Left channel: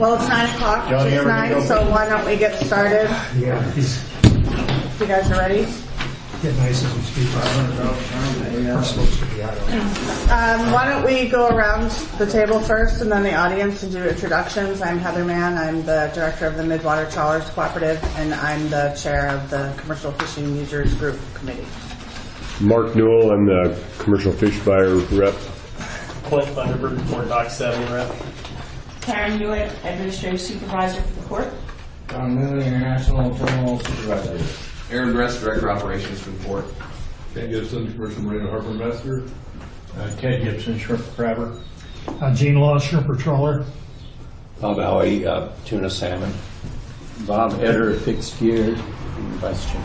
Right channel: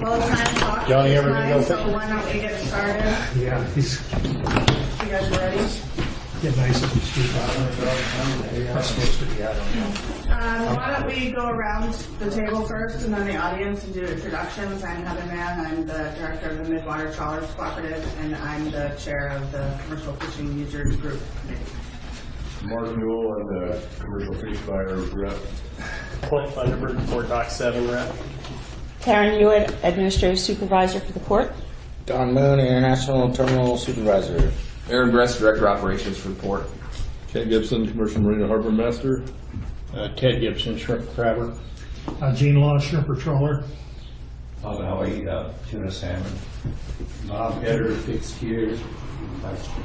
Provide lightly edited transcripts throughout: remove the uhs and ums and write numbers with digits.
Well, it's 9 o'clock. Yeah, It's 9, so why don't we get started? Yeah, he's You guys are ready? getting nice and steep. I'm supposed to be out of there. Why don't we go around the table first and then the audience and do introductions. I'm Heather Mann. I'm the director of the Midwater Trawlers Cooperative, and I'm the chair of the Commercial Fishing Users Group Committee. Mark Newell, I'm the commercial fish buyer rep. Clint Thunderbird, Fort Dock 7 rep. Karen Hewitt, Administrative Supervisor for the Port. Don Moon, International Terminal Supervisor. Aaron Bress, Director of Operations for the Port. Ken Gibson, Commercial Marine Harbor Master. Ted Gibson, shrimp crabber. Gene Law, shrimper trawler. Bob Howie, tuna salmon. Bob Eder, fixed gear, vice chair.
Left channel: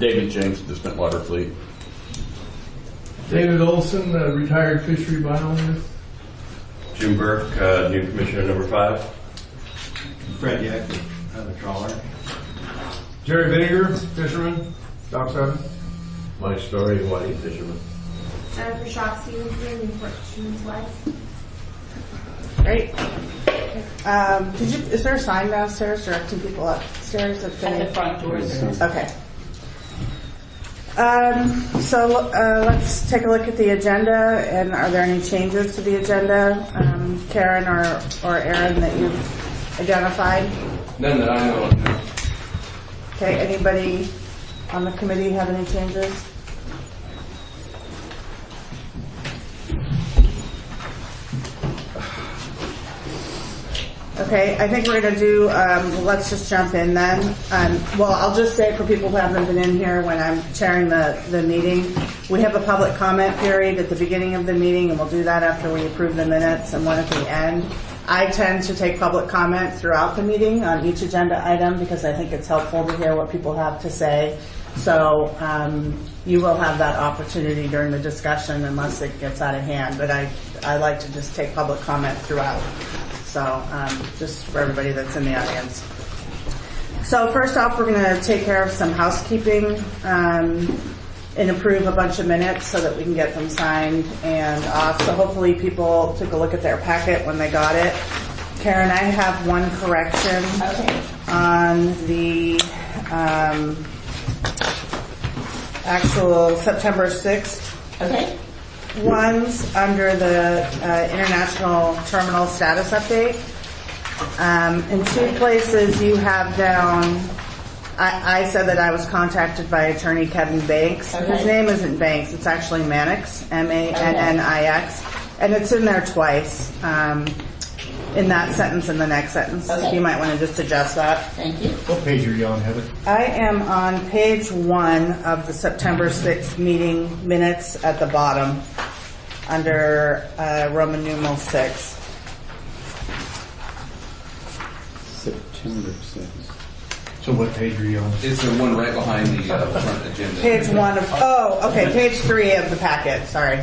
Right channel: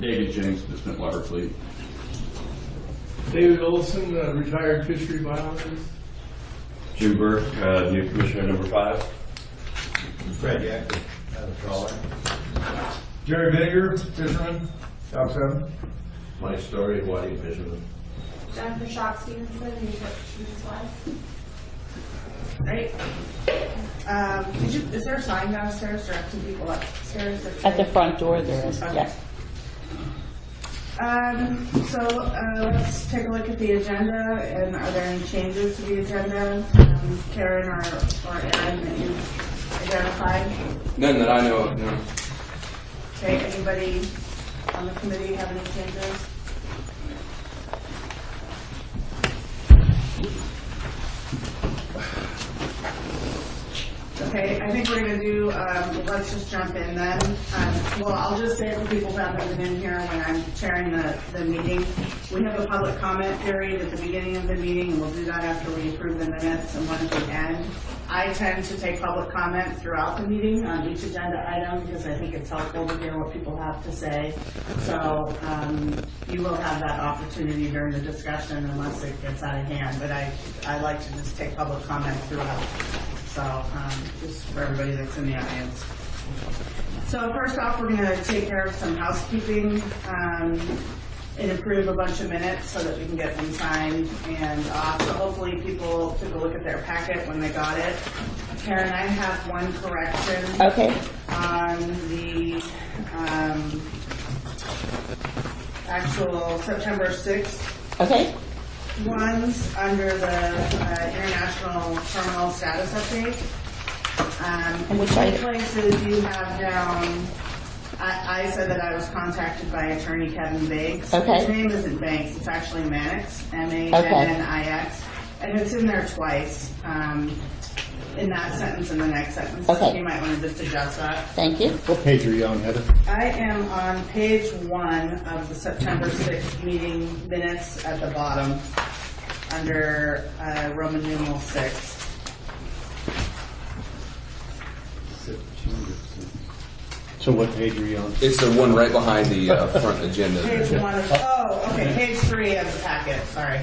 David James, the Water Fleet. David Olson, retired fishery biologist. Jim Burke, new commissioner number 5. Fred Yack, another trawler. Jerry Vinegar, fisherman, Dock 7. Mike Story, Whitey fisherman. Jennifer Shock Stevenson, Newport Fisherman's Wife. Great. Is there a sign downstairs directing people upstairs? At the front door there. Okay. So let's take a look at the agenda, and are there any changes to the agenda, Karen or Aaron, that you've identified? None that I know of, no. Okay, anybody on the committee have any changes? Okay, I think we're going to do, let's just jump in then. Well, I'll just say for people who haven't been in here when I'm chairing the meeting, we have a public comment period at the beginning of the meeting, and we'll do that after we approve the minutes, and one at the end. I tend to take public comment throughout the meeting on each agenda item because I think it's helpful to hear what people have to say. So you will have that opportunity during the discussion unless it gets out of hand, but I like to just take public comment throughout. So just for everybody that's in the audience. So first off, we're going to take care of some housekeeping and approve a bunch of minutes so that we can get them signed and off. So hopefully people took a look at their packet when they got it. Karen, I have one correction. Okay. On the actual September 6th. Okay. One's under the International Terminal Status Update. In two places you have down, I said that I was contacted by attorney Kevin Banks. Okay. His name isn't Banks, it's actually Mannix, M-A-N-N-I-X. And it's in there twice, in that sentence and the next sentence. Okay. You might want to just adjust that. Thank you. What page are you on, Heather? I am on page 1 of the September 6th meeting minutes at the bottom under Roman numeral 6. September 6th. So what page are you on? It's the one right behind the front agenda. Page 1 of, okay, page 3 of the packet, sorry.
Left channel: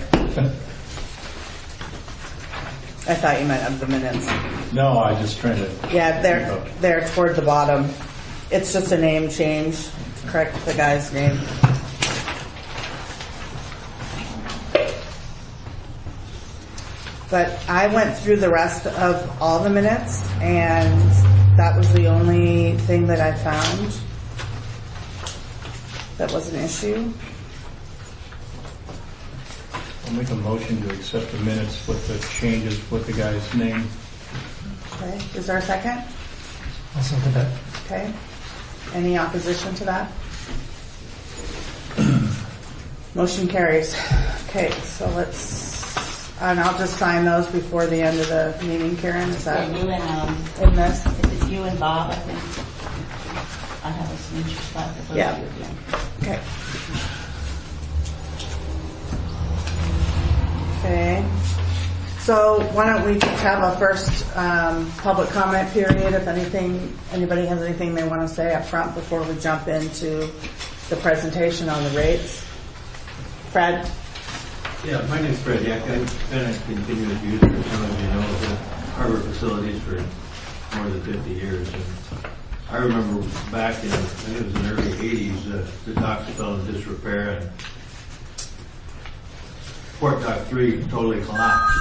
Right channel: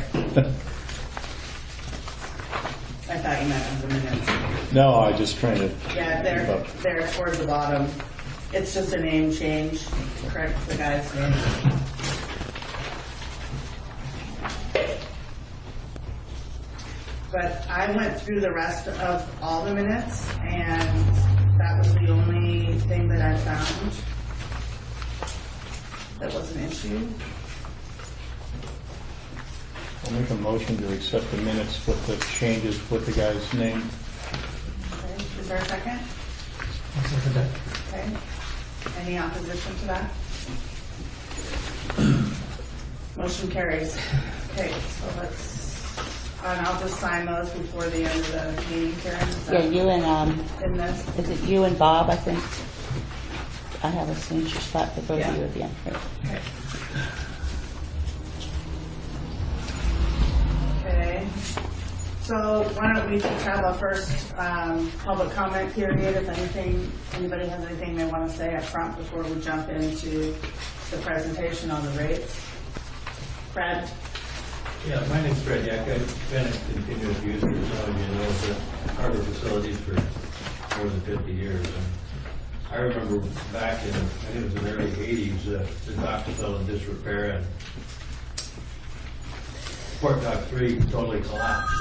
I thought you meant of the minutes. No, I was just trying to... Yeah, they're toward the bottom. It's just a name change. Correct the guy's name. But I went through the rest of all the minutes, and that was the only thing that I found that was an issue. I'll make a motion to accept the minutes with the changes with the guy's name. Okay, is there a second? I'll second that. Okay. Any opposition to that? Motion carries. Okay, so and I'll just sign those before the end of the meeting, Karen. Is that Yeah, you and in this? is it you and Bob? I think I have a signature spot for both Yeah. of you again. Okay. Okay. So why don't we just have a first public comment period, if anybody has anything they want to say up front before we jump into the presentation on the rates. Fred? Yeah, my name's Fred Yack. I've been a continuous user, as some of you know, of the harbor facilities for more than 50 years. And I remember back in, I think it was in the early 80s, the docks fell in disrepair and Port Dock 3 totally collapsed.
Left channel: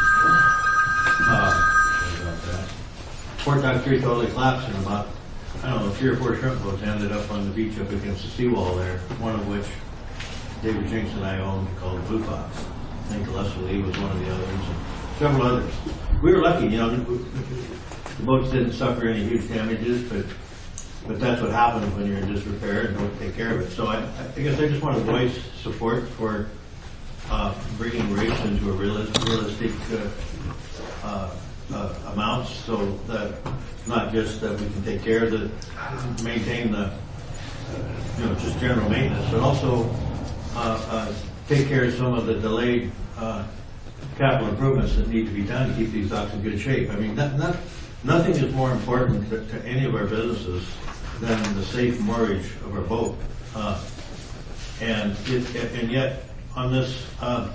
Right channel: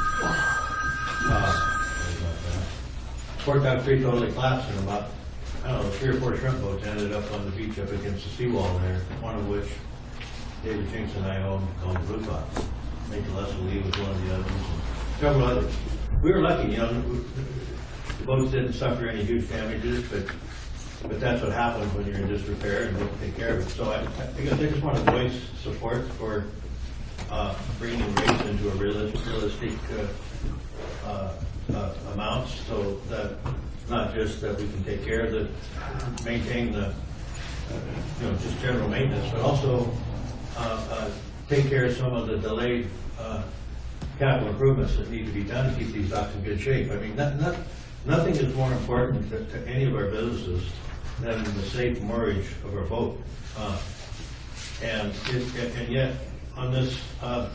Fort Dock 3 totally collapsed and about, I don't know, 3 or 4 shrimp boats ended up on the beach up against the seawall there, one of which David Jinks and I owned, called Blue Fox. I think Leslie was one of the others, and several others. We were lucky, you know, the boats didn't suffer any huge damages, but that's what happens when you're in disrepair and don't take care of it. So I guess I just want to voice support for bringing rates into a realistic amounts, so that not just that we can take care of the, maintain the, you know, just general maintenance, but also take care of some of the delayed capital improvements that need to be done to keep these docks in good shape. I mean, nothing is more important to any of our businesses than the safe moorage of our boat. And yet, on this, the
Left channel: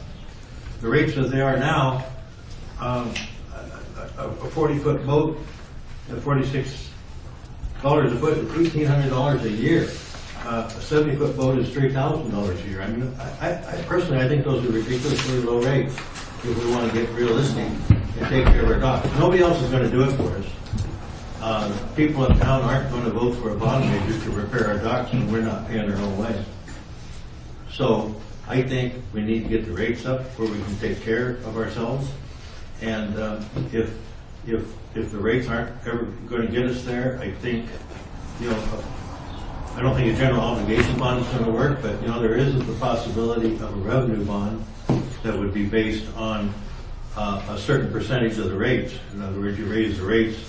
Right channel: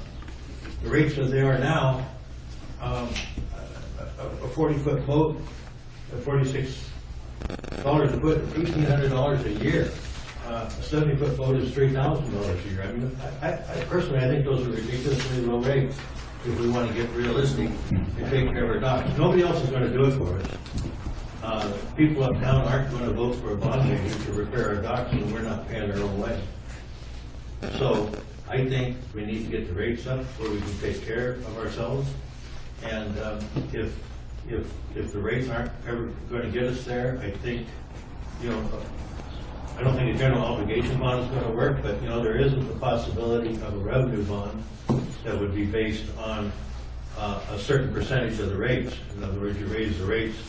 rates as they are now, a 40-foot boat at $46 a foot is $1,800 a year. A 70-foot boat is $3,000 a year. I mean, I personally, I think those are ridiculously low rates if we want to get realistic and take care of our docks. Nobody else is going to do it for us. People in town aren't going to vote for a bond major to repair our docks, and we're not paying our own way. So I think we need to get the rates up where we can take care of ourselves. And if the rates aren't ever going to get us there, I think, you know, I don't think a general obligation bond is going to work, but, you know, there is the possibility of a revenue bond that would be based on a certain percentage of the rates. In other words, you raise the rates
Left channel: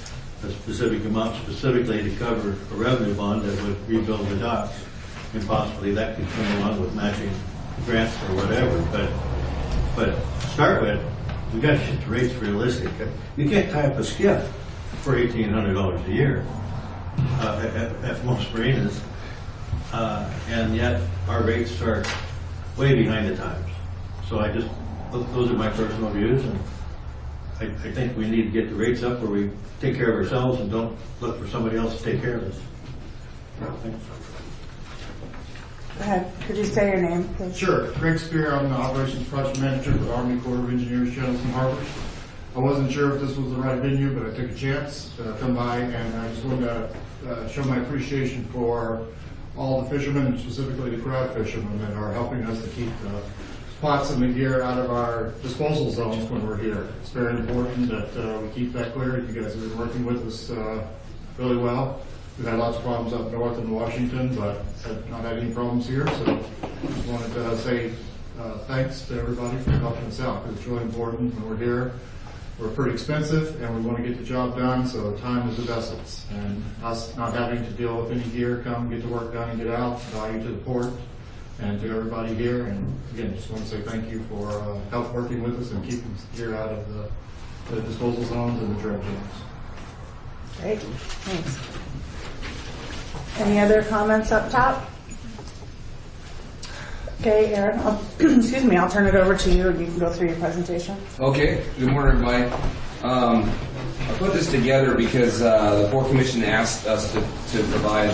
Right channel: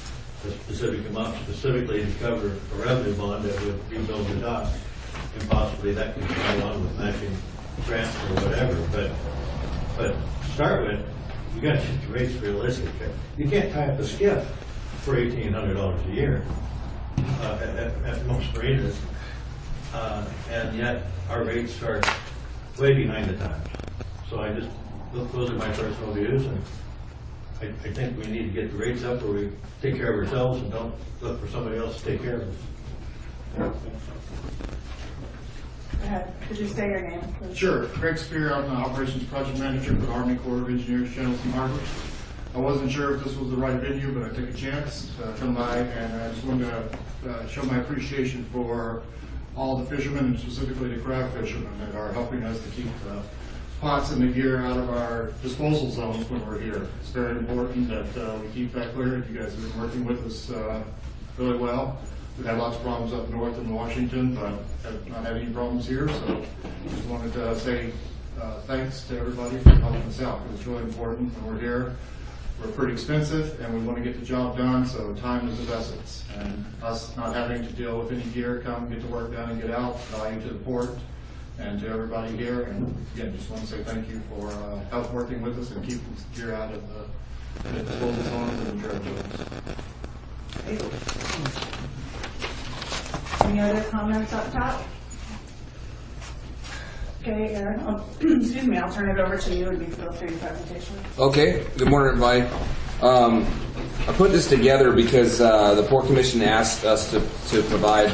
a specific amount specifically to cover a revenue bond that would rebuild the docks, and possibly that could come along with matching grants or whatever. But to start with, we got to get the rates realistic. You can't tie up a skiff for $1,800 a year at most marinas, and yet our rates are way behind the times. So those are my personal views, and I think we need to get the rates up where we take care of ourselves and don't look for somebody else to take care of us. Go ahead. Could you say your name, please? Sure. Greg Spear, I'm the Operations Project Manager for the Army Corps of Engineers, Jonathan Harbors. I wasn't sure if this was the right venue, but I took a chance to come by, and I just wanted to show my appreciation for all the fishermen, and specifically the crab fishermen that are helping us to keep the pots and the gear out of our disposal zones when we're here. It's very important that we keep that clear. You guys have been working with us really well. We've had lots of problems up north in Washington, but have not had any problems here. So just wanted to say thanks to everybody for helping us out, because it's really important when we're here. We're pretty expensive, and we want to get the job done, so time is of essence. And us not having to deal with any gear, come get the work done and get out, value to the port and to everybody here. And again, just want to say thank you for help working with us and keeping gear out of the disposal zones and the dredge zones. Great, thanks. Any other comments up top? Okay, Aaron, excuse me, I'll turn it over to you and you can go through your presentation. Okay, good morning, everybody. I put this together because the Port Commission asked us to provide,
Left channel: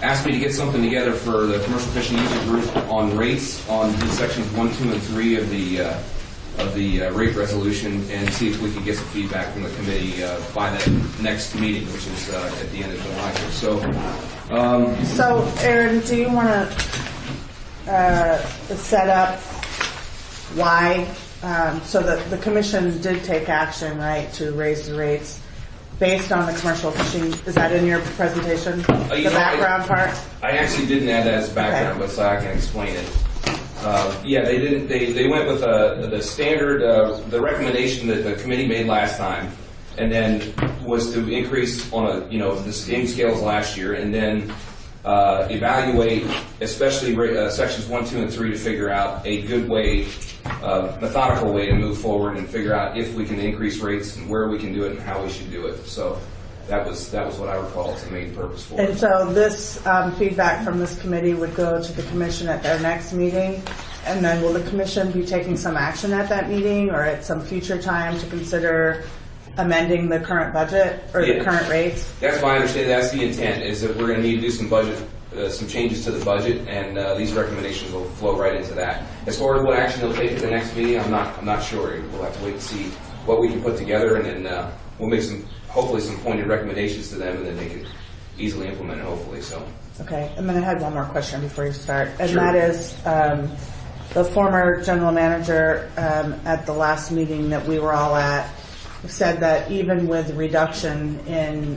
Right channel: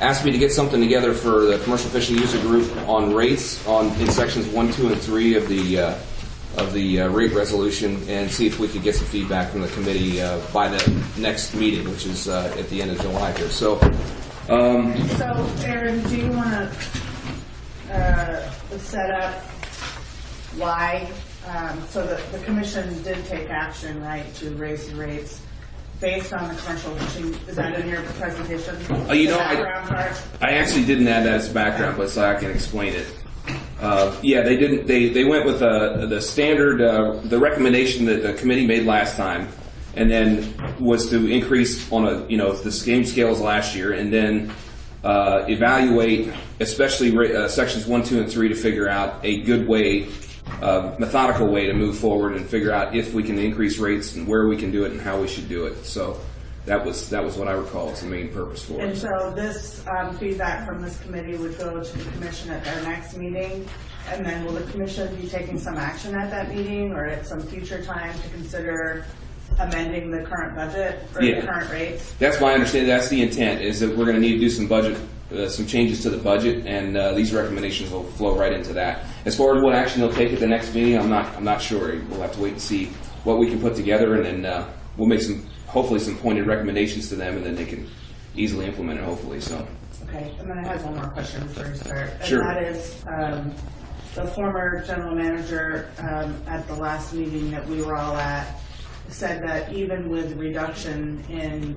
asked me to get something together for the Commercial Fishing User Group on rates on in sections 1, 2, and 3 of the rate resolution, and see if we could get some feedback from the committee by the next meeting, which is at the end of July here. So, Aaron, do you want to set up why, so that the commission did take action, right, to raise the rates based on the commercial fishing? Is that in your presentation? The background part? I actually didn't add that as background, but so I can explain it. Yeah, they didn't. They went with the standard, the recommendation that the committee made last time, and then was to increase on the same scales last year, and then evaluate, especially sections 1, 2, and 3, to figure out a good way, methodical way to move forward and figure out if we can increase rates and where we can do it and how we should do it. So that was what I recall as the main purpose for it. And so this feedback from this committee would go to the commission at their next meeting, and then will the commission be taking some action at that meeting or at some future time to consider amending the current budget or the current rates? That's my understanding. That's the intent, is that we're going to need to do some budget, some changes to the budget, and these recommendations will flow right into that. As far as what action they'll take at the next meeting, I'm not sure. We'll have to wait and see what we can put together, and then we'll make some. hopefully some pointed recommendations to them, and then they can easily implement it, hopefully, so. Okay, and then I had one more question before you start, and Sure. that is, the former general manager at the last meeting that we were all at said that even with reduction in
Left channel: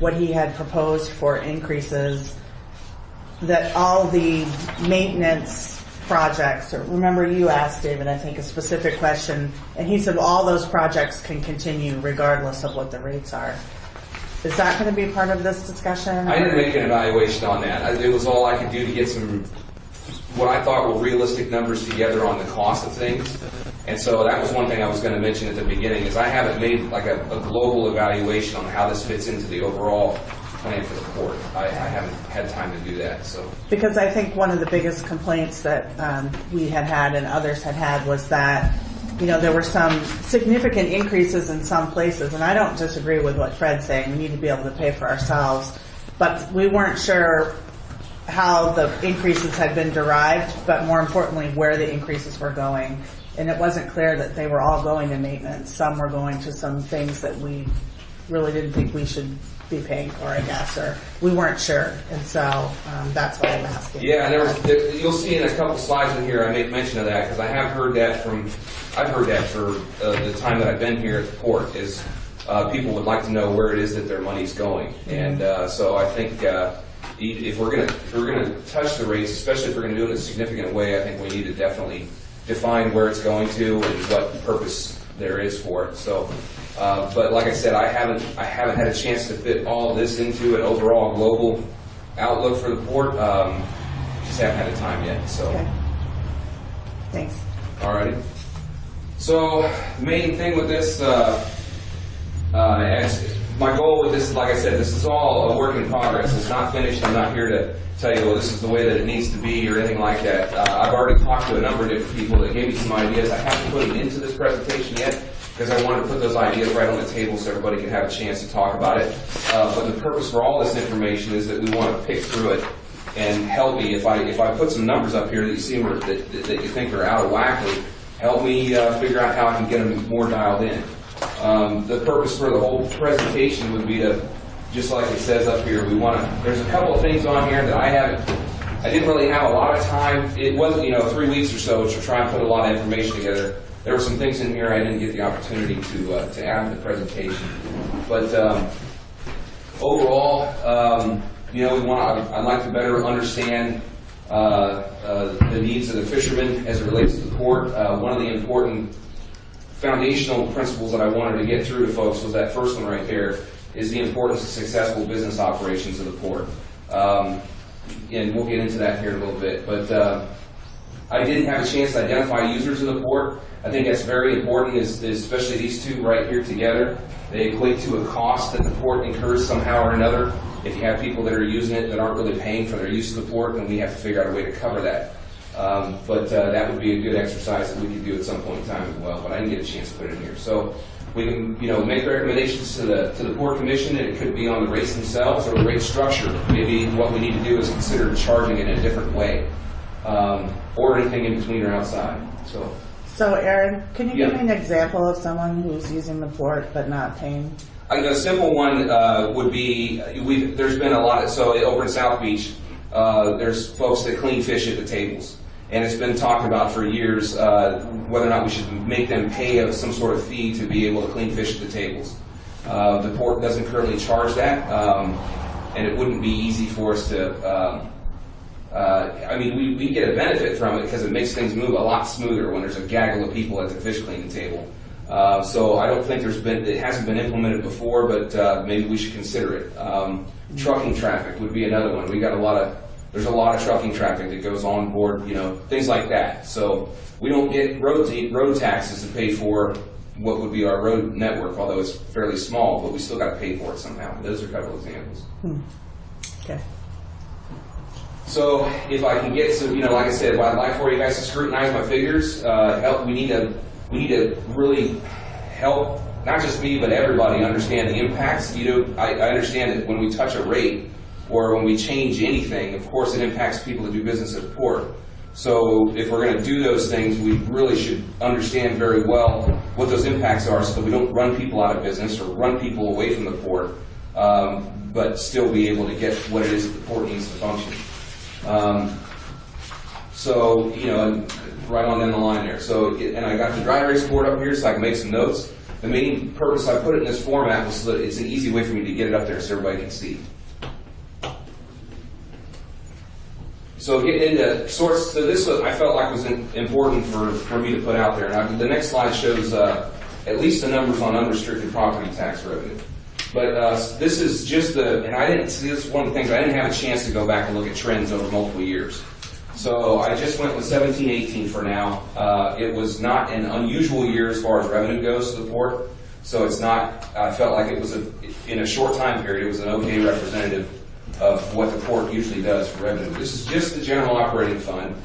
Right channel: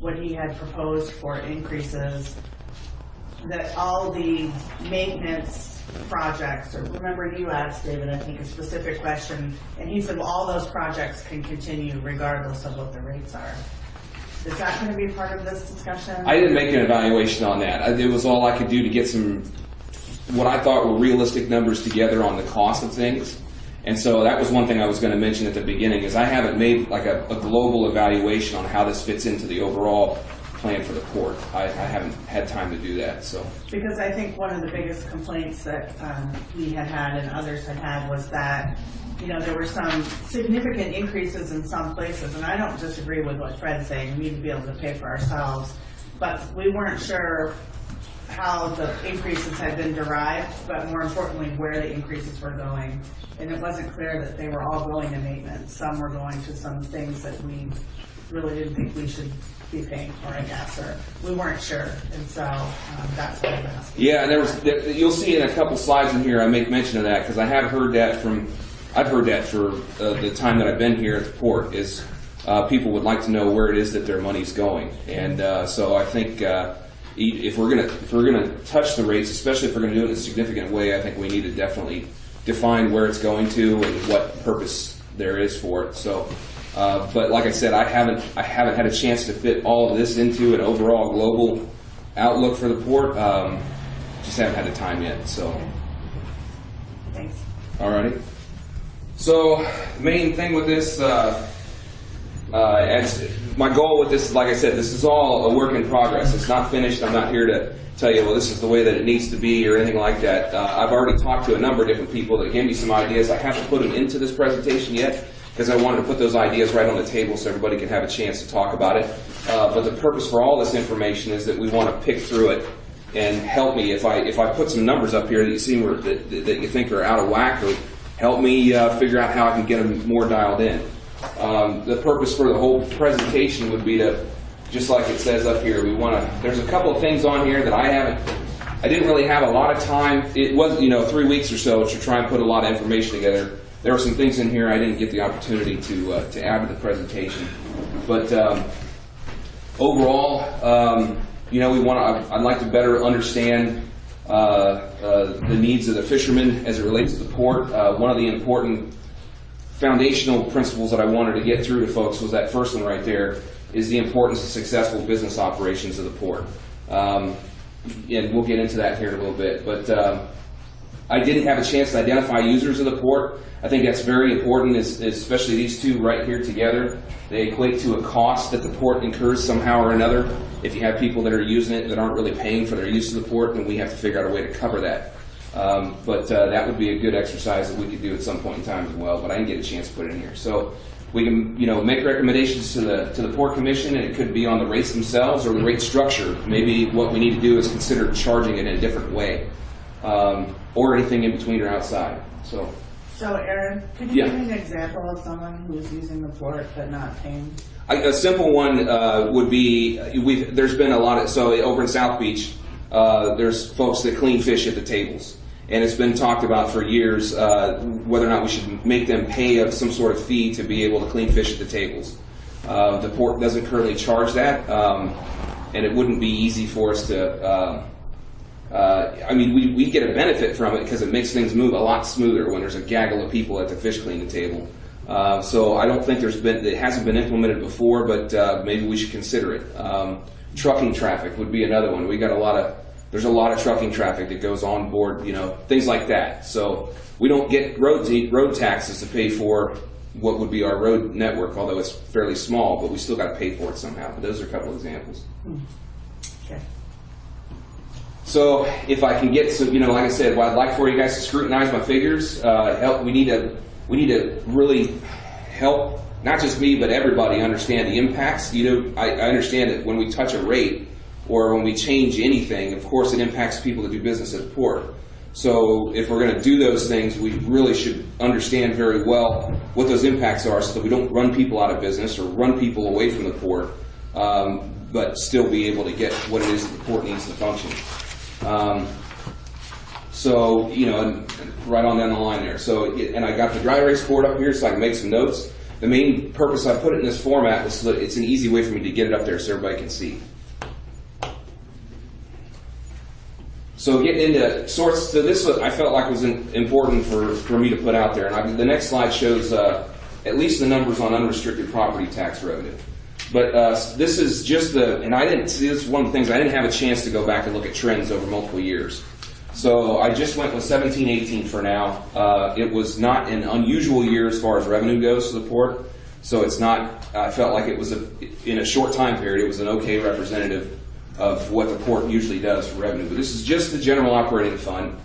what he had proposed for increases, that all the maintenance projects, remember you asked David, I think, a specific question, and he said, well, all those projects can continue regardless of what the rates are. Is that going to be part of this discussion? I didn't make an evaluation on that. It was all I could do to get some, what I thought were realistic numbers together on the cost of things. And so that was one thing I was going to mention at the beginning, is I haven't made like a global evaluation on how this fits into the overall plan for the port. I haven't had time to do that. So Because I think one of the biggest complaints that we had had and others had had was that, you know, there were some significant increases in some places, and I don't disagree with what Fred's saying. We need to be able to pay for ourselves, but we weren't sure how the increases had been derived, but more importantly, where the increases were going. And it wasn't clear that they were all going to maintenance. Some were going to some things that we really didn't think we should be paying for, I guess, or we weren't sure. And so that's what I'm asking. yeah, you'll see in a couple slides in here I make mention of that, because I have heard that I've heard that for the time that I've been here at the port, is people would like to know where it is that their money's going. And so I think if we're gonna touch the rates, especially if we're gonna do it in a significant way, I think we need to definitely define where it's going to and what purpose there is for it. So, but like I said, I haven't had a chance to fit all of this into an overall global outlook for the port. Just haven't had the time yet. So, Okay. Thanks. alrighty. So, the main thing with this, as my goal with this is, like I said, this is all a work in progress. It's not finished. I'm not here to tell you, well, this is the way that it needs to be or anything like that. I've already talked to a number of different people that gave me some ideas. I haven't put them into this presentation yet because I wanted to put those ideas right on the table so everybody can have a chance to talk about it. But the purpose for all this information is that we want to pick through it and help me. If I put some numbers up here that you see that you think are out of whack, help me figure out how I can get them more dialed in. The purpose for the whole presentation would be to, just like it says up here, there's a couple of things on here that I didn't really have a lot of time. It was, 3 weeks or so to try and put a lot of information together. There were some things in here I didn't get the opportunity to add to the presentation. But overall, I'd like to better understand the needs of the fishermen as it relates to the port. One of the important foundational principles that I wanted to get through to folks was that first one right there, is the importance of successful business operations of the port. And we'll get into that here in a little bit. But I didn't have a chance to identify users of the port. I think that's very important, especially these two right here together. They equate to a cost that the port incurs somehow or another. If you have people that are using it that aren't really paying for their use of the port, then we have to figure out a way to cover that. But that would be a good exercise that we could do at some point in time as well, but I didn't get a chance to put it in here. So we can, make recommendations to the Port Commission, and it could be on the rates themselves or the rate structure. Maybe what we need to do is consider charging it in a different way, or anything in between or outside. So Aaron, can you give me an example of someone who's using the port but not paying? A simple one would be, there's been a lot of, so over in South Beach, there's folks that clean fish at the tables. And it's been talked about for years whether or not we should make them pay some sort of fee to be able to clean fish at the tables. The port doesn't currently charge that, and it wouldn't be easy for us to. We get a benefit from it because it makes things move a lot smoother when there's a gaggle of people at the fish cleaning table. So I don't think it hasn't been implemented before, but maybe we should consider it. Trucking traffic would be another one. There's a lot of trucking traffic that goes on board, things like that. So we don't get road taxes to pay for what would be our road network, although it's fairly small, but we still got to pay for it somehow. Those are a couple examples. Okay. So if I can get some, like I said, what I'd like for you guys to scrutinize my figures. We need to really help not just me but everybody understand the impacts. I understand that when we touch a rate or when we change anything, of course it impacts people that do business at the port. So if we're going to do those things, we really should understand very well what those impacts are so that we don't run people out of business or run people away from the port, but still be able to get what it is that the port needs to function. So, you know, and right on down the line there. So, and I got the dry erase board up here so I can make some notes. The main purpose I put it in this format was so that it's an easy way for me to get it up there so everybody can see. So get into sorts. So this I felt like was important for me to put out there. And the next slide shows at least the numbers on unrestricted property tax revenue. But this is just and I didn't see this is one of the things I didn't have a chance to go back and look at trends over multiple years. So I just went with 17-18 for now. It was not an unusual year as far as revenue goes to the port. So it's not. I felt like it was in a short time period. It was an okay representative of what the port usually does for revenue. This is just the general operating fund,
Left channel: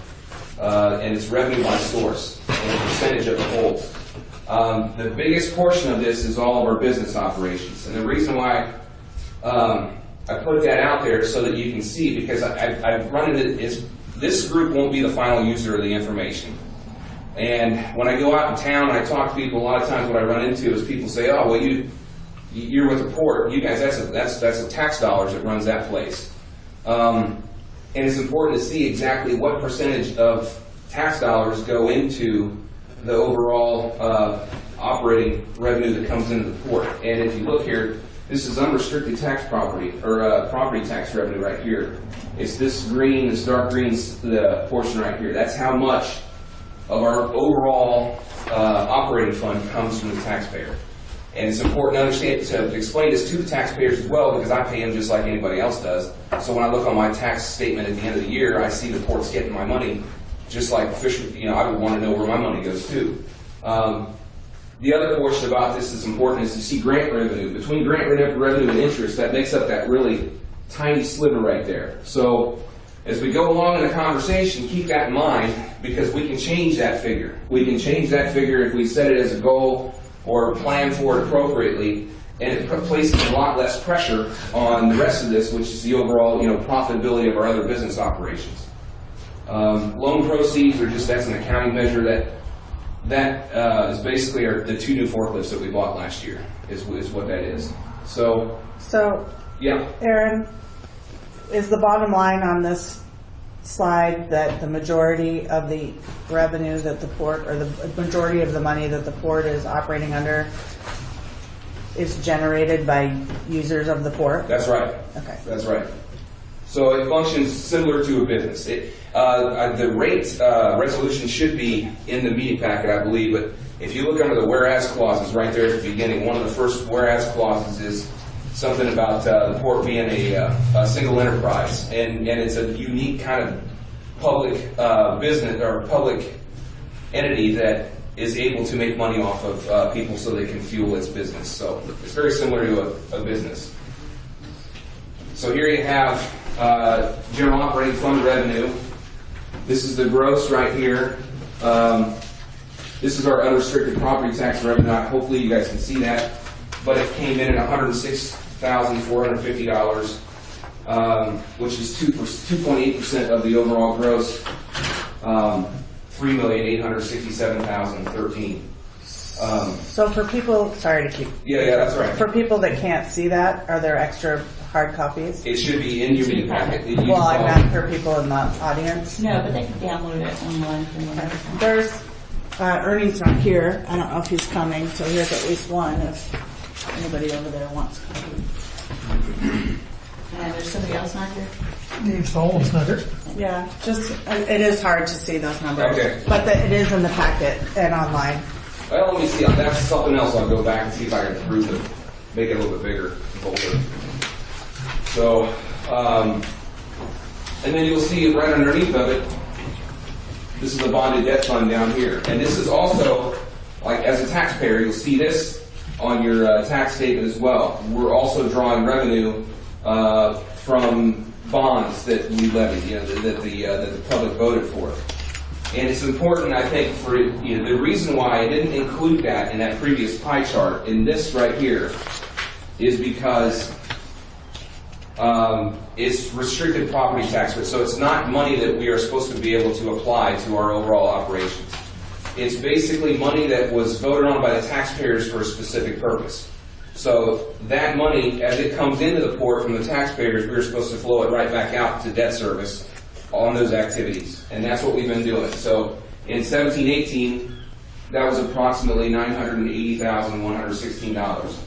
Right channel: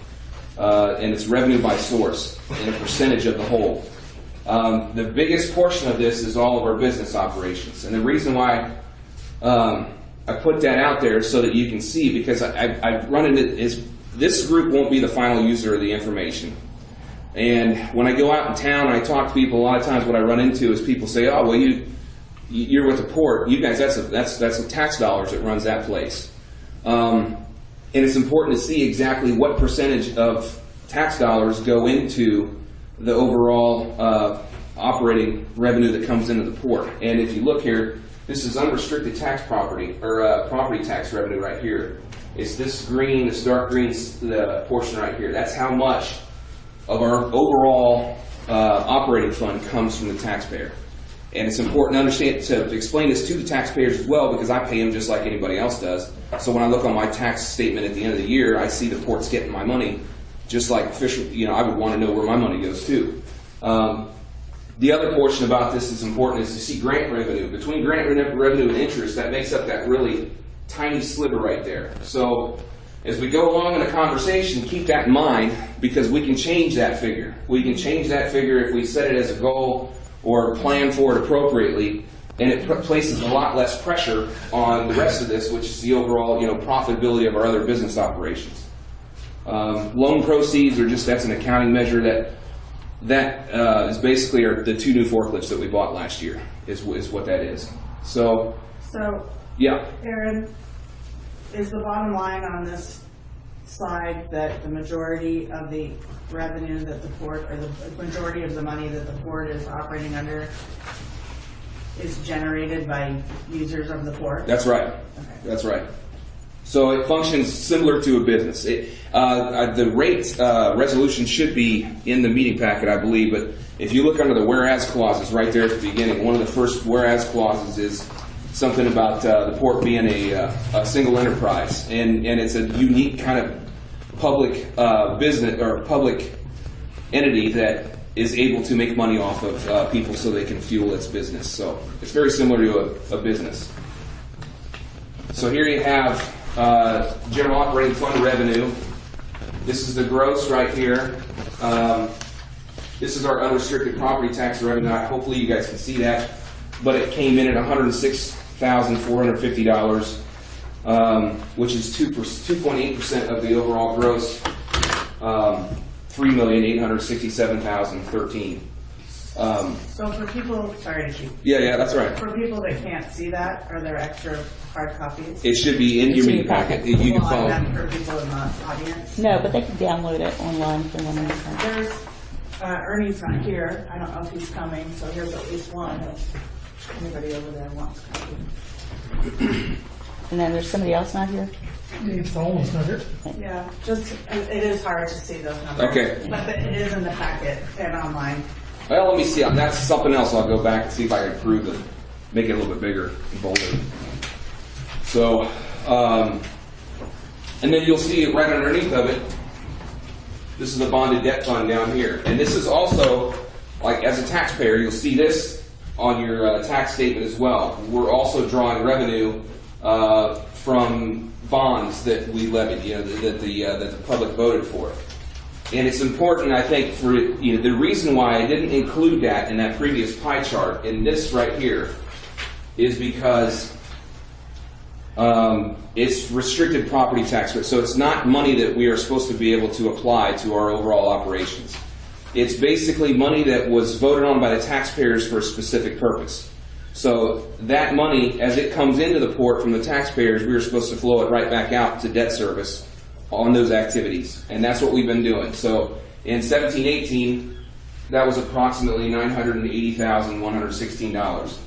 and it's revenue by source and a percentage of the whole. The biggest portion of this is all of our business operations, and the reason why I put that out there so that you can see, because I've run into this group won't be the final user of the information. And when I go out in town and I talk to people, a lot of times what I run into is people say, "Oh, well, you're with the port. You guys, that's the tax dollars that runs that place." And it's important to see exactly what percentage of tax dollars go into the overall operating revenue that comes into the port. And if you look here, this is unrestricted tax property, or property tax revenue right here. It's this green, this dark green, the portion right here. That's how much of our overall operating fund comes from the taxpayer. And it's important to understand, to explain this to the taxpayers as well, because I pay them just like anybody else does. So when I look on my tax statement at the end of the year, I see the port's getting my money, just like I would want to know where my money goes too. The other portion about this that's important is to see grant revenue. Between grant revenue and interest, that makes up that really tiny sliver right there. So as we go along in the conversation, keep that in mind, because we can change that figure. We can change that figure if we set it as a goal or plan for it appropriately, and it places a lot less pressure on the rest of this, which is the overall, profitability of our other business operations. Loan proceeds are that's an accounting measure that is basically the 2 new forklifts that we bought last year is what that is. So yeah. Aaron, is the bottom line on this slide that the majority of the revenue that the port, or the majority of the money that the port is operating under, is generated by users of the port? That's right. Okay. That's right. So it functions similar to a business. The rate resolution should be in the meeting packet, I believe, but if you look under the whereas clauses right there at the beginning, one of the first whereas clauses is something about the port being a single enterprise, and it's a unique kind of public business or public entity that is able to make money off of people so they can fuel its business. So it's very similar to a business. So here you have general operating fund revenue. This is the gross right here. This is our unrestricted property tax revenue. Hopefully you guys can see that, but it came in at $106,450, which is 2.8% of the overall gross. $3,867,013. So for people, sorry to keep. Yeah, that's all right. For people that can't see that, are there extra hard copies? It should be in your meeting packet. Well, I meant for people in the audience. No, but they can download it online if they want to. There's Ernie's not here. I don't know if he's coming, so here's at least one if anybody over there wants to come. And then there's somebody else not here? Dave's almost not here. Yeah, it is hard to see those numbers. Okay. But it is in the packet and online. Well, let me see. That's something else. I'll go back and see if I can improve it, make it a little bit bigger, bolder. So, and then you'll see right underneath of it, this is the bonded debt fund down here. And this is also, like as a taxpayer, you'll see this on your tax statement as well. We're also drawing revenue from bonds that we levied, that the public voted for. And it's important, I think, for the reason why I didn't include that in that previous pie chart in this right here is because it's restricted property tax rate, so it's not money that we are supposed to be able to apply to our overall operations. It's basically money that was voted on by the taxpayers for a specific purpose. So that money, as it comes into the port from the taxpayers, we are supposed to flow it right back out to debt service on those activities, and that's what we've been doing. So in 17-18, that was approximately $980,116.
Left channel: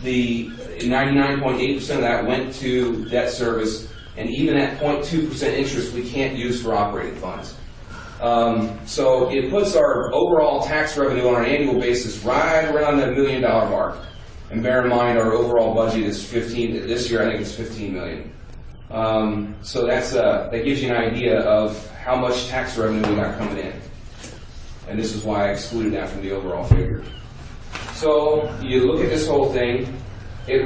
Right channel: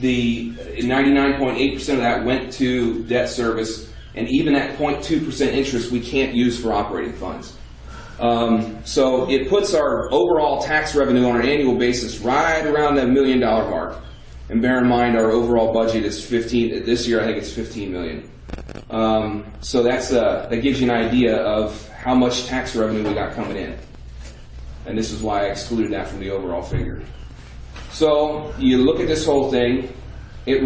The 99.8% of that went to debt service, and even at 0.2% interest, we can't use for operating funds. So it puts our overall tax revenue on an annual basis right around the $1 million mark. And bear in mind, our overall budget is 15. This year, I think it's 15 million. So that gives you an idea of how much tax revenue we got coming in. And this is why I excluded that from the overall figure. So you look at this whole thing, it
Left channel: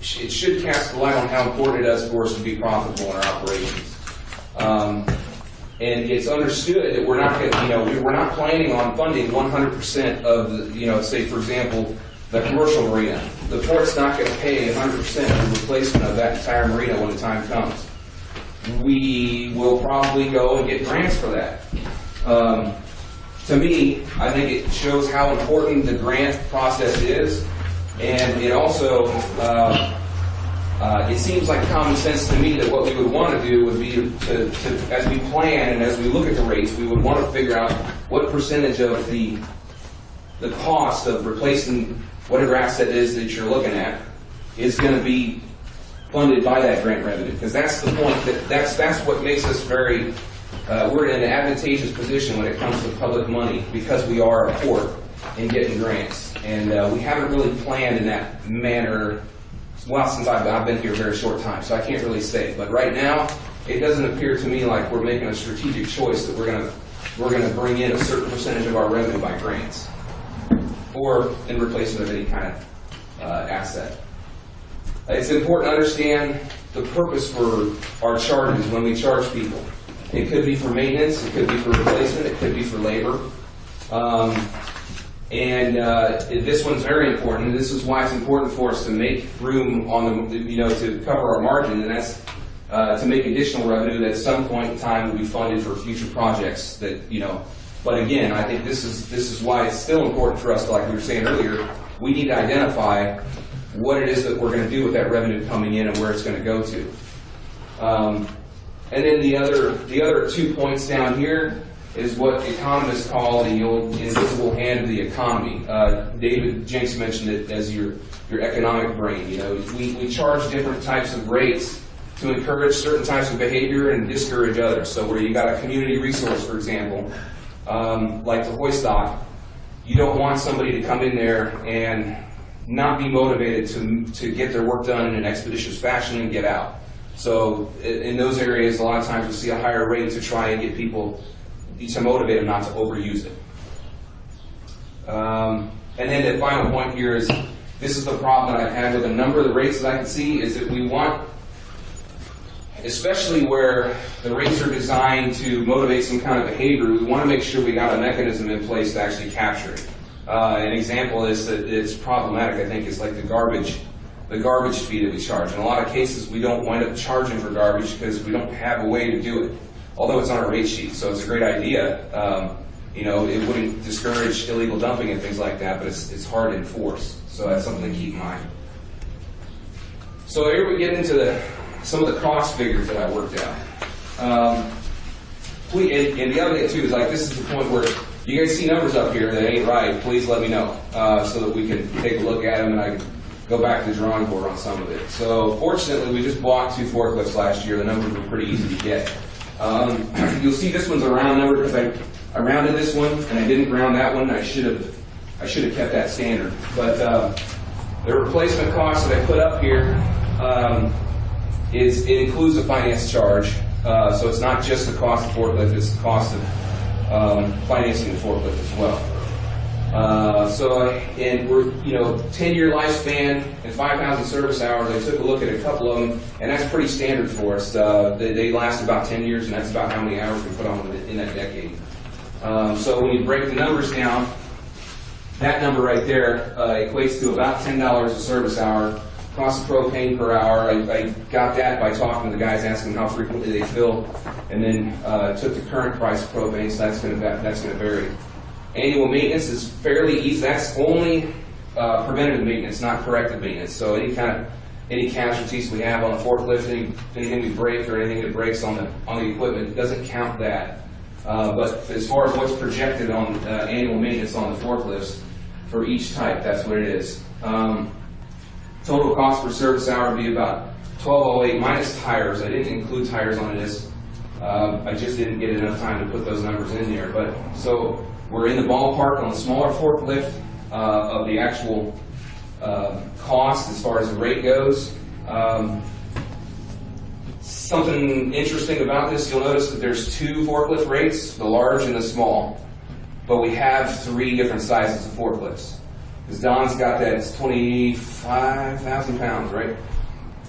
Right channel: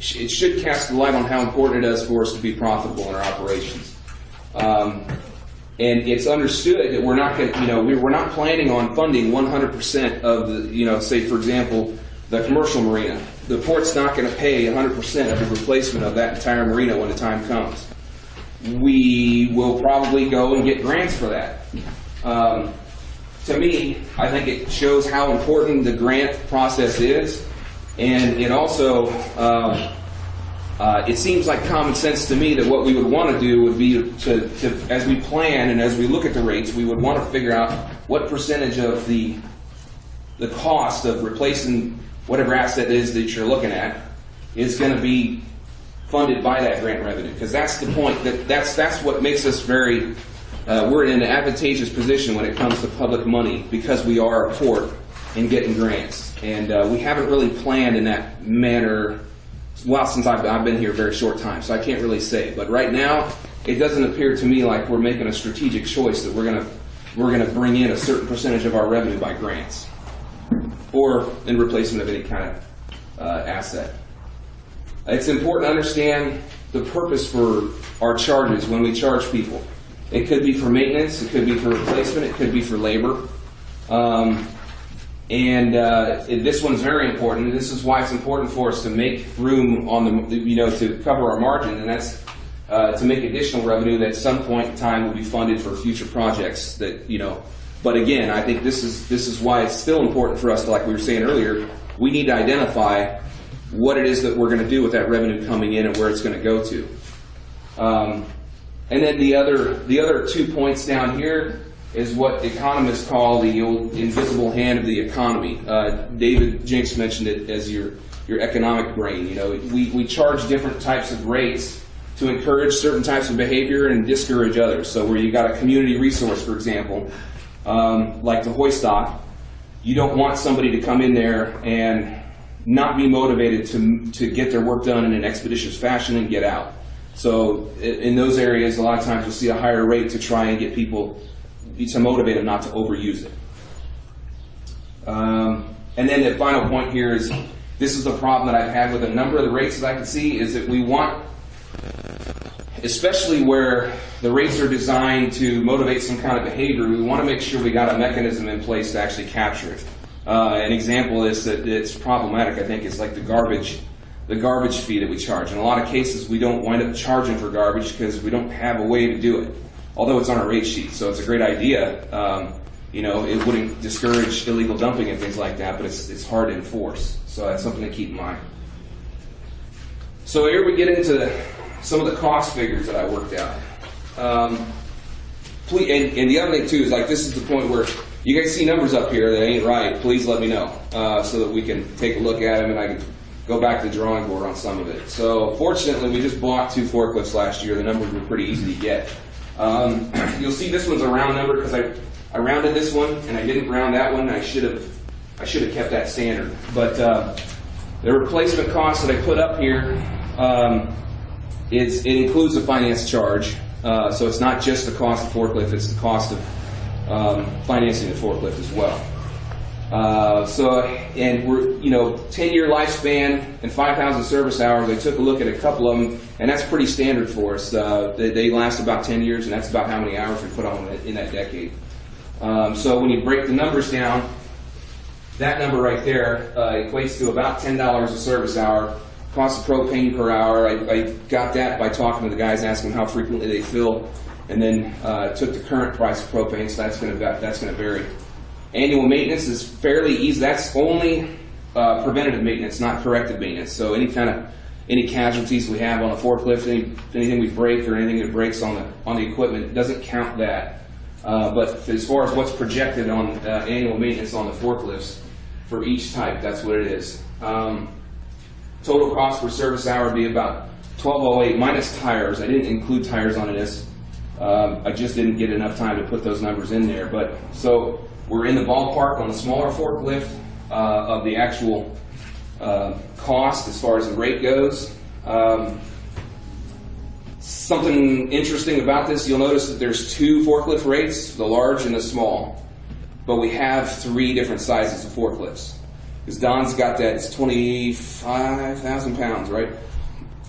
should cast a light on how important it is for us to be profitable in our operations. And it's understood that we're not going to, we're not planning on funding 100% of the, say for example, the commercial marina. The port's not going to pay 100% the replacement of that entire marina when the time comes. We will probably go and get grants for that. To me, I think it shows how important the grant process is, and it also, it seems like common sense to me that what we would want to do would be to as we plan and as we look at the rates, we would want to figure out what percentage of the cost of replacing whatever asset it is that you're looking at is going to be funded by that grant revenue, because that's the point, that's what makes us very, we're in an advantageous position when it comes to public money, because we are a port in getting grants, and we haven't really planned in that manner. Well, since I've been here a very short time, so I can't really say. But right now, it doesn't appear to me like we're making a strategic choice that we're gonna bring in a certain percentage of our revenue by grants, or in replacement of any kind of asset. It's important to understand the purpose for our charges when we charge people. It could be for maintenance, it could be for replacement, it could be for labor. This one's very important. This is why it's important for us to make room on the, to cover our margin, and that's to make additional revenue that at some point in time will be funded for future projects that, But again, I think this is why it's still important for us to, like we were saying earlier, we need to identify what it is that we're going to do with that revenue coming in and where it's going to go to. And then the other 2 points down here is what economists call the invisible hand of the economy. David Jenks mentioned it as your economic brain. We charge different types of rates to encourage certain types of behavior and discourage others. So where you got a community resource, for example, like the hoist dock, you don't want somebody to come in there and not be motivated to get their work done in an expeditious fashion and get out. So in those areas, a lot of times you'll see a higher rate to try and get people to motivate them not to overuse it. And then the final point here is, this is a problem that I've had with a number of the rates that I can see, is that we want, especially where the rates are designed to motivate some kind of behavior, we want to make sure we got a mechanism in place to actually capture it. An example is that it's problematic, I think, is like the garbage fee that we charge. In a lot of cases, we don't wind up charging for garbage because we don't have a way to do it, although it's on a rate sheet, so it's a great idea. It wouldn't discourage illegal dumping and things like that, but it's hard to enforce, so that's something to keep in mind. So here we get into some of the cost figures that I worked out. And the other thing too is, like, this is the point where you guys see numbers up here that ain't right, please let me know, so that we can take a look at them and I can go back to the drawing board on some of it. So fortunately, we just bought 2 forklifts last year. The numbers were pretty easy to get. You'll see this one's a round number because I rounded this one and I didn't round that one. I should have kept that standard. But the replacement cost that I put up here it includes a finance charge. So it's not just the cost of forklift; it's the cost of financing the forklift as well. And we're 10-year lifespan and 5,000 service hours. I took a look at a couple of them, and that's pretty standard for us. They last about 10 years, and that's about how many hours we put on in that decade. So when you break the numbers down, that number right there equates to about $10 a service hour cost of propane per hour. I got that by talking to the guys, asking how frequently they fill, and then took the current price of propane, so that's going to vary. Annual maintenance is fairly easy. That's only preventative maintenance, not corrective maintenance. So any casualties we have on the forklift, anything we break or anything that breaks on the equipment, it doesn't count that. But as far as what's projected on annual maintenance on the forklifts for each type, that's what it is. Total cost per service hour would be about $12.08 minus tires. I didn't include tires on this. I just didn't get enough time to put those numbers in there. But so we're in the ballpark on the smaller forklift of the actual cost as far as the rate goes. Something interesting about this, you'll notice that there's 2 forklift rates, the large and the small. But we have 3 different sizes of forklifts. Because Don's got that, it's 25,000 pounds, right?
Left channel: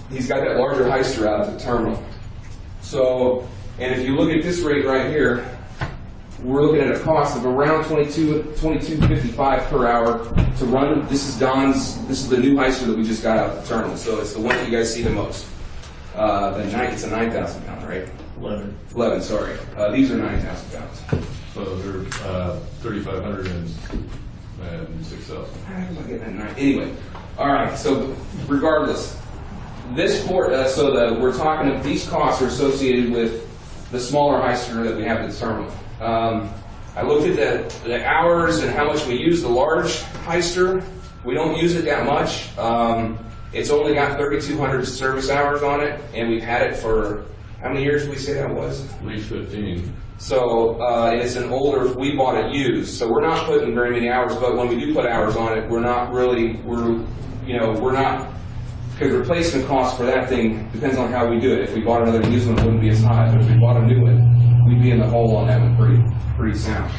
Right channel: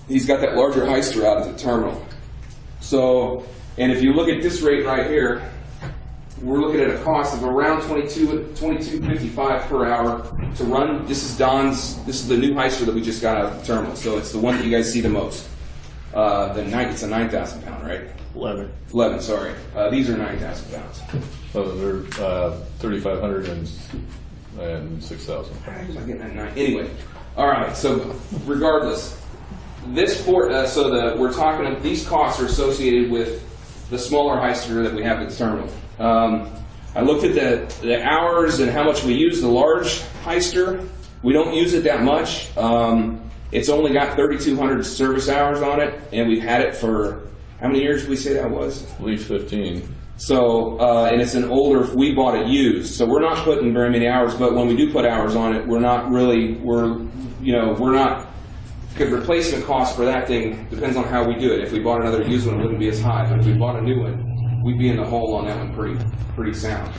He's got that larger heister out at the terminal. So, and if you look at this rate right here, we're looking at a cost of around $22.55 per hour to run. This is the new heister that we just got out of the terminal. So it's the one that you guys see the most. It's a 9,000 pound, right? 11, sorry. These are 9,000 pounds. So they're 3,500 and 6,000. Anyway, all right. So regardless, these costs are associated with the smaller heister that we have at the terminal. I looked at the hours and how much we use the large heister. We don't use it that much. It's only got 3,200 service hours on it, and we've had it for, how many years did we say that was? At least 15. So, and it's an older, we bought it used, so we're not putting very many hours, but when we do put hours on it, because replacement cost for that thing depends on how we do it. If we bought another used one, it wouldn't be as high, but if we bought a new one, we'd be in the hole on that one pretty sound.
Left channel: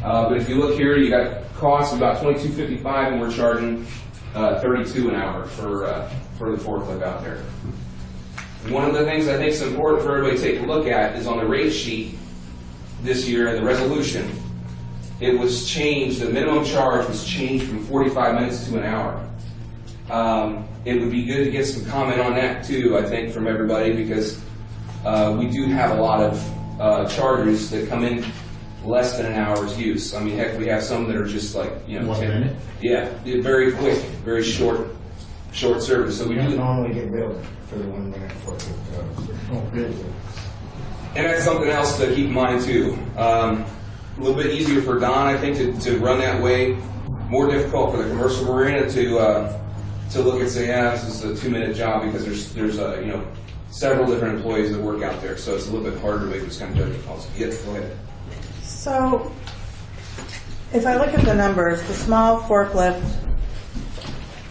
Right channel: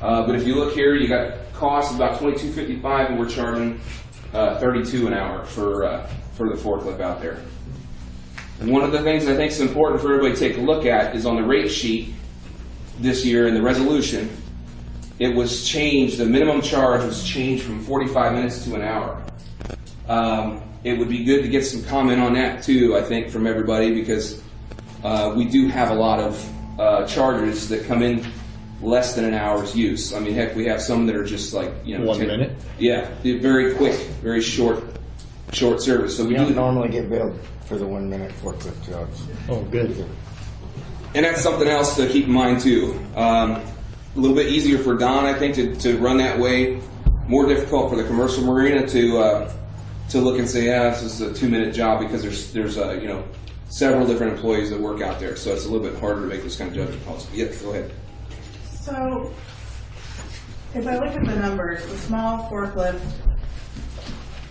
But if you look here, you got costs about $22.55, and we're charging $32 an hour for the forklift out there. And one of the things I think is important for everybody to take a look at is on the rate sheet this year in the resolution, it was changed, the minimum charge was changed from 45 minutes to an hour. It would be good to get some comment on that too, I think, from everybody, because we do have a lot of charges that come in less than an hour's use. I mean, heck, we have some that are just like, 1 minute? Yeah, very quick, very short service. So we don't normally get billed for the 1 minute forklift jobs. Oh, good. And that's something else to keep in mind too. A little bit easier for Don, I think, to run that way. More difficult for the commercial marina to look and say, yeah, this is a 2-minute job, because there's several different employees that work out there, so it's a little bit harder to make this kind of judgment calls. Yeah, go ahead. So, if I look at the numbers, the small forklift,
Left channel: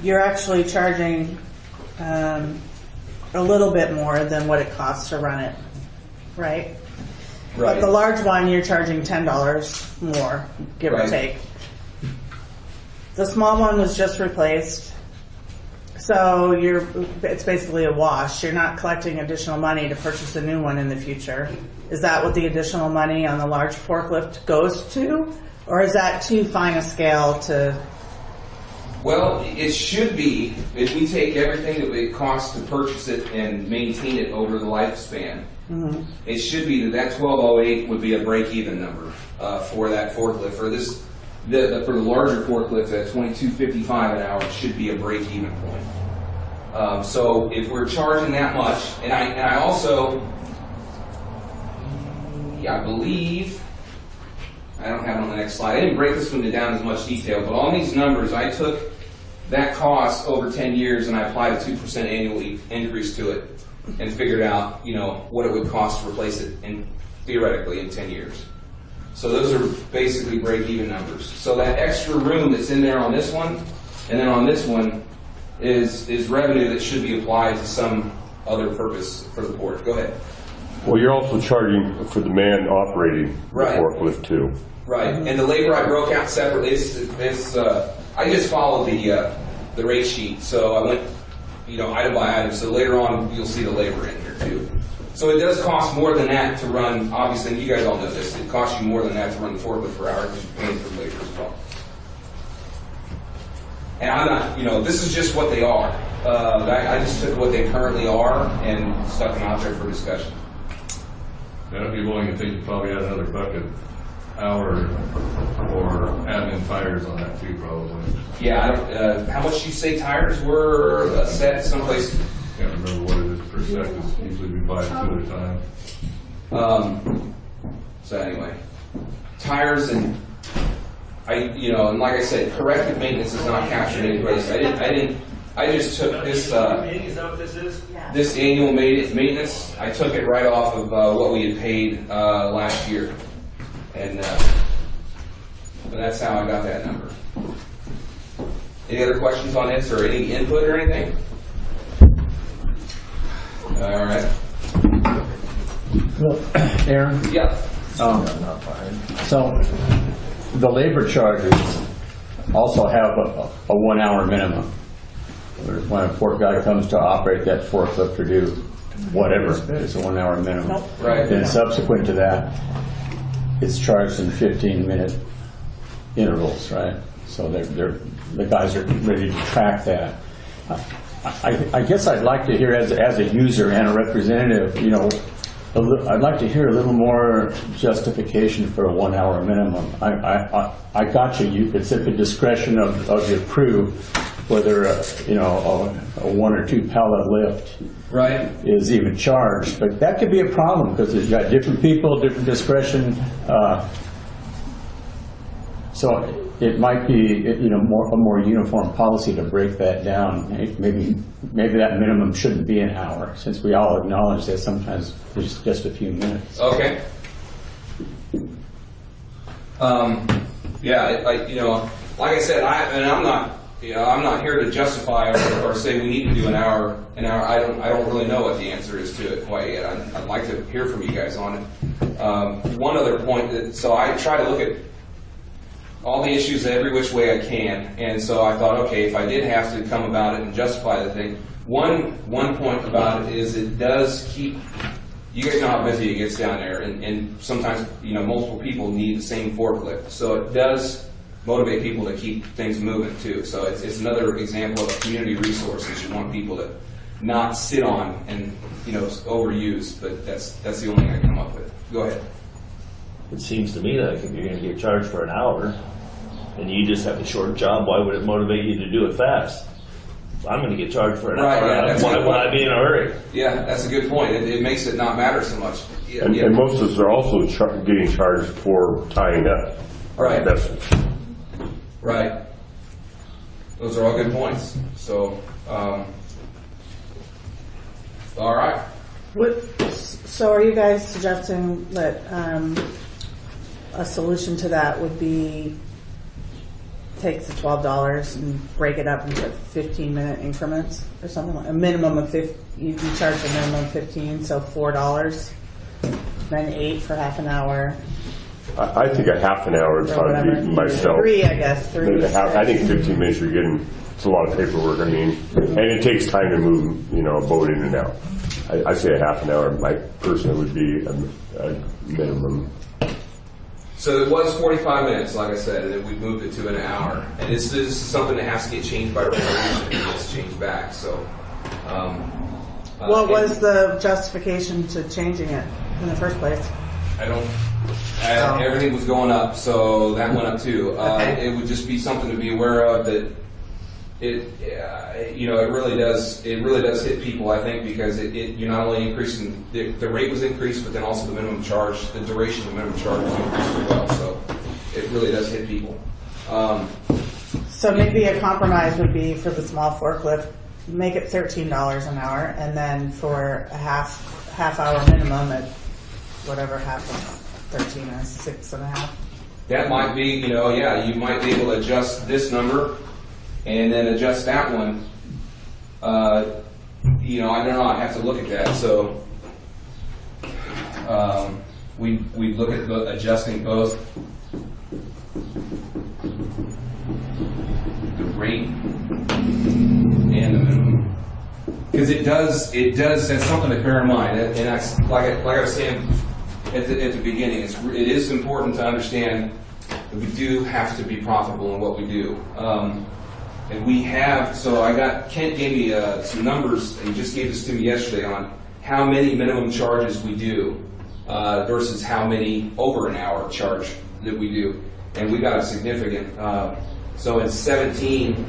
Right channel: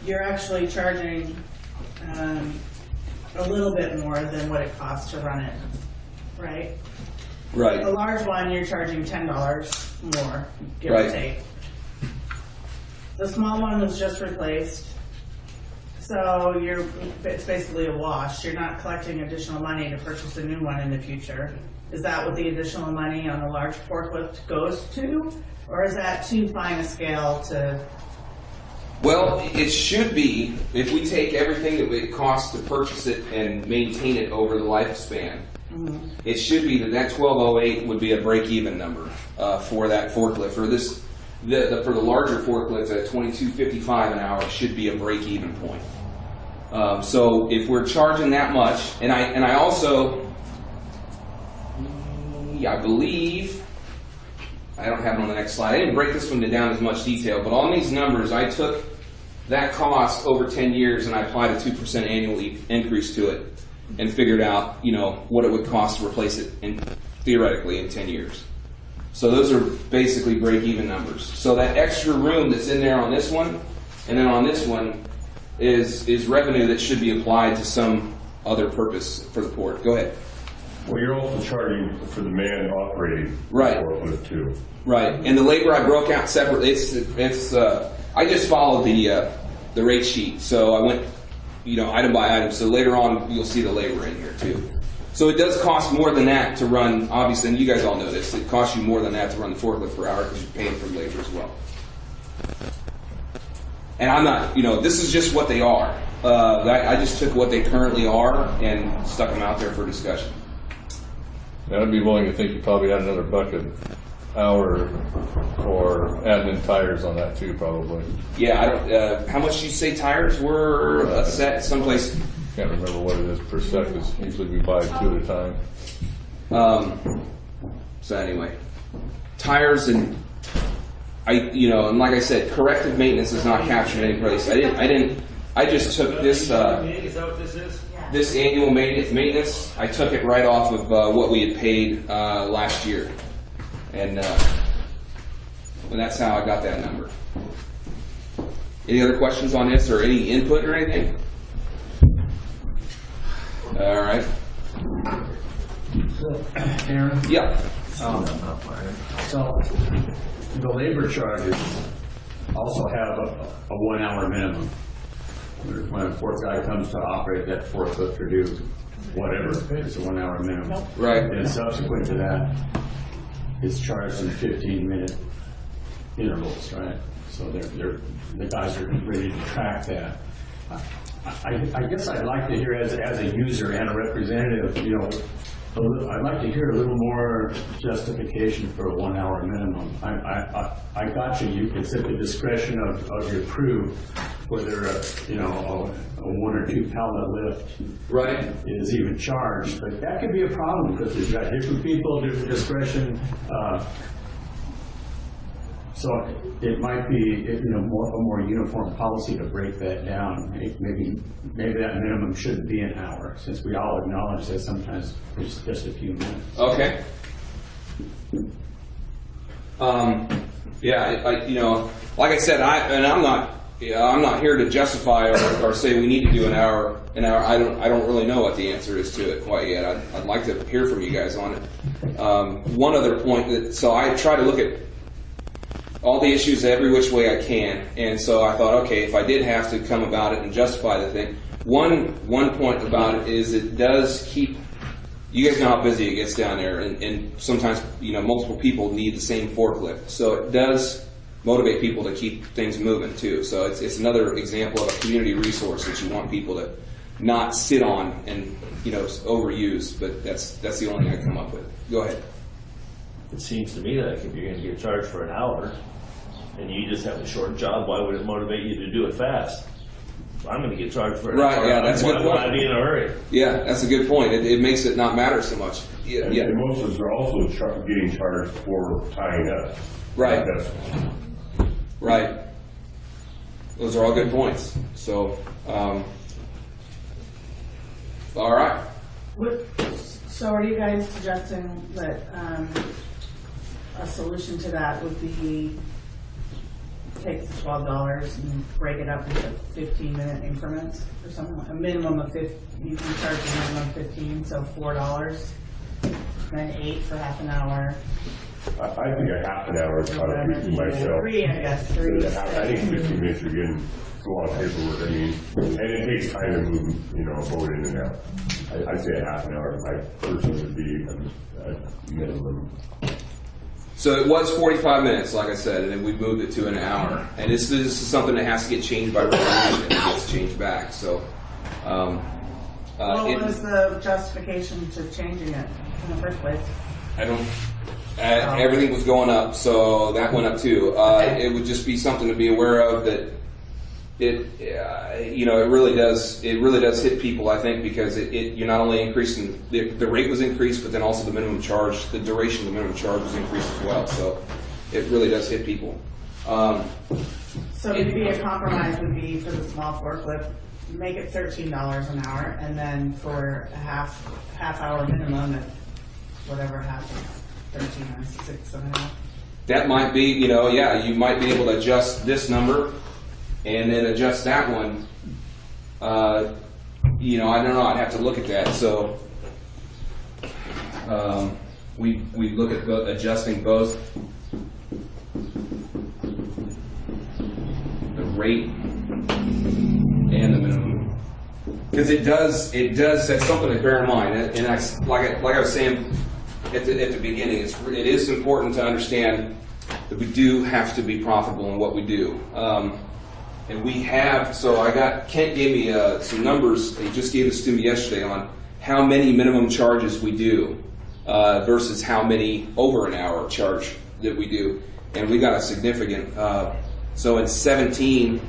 you're actually charging a little bit more than what it costs to run it, right? Right. But the large one, you're charging $10 more, give or take. The small one was just replaced, so it's basically a wash. You're not collecting additional money to purchase a new one in the future. Is that what the additional money on the large forklift goes to? Or is that too fine a scale to... Well, it should be, if we take everything that it costs to purchase it and maintain it over the lifespan, it should be that $12.08 would be a break-even number for that forklift. For the larger forklifts at $22.55 an hour, it should be a break-even point. So if we're charging that much, and I also, I believe, I don't have it on the next slide. I didn't break this one down as much detail, but on these numbers, I took that cost over 10 years and I applied a 2% annual increase to it and figured out, what it would cost to replace it theoretically in 10 years. So those are basically break-even numbers. So that extra room that's in there on this one, and then on this one, is revenue that should be applied to some other purpose for the port. Go ahead. Well, you're also charging for the man operating the forklift too. Right, and the labor I broke out separately. I just followed the rate sheet, so I went, item by item. So later on, you'll see the labor in here too. So it does cost more than that to run. Obviously, and you guys all know this. It costs you more than that to run the forklift per hour because you're paying for labor as well. And I'm not, this is just what they are. I just took what they currently are and stuck them out there for discussion. I'd be willing to think you probably had another bucket hour for admin tires on that too, probably. Yeah, I don't. How much you say tires were a set someplace? Can't remember what it is per set, because usually we buy 2 at a time. So anyway, tires and and like I said, corrective maintenance is not captured any place. I just took this. Is that what this is? This annual maintenance, I took it right off of what we had paid last year, and that's how I got that number. Any other questions on this, or any input or anything? All right. Well, Aaron? Yeah. So the labor charges also have a 1 hour minimum. When a port guy comes to operate that forklift or do whatever, it's a 1 hour minimum. Right. And subsequent to that, it's charged in 15-minute intervals, right? So the guys are ready to track that. I guess I'd like to hear, as a user and a representative, I'd like to hear a little more justification for a 1 hour minimum. I got you. It's at the discretion of your crew whether a 1 or 2 pallet lift is even charged. But that could be a problem because you've got different people, different discretion. So it might be a more uniform policy to break that down. Maybe that minimum shouldn't be an hour, since we all acknowledge that sometimes there's just a few minutes. Okay. Like I said, I'm not here to justify or say we need to do an hour. I don't really know what the answer is to it quite yet. I'd like to hear from you guys on it. One other point so I try to look at all the issues every which way I can, and so I thought, okay, if I did have to come about it and justify the thing, one point about it is it does keep. You guys know how busy it gets down there, and sometimes multiple people need the same forklift, so it does motivate people to keep things moving too. So it's another example of a community resource that you want people to not sit on and overuse. But that's the only thing I come up with. Go ahead. It seems to me that if you're going to get charged for an hour and you just have a short job, why would it motivate you to do it fast? If I'm going to get charged for an hour, why would I be in a hurry? Yeah, that's a good point. It makes it not matter so much. Yeah, and most of us are also getting charged for tying up. Right. Vessels. Right. Those are all good points. So, all right. So are you guys suggesting that a solution to that would be take the $12 and break it up into 15-minute increments or something like a minimum of 50? You can charge a minimum of 15, so $4, then 8 for half an hour. I think a half an hour would probably be myself. 3, I guess. 3. I think 15 minutes you're getting. It's a lot of paperwork. And it takes time to move, a boat in and out. I say a half an hour. My personally would be a minimum. So it was 45 minutes, like I said, and then we moved it to an hour. And this is something that has to get changed by regulation, and it gets changed back. So, what was the justification to changing it in the first place? I don't. Everything was going up, so that went up too. It would just be something to be aware of that. It really does hit people, I think, because you're not only increasing the rate was increased, but then also the minimum charge, the duration of the minimum charge was increased as well. So it really does hit people. So maybe a compromise would be for the small forklift, make it $13 an hour, and then for a half hour minimum at whatever happens. 13 or 6.5. That might be, you might be able to adjust this number and then adjust that one. I don't know. I'd have to look at that. So we look at adjusting both the rate and the minimum, because it does. That's something to bear in mind. And that's like I was saying at the beginning, it is important to understand that we do have to be profitable in what we do. And we have, so Kent gave me some numbers, he just gave this to me yesterday on how many minimum charges we do versus how many over an hour charge that we do. And we got a significant, so in 17,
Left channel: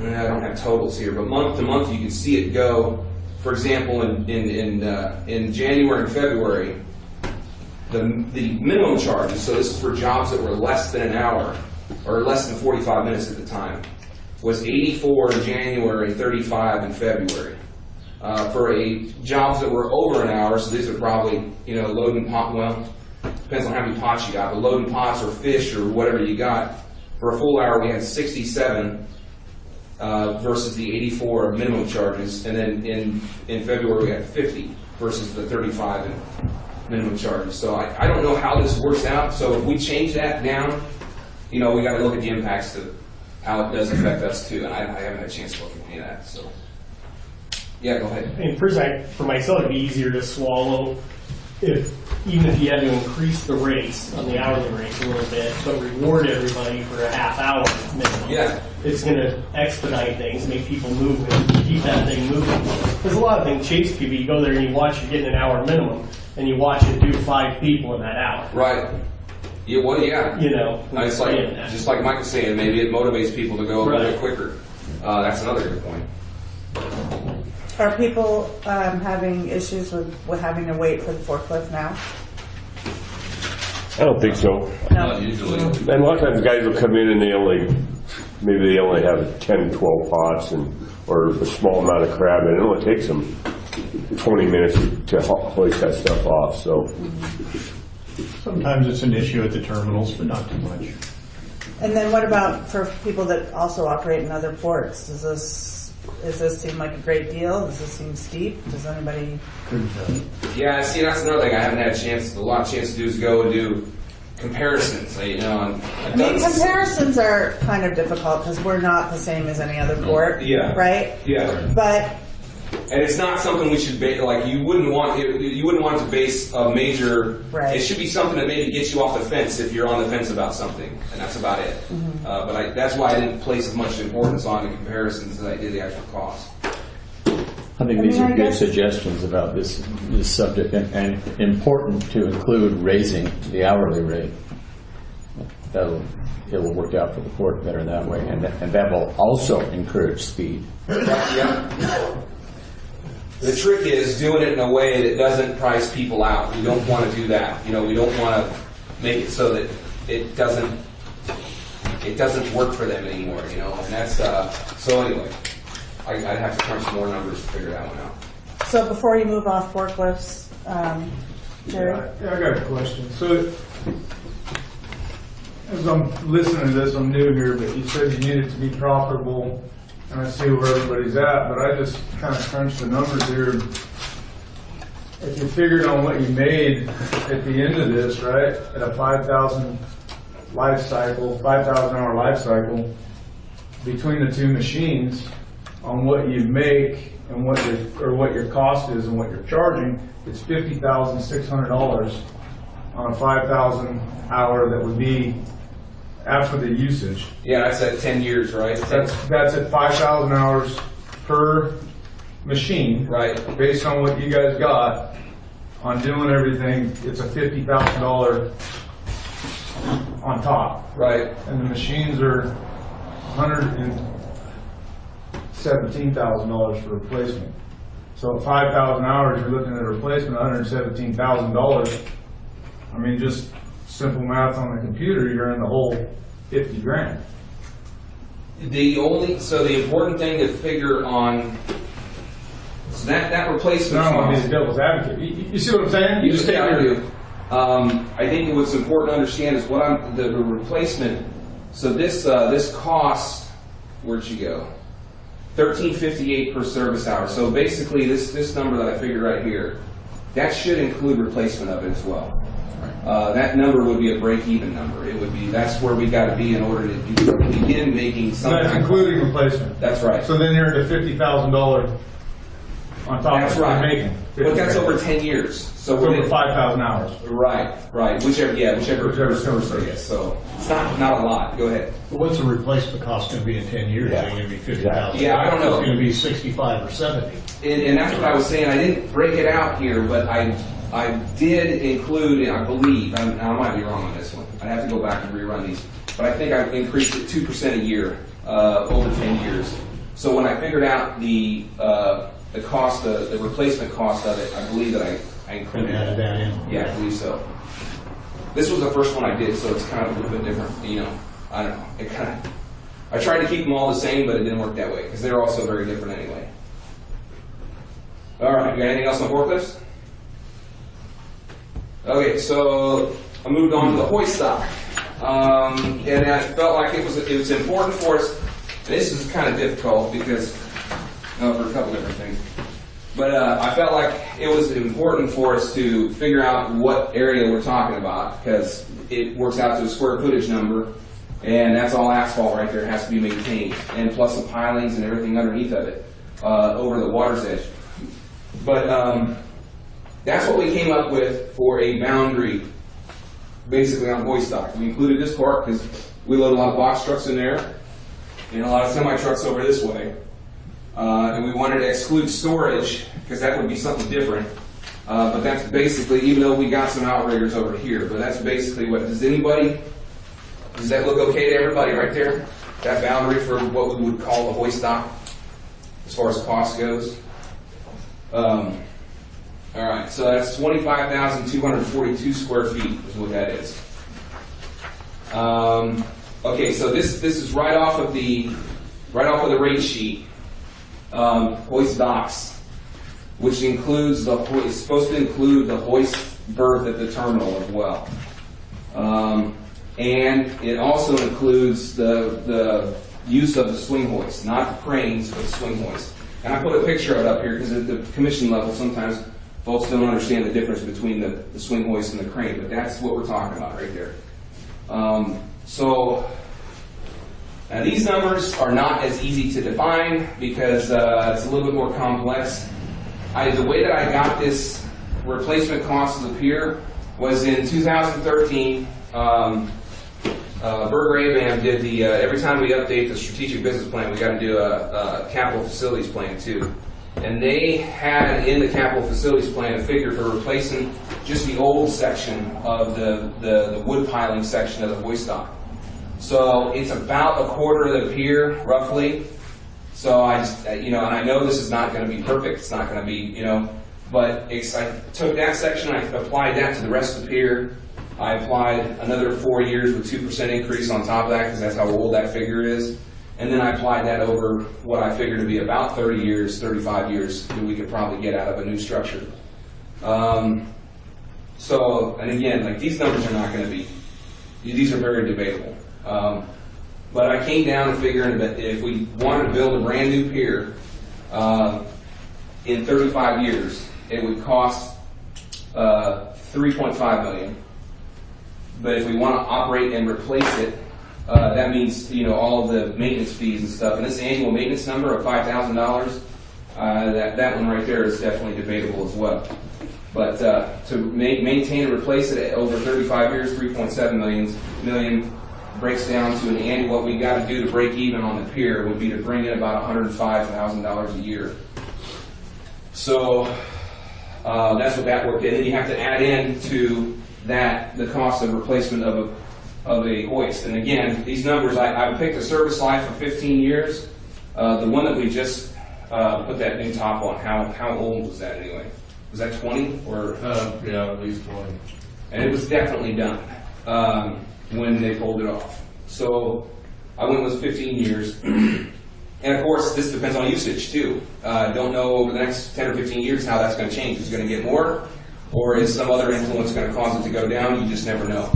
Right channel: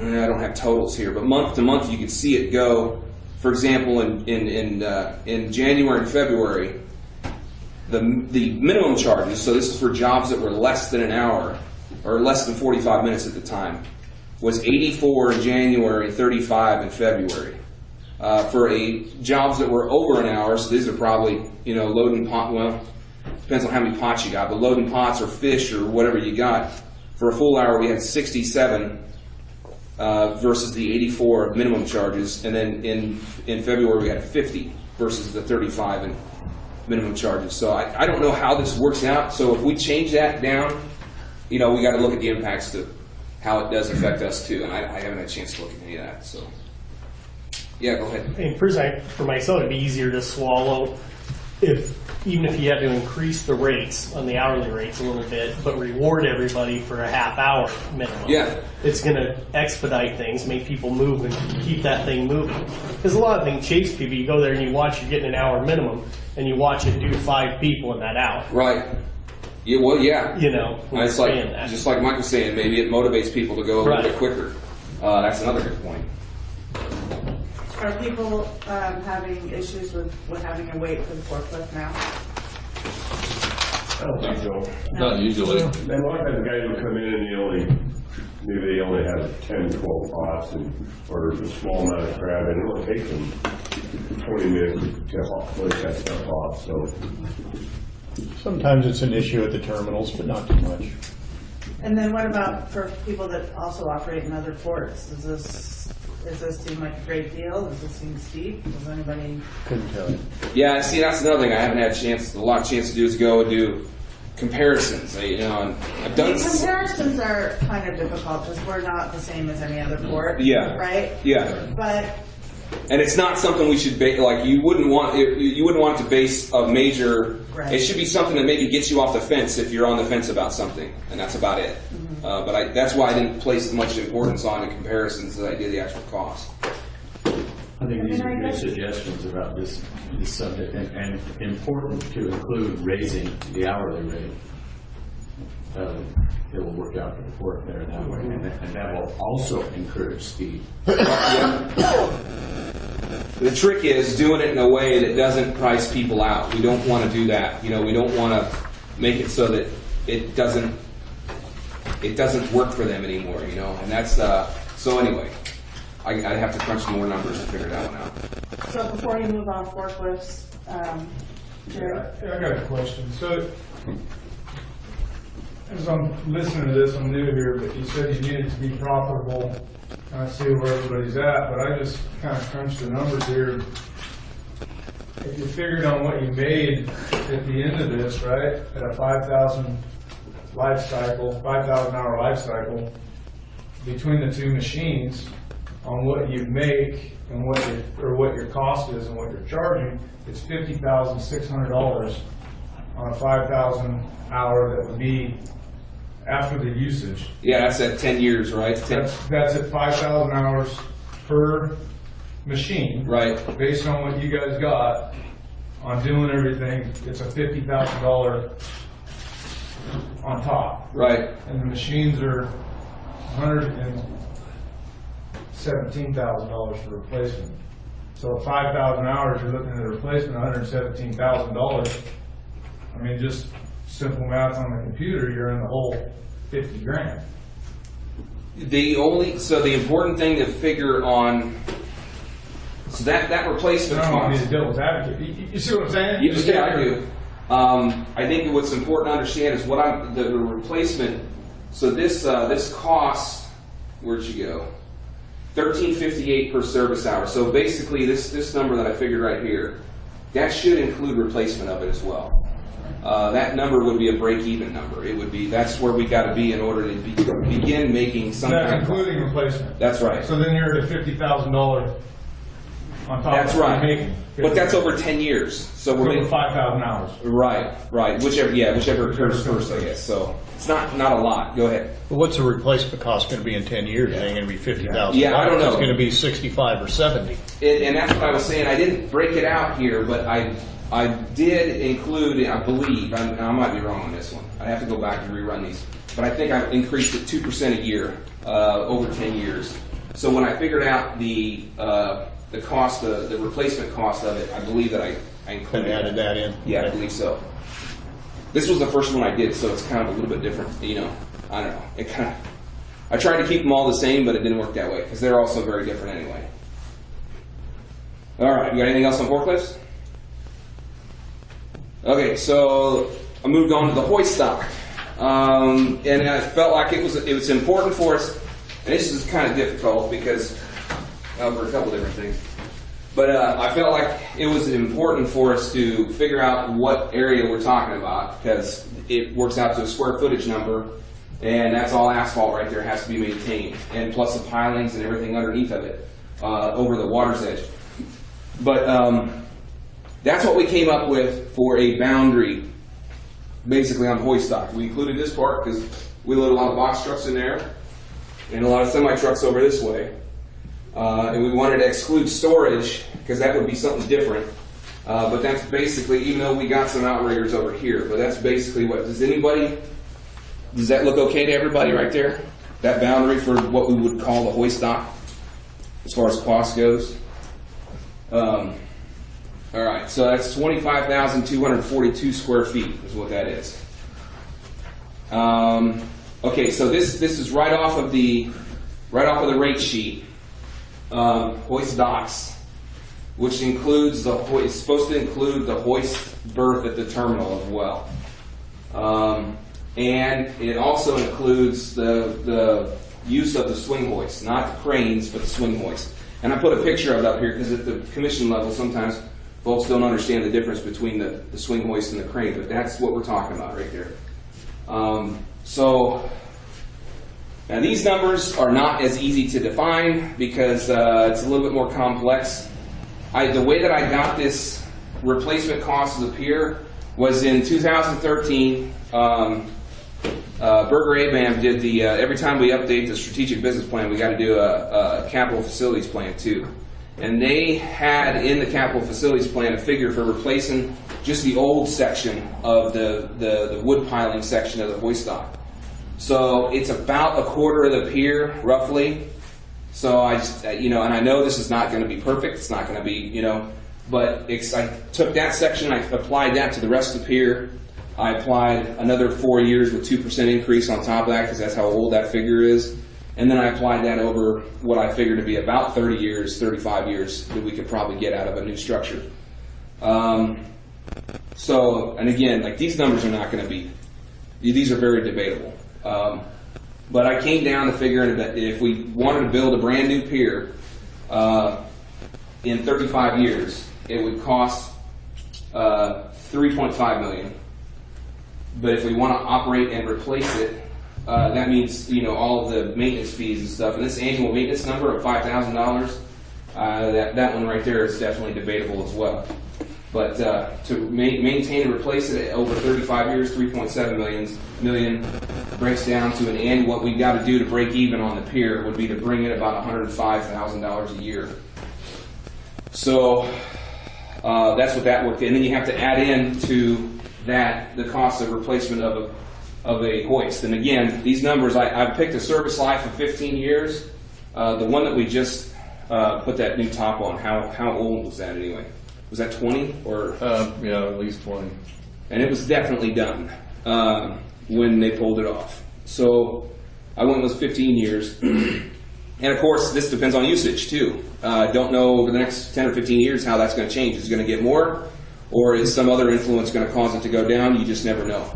I don't have totals here, but month to month you can see it go. For example, in January and February, the minimum charges, so this is for jobs that were less than an hour, or less than 45 minutes at the time, was 84 in January, 35 in February. For jobs that were over an hour, so these are probably, loading pot, well, depends on how many pots you got, but loading pots or fish or whatever you got. For a full hour, we had 67 versus the 84 minimum charges, and then in February we had 50 versus the 35 in minimum charges. So I don't know how this works out. So if we change that down, we got to look at the impacts to how it does affect us too. And I haven't had a chance to look at any of that. So yeah, go ahead. And for myself, it'd be easier to swallow even if you had to increase the rates on the hourly rates a little bit, but reward everybody for a half hour minimum. Yeah. It's going to expedite things, make people move, and keep that thing moving. There's a lot of things chase people. You go there and you watch, you're getting an hour minimum, and you watch it do 5 people in that hour. Right. Yeah, well, yeah. It's like, just like Mike was saying, maybe it motivates people to go a little bit quicker. That's another good point. Are people having issues with having to wait for the forklift now? I don't think so. Not usually. And a lot of times guys will come in and they only have 10, 12 pots or a small amount of crab, and it only takes them 20 minutes to hoist that stuff off. So Sometimes it's an issue at the terminals, but not too much. And then what about for people that also operate in other ports? Does this seem like a great deal? Does this seem steep? Does anybody? Couldn't tell. Yeah, see, that's another thing I haven't had a lot of chance to do is go and do comparisons. Comparisons are kind of difficult because we're not the same as any other port. Yeah. Right. Yeah. But. And it's not something we should you wouldn't want it. You wouldn't want to base a major. Right. It should be something that maybe gets you off the fence if you're on the fence about something, and that's about it. Mm-hmm. But that's why I didn't place as much importance on the comparisons as I did the actual cost. I think these are good suggestions about this subject, and important to include raising the hourly rate. It will work out for the port better that way, and that will also encourage speed. Yeah. The trick is doing it in a way that doesn't price people out. We don't want to do that. We don't want to make it so that it doesn't work for them anymore. And that's so anyway. I'd have to crunch some more numbers to figure that one out. So before you move off forklifts, Jerry? Yeah, I got a question. So, as I'm listening to this, I'm new here, but you said you need it to be profitable, and I see where everybody's at, but I just kind of crunched the numbers here. If you figured on what you made at the end of this, right, at a 5,000 hour life cycle, between the two machines, on what you make and what your cost is and what you're charging, it's $50,600 on a 5,000 hour that would be after the usage. Yeah, that's at 10 years, right? That's at 5,000 hours per machine. Right. Based on what you guys got on doing everything, it's a $50,000 on top. Right. And the machines are $117,000 for replacement. So at 5,000 hours, you're looking at a replacement, $117,000. I mean, just simple math on the computer, you're in the whole 50 grand. The important thing to figure on, so that replacement I don't want to cost. be the devil's advocate. You see what I'm saying? You just can't do. I think what's important to understand is the replacement. So this costs, where'd you go? $13.58 per service hour. So basically, this number that I figured right here, that should include replacement of it as well. That number would be a break-even number. It would be, that's where we got to be in order to begin making some. That's including replacement. That's right. So then you're at a $50,000 on top That's of what right. you're making. But that's over 10 years. So It's we're over 5,000 hours. Right. Whichever comes first, I guess. So it's not a lot. Go ahead. But what's the replacement cost going to be in 10 years? Is it going to be 50,000? Yeah, I don't know. It's going to be 65 or 70. And that's what I was saying. I didn't break it out here, but I did include, I believe, I might be wrong on this one. I'd have to go back and rerun these. But I think I increased it 2% a year over 10 years. So when I figured out the cost, the replacement cost of it, I believe that I included And added that in? Yeah, I believe so. This was the first one I did, so it's kind of a little bit different. I don't know. I tried to keep them all the same, but it didn't work that way because they're also very different anyway. All right, you got anything else on forklifts? Okay, so I moved on to the hoist stock, and I felt like it was important for us. And this is kind of difficult because for a couple different things. But I felt like it was important for us to figure out what area we're talking about because it works out to a square footage number, and that's all asphalt right there. It has to be maintained, and plus the pilings and everything underneath of it over the water's edge. But that's what we came up with for a boundary, basically on hoist stock. We included this part because we load a lot of box trucks in there and a lot of semi trucks over this way. And we wanted to exclude storage because that would be something different. But that's basically, even though we got some outriggers over here, but that's basically what, does that look okay to everybody right there? That boundary for what we would call the hoist dock as far as cost goes? All right, so that's 25,242 square feet is what that is. Okay, so this is right off of the rate sheet. Hoist docks, which includes it's supposed to include the hoist berth at the terminal as well. And it also includes the use of the swing hoist, not the cranes, but the swing hoist. And I put a picture of it up here because at the commission level, sometimes folks don't understand the difference between the swing hoist and the crane, but that's what we're talking about right there. So now these numbers are not as easy to define because it's a little bit more complex. The way that I got this replacement cost of the pier was in 2013. Berger ABAM did every time we update the strategic business plan, we got to do a capital facilities plan too. And they had in the capital facilities plan a figure for replacing just the old section of the wood piling section of the hoist dock. So it's about a quarter of the pier, roughly. So I just, and I know this is not going to be perfect. It's not going to be, but I took that section, I applied that to the rest of the pier. I applied another 4 years with 2% increase on top of that because that's how old that figure is. And then I applied that over what I figured to be about 30 years, 35 years that we could probably get out of a new structure. So, and again, like these numbers are not going to be, these are very debatable. But I came down to figuring that if we wanted to build a brand new pier in 35 years, it would cost $3.5 million. But if we want to operate and replace it, that means all of the maintenance fees and stuff. And this annual maintenance number of $5,000, that one right there is definitely debatable as well. But to maintain and replace it over 35 years, $3.7 million breaks down to an annual. What we got to do to break even on the pier would be to bring in about $105,000 a year. So that's what that worked in. And then you have to add in to that the cost of replacement of a hoist. And again, these numbers, I picked a service life of 15 years. The one that we just put that new top on, how old was that anyway? Was that 20 or? Yeah, at least 20. And it was definitely done when they pulled it off. So I went with 15 years. And of course, this depends on usage too. Don't know over the next 10 or 15 years how that's going to change. Is it going to get more? Or is some other influence going to cause it to go down? You just never know.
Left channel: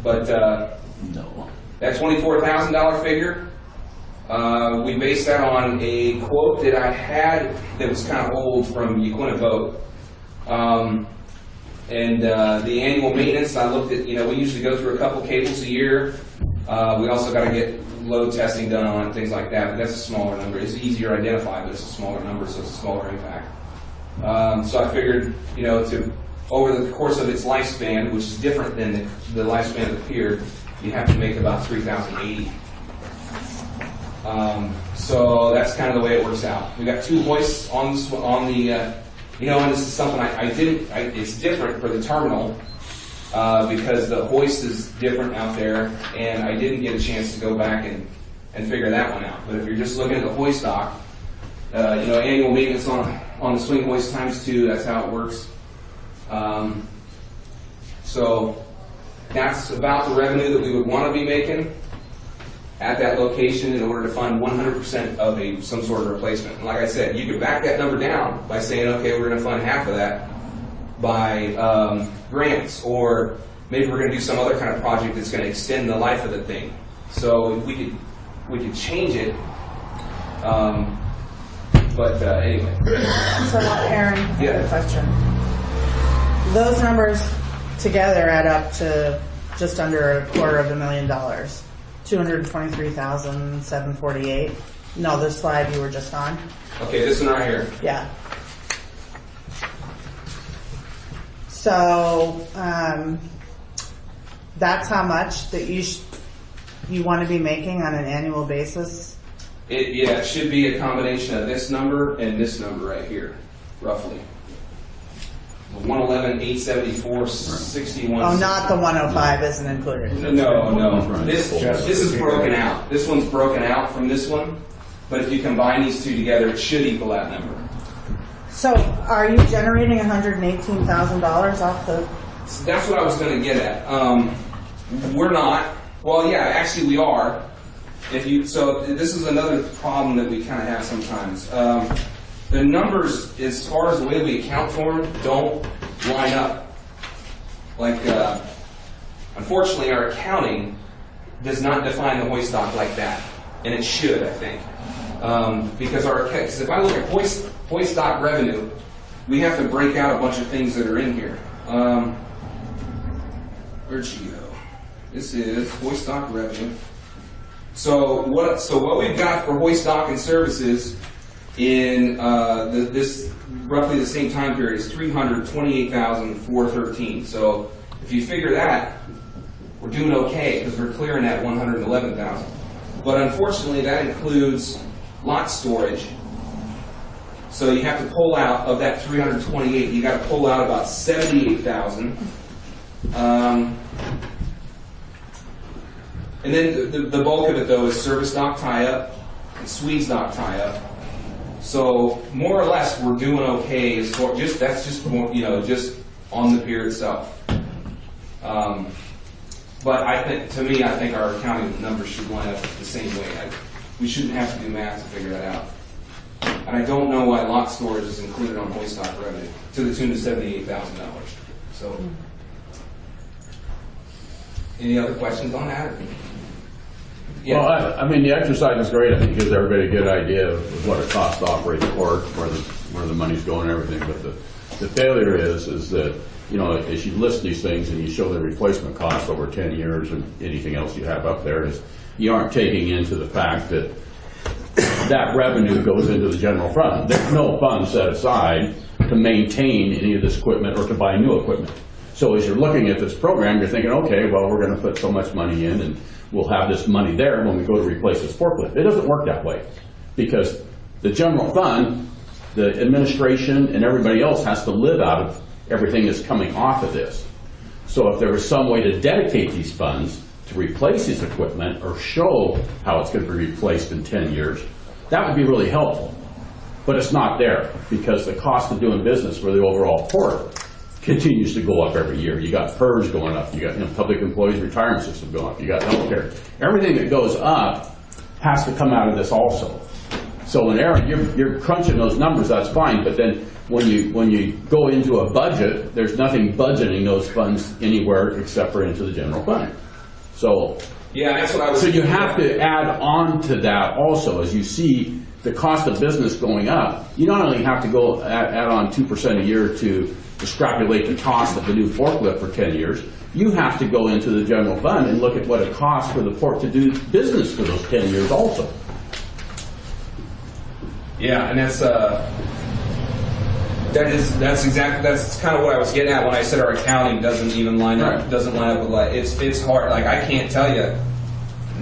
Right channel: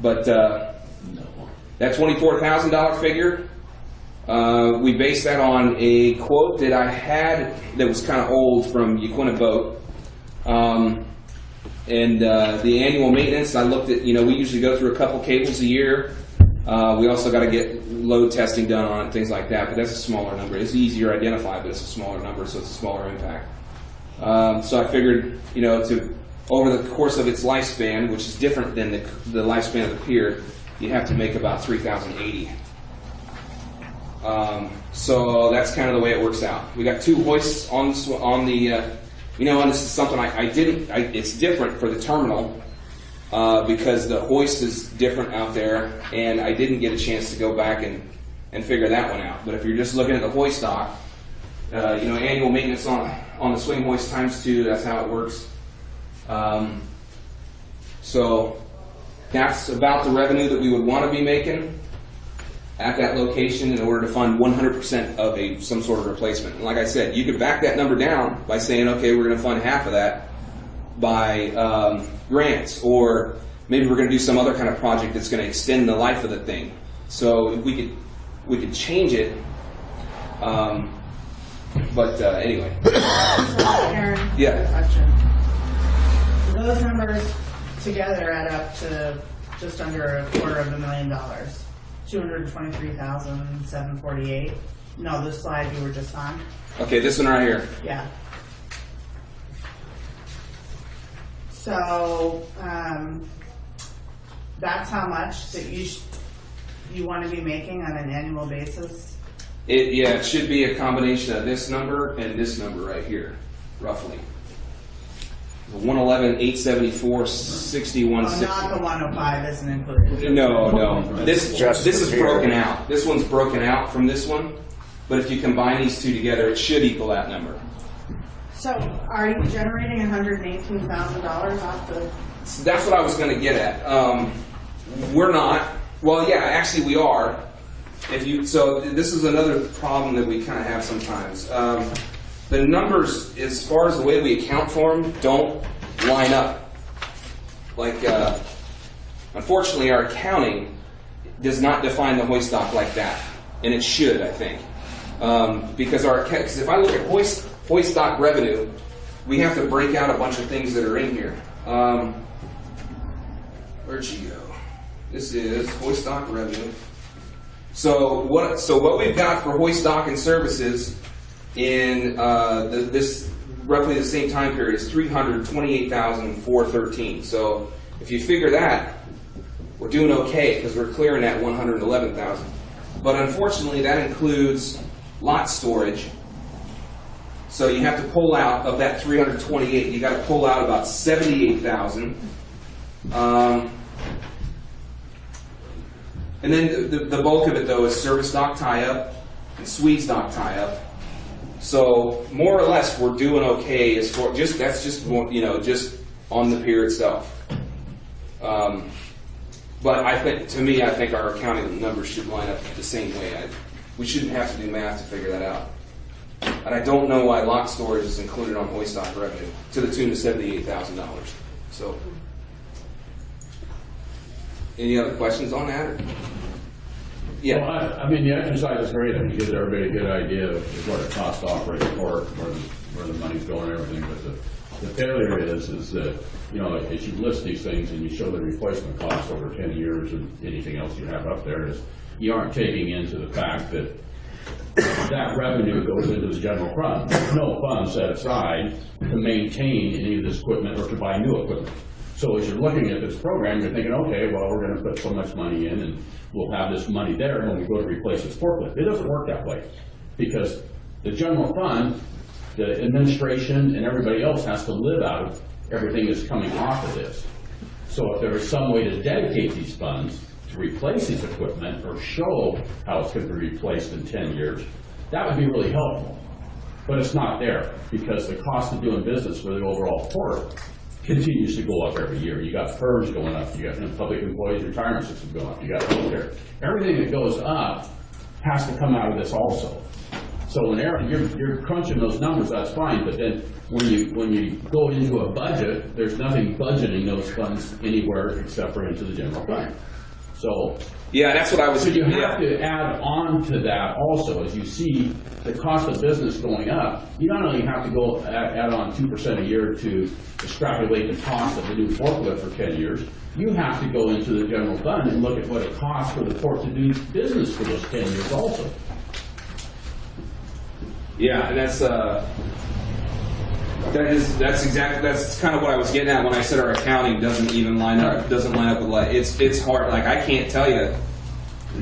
But that $24,000 figure, we based that on a quote that I had that was kind of old from Yaquina Boat. And the annual maintenance, I looked at, we usually go through a couple cables a year. We also got to get load testing done on it, things like that, but that's a smaller number. It's easier to identify, but it's a smaller number, so it's a smaller impact. So I figured, over the course of its lifespan, which is different than the lifespan of the pier, you'd have to make about 3,080. So that's kind of the way it works out. We got 2 hoists on the, and this is something it's different for the terminal, because the hoist is different out there, and I didn't get a chance to go back and figure that one out. But if you're just looking at the hoist dock, annual maintenance on the swing hoist ×2, that's how it works. So that's about the revenue that we would want to be making at that location in order to fund 100% of some sort of replacement. And like I said, you could back that number down by saying, okay, we're going to fund half of that by grants, or maybe we're going to do some other kind of project that's going to extend the life of the thing. So we could change it. But anyway. So Aaron, I have a question. Those numbers together add up to just under $250,000. 223,748. No, this slide you were just on. Okay, this one right here. Yeah. So that's how much that you want to be making on an annual basis? It should be a combination of this number and this number right here, roughly. 111,874, 61. Oh, not the 105 isn't included. No. This is broken out. This one's broken out from this one, but if you combine these two together, it should equal that number. So, are you generating $118,000 off the? That's what I was going to get at. We're not. Well, yeah, actually we are. So this is another problem that we kind of have sometimes. The numbers, as far as the way we account for them, don't line up. Like, unfortunately, our accounting does not define the hoist dock like that, and it should, I think, because if I look at hoist dock revenue, we have to break out a bunch of things that are in here. Where'd she go? This is hoist dock revenue. So what we've got for hoist dock and services in this roughly the same time period is $328,413. So if you figure that, we're doing okay because we're clearing that $111,000. But unfortunately, that includes lot storage. So you have to pull out of that 328. You got to pull out about 78,000. And then the bulk of it though is service dock tie-up and Swedes dock tie-up. So more or less, we're doing okay as far just just on the pier itself. But I think our accounting numbers should line up the same way. We shouldn't have to do math to figure that out. And I don't know why lot storage is included on hoist dock revenue to the tune of $78,000. So, any other questions on that? Yeah. Well, I mean, the exercise is great. I think it gives everybody a good idea of what it costs to operate the port, where the money's going and everything. But the failure is that, as you list these things and you show the replacement cost over 10 years or anything else you have up there, is you aren't taking into the fact that that revenue goes into the general fund. There's no fund set aside to maintain any of this equipment or to buy new equipment. So as you're looking at this program, you're thinking, okay, well, we're going to put so much money in and we'll have this money there when we go to replace this forklift. It doesn't work that way because the general fund, the administration, and everybody else has to live out of everything that's coming off of this. So if there was some way to dedicate these funds to replace this equipment or show how it's going to be replaced in 10 years, that would be really helpful. But it's not there because the cost of doing business for the overall port continues to go up every year. You got PERS going up, you got public employees retirement system going up, you got healthcare. Everything that goes up has to come out of this also. So when you're crunching those numbers, that's fine, but then when you go into a budget, there's nothing budgeting those funds anywhere except for into the general fund. So yeah, that's what I was. So you have to add on to that also as you see the cost of business going up. You not only have to go add on 2% a year to extrapolate the cost of the new forklift for 10 years, you have to go into the general fund and look at what it costs for the port to do business for those 10 years also. Yeah, and that's kind of what I was getting at when I said our accounting doesn't even line up. Doesn't line up with like it's hard. Like I can't tell you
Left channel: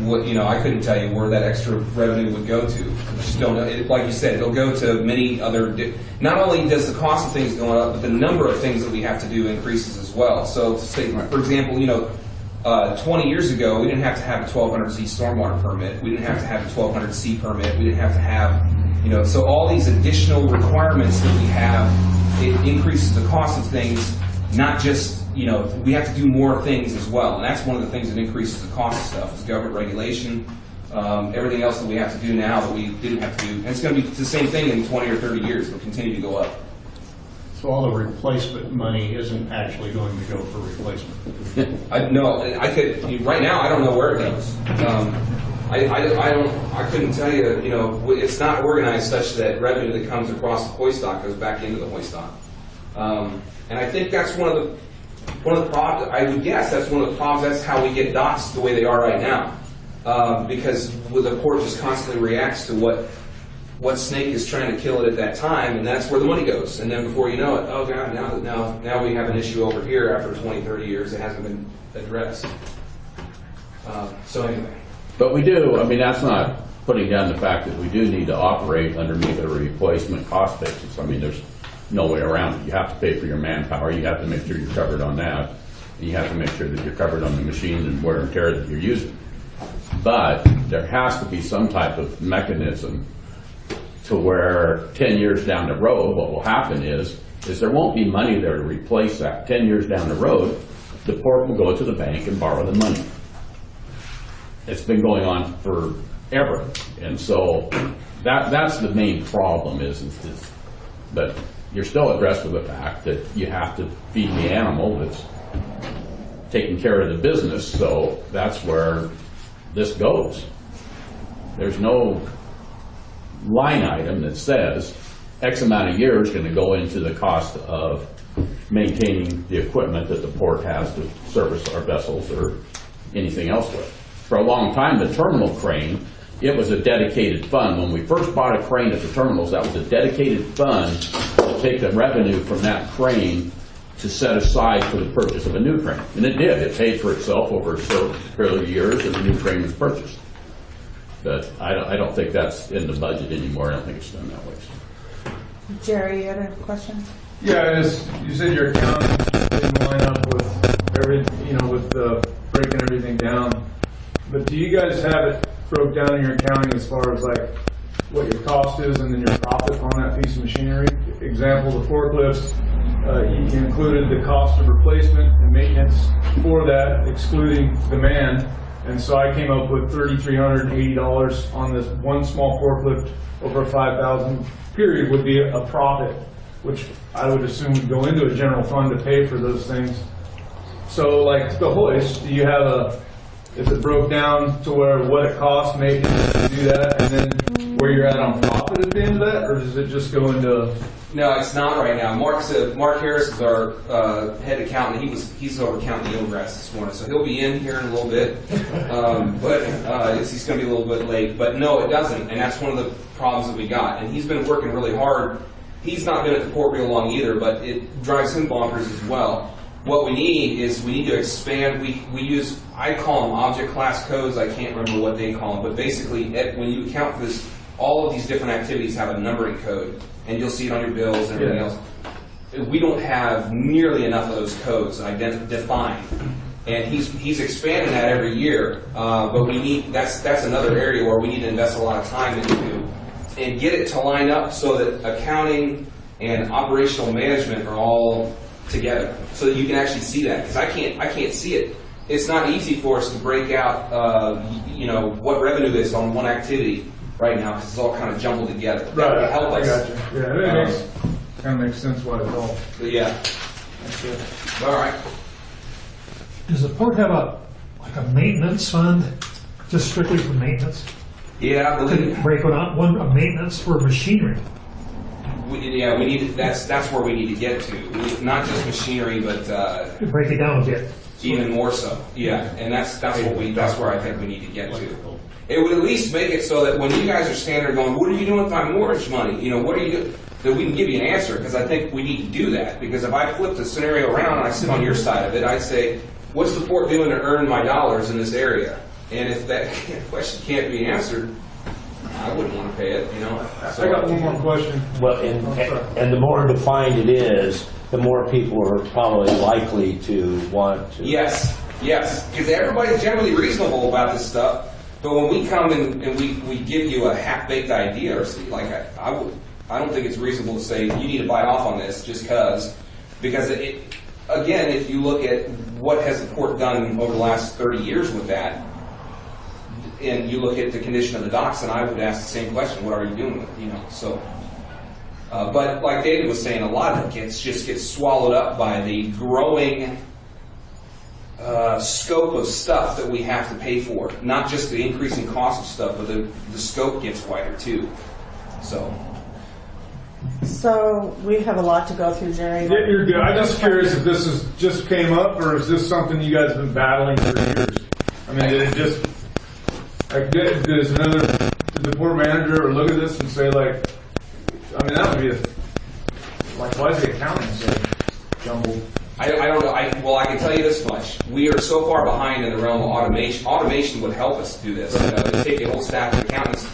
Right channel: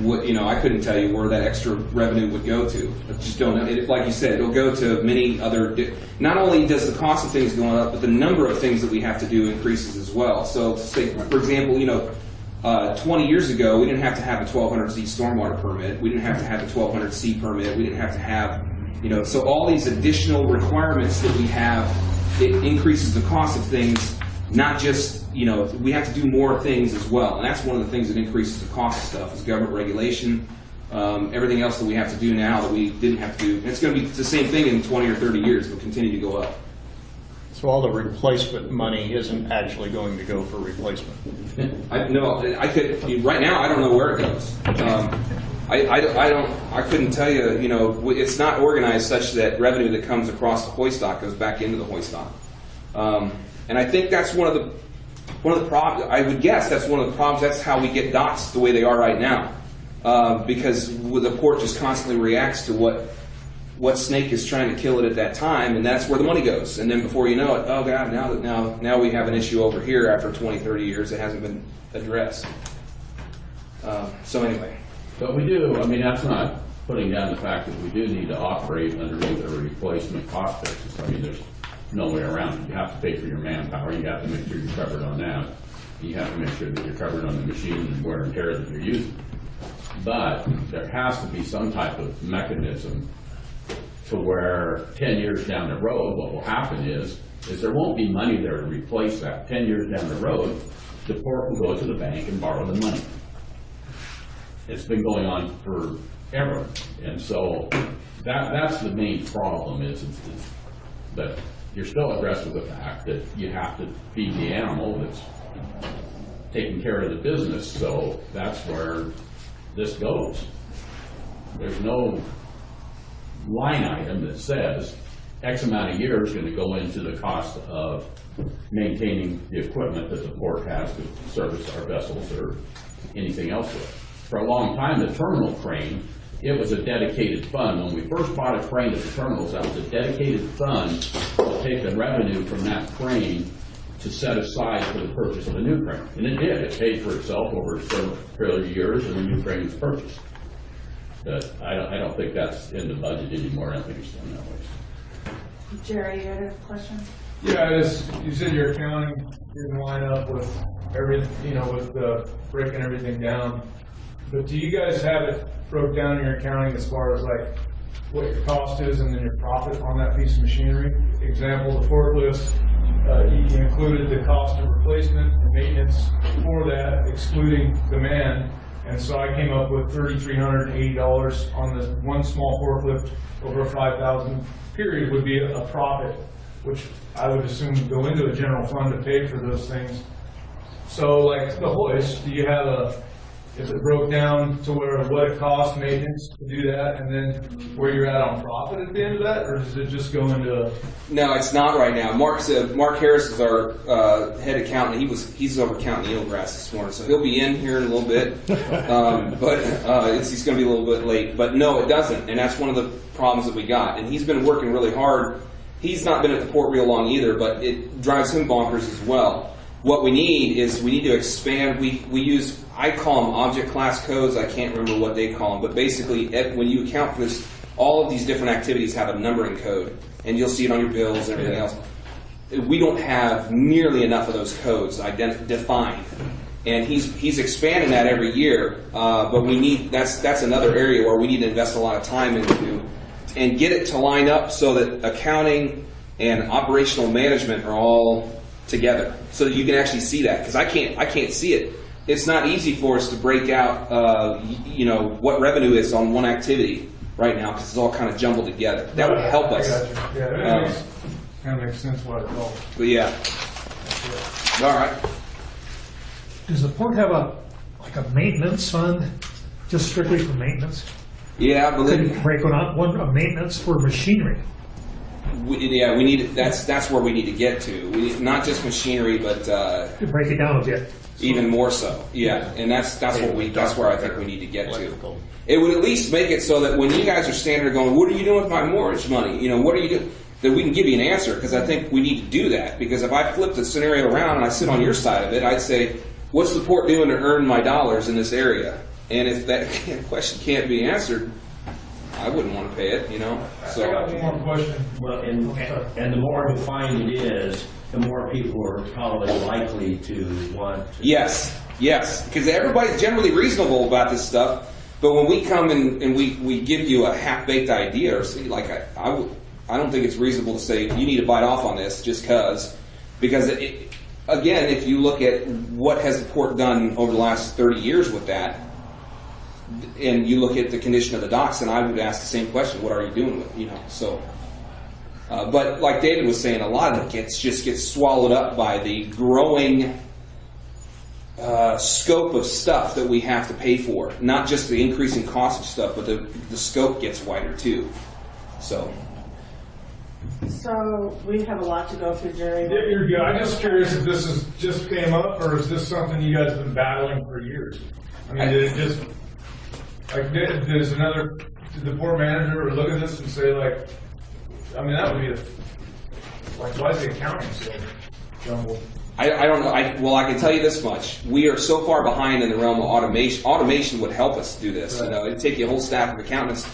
what I couldn't tell you where that extra revenue would go to. Just don't know. Like you said, it'll go to many other. Not only does the cost of things going up, but the number of things that we have to do increases as well. So, say, for example, 20 years ago, we didn't have to have a 1200Z stormwater permit. We didn't have to have a 1200C permit. We didn't have to have, so all these additional requirements that we have, it increases the cost of things, not just, we have to do more things as well. And that's one of the things that increases the cost of stuff is government regulation, everything else that we have to do now that we didn't have to do. And it's going to be the same thing in 20 or 30 years. It'll continue to go up. So all the replacement money isn't actually going to go for replacement? Right now, I don't know where it goes. I couldn't tell you, it's not organized such that revenue that comes across the hoist dock goes back into the hoist dock. And I think that's one of the problems. I would guess that's one of the problems. That's how we get docks the way they are right now, because the port just constantly reacts to what snake is trying to kill it at that time, and that's where the money goes. And then before you know it, oh God, now we have an issue over here after 20, 30 years that hasn't been addressed. So anyway. But we do, that's not putting down the fact that we do need to operate underneath a replacement cost basis. There's no way around it. You have to pay for your manpower. You have to make sure you're covered on that. You have to make sure that you're covered on the machine and wear and tear that you're using. But there has to be some type of mechanism to where 10 years down the road, what will happen is there won't be money there to replace that. 10 years down the road, the port will go to the bank and borrow the money. It's been going on forever. And so that's the main problem but you're still addressed with the fact that you have to feed the animal that's taking care of the business. So that's where this goes. There's no line item that says X amount of years is going to go into the cost of maintaining the equipment that the port has to service our vessels or anything else with. For a long time, the terminal crane, it was a dedicated fund. When we first bought a crane at the terminals, that was a dedicated fund to take the revenue from that crane to set aside for the purchase of a new crane. And it did. It paid for itself over a period of years, and the new crane was purchased. But I don't think that's in the budget anymore. I don't think it's done that way. Jerry, you had a question? Yeah, you said your accounting didn't line up with with the breaking everything down. But do you guys have it broke down in your accounting as far as like what your cost is and then your profit on that piece of machinery? Example, the forklifts, you included the cost of replacement and maintenance for that, excluding demand. And so I came up with $3,380 on this one small forklift over a 5,000 period would be a profit, which I would assume would go into a general fund to pay for those things. So like the hoist, do you have is it broke down to where what it costs maintenance to do that and then where you're at on profit at the end of that, or does it just go into? No, it's not right now. Mark Harris is our head accountant. He's over counting eelgrass this morning, so he'll be in here in a little bit. But he's going to be a little bit late. But no, it doesn't, and that's one of the problems that we got. And he's been working really hard. He's not been at the port real long either, but it drives him bonkers as well. What we need to expand. We use, I call them object class codes. I can't remember what they call them, but basically when you account for this, all of these different activities have a numbering code, and you'll see it on your bills and everything else. We don't have nearly enough of those codes defined, and he's expanding that every year. But we need that's another area where we need to invest a lot of time into and get it to line up so that accounting and operational management are all together, so that you can actually see that. Because I can't see it. It's not easy for us to break out, what revenue is on one activity right now because it's all kind of jumbled together. That would help us. I got you. Yeah, that kind of makes sense why it's all. But yeah. All right. Does the port have a maintenance fund, just strictly for maintenance? Yeah, I believe. Could you break one a maintenance for machinery? We need. That's where we need to get to. Not just machinery, but break it down a bit. Even more so, yeah. And that's where I think we need to get to. It would at least make it so that when you guys are standing there going, what are you doing with my mortgage money? You know, what are you doing? That we can give you an answer, because I think we need to do that. Because if I flip the scenario around and I sit on your side of it, I'd say, what's the port doing to earn my dollars in this area? And if that question can't be answered, I wouldn't want to pay it, you know? So, I got one more question. Well, and the more defined it is, the more people are probably likely to want to. yes, because everybody's generally reasonable about this stuff. But when we come and we give you a half-baked idea, or like I don't think it's reasonable to say you need to bite off on this just because again, if you look at what has the port done over the last 30 years with that, and you look at the condition of the docks, and I would ask the same question: what are you doing with it? You know, so. But like David was saying, a lot of it just gets swallowed up by the growing scope of stuff that we have to pay for. Not just the increasing cost of stuff, but the scope gets wider too. So we have a lot to go through, Jerry. Yeah, you're good. I'm just curious if this is just came up, or is this something you guys have been battling for years? I mean, did it just, like, did the port manager look at this and say, like, I mean, that would be like, why is the accounting so jumbled? I don't know. Well, I can tell you this much: we are so far behind in the realm of automation. Automation would help us do this. It'd take you a whole stack of accountants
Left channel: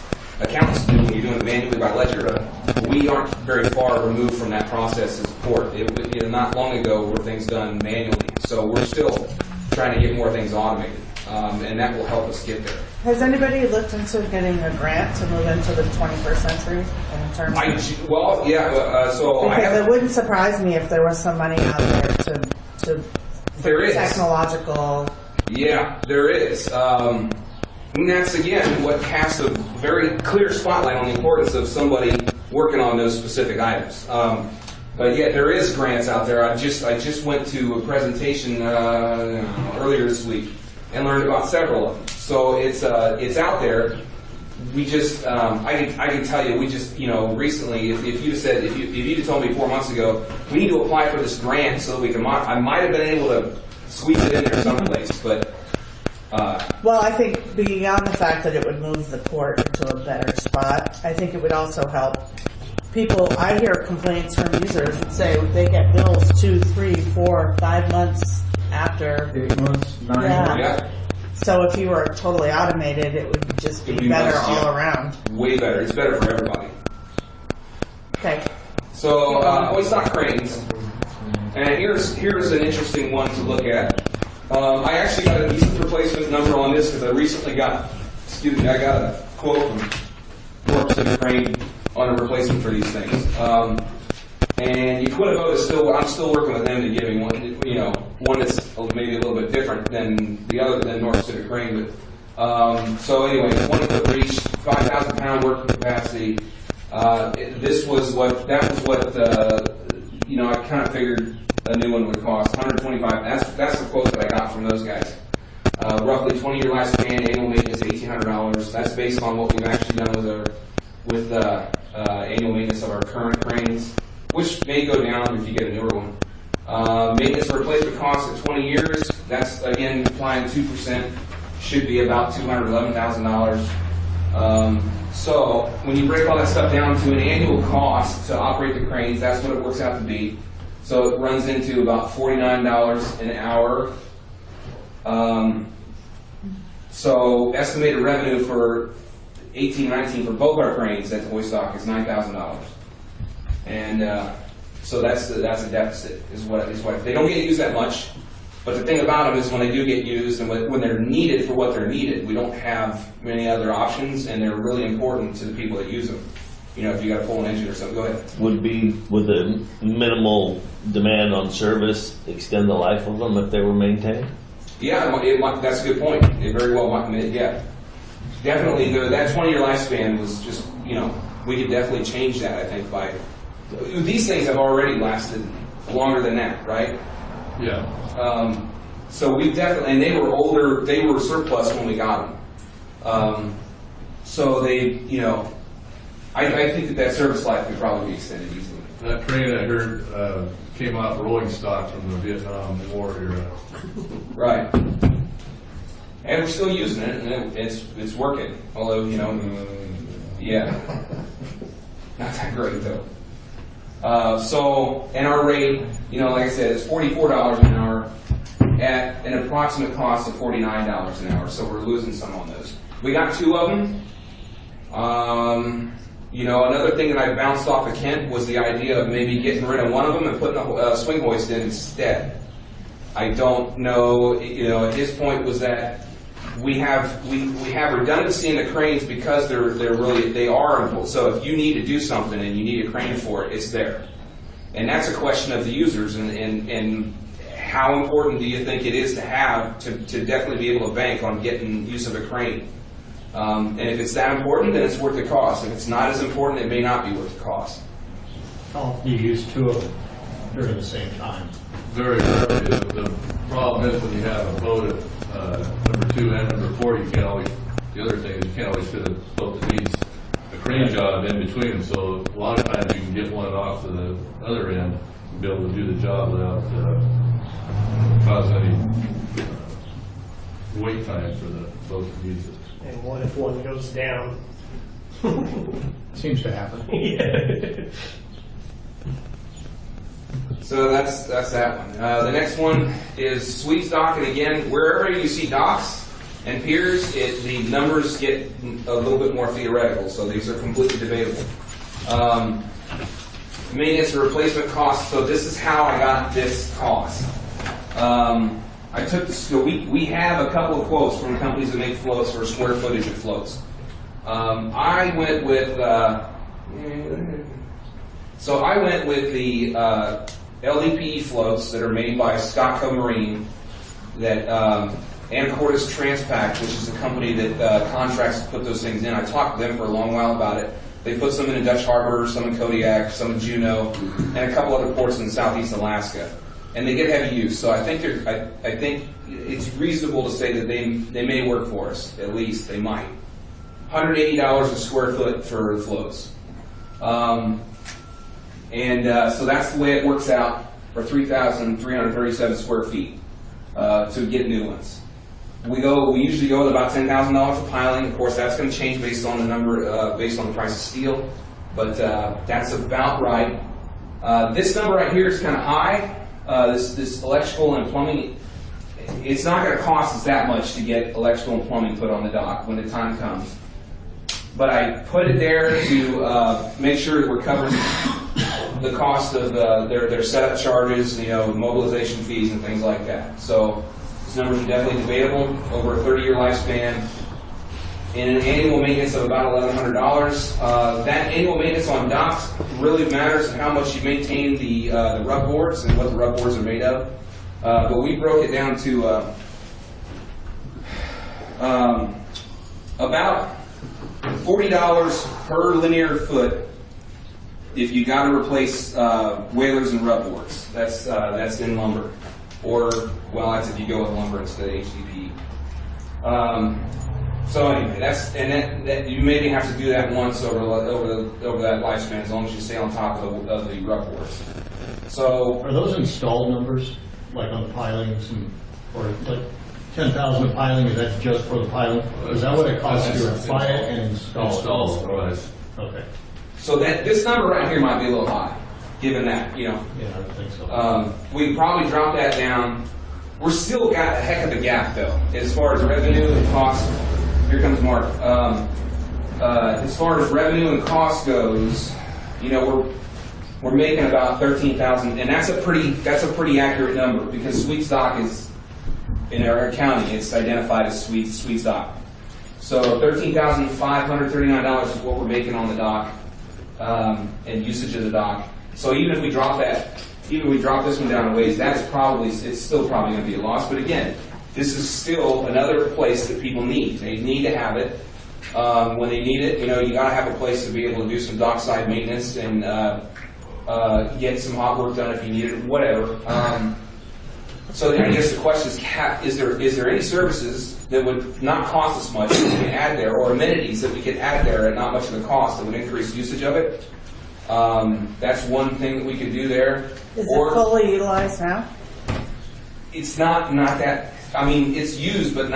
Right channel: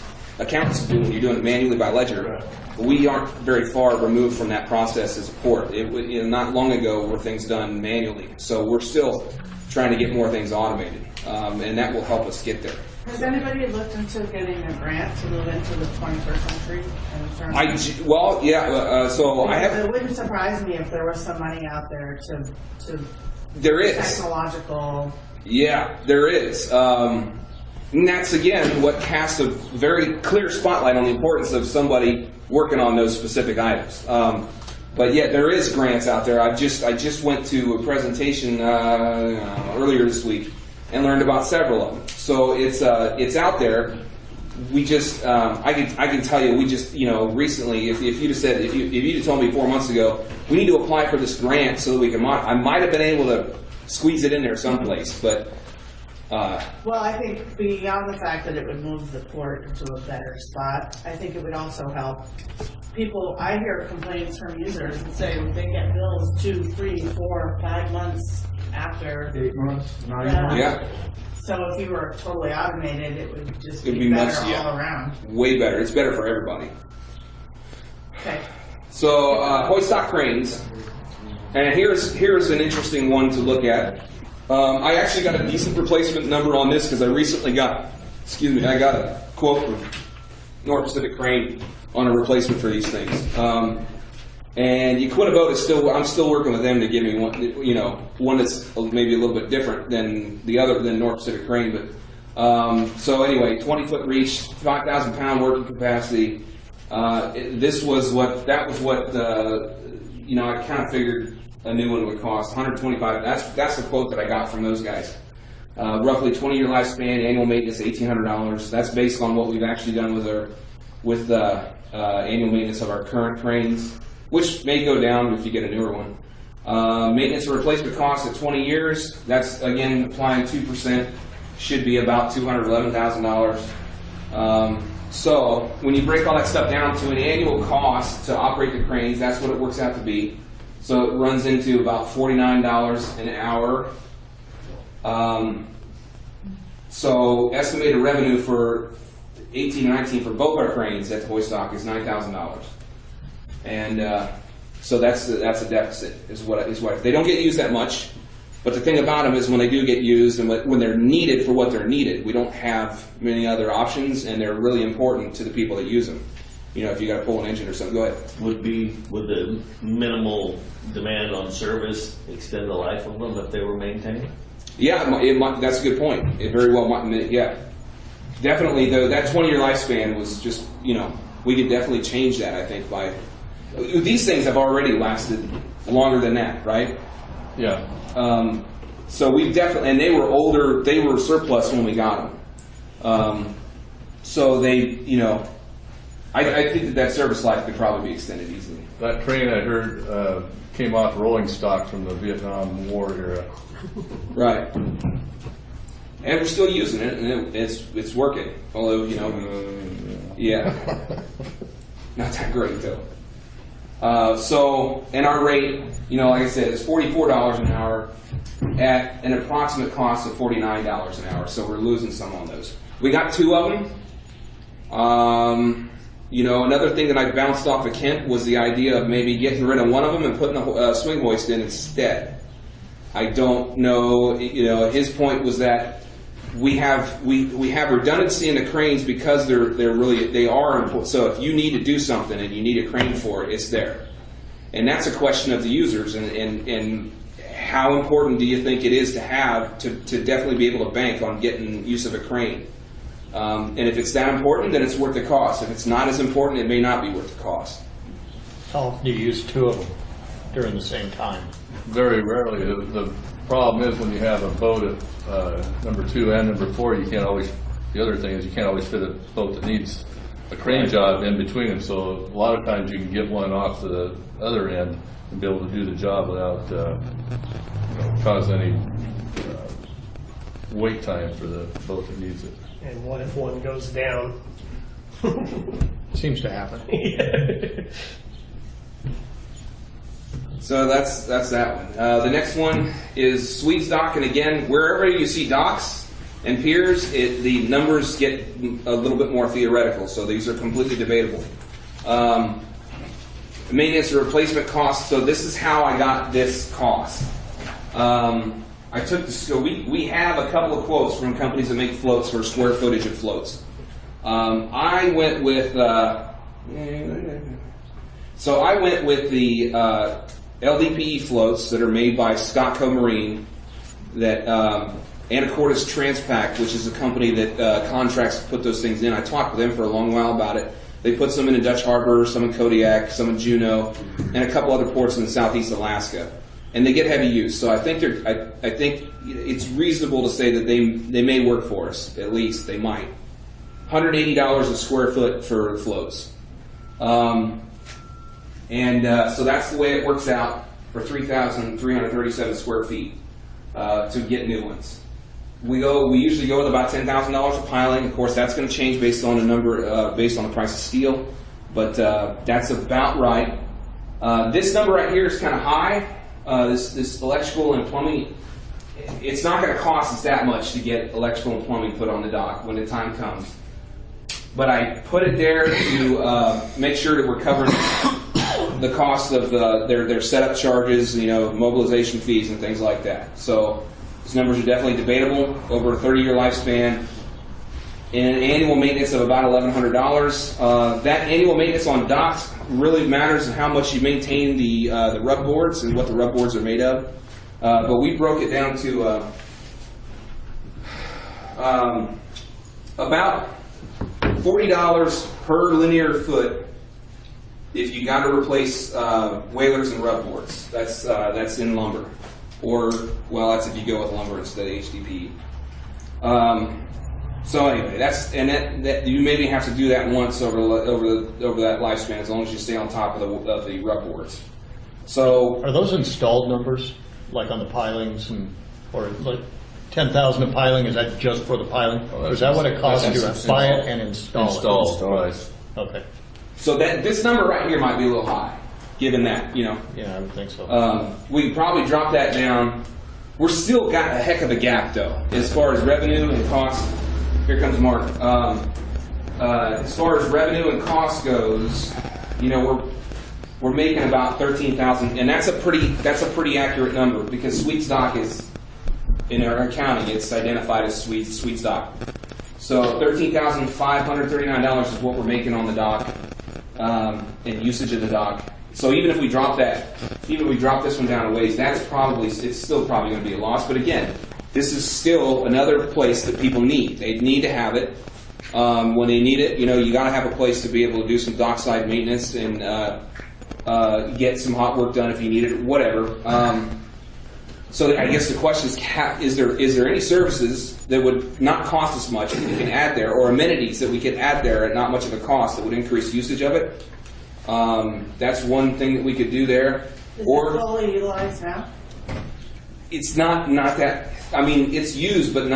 to do when you're doing it manually by ledger. We aren't very far removed from that process as a port. Not long ago were things done manually, so we're still trying to get more things automated, and that will help us get there. Has anybody looked into getting a grant to move into the 21st century in terms of... Well, yeah. So I have. It wouldn't surprise me if there was some money out there to There is technological. Yeah, there is. And that's again what casts a very clear spotlight on the importance of somebody working on those specific items. But yeah, there is grants out there. I just went to a presentation earlier this week and learned about several of them. So it's out there. We just I can tell you, we just recently, if you'd told me 4 months ago we need to apply for this grant so that we can I might have been able to squeeze it in there someplace, but. Well, I think beyond the fact that it would move the port to a better spot, I think it would also help people. I hear complaints from users that say they get bills 2, 3, 4, 5 months after. 8 months, 9 Yeah. months. Yeah. So if you were totally automated, it would just be better all around. Way better. It's better for everybody. Okay. So hoist dock cranes, and here's an interesting one to look at. I actually got a decent replacement number on this because I recently got a quote from North Pacific Crane on a replacement for these things. And Yaquita I'm still working with them to give me one that's maybe a little bit different than North Pacific Crane. But so anyway, 20-foot reach, 5,000 pound working capacity. That was what I kind of figured a new one would cost. 125. That's the quote that I got from those guys. Roughly 20-year lifespan, annual maintenance $1,800. That's based on what we've actually done with annual maintenance of our current cranes, which may go down if you get a newer one. Maintenance and replacement cost at 20 years. That's again applying 2%. Should be about $211,000. So when you break all that stuff down to an annual cost to operate the cranes, that's what it works out to be. So it runs into about $49 an hour. So estimated revenue for 18-19 for both our cranes at hoist dock is $9,000, and so that's a deficit. Is what they don't get used that much. But the thing about them is when they do get used and when they're needed for what they're needed, we don't have many other options, and they're really important to the people that use them. If you got to pull an engine or something, go ahead. Would the minimal demand on service extend the life of them if they were maintained? Yeah, that's a good point. It very well might. Yeah, definitely. That 20-year lifespan was just we could definitely change that. I think by these things have already lasted longer than that, right? Yeah. So we definitely, and they were older. They were surplus when we got them. So they I think that service life could probably be extended easily. That crane I heard came off rolling stock from the Vietnam War era. Right. And we're still using it, and it's working. Although, you know, yeah. Not that great, though. So, and our rate, you know, like I said, is $44 an hour at an approximate cost of $49 an hour. So we're losing some on those. We got 2 of them. You know, another thing that I bounced off of Kent was the idea of maybe getting rid of one of them and putting a swing hoist in instead. I don't know, you know, his point was that we have redundancy in the cranes because they are important. So if you need to do something and you need a crane for it, it's there. And that's a question of the users and how important do you think it is to have to definitely be able to bank on getting use of a crane. And if it's that important, then it's worth the cost. If it's not as important, it may not be worth the cost. How often do you use 2 of them during the same time? Very rarely. The problem is when you have a boat at number 2 and number 4, you can't always. The other thing is you can't always fit a boat that needs a crane job in between them. So a lot of times you can get one off to the other end and be able to do the job without causing any wait time for the boat that needs it. And what if one goes down? Seems to happen. Yeah. So that's that one. The next one is sweeps dock, and again, wherever you see docks and piers, the numbers get a little bit more theoretical. So these are completely debatable. Maintenance and replacement costs. So this is how I got this cost. I took the so we have a couple of quotes from companies that make floats for square footage of floats. I went with the LDPE floats that are made by Scotco Marine, that Anacortes Transpac, which is a company that contracts to put those things in. I talked with them for a long while about it. They put some in Dutch Harbor, some in Kodiak, some in Juneau, and a couple other ports in southeast Alaska. And they get heavy use, so I think I think it's reasonable to say that they may work for us. At least they might. $180 a square foot for floats. So that's the way it works out for 3,337 square feet to get new ones. We usually go with about $10,000 of piling. Of course, that's going to change based on the number, based on the price of steel, but that's about right. This number right here is kind of high. This electrical and plumbing, it's not going to cost us that much to get electrical and plumbing put on the dock when the time comes. But I put it there to make sure that we're covering the cost of their setup charges, you know, mobilization fees and things like that. So these numbers are definitely debatable over a 30-year lifespan. And an annual maintenance of about $1,100. That annual maintenance on docks really matters in how much you maintain the rub boards and what the rub boards are made of. But we broke it down to about $40 per linear foot if you got to replace whalers and rub boards. That's in lumber, or well, that's if you go with lumber instead of HDPE. So anyway, that you maybe have to do that once over that lifespan, as long as you stay on top of the rub boards. So are those installed numbers, like on the pilings, or like 10,000 of piling? Is that just for the piling? Or is that what it costs to buy it and install it? Right. Okay. So this number right here might be a little high, given that, you know. Yeah, I would think so. We probably drop that down. We're still got a heck of a gap, though, as far as revenue and cost. Here comes Mark. As far as revenue and cost goes, you know, we're making about 13,000, and that's a pretty accurate number because Sweets Dock is in our accounting. It's identified as Sweets Dock. So $13,539 is what we're making on the dock and usage of the dock. So even if we drop this one down a ways, it's still probably going to be a loss. But again, this is still another place that people need. They need to have it. When they need it, you know, you got to have a place to be able to do some dockside maintenance and get some hot work done if you need it, whatever. So I guess the question is there any services that would not cost us much that we can add there, or amenities that we can add there at not much of a cost that would increase usage of it. That's one thing that we could do there. Is it fully utilized now? It's not that, I mean, it's used, but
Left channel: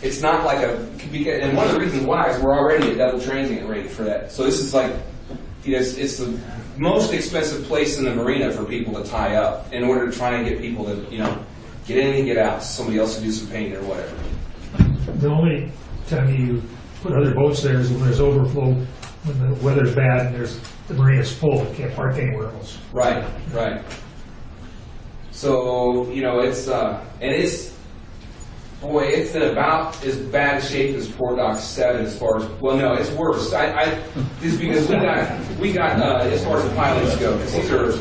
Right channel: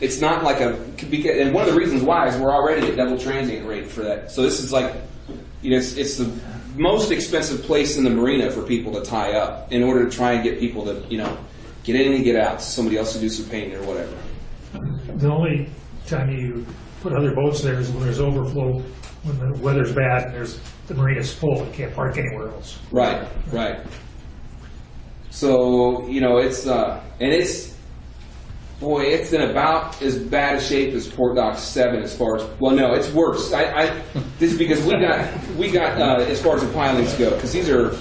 it's not like and one of the reasons why is we're already at double transient rate for that. So this is like, it's the most expensive place in the marina for people to tie up in order to try and get people to, get in and get out, so somebody else to do some painting or whatever. The only time you put other boats there is when there's overflow, when the weather's bad and the marina's full, it can't park anywhere else. Right. So, it's in about as bad a shape as Port Dock 7 as far as, well, no, it's worse. This is because we got as far as the pilings go, because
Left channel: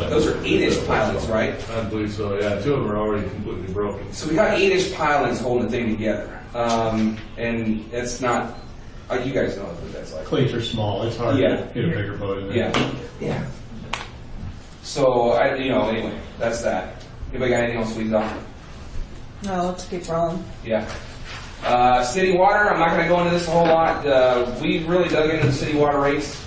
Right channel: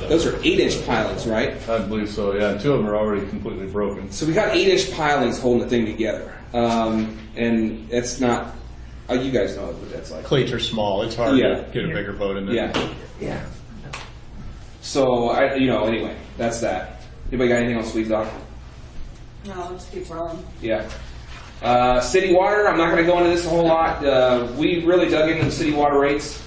those are 8-inch pilings, right? I believe so, yeah. 2 of them are already completely broken. So we got 8-inch pilings holding the thing together. And that's not, you guys know what that's like. Cleats are small, it's hard to get a bigger boat in there. Yeah. So, anyway, that's that. Anybody got anything else to leave off? No, let's keep rolling. Yeah. City water, I'm not going to go into this a whole lot. We really dug into the city water rates.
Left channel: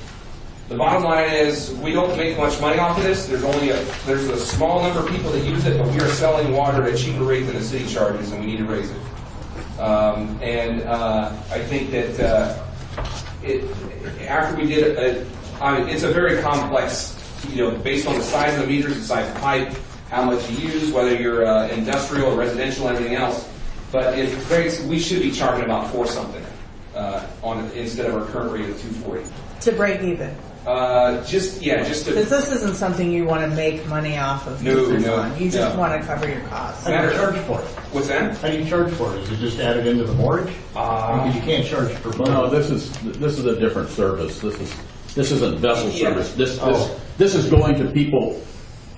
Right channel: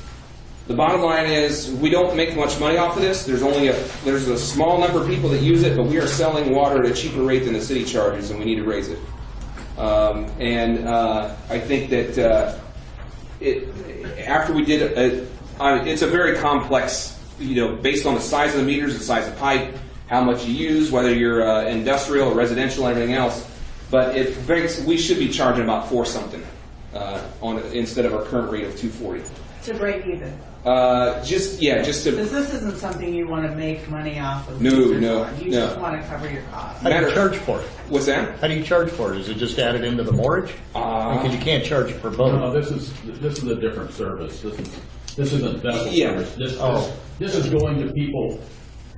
The bottom line is we don't make much money off of this. There's a small number of people that use it, but we are selling water at a cheaper rate than the city charges, and we need to raise it. I think that after we did it, it's a very complex, based on the size of the meters, the size of the pipe, how much you use, whether you're industrial or residential and everything else. But we should be charging about $4 something on it instead of our current rate of $2.40. To break even. Just to. Because this isn't something you want to make money off of. No. You just want to cover your costs. How do you charge for it? What's that? How do you charge for it? Is it just added into the mortgage? Because you can't charge per boat. No, this is a different service. This isn't vessel service. This is going to people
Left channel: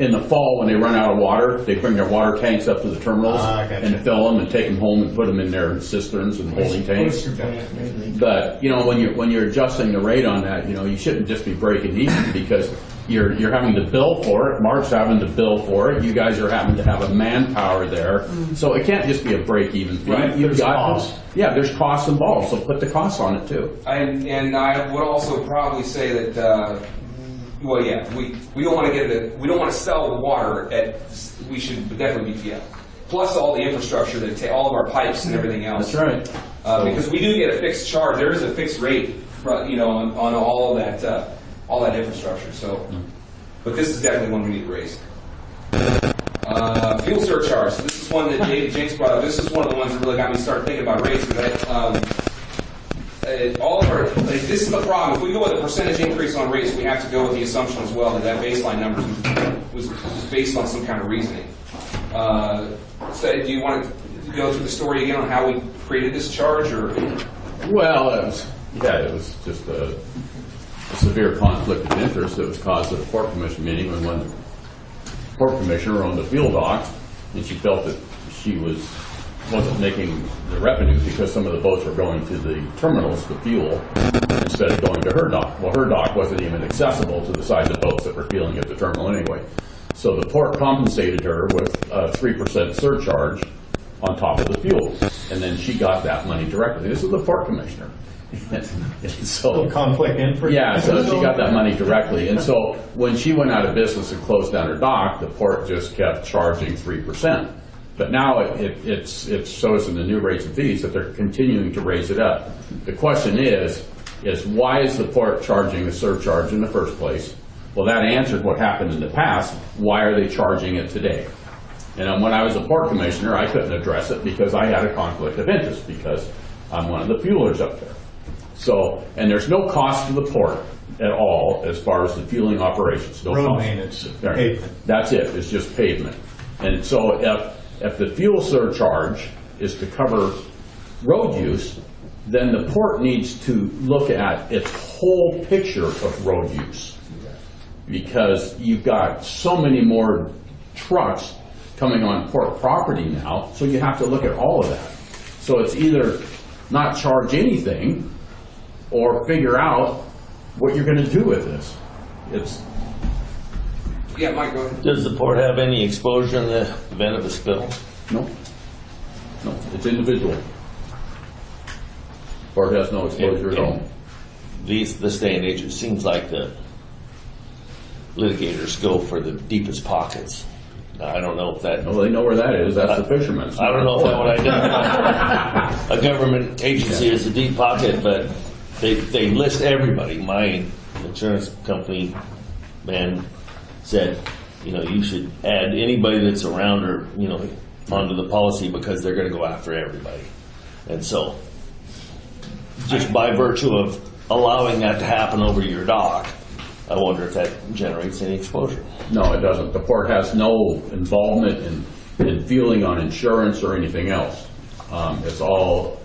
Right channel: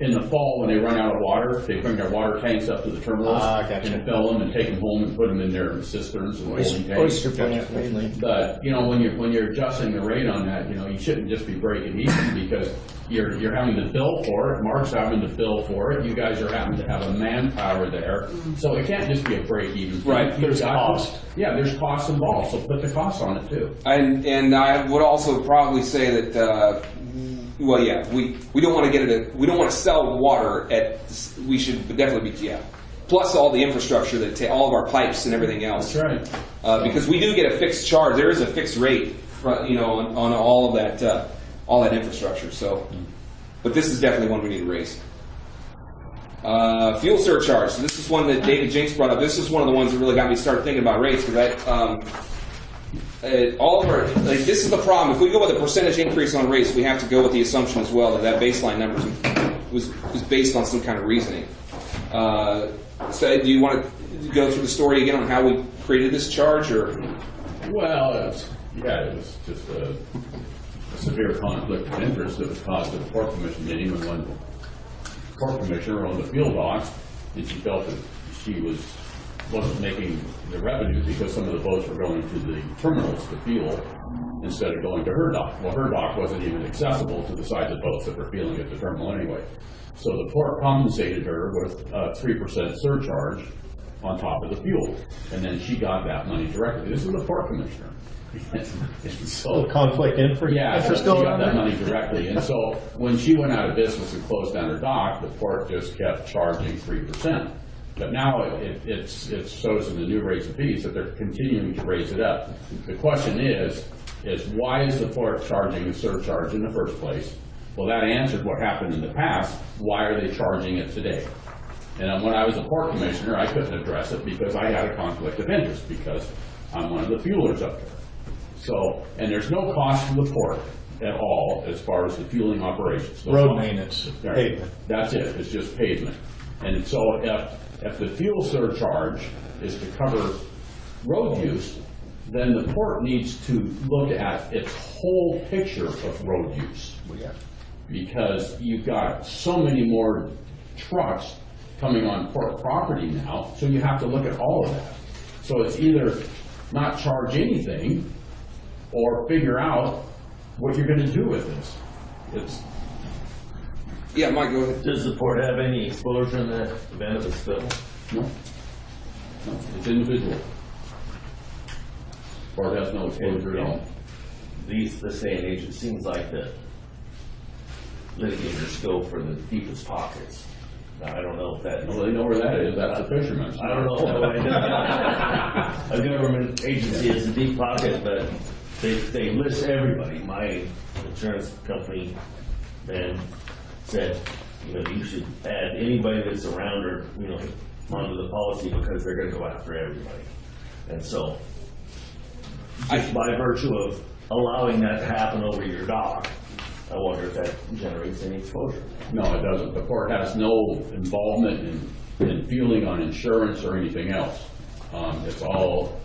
in the fall when they run out of water. They bring their water tanks up to the terminals and fill them and take them home and put them in their cisterns and holding tanks. But when you're adjusting the rate on that, you shouldn't just be breaking even because you're having to bill for it. Mark's having to bill for it. You guys are having to have a manpower there, so it can't just be a break even. Right. There's cost. Yeah, there's costs involved. So put the costs on it too. And I would also probably say that. We don't want to we don't want to sell water we should definitely be, plus all the infrastructure all of our pipes and everything else. That's right. Because we do get a fixed charge. There is a fixed rate, on all of that infrastructure. So, but this is definitely one we need to raise. Fuel surcharge. So this is one that James brought up. This is one of the ones that really got me started thinking about rates because this is the problem. If we go with a percentage increase on rates, we have to go with the assumption as well that baseline number was based on some kind of reasoning. So, do you want to go through the story again on how we created this charge, or? Well, it was just a severe conflict of interest that was caused at the Port Commission meeting when the Port Commissioner owned the fuel docks, and she felt that she wasn't making the revenue because some of the boats were going to the terminals for fuel instead of going to her dock. Well, her dock wasn't even accessible to the size of boats that were fueling at the terminal anyway. So the port compensated her with a 3% surcharge on top of the fuel. And then she got that money directly. This is the Port Commissioner. So conflict interest. Yeah, so she got that money directly. And so when she went out of business and closed down her dock, the port just kept charging 3%. But now it shows in the new rates and fees that they're continuing to raise it up. The question is why is the port charging the surcharge in the first place? Well, that answered what happened in the past. Why are they charging it today? And when I was a port commissioner, I couldn't address it because I had a conflict of interest because I'm one of the fuelers up there. So, and there's no cost to the port at all as far as the fueling operations. No road cost. Maintenance, pavement. That's it. It's just pavement. And so if the fuel surcharge is to cover road use, then the port needs to look at its whole picture of road use. Because you've got so many more trucks coming on port property now, so you have to look at all of that. So it's either not charge anything or figure out what you're going to do with this. Yeah, Mike, go ahead. Does the port have any exposure in the event of a spill? No, it's individual. Port has no exposure at all. This day and age, it seems like the litigators go for the deepest pockets. I don't know if that. Well, they know where that is. That's the fisherman's. I don't know if that would identify a government agency as a deep pocket, but they list everybody. My insurance company man said, you should add anybody that's around or onto the policy because they're going to go after everybody. And so, just by virtue of allowing that to happen over your dock, I wonder if that generates any exposure. No, it doesn't. The port has no involvement in feeling on insurance or anything else. It's all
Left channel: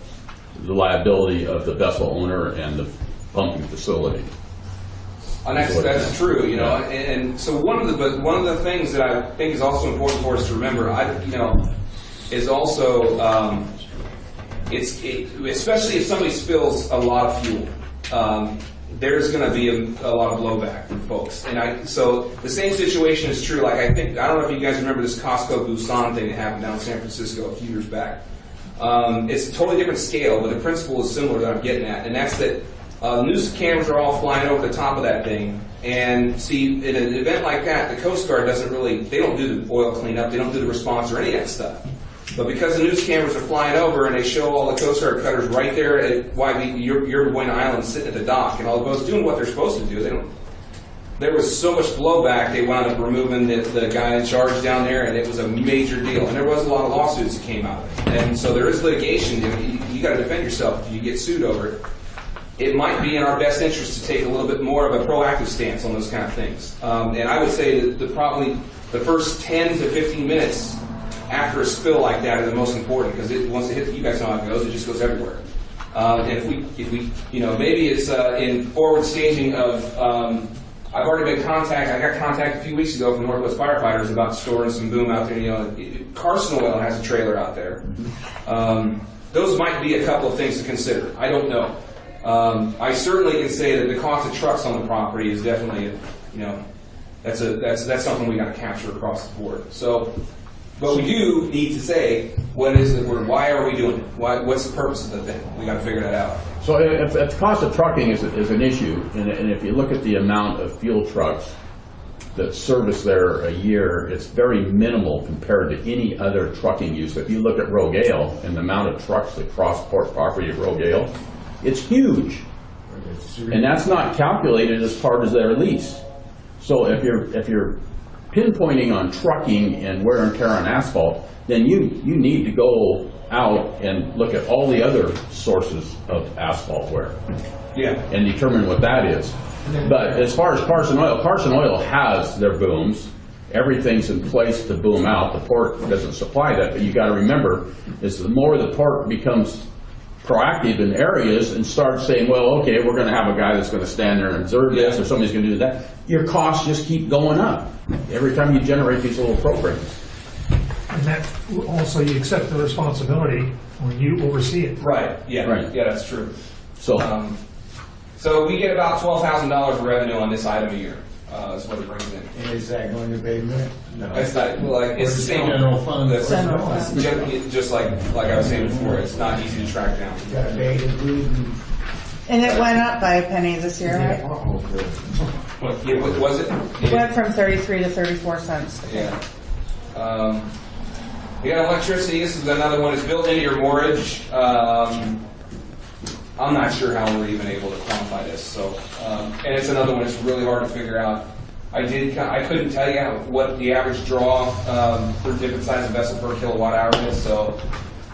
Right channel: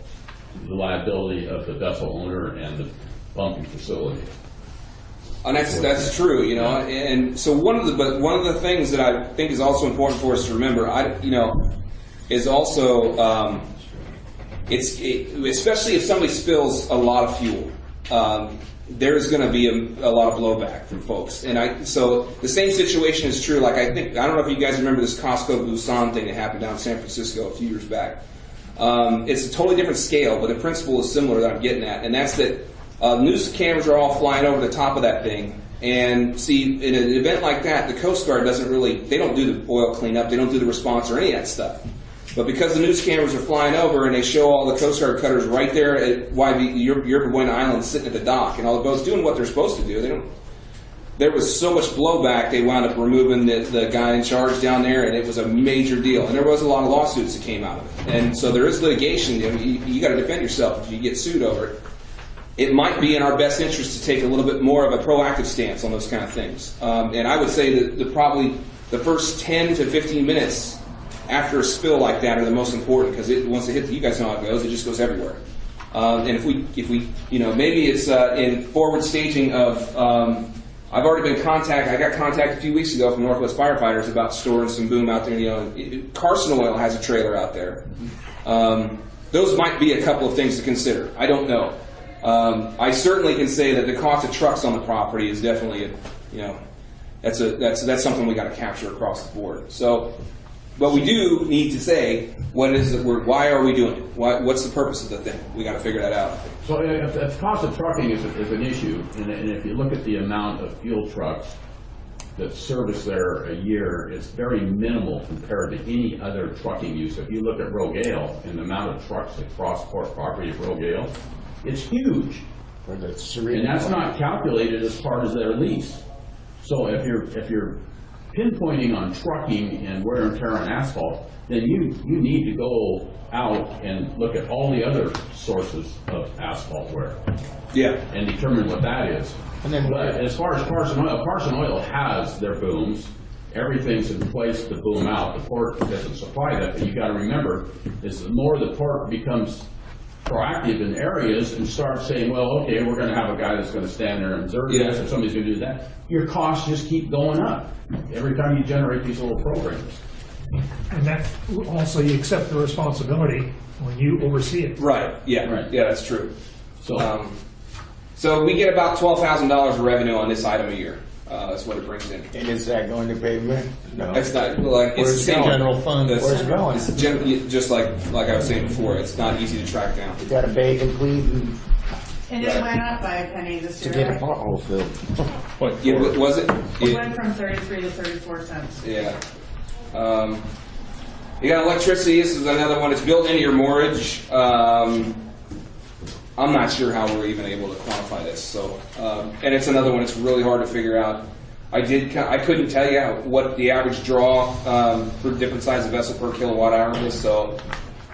the liability of the vessel owner and the pumping facility. And that's true, and so one of the things that I think is also important for us to remember, is also especially if somebody spills a lot of fuel, there's going to be a lot of blowback from folks. And so the same situation is true. Like I don't know if you guys remember this Costco Busan thing that happened down in San Francisco a few years back. It's a totally different scale, but the principle is similar that I'm getting at, and that's that news cameras are all flying over the top of that thing. And see, in an event like that, the Coast Guard they don't do the oil cleanup, they don't do the response or any of that stuff. But because the news cameras are flying over and they show all the Coast Guard cutters right there at Yerba Buena Island sitting at the dock, and all the boats doing what they're supposed to do, there was so much blowback, they wound up removing the guy in charge down there, and it was a major deal. And there was a lot of lawsuits that came out of it. And so there is litigation. You got to defend yourself if you get sued over it. It might be in our best interest to take a little bit more of a proactive stance on those kind of things. And I would say that probably the first 10 to 15 minutes after a spill like that are the most important, because once it hits, you guys know how it goes, it just goes everywhere. And if we maybe it's in forward staging of, I've already been contacted. I got contacted a few weeks ago from Northwest firefighters about storing some boom out there. Carson Oil has a trailer out there. Those might be a couple of things to consider. I don't know. I certainly can say that the cost of trucks on the property is definitely, that's something we got to capture across the board. So, but we do need to say, what is it? Why are we doing it? What's the purpose of the thing? We got to figure that out. So if the cost of trucking is an issue, and if you look at the amount of fuel trucks that service there a year, it's very minimal compared to any other trucking use. If you look at Rogale and the amount of trucks that cross port property at Rogale, it's huge. And that's not calculated as part of their lease. So if you're pinpointing on trucking and wear and tear on asphalt, then you need to go out and look at all the other sources of asphalt wear. Yeah. And determine what that is. But as far as Carson Oil has their booms. Everything's in place to boom out. The port doesn't supply that, but you got to remember, is the more the port becomes proactive in areas and starts saying, well, okay, we're going to have a guy that's going to stand there and observe this, or somebody's going to do that, your costs just keep going up every time you generate these little programs. And that also, you accept the responsibility when you oversee it. Right. Yeah. Right. Yeah, that's true. So, so we get about $12,000 of revenue on this item a year. That's what it brings in. And is that going to payment? No. It's not like it's the same general fund. It's just like I was saying before. It's not easy to track down. You got a bag of food And it went up by a penny this year, right? Yeah, what was it? It went from 33 to 34 cents. Yeah. You got electricity. This is another one. It's built into your mortgage. I'm not sure how we're even able to quantify this. So, and it's another one. It's really hard to figure out. I couldn't tell you what the average draw for different size of vessel per kilowatt hour is. So,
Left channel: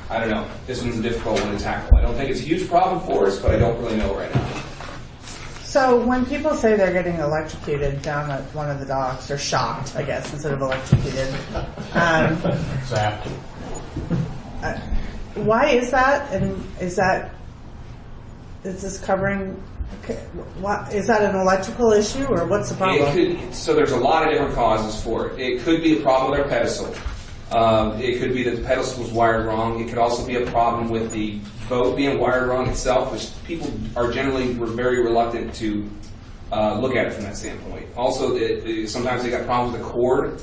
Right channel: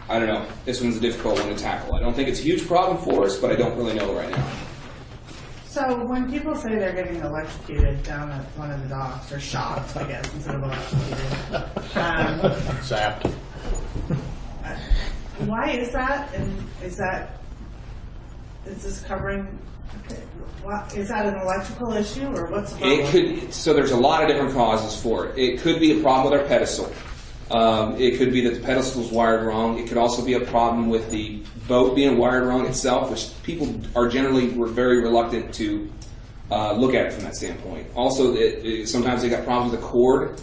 I don't know. This one's a difficult one to tackle. I don't think it's a huge problem for us, but I don't really know right now. So when people say they're getting electrocuted down at one of the docks, or shocked, I guess, instead of electrocuted, Zapped. Why is that? And is this covering? What is that, an electrical issue, or what's the problem? It could. So there's a lot of different causes for it. It could be a problem with our pedestal. It could be that the pedestal was wired wrong. It could also be a problem with the boat being wired wrong itself, which people are generally very reluctant to look at it from that standpoint. Also, sometimes they got problems with the cord.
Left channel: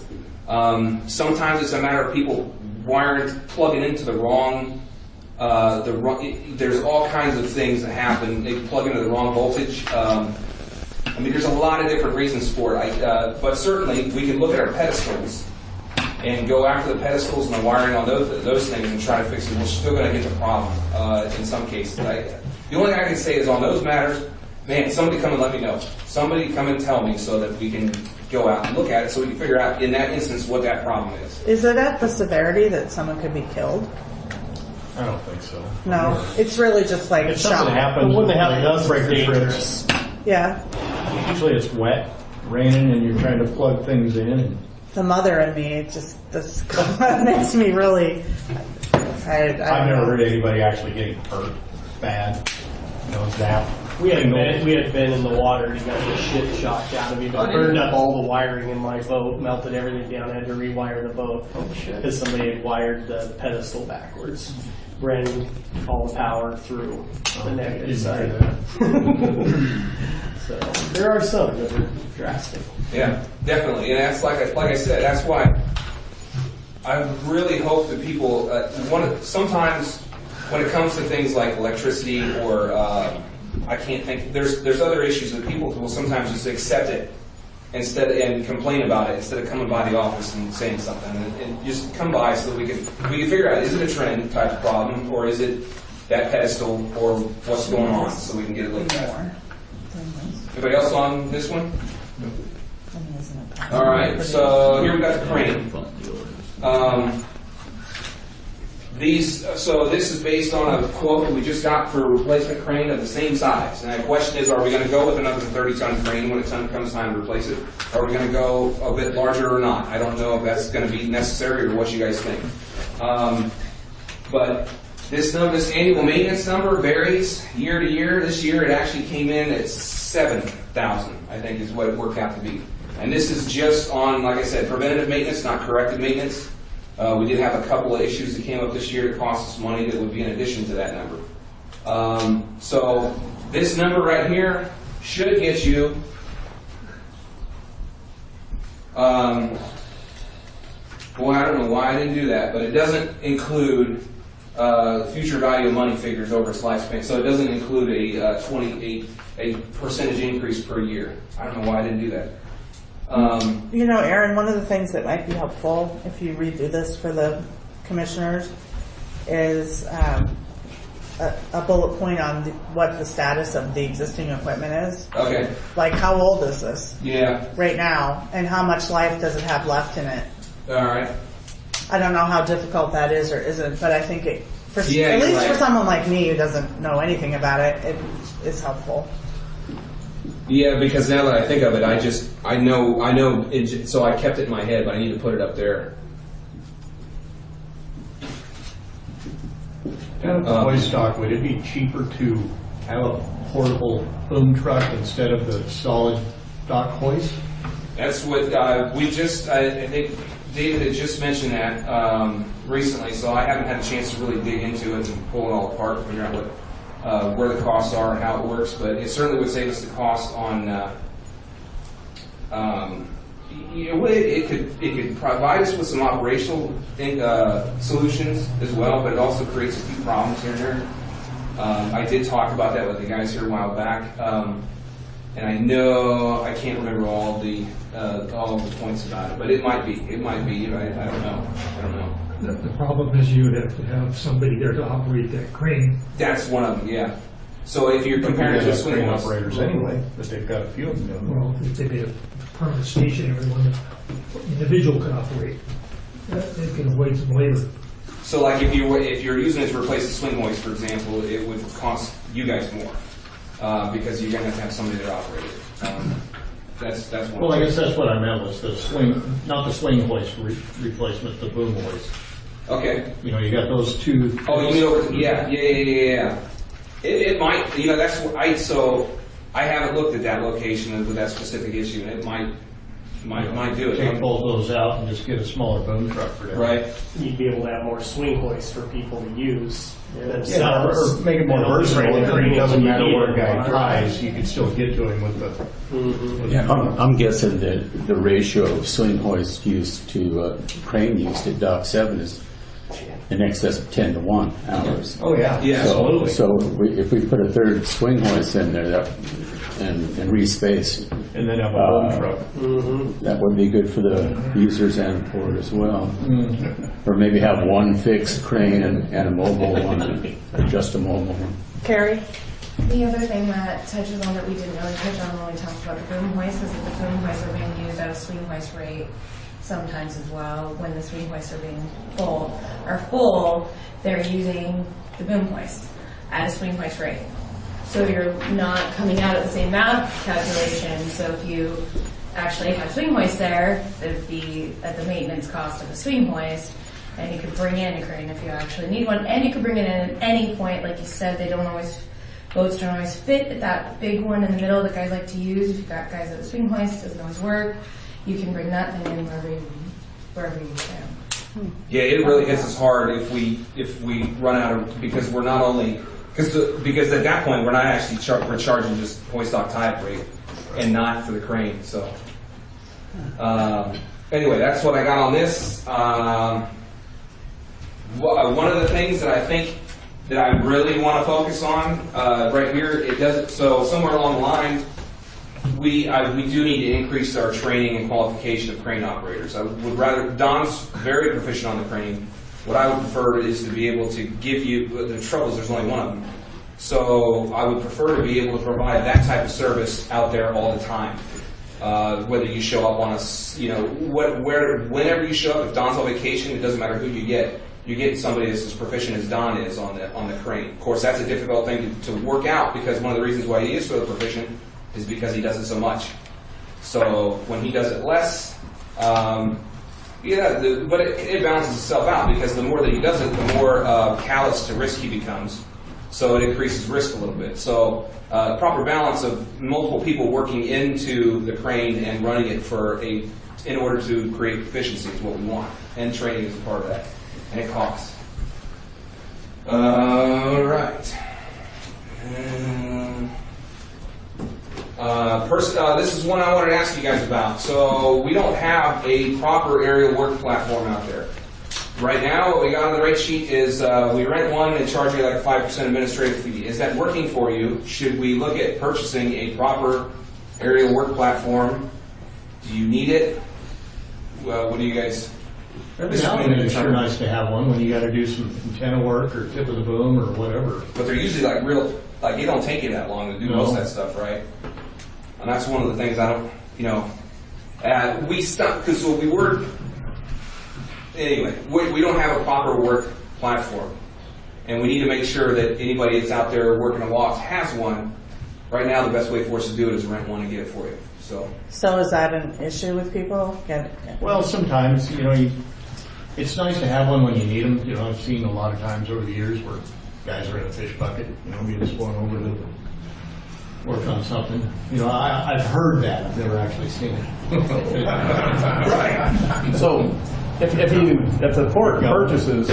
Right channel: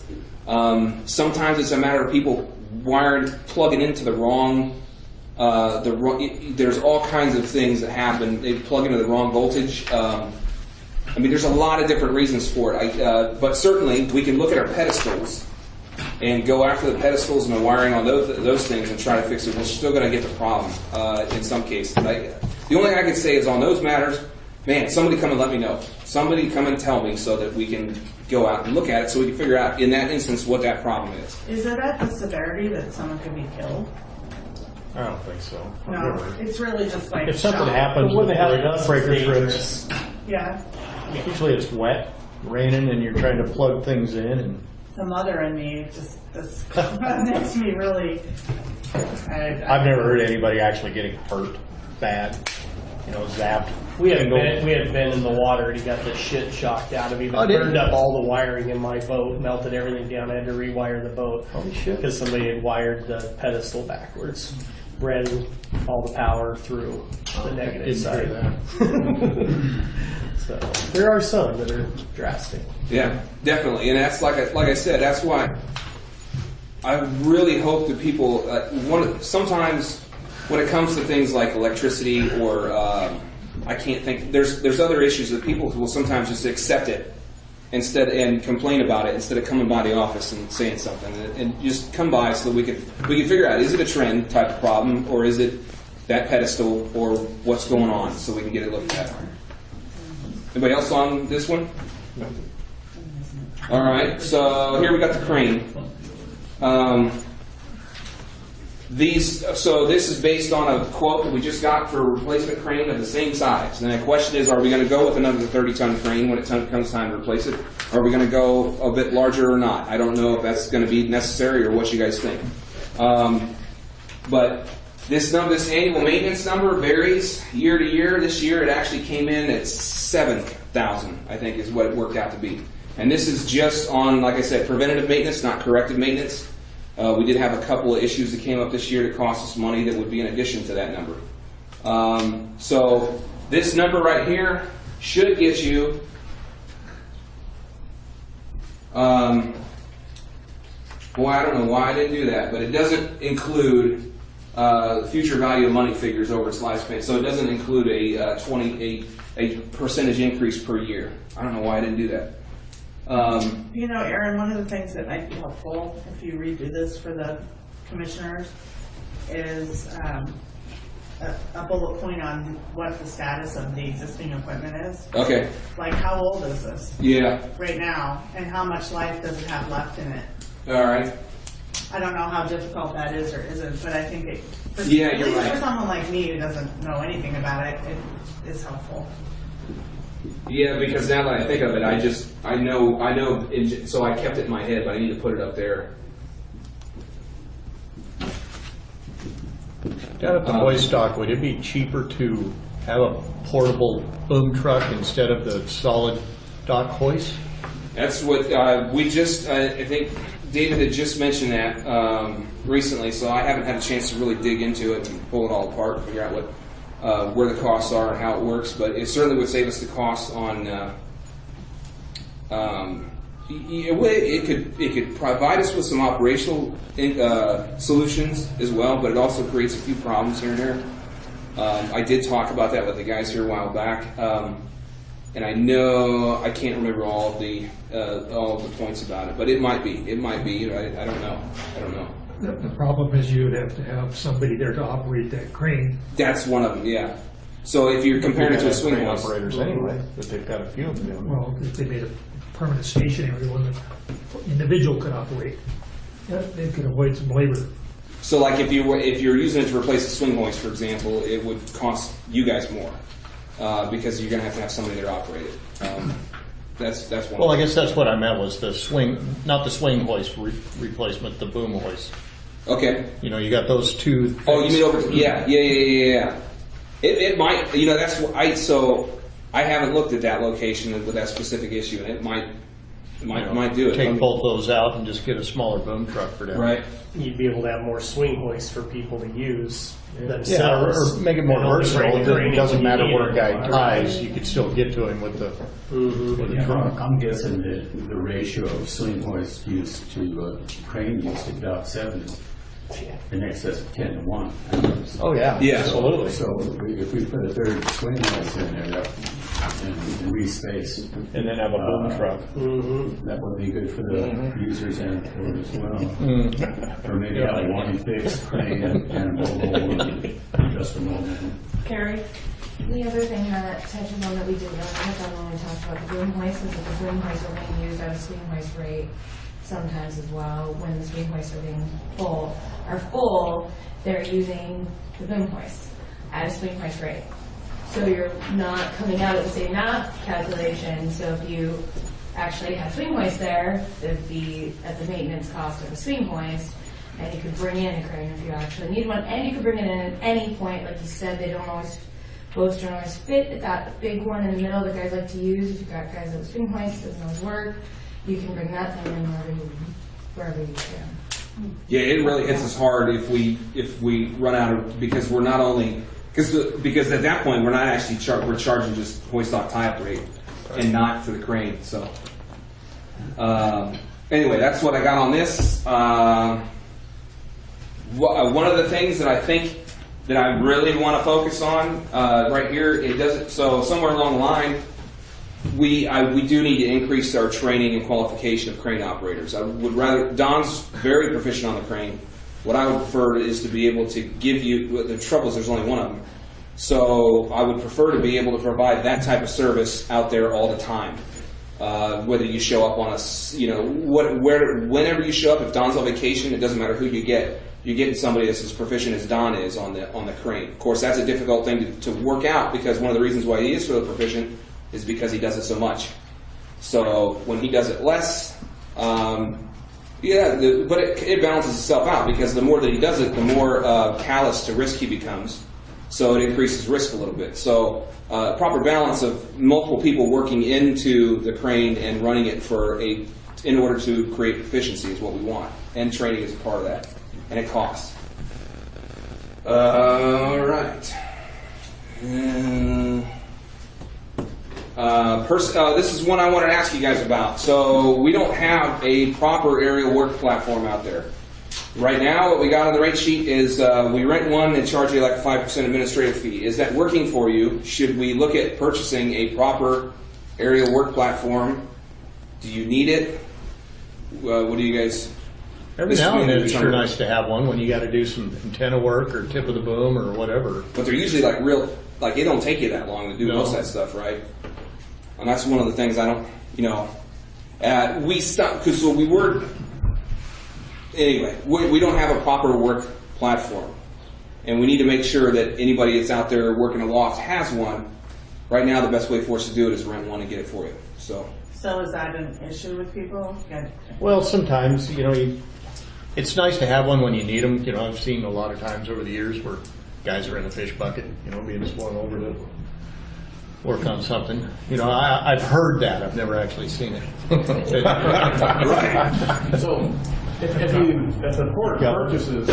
Sometimes it's a matter of people plugging into the wrong There's all kinds of things that happen. They plug into the wrong voltage. I mean, there's a lot of different reasons for it. But certainly, we can look at our pedestals and go after the pedestals and the wiring on those things and try to fix it. We're still going to get the problem in some cases. The only thing I can say is on those matters, man, somebody come and let me know. Somebody come and tell me so that we can go out and look at it so we can figure out in that instance what that problem is. Is it at the severity that someone could be killed? I don't think so. No, it's really just like If something shock. happens, But when they have it does break the dangerous. Yeah. Usually it's wet, raining, and you're trying to plug things in. And The mother in me, it just this makes me really. I've never heard anybody actually getting hurt bad. Zapped. We had been in the water and he got the shit shocked out of me. But burned up all the wiring in my boat, melted everything down. I had to rewire the boat because somebody had wired the pedestal backwards, ran all the power through the negative side. So there are some that are drastic. Yeah, definitely, and that's like I said. That's why I really hope that people sometimes when it comes to things like electricity or I can't think. There's other issues that people will sometimes just accept it and complain about it instead of coming by the office and saying something and just come by so that we can figure out, is it a trend type of problem or is it that pedestal or what's going on so we can get it looked at. Anybody else on this one? All right, so here we got the crane. So this is based on a quote that we just got for a replacement crane of the same size. And the question is, are we going to go with another 30-ton crane when it comes time to replace it? Or are we going to go a bit larger or not? I don't know if that's going to be necessary or what you guys think. But this annual maintenance number varies year to year. This year it actually came in at $7,000, I think is what it worked out to be. And this is just on, like I said, preventative maintenance, not corrective maintenance. We did have a couple of issues that came up this year that cost us money that would be in addition to that number. So this number right here should get you boy, I don't know why I didn't do that, but it doesn't include future value of money figures over its lifespan. So it doesn't include a percentage increase per year. I don't know why I didn't do that. Aaron, one of the things that might be helpful if you redo this for the commissioners is a bullet point on what the status of the existing equipment is. Okay. Like, how old is this? Yeah. Right now, and how much life does it have left in it? All right. I don't know how difficult that is or isn't, but I think at least right. for someone like me who doesn't know anything about it, it is helpful. Yeah, because now that I think of it, I know, so I kept it in my head, but I need to put it up there. Down at the hoist stock, would it be cheaper to have a portable boom truck instead of the solid dock hoist? That's what I think David had just mentioned that recently, so I haven't had a chance to really dig into it and pull it all apart and figure out where the costs are and how it works, but it certainly would save us the cost on. It could provide us with some operational solutions as well, but it also creates a few problems here and there. I did talk about that with the guys here a while back, and I know I can't remember all the points about it, but it might be. I don't know. The problem is you'd have to have somebody there to operate that crane. That's one of them, yeah. So if you're comparing it to a swing hoist. Operators anyway, but they've got a few of them doing it. Well, if they made a permanent stationary one, the individual can operate. They can avoid some labor. So like if you're using it to replace a swing hoist, for example, it would cost you guys more because you're going to have somebody to operate it. That's one. Well, I guess that's what I meant was the swing, not the swing hoist replacement, the boom hoist. Okay. You got those two. Oh, you mean over? Yeah. It might. That's what so I haven't looked at that location with that specific issue, and it might do it. Take both those out and just get a smaller boom truck for that. Right. You'd be able to have more swing hoists for people to use. Yeah, or make it more versatile. It doesn't matter where a guy ties, you can still get to him with the. I'm guessing that the ratio of swing hoist use to crane use at Dock 7 is in excess of 10 to 1 hours. Oh, yeah. Yeah, absolutely. So if we put a third swing hoist in there and respace, And then have a home truck. that would be good for the users and for it as well. Or maybe have one fixed crane and a mobile one, just a mobile one. Carrie? The other thing that touches on that we didn't really touch on when we talked about the boom hoist is that the boom hoists are being used at a swing hoist rate sometimes as well when the swing hoists are full, they're using the boom hoist at a swing hoist rate. So you're not coming out at the same math calculation. So if you actually had swing hoist there, it'd be at the maintenance cost of the swing hoist, and you could bring in a crane if you actually need one, and you could bring it in at any point. Like you said, boats don't always fit at that big one in the middle that guys like to use. If you've got guys at a swing hoist, it doesn't always work. You can bring that thing in wherever you can. Yeah, it really hits us hard if we run out of, because we're not only because at that point we're not actually we're charging just hoist off tie rate and not for the crane. So anyway, that's what I got on this. One of the things that I think that I really want to focus on right here, it doesn't. So somewhere along the line, we do need to increase our training and qualification of crane operators. I would rather, Don's very proficient on the crane. What I would prefer is to be able to give you, the trouble is there's only one of them. So I would prefer to be able to provide that type of service out there all the time. Whether you show up on whenever you show up, if Don's on vacation, it doesn't matter who you get. You're getting somebody that's as proficient as Don is on the crane. Of course, that's a difficult thing to work out, because one of the reasons why he is so proficient is because he does it so much. So when he does it less, but it balances itself out, because the more that he does it, the more callous to risk he becomes. So it increases risk a little bit. So proper balance of multiple people working into the crane and running it in order to create proficiency is what we want, and training is a part of that, and it costs. All right. This is one I wanted to ask you guys about. So we don't have a proper aerial work platform out there. Right now, what we got on the rate sheet is we rent one and charge you like a 5% administrative fee. Is that working for you? Should we look at purchasing a proper aerial work platform? Do you need it? What do you guys? Every now and then it's sure nice to have one when you got to do some antenna work or tip of the boom or whatever. But they're usually it don't take you that long to do most of that stuff, right? And that's one of the things I don't, we stopped, because we don't have a proper work platform. And we need to make sure that anybody that's out there working a loft has one. Right now, the best way for us to do it is rent one and get it for you. So is that an issue with people? Well, sometimes, it's nice to have one when you need them. I've seen a lot of times over the years where guys are in a fish bucket, being just going over to work on something. I've heard that. I've never actually seen it. Right. So if the port purchases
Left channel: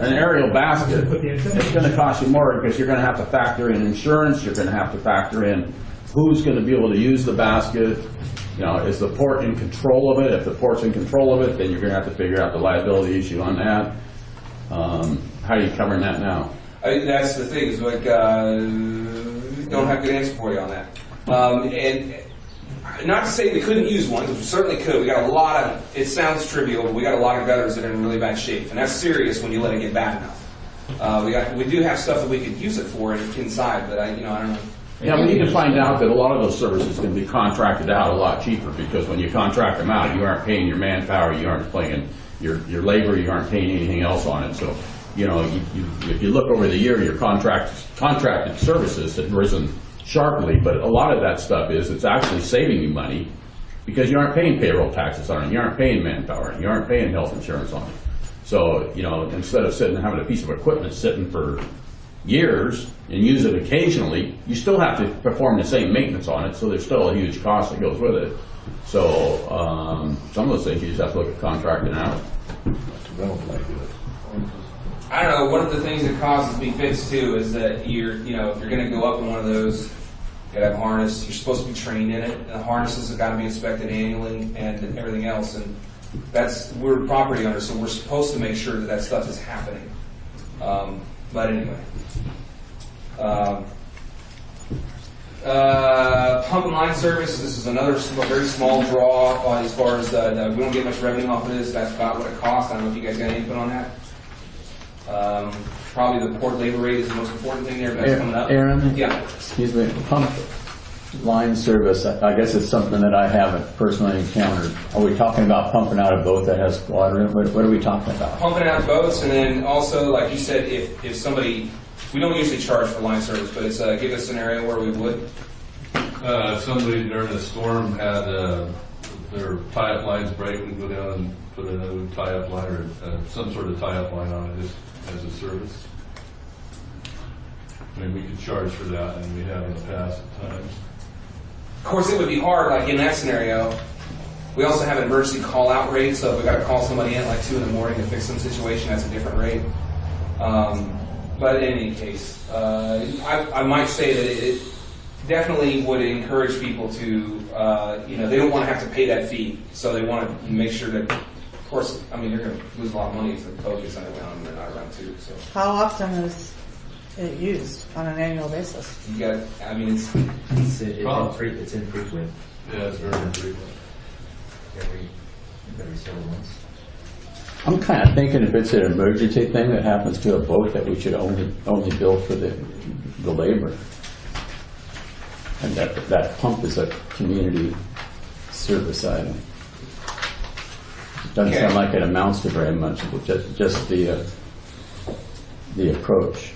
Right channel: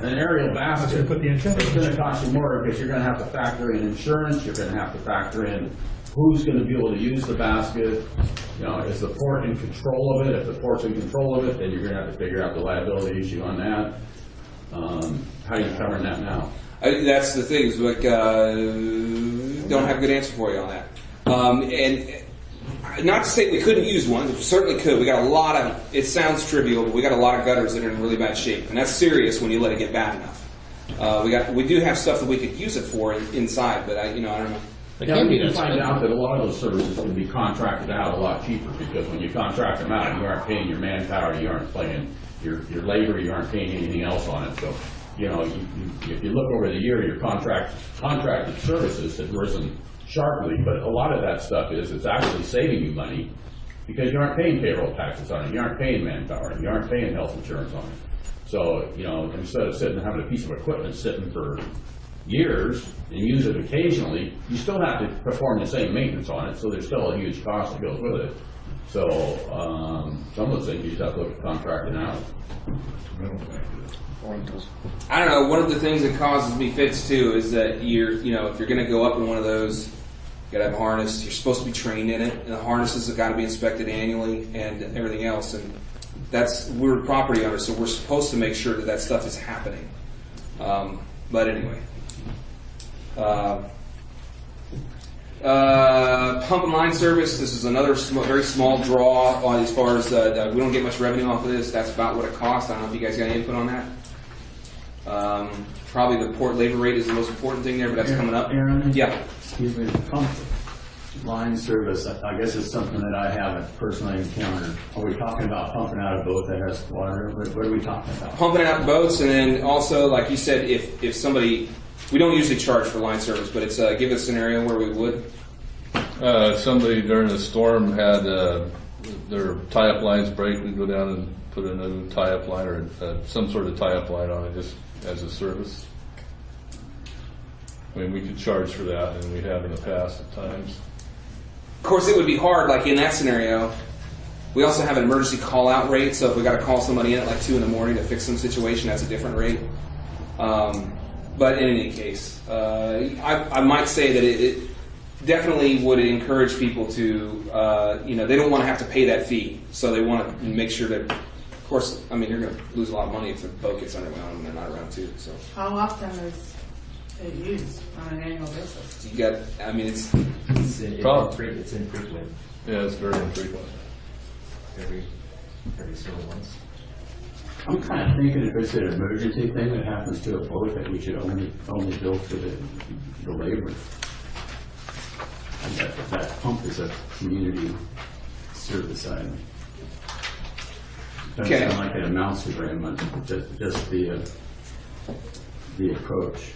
an aerial basket, it's going to cost you more, because you're going to have to factor in insurance. You're going to have to factor in who's going to be able to use the basket. Is the port in control of it? If the port's in control of it, then you're going to have to figure out the liability issue on that. How are you covering that now? That's the thing. Is don't have a good answer for you on that. And not to say we couldn't use one. We certainly could. We got a lot of. It sounds trivial, but we got a lot of gutters that are in really bad shape, and that's serious when you let it get bad enough. We do have stuff that we could use it for inside, but I don't know. Yeah, we need to find out that a lot of those services can be contracted out a lot cheaper, because when you contract them out, you aren't paying your manpower, you aren't paying your labor, you aren't paying anything else on it. So, if you look over the year, your contracted services have risen sharply, but a lot of that stuff it's actually saving you money, because you aren't paying payroll taxes on it, you aren't paying manpower, you aren't paying health insurance on it. So, instead of having a piece of equipment sitting for years and use it occasionally, you still have to perform the same maintenance on it, so there's still a huge cost that goes with it. So some of those things you just have to look at contracting out. I don't know. One of the things that causes me fits too is that if you're going to go up in one of those, you got to have a harness. You're supposed to be trained in it, and the harnesses have got to be inspected annually and everything else. And we're property owners, so we're supposed to make sure that that stuff is happening. But anyway. Pump and line service, this is another very small draw on as far as we don't get much revenue off of this. That's about what it costs. I don't know if you guys got any input on that. Probably the port labor rate is the most important thing there, but that's coming up. Aaron? Yeah. Excuse me, pump line service, I guess it's something that I haven't personally encountered. Are we talking about pumping out a boat that has water in it? What are we talking about? Pumping out boats, and then also, like you said, if somebody, we don't usually charge for line service, but it's give a scenario where we would. Somebody during the storm had their tie-up lines break and go down and put another tie-up line or some sort of tie-up line on it just as a service. I mean, we could charge for that, and we have in the past at times. Of course, it would be hard, like in that scenario. We also have an emergency call-out rate, so if we got to call somebody in at like 2 in the morning to fix some situation, that's a different rate. But in any case, I might say that it definitely would encourage people to, they don't want to have to pay that fee, so they want to make sure that, of course, I mean, you're going to lose a lot of money if the boat gets underground and they're not around too. So. How often is it used on an annual basis? You got, I mean, it's infrequent. Yeah, it's very infrequent. Every several months. I'm kind of thinking if it's an emergency thing that happens to a boat, that we should only bill for the labor. And that pump is a community service item. Doesn't sound like it amounts to very much, but just the approach.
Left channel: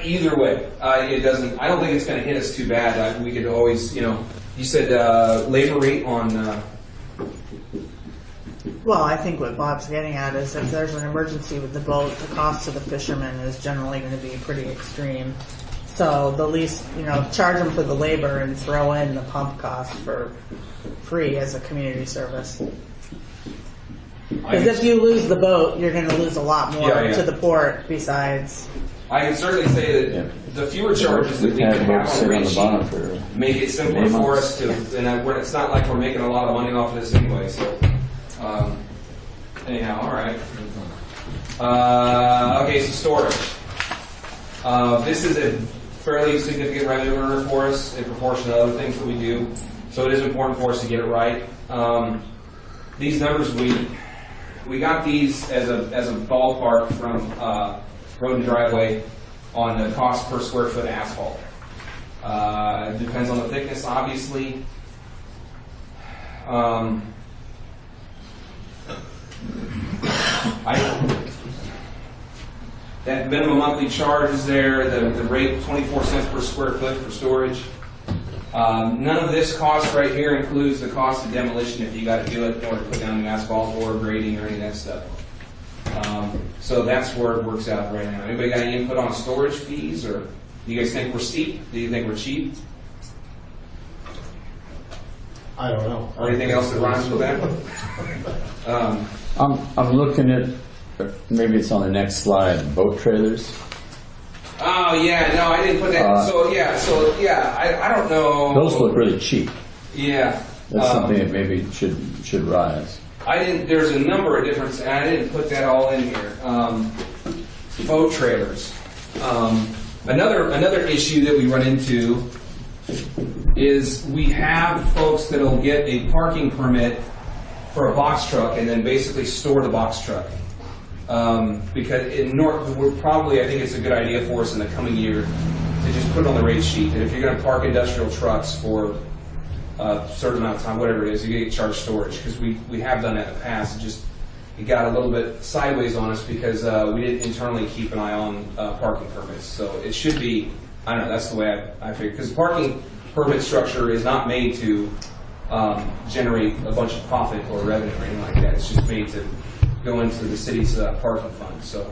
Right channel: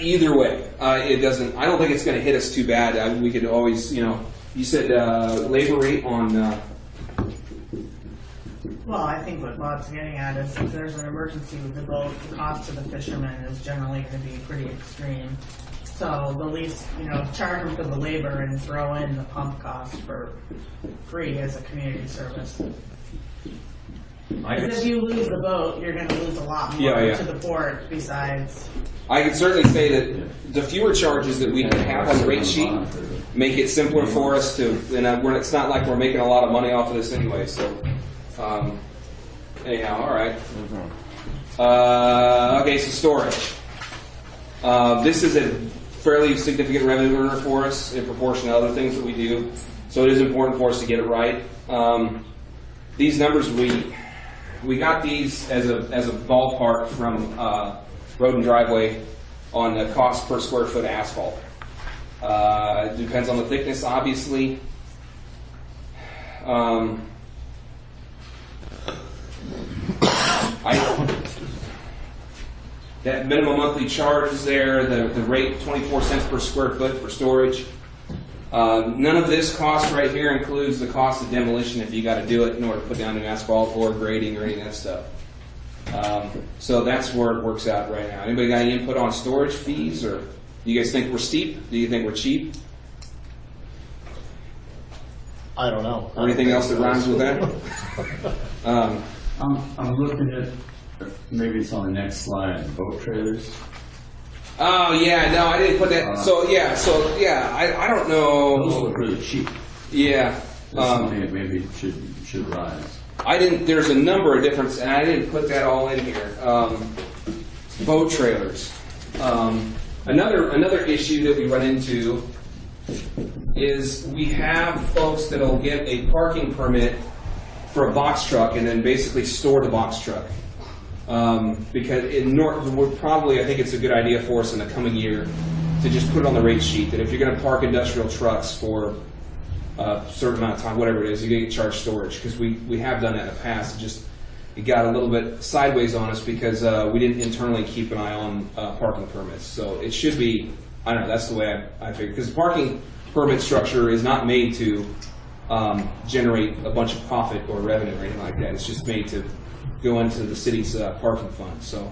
Either way, it doesn't. I don't think it's going to hit us too bad. We could always, you said labor rate on. Well, I think what Bob's getting at is if there's an emergency with the boat, the cost to the fishermen is generally going to be pretty extreme. So the least, charge them for the labor and throw in the pump cost for free as a community service. Because if you lose the boat, you're going to lose a lot more to the port besides. I can certainly say that the fewer charges that we have on the rate sheet make it simpler for us to, and it's not like we're making a lot of money off of this anyway, so. Anyhow, all right. Okay, so storage. This is a fairly significant revenue earner for us in proportion to other things that we do, so it is important for us to get it right. These numbers, we got these as a ballpark from Road and Driveway on the cost per square foot asphalt. It depends on the thickness, obviously. That minimum monthly charge is there, the rate 24 cents per square foot for storage. None of this cost right here includes the cost of demolition if you got to do it in order to put down an asphalt or grading or any of that stuff. So that's where it works out right now. Anybody got any input on storage fees, or do you guys think we're steep? Do you think we're cheap? I don't know. Anything else that rhymes with that? I'm looking at, maybe it's on the next slide, boat trailers. Oh yeah, no, I didn't put that. I don't know. Those look really cheap. Yeah. That's something that maybe should rise. I didn't. There's a number of different, and I didn't put that all in here. Boat trailers. Another issue that we run into is we have folks that'll get a parking permit for a box truck and then basically store the box truck. Because I think it's a good idea for us in the coming year to just put it on the rate sheet that if you're going to park industrial trucks for a certain amount of time, whatever it is, you get charged storage. Because we have done that in the past. It got a little bit sideways on us because we didn't internally keep an eye on parking permits. So it should be, I don't know, that's the way I figure. Because the parking permit structure is not made to generate a bunch of profit or revenue or anything like that. It's just made to go into the city's parking fund. So,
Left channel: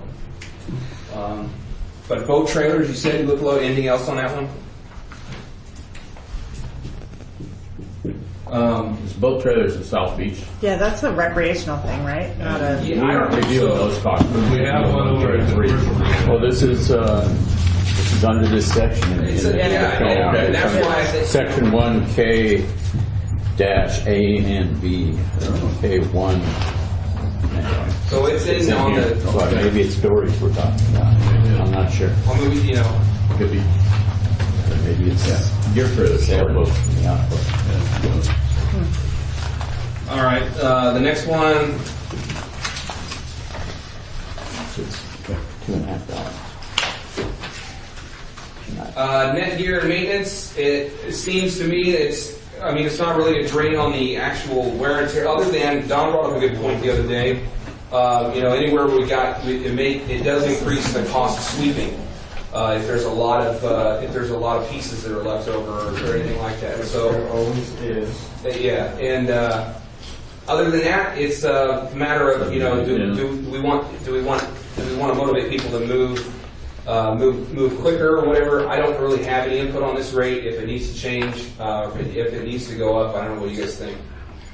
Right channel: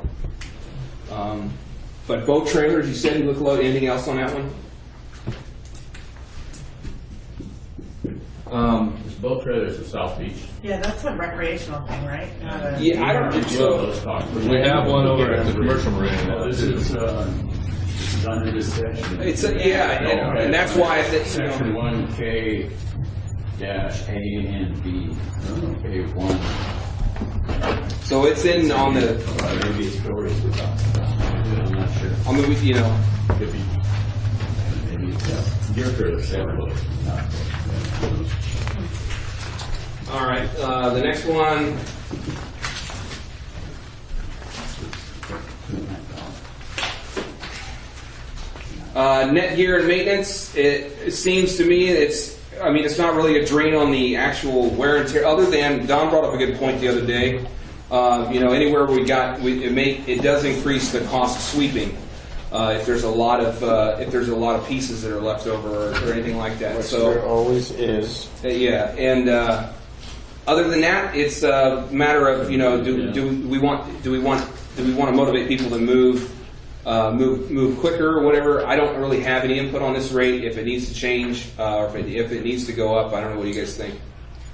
but boat trailers, you said you look low. Anything else on that one? This boat trailers in South Beach. Yeah, that's a recreational thing, right? Not a. Yeah, I don't review those costs. We have one over at the commercial marine. Well, this is under this section. And that's why I think Section 1K -A and B. K1 So it's in on the. So maybe it's Dory's we're talking about. I'm not sure. I mean, you know. Could be. Maybe it's gear for the sailboat. Yeah. All right. The next one. Net gear and maintenance. It seems to me it's not really a drain on the actual wear and tear. Other than Don brought up a good point the other day. Anywhere it does increase the cost of sweeping if there's a lot of pieces that are left over or anything like that. So There always is. yeah, and other than that, it's a matter of do we want to motivate people to move quicker or whatever. I don't really have any input on this rate. If it needs to change or if it needs to go up, I don't know what you guys think.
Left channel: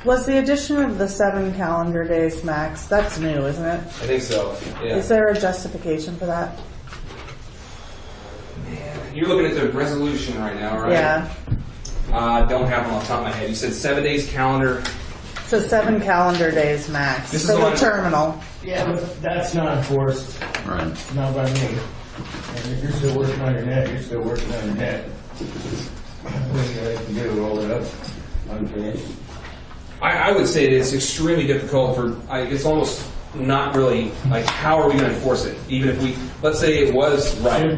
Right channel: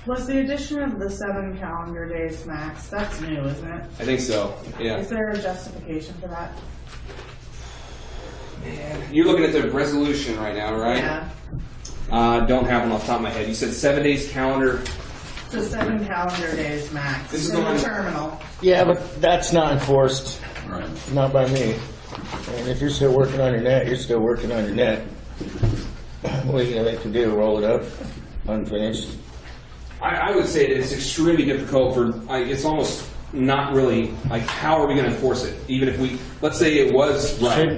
Was the addition of the 7 calendar days max, that's new, isn't it? I think so. Yeah. Is there a justification for that? You're looking at the resolution right now, right? Yeah. Don't have one off the top of my head. You said 7 days calendar. So 7 calendar days max This is for the on- terminal. Yeah, but that's not enforced, Right. not by me. And if you're still working on your net, you're still working on your net. What are you gonna make them do, roll it up, unfinished? I would say that it's extremely difficult it's almost not really, how are we going to enforce it? Even if let's say it was right,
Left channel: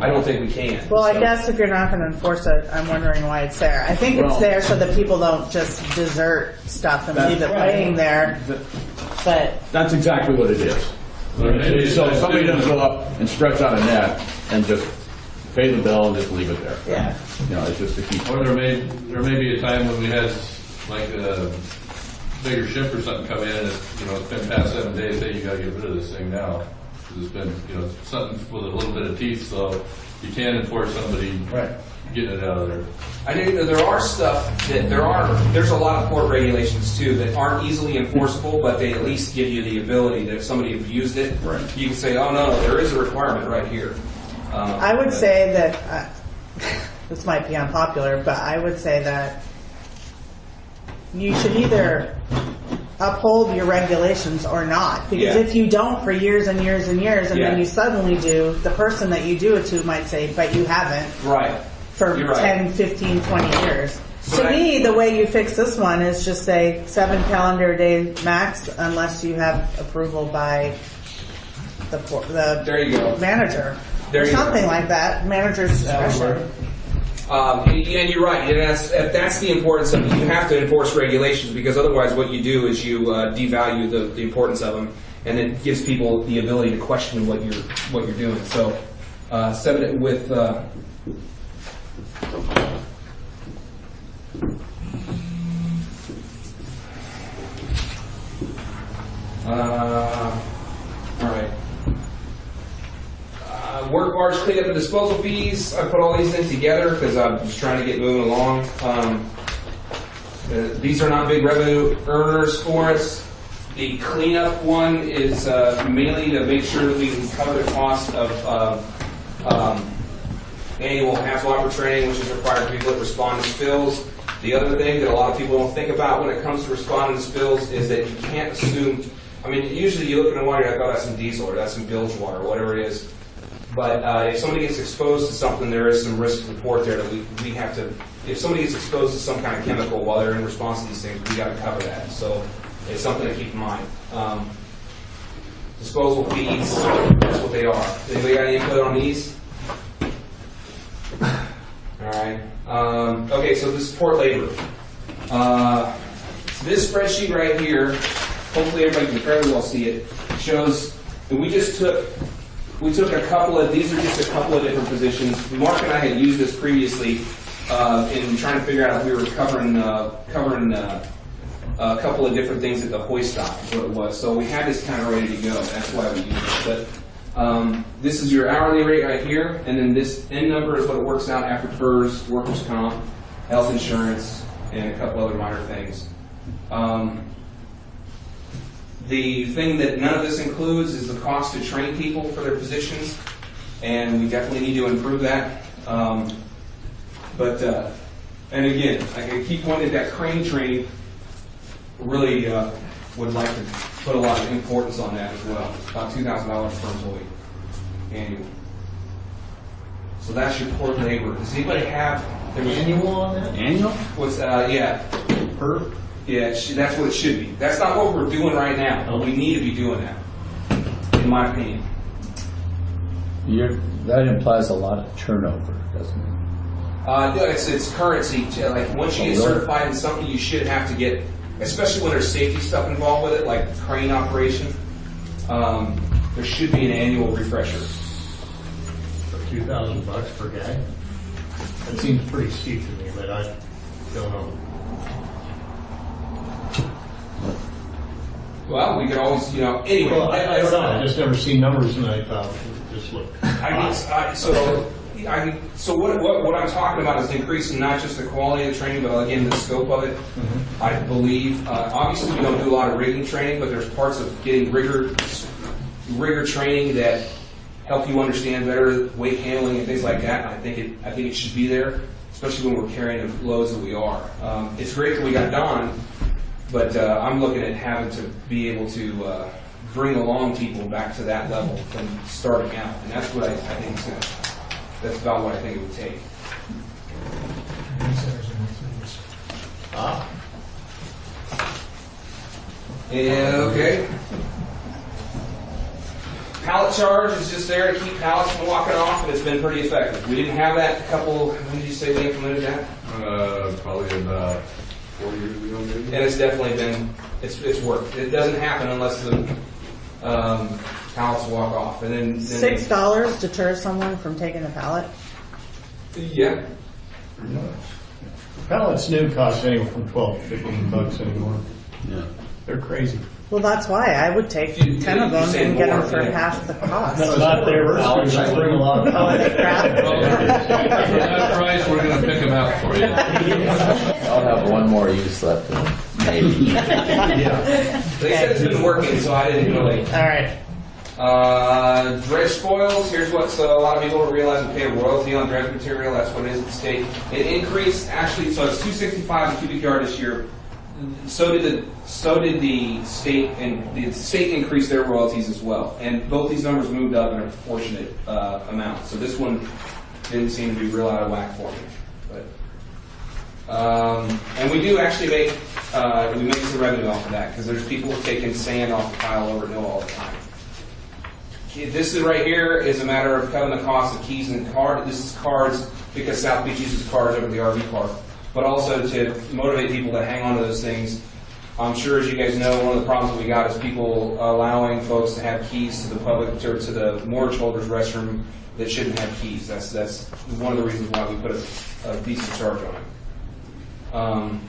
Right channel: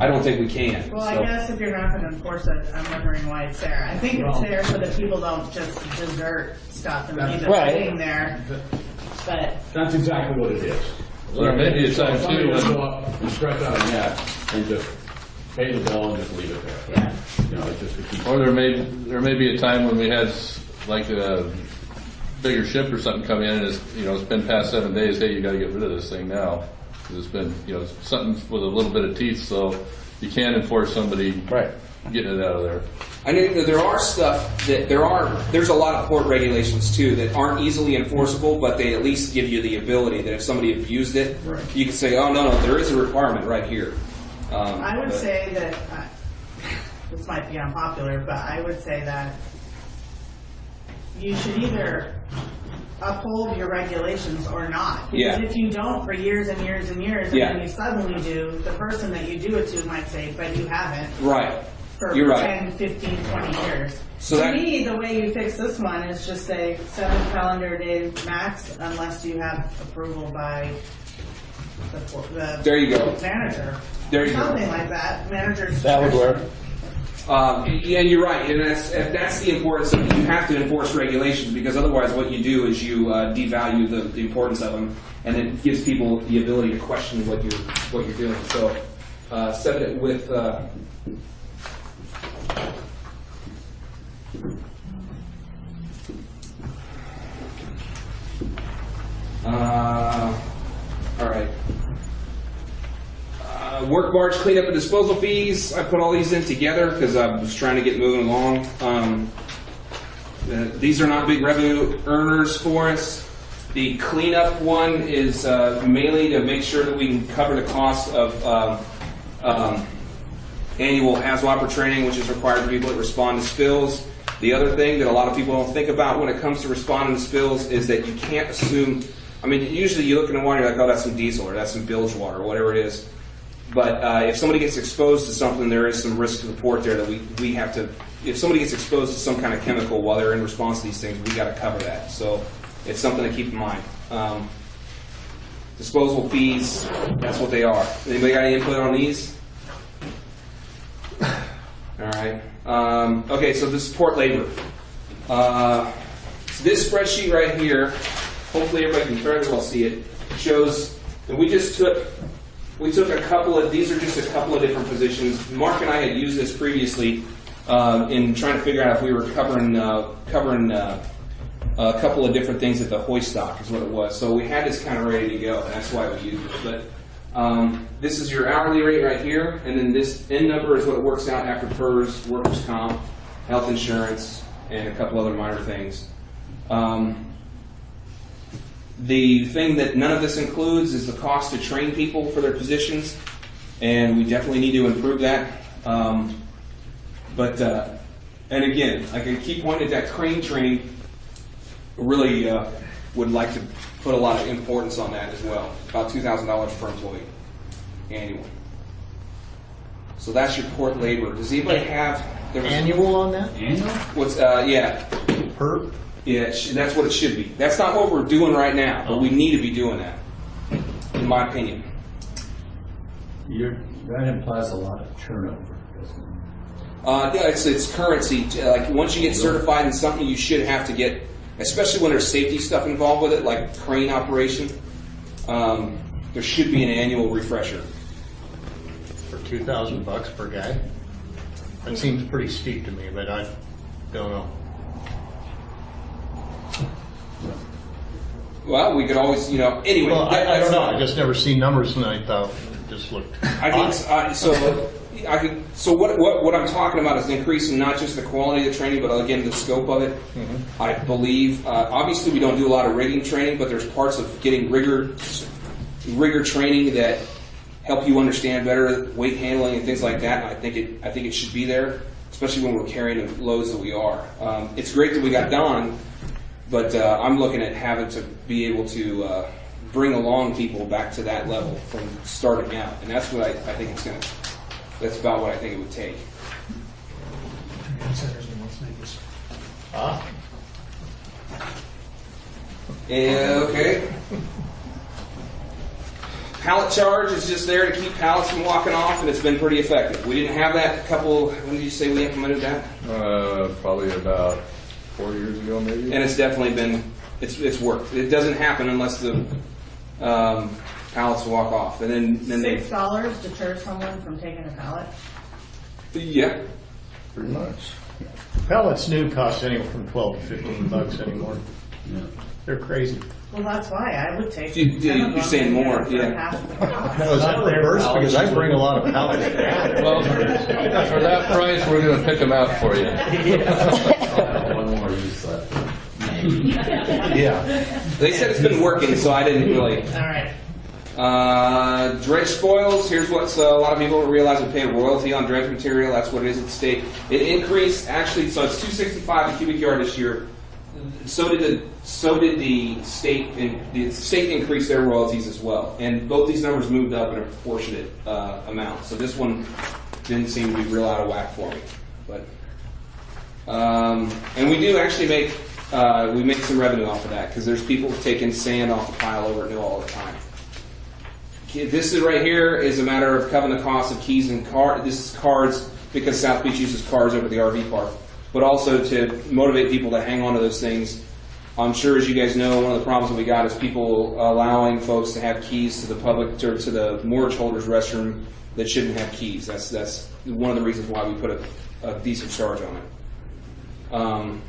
I don't think we can. Well, I So- guess if you're not going to enforce it, I'm wondering why it's there. I think it's there so that people don't just desert stuff and leave it waiting there. But That's exactly what it is. Or maybe it's So like somebody doesn't go up and stretch out a net and just pay the bill and just leave it there. yeah, It's just a keep. Or there may be a time when we had like a bigger ship or something come in and it's been past 7 days. Hey, you got to get rid of this thing now. 'Cause it's been something with a little bit of teeth, so you can't enforce somebody getting it out of there. I know that there are stuff that there's a lot of port regulations too that aren't easily enforceable, but they at least give you the ability that if somebody abused it, you can say, oh no, there is a requirement right here. I would say that this might be unpopular, but I would say that you should either uphold your regulations or not. Because Yeah. if you don't for years and years and years, and Yeah. then you suddenly do, the person that you do it to might say, but you haven't Right. for You're right. 10, 15, 20 years. So to that- me, the way you fix this one is just say 7 calendar day max unless you have approval by the There you go. manager. There Or you go. something like that. Manager's discretion. And you're right. And that's the importance of it. You have to enforce regulations because otherwise what you do is you devalue the importance of them, and it gives people the ability to question what you're doing. So set it with all right. Work barge cleanup and disposal fees. I put all these in together because I was trying to get moving along. These are not big revenue earners for us. The cleanup one is mainly to make sure that we can cover the cost of annual HAZMOPper training, which is required for people that respond to spills. The other thing that a lot of people don't think about when it comes to responding to spills is that you can't assume. I mean, usually you look in the water, you're like, oh, that's some diesel or that's some bilge water or whatever it is. But if somebody gets exposed to something, there is some risk to the port there that we have to. If somebody gets exposed to some kind of chemical while they're in response to these things, we got to cover that. So it's something to keep in mind. Disposal fees, that's what they are. Anybody got any input on these? All right. Okay, so this is port labor. This spreadsheet right here, hopefully everybody can fairly well see it, shows that we took a couple of, these are just a couple of different positions. Mark and I had used this previously in trying to figure out if we were covering a couple of different things at the hoist dock is what it was. So we had this kind of ready to go. That's why we used it. But this is your hourly rate right here, and then this end number is what it works out after PERS, workers' comp, health insurance, and a couple other minor things. The thing that none of this includes is the cost to train people for their positions, and we definitely need to improve that. And again, I can keep pointing at that crane training. Really, would like to put a lot of importance on that as well. About $2,000 per employee annual. So that's your port labor. Does anybody have Annual on that? Annual? What's yeah? Per? Yeah, that's what it should be. That's not what we're doing right now, but we need to be doing that, in my opinion. That implies a lot of turnover, doesn't it? Yeah, it's currency. Like once you get certified in something, you should have to get, especially when there's safety stuff involved with it, like crane operation. There should be an annual refresher. For $2,000 per guy? That seems pretty steep to me, but I don't know. Well, we could always, anyway. Well, I don't know. I just never seen numbers, and I thought it just looked. So what I'm talking about is increasing not just the quality of the training, but again the scope of it. Mm-hmm. I believe, obviously we don't do a lot of rigging training, but there's parts of getting rigor training that help you understand better weight handling and things like that. I think it should be there, especially when we're carrying the loads that we are. It's great that we got Don, but I'm looking at having to be able to bring along people back to that level from starting out, and that's what I think it's going to. That's about what I think it would take. And okay. Pallet charge is just there to keep pallets from walking off, and it's been pretty effective. We didn't have that when did you say we implemented that? Probably about 4 years ago, maybe. And it's definitely been, it's worked. It doesn't happen unless the pallets walk off. And then $6 deters someone from taking a pallet? Yeah. Pretty much. Pallets new cost anywhere from $12 to $15 anymore. Yeah. They're crazy. Well, that's why I would take 10 of them and saying get more, them for yeah. half the cost. That's not the reverse, because I bring a lot of pallets. For that price, we're going to pick them out for you. I'll have one more use left. Maybe. Yeah. They said it's been working, so I didn't really. All right. Dredge spoils. Here's what a lot of people don't realize: we pay a royalty on dredge material. That's what it is at the state. It increased actually, so it's $265 a cubic yard this year. So did the state, and the state increased their royalties as well. And both these numbers moved up in a proportionate amount. So this one didn't seem to be real out of whack for me. But and we do actually make some revenue off of that because there's people taking sand off the pile over mill all the time. This is right here is a matter of covering the cost of keys and cars. This is cars because South Beach uses cars over the RV park, but also to motivate people to hang on to those things. I'm sure, as you guys know, one of the problems that we got is people allowing folks to have keys to the public or to the mortgage holder's restroom that shouldn't have keys. That's one of the reasons why we put a decent charge on it.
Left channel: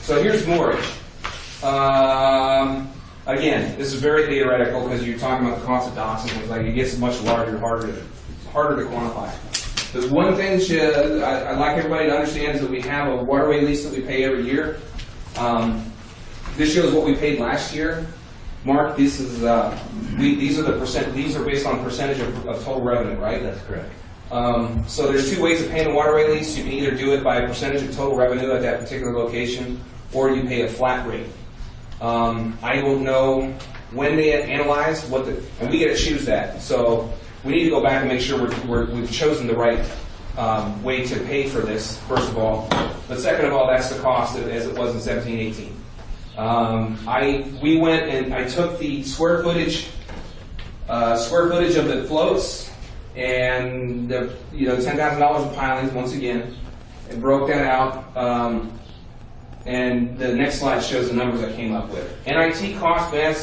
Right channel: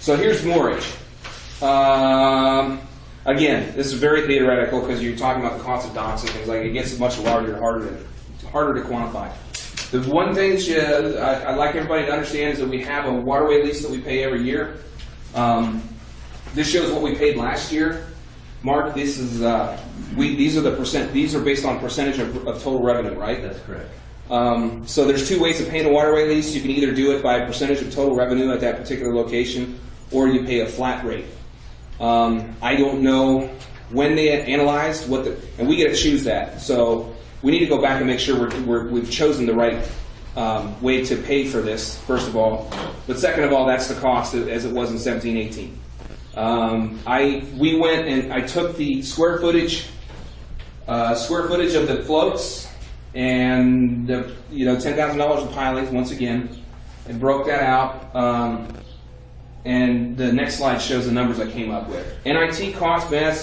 So here's mortgage. Again, this is very theoretical because you're talking about the cost of docks and things like it gets much larger and harder to quantify. The one thing I'd like everybody to understand is that we have a waterway lease that we pay every year. This shows what we paid last year. Mark, these are the percent. These are based on percentage of total revenue, right? That's correct. So there's two ways of paying a waterway lease. You can either do it by a percentage of total revenue at that particular location, or you pay a flat rate. I don't know when they analyzed and we get to choose that. So we need to go back and make sure we've chosen the right way to pay for this, first of all. But second of all, that's the cost as it was in 17-18. We went and I took the square footage of the floats and $10,000 of pilings once again, and broke that out. And the next slide shows the numbers I came up with. NIT cost, man,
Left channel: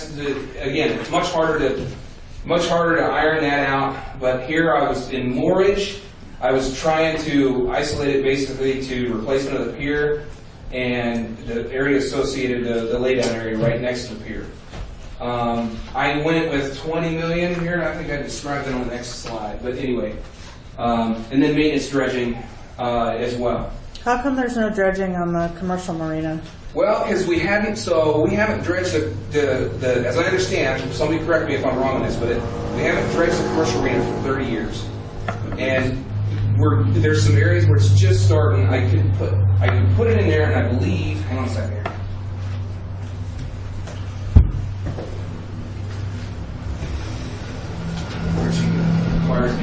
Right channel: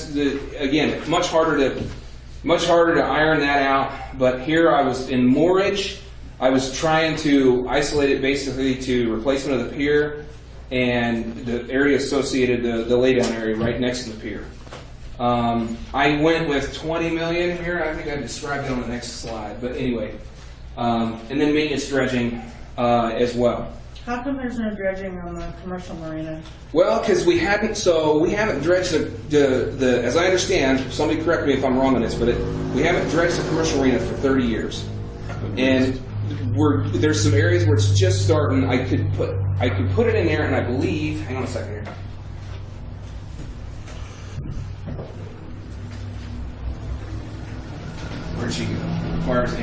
again, much harder to iron that out. But here I was in moorage. I was trying to isolate it basically to replacement of the pier and the area associated, the laydown area right next to the pier. I went with $20 million here, and I think I described it on the next slide. But anyway, and then maintenance dredging as well. How come there's no dredging on the commercial marina? Well, because we haven't dredged the as I understand, somebody correct me if I'm wrong on this, but we haven't dredged the commercial marina for 30 years. And there's some areas where it's just starting. I could put it in there, and I believe, hang on a second here.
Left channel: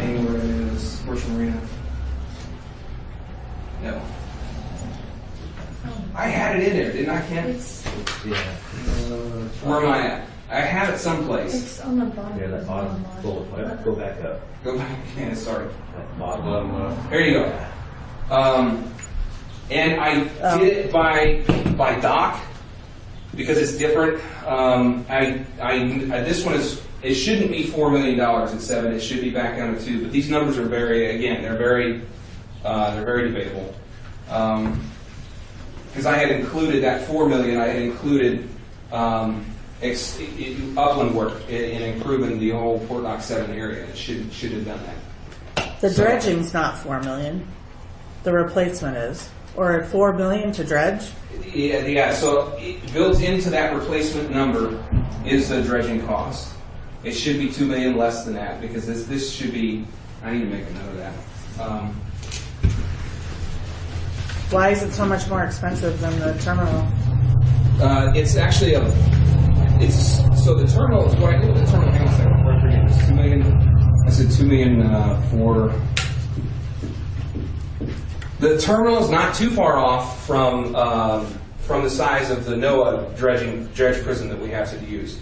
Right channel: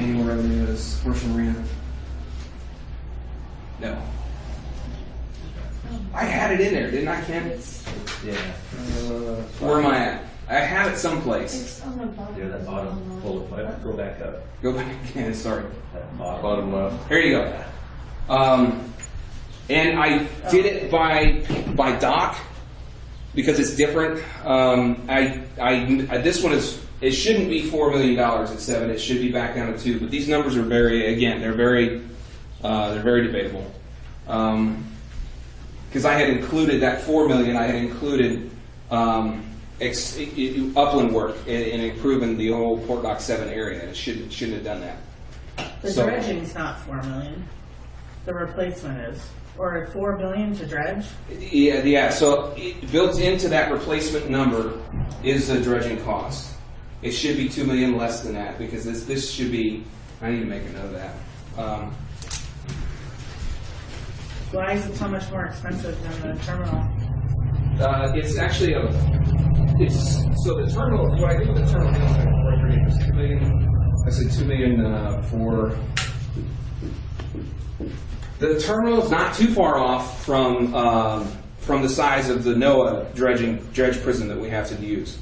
annual revenue is commercial marina. No. I had it in there, didn't I, Ken? Yeah. Where am I at? I have it someplace. It's on the bottom. Yeah, that bottom bullet, go back up. Go back again, sorry. That bottom left. Here you go. And I did it by dock because it's different. This one is, it shouldn't be $4 million at 7. It should be back down to 2. But these numbers are they're very debatable. Because I had included that $4 million. I had included upland work in improving the whole Port Dock 7 area. It shouldn't have done that. The dredging's not 4 million. The replacement is. Or 4 million to dredge? Yeah. So built into that replacement number is the dredging cost. It should be $2 million less than that because this should be. I need to make a note of that. Why is it so much more expensive than the terminal? It's actually so the terminal. What I did with the terminal, hang on a second, it was $2 million. I said $2 million for. The terminal is not too far off from the size of the NOAA dredge prison that we have to use.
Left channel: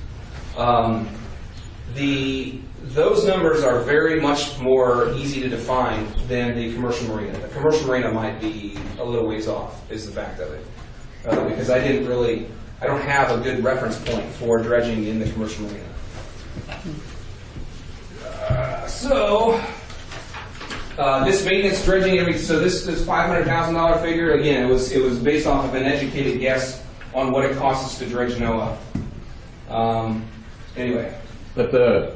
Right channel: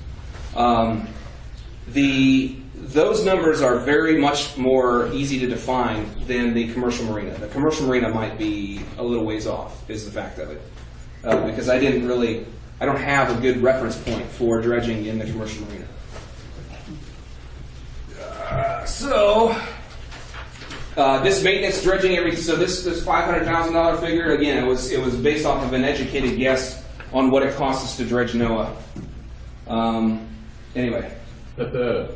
Those numbers are very much more easy to define than the commercial marina. The commercial marina might be a little ways off, is the fact of it. Because I don't have a good reference point for dredging in the commercial marina. This maintenance dredging, so this $500,000 figure, again, it was based off of an educated guess on what it costs us to dredge NOAA. Anyway. But the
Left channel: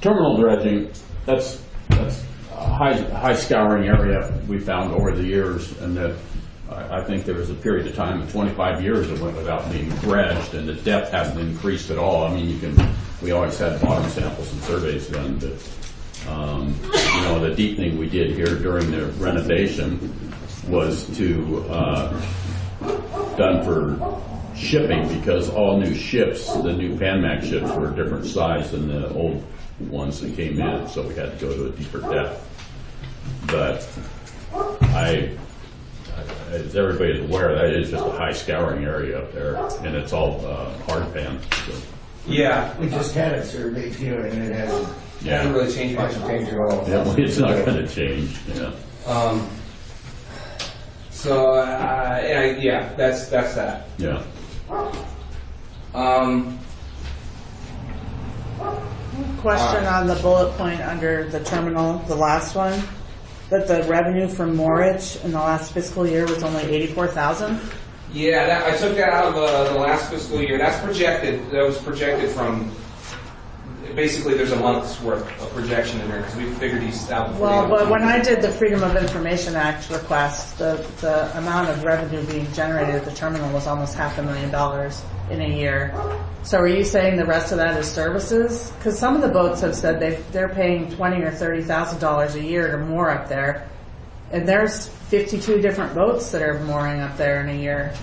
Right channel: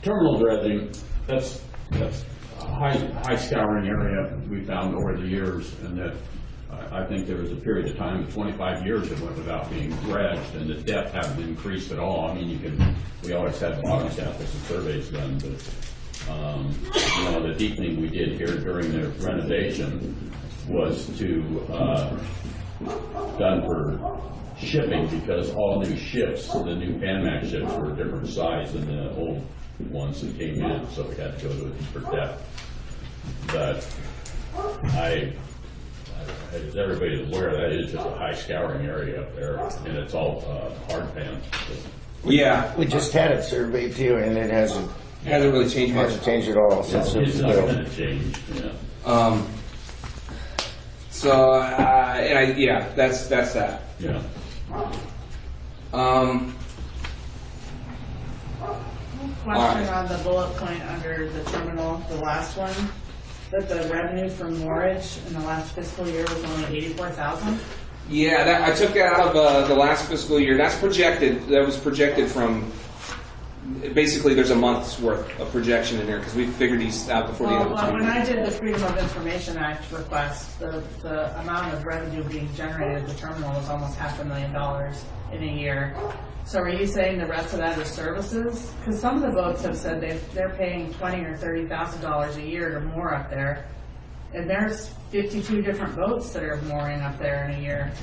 terminal dredging, that's a high scouring area we found over the years, and that I think there was a period of time, 25 years, that went without being dredged, and the depth hasn't increased at all. I mean, we always had bottom samples and surveys done, but the deepening we did here during the renovation was done for shipping, because all new ships, the new Panamax ships, were a different size than the old ones that came in, so we had to go to a deeper depth. But as everybody's aware, that is just a high scouring area up there, and it's all hard pan. So. Yeah. We just had it surveyed too, and it hasn't really changed much. Hasn't changed at all. It's not going to change. Yeah. That's that. Yeah. Question on the bullet point under the terminal, the last one, that the revenue from moorage in the last fiscal year was only $84,000. Yeah, I took that out of the last fiscal year. That's projected. That was projected from. Basically, there's a month's worth of projection in there because we figured these out before. Well, but when I did the Freedom of Information Act request, the amount of revenue being generated at the terminal was almost $500,000 in a year. So are you saying the rest of that is services? Because some of the boats have said they're paying $20,000 or $30,000 a year to moor up there, and there's 52 different boats that are mooring up there in a year.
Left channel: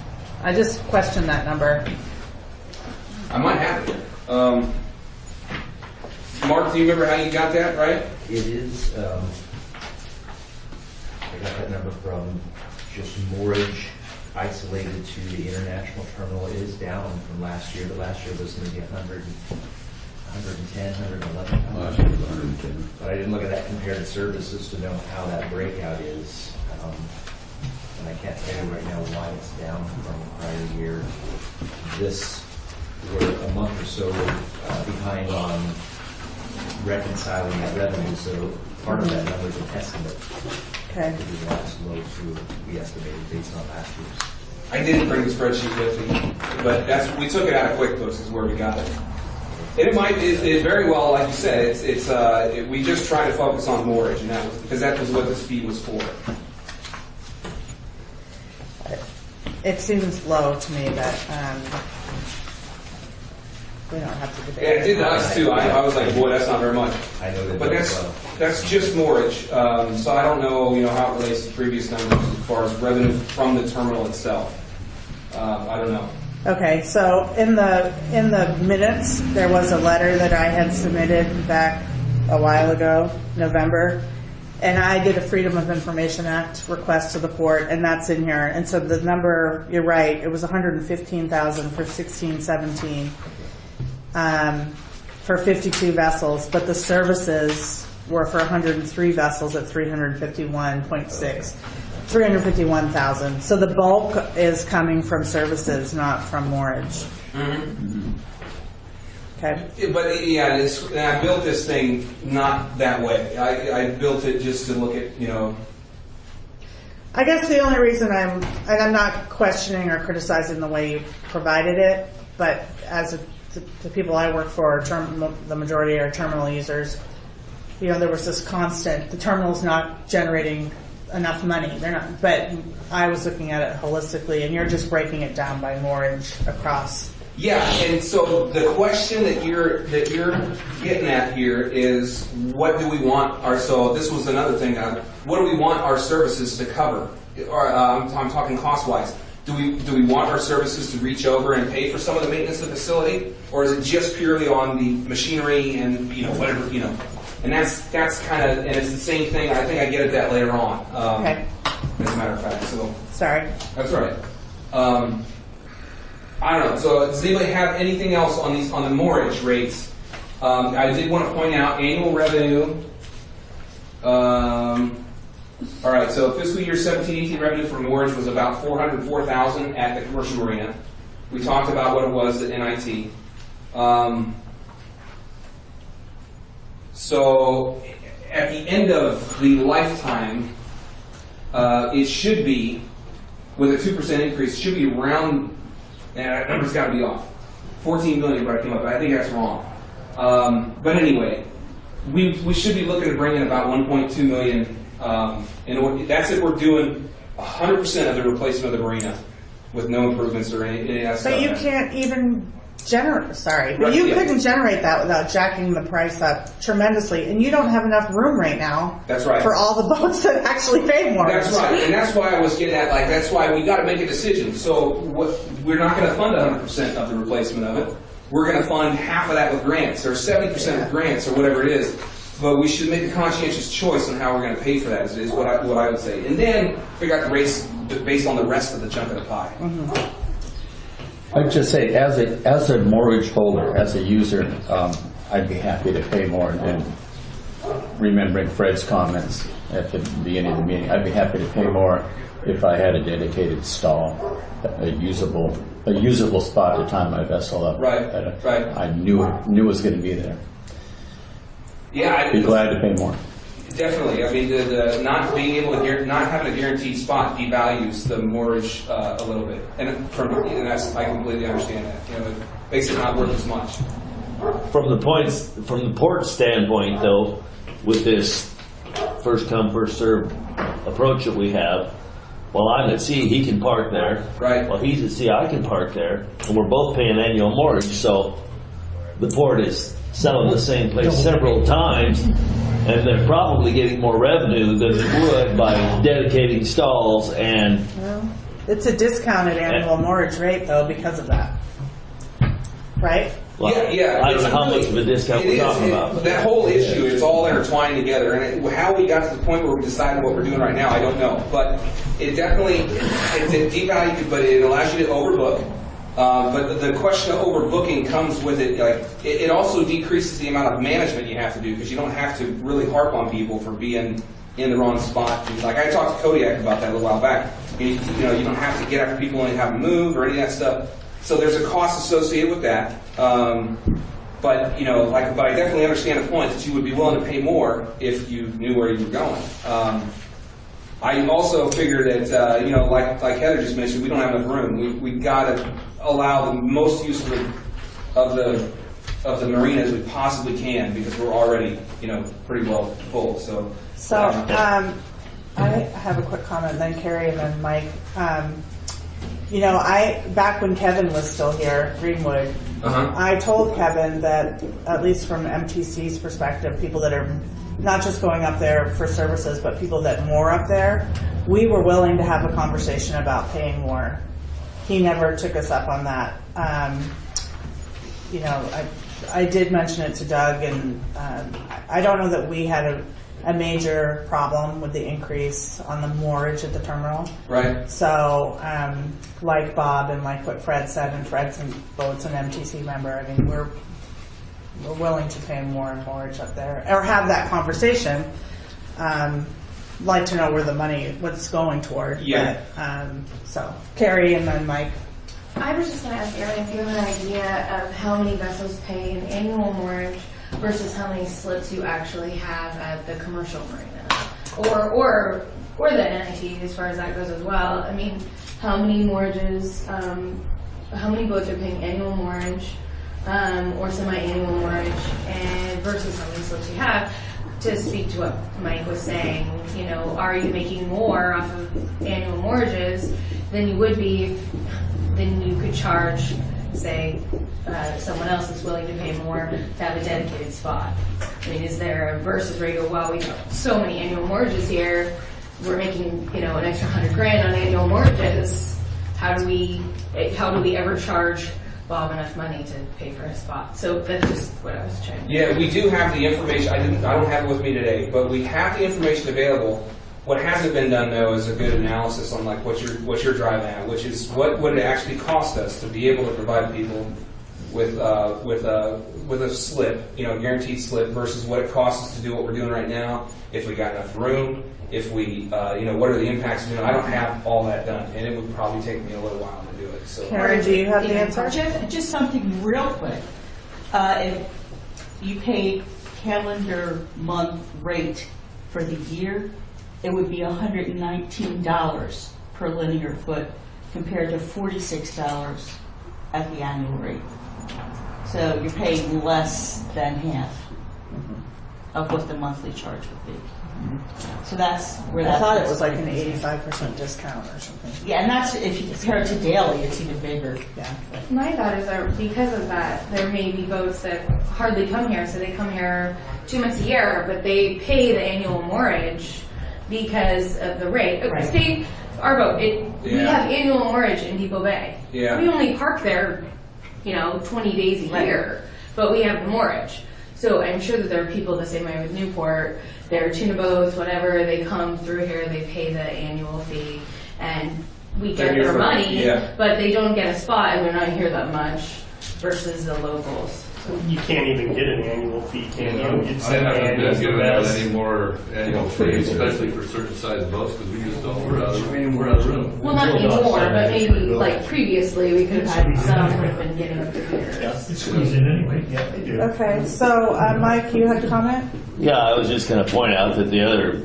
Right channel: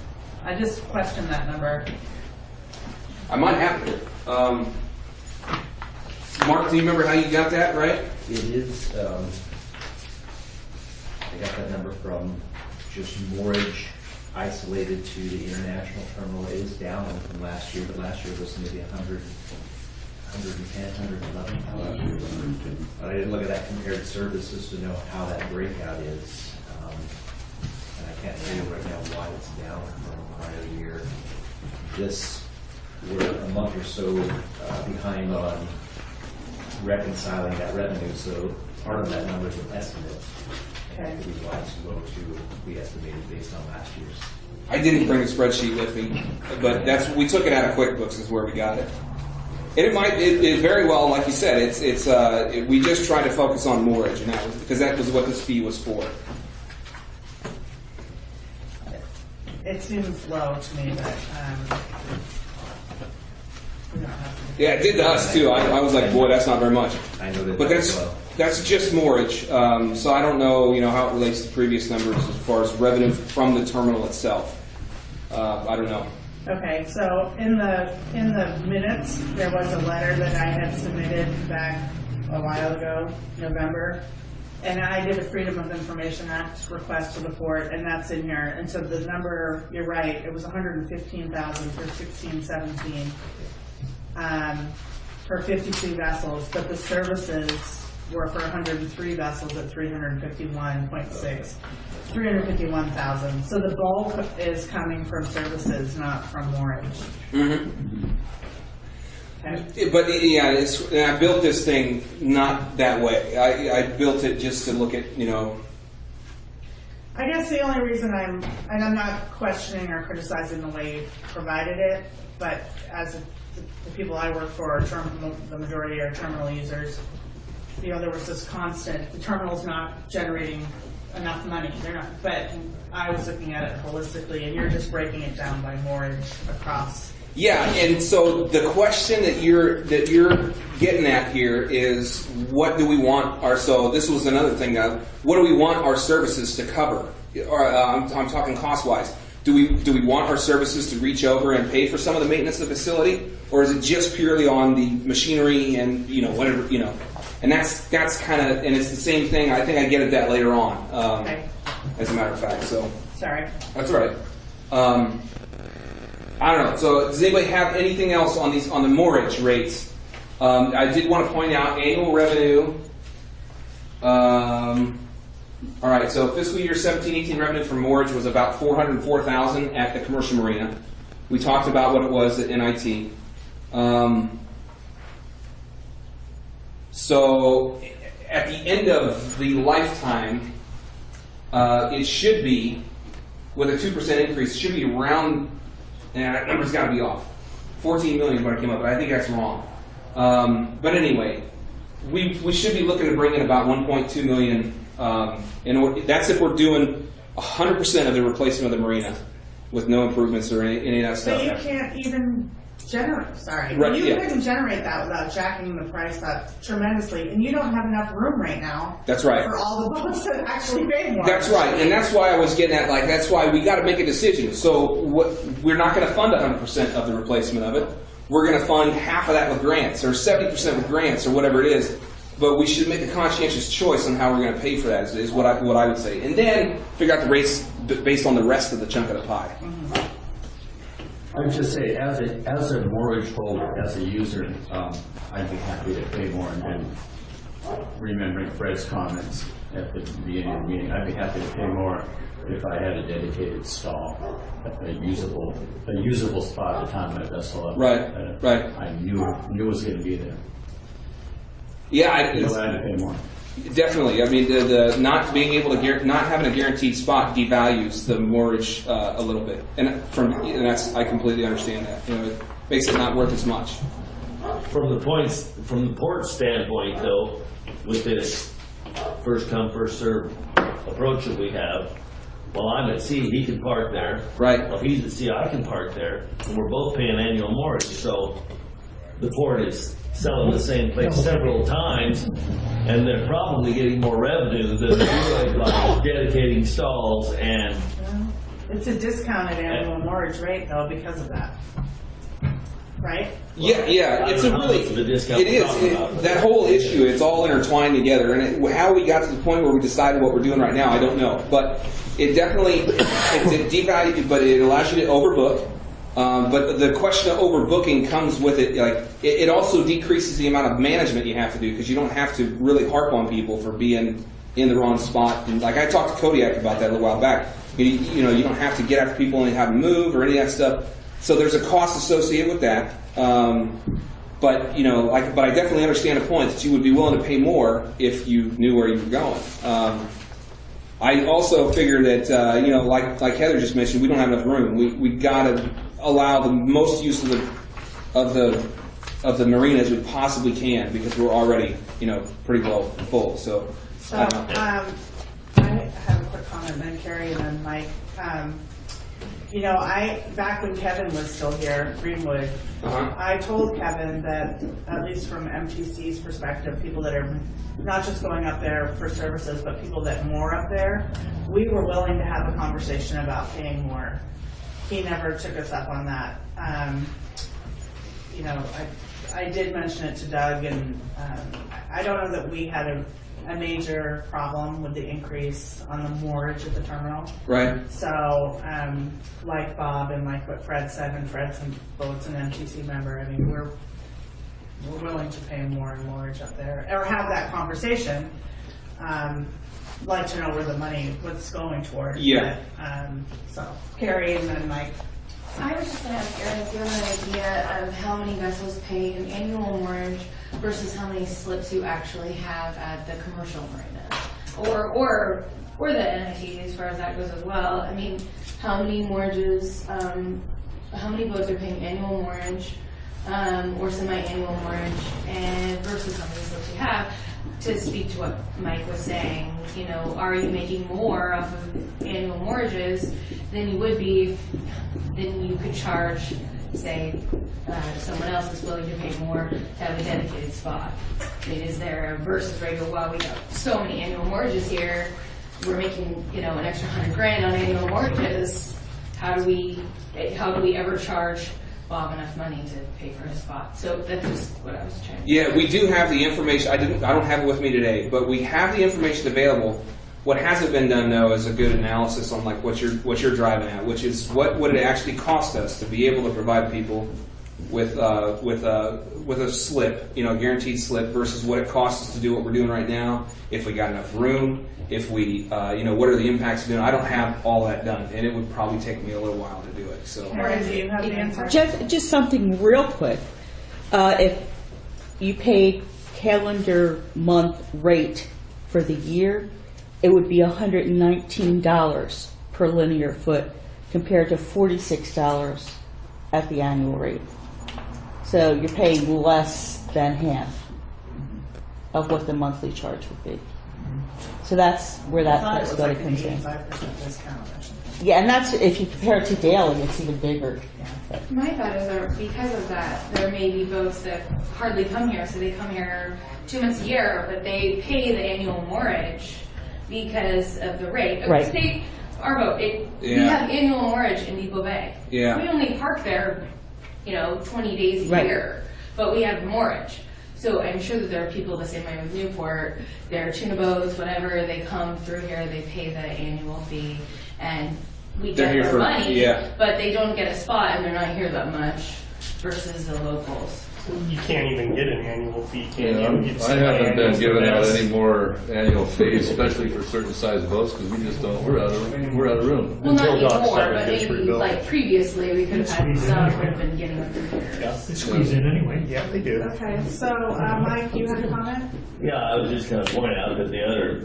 I just question that number. I might have it. Mark, do you remember how you got that, right? It is, I got that number from just moorage isolated to the international terminal. It is down from last year, but last year was maybe 110, 111. But I didn't look at that compared to services to know how that breakout is. And I can't tell you right now why it's down from the prior year. We're a month or so behind on reconciling that revenue, so part of that number is an estimate. Okay. It could be as low to we estimated based on last year's. I didn't bring a spreadsheet with me, but we took it out of QuickBooks is where we got it. And it very well, like you said, we just try to focus on moorage, and because that was what this fee was for. It seems low to me, but we don't have to debate. Yeah, it did to us too. I was like, boy, that's not very much. I know that. But that's just moorage. So I don't know, how it relates to previous numbers as far as revenue from the terminal itself. I don't know. Okay, so in the minutes, there was a letter that I had submitted back a while ago, November, and I did a Freedom of Information Act request to the port, and that's in here. And so the number, you're right, it was 115,000 for 16-17 for 52 vessels, but the services were for 103 vessels at 351,000. So the bulk is coming from services, not from moorage. Okay. But yeah, I built this thing not that way. I built it just to look at, I guess the only reason and I'm not questioning or criticizing the way you provided it, but as the people I work for, the majority are terminal users. There was this constant, the terminal's not generating enough money. They're not, but I was looking at it holistically, and you're just breaking it down by moorage across. Yeah, and so the question that you're getting at here is, what do we want so this was another thing, what do we want our services to cover? Or I'm talking cost-wise. Do we want our services to reach over and pay for some of the maintenance of the facility, or is it just purely on the machinery and whatever, and that's kind of, and it's the same thing. I think I get at that later on. Okay. As a matter of fact, so sorry. That's right. I don't know. So does anybody have anything else on the moorage rates? I did want to point out annual revenue. All right. So fiscal year 17-18 revenue for moorage was about $404,000 at the commercial marina. We talked about what it was at NIT. So at the end of the lifetime, it should be, with a 2% increase, it should be around. That number's got to be off. 14 million is what I came up with. I think that's wrong. But anyway, we should be looking to bring in about 1.2 million. That's if we're doing 100% of the replacement of the marina with no improvements or any of that stuff. But you can't even generate. Sorry, Right, you yeah. couldn't generate that without jacking the price up tremendously, and you don't have enough room right now. That's right. For all the boats that actually pay more. That's right, and that's why I was getting at, that's why we got to make a decision. So we're not going to fund 100% of the replacement of it. We're going to fund half of that with grants, or 70% with grants, or whatever it is. But we should make a conscientious choice on how we're going to pay for that, is what I would say. And then figure out the rates based on the rest of the chunk of the pie. Mm-hmm. I'd just say, as a mortgage holder, as a user, I'd be happy to pay more. And remembering Fred's comments at the beginning of the meeting, I'd be happy to pay more if I had a dedicated stall, a usable spot to tie my vessel up. Right. I knew it was going to be there. Yeah, I'd be glad to pay more. Definitely. I mean, the not being able to not having a guaranteed spot devalues the mortgage a little bit, and I completely understand that. It makes it not worth as much. From the port standpoint, though, with this first come first served approach that we have, while I'm at sea, he can park there. Right. While he's at sea, I can park there, and we're both paying annual mortgage. So the port is selling the same place several times, and they're probably getting more revenue than they would by dedicating stalls and. Well, it's a discounted annual mortgage rate, though, because of that. Right? Yeah. I don't know how much of a discount we're talking about. That whole issue, it's all intertwined together. And how we got to the point where we decided what we're doing right now, I don't know. But it definitely, it's a devalue, but it allows you to overbook. But the question of overbooking comes with it, it also decreases the amount of management you have to do, because you don't have to really harp on people for being in the wrong spot. And I talked to Kodiak about that a little while back. You don't have to get after people and have them move or any of that stuff. So there's a cost associated with that. But I definitely understand the point that you would be willing to pay more if you knew where you were going. I also figure that like Heather just mentioned, we don't have enough room. We got to allow the most use of the marina as we possibly can, because we're already pretty well full. So I have a quick comment, then Carrie, and then Mike. Back when Kevin was still here, Greenwood, I told Kevin that, at least from MTC's perspective, people that are not just going up there for services, but people that moor up there, we were willing to have a conversation about paying more. He never took us up on that. I did mention it to Doug, and I don't know that we had a major problem with the increase on the moorage at the terminal. Right. So, like Bob and like what Fred said, and Fred's an boat's an MTC member, I mean, we're willing to pay more and moorage up there, or have that conversation. Like to know where the money, what's going toward. Yeah. But, so, Carrie and then Mike. I was just going to ask Erin if you have an idea of how many vessels pay an annual moorage versus how many slips you actually have at the commercial marina, or the NIT as far as that goes as well. I mean, how many morages, how many boats are paying annual moorage or semi-annual moorage, and versus how many slips you have. To speak to what Mike was saying, you know, are you making more off of annual morages than you would be if then you could charge, say, someone else is willing to pay more to have a dedicated spot. I mean, is there versus where you go, wow, we have so many annual mortgages here, we're making, you know, an extra $100,000 on annual mortgages. How do we ever charge Bob enough money to pay for his spot? So that's just what I was checking. Yeah, we do have the information. I don't have it with me today, but we have the information available. What hasn't been done though is a good analysis on like what you're driving at, which is what would it actually cost us to be able to provide people with a slip, you know, guaranteed slip, versus what it costs us to do what we're doing right now. If we got enough room, if we, you know, what are the impacts of doing? I don't have all that done, and it would probably take me a little while to do it. So, Karen, do you have the answer? Just something real quick. If you paid calendar month rate for the year, it would be $119 per linear foot compared to $46 at the annual rate. So you're paying less than half of what the monthly charge would be. So that's where that. I thought it was like an 85% discount or something. Yeah, and that's if you compare it to daily, it's even bigger. Yeah. My thought is that because of that, there may be boats that hardly come here, so they come here 2 months a year, but they pay the annual moorage because of the rate. Right. Say our boat, we have annual moorage in Depot Bay. Yeah. We only park there, you know, 20 days a year, but we have moorage. So I'm sure that there are people the same way with Newport. They're tuna boats, whatever. They come through here, they pay the annual fee, and we get their money, but they don't get a spot, and they're not here that much versus the locals. You can't even get an annual fee, can you? I haven't been given out any more annual fees, especially for certain size boats, because we just don't, we're out of room. Well, not anymore, but maybe like previously, we could have had some who have been getting them through here. Yeah, it squeeze in anyway. Yeah, they do. Okay, so Mike, you had a comment? Yeah, I was just going to point out that the other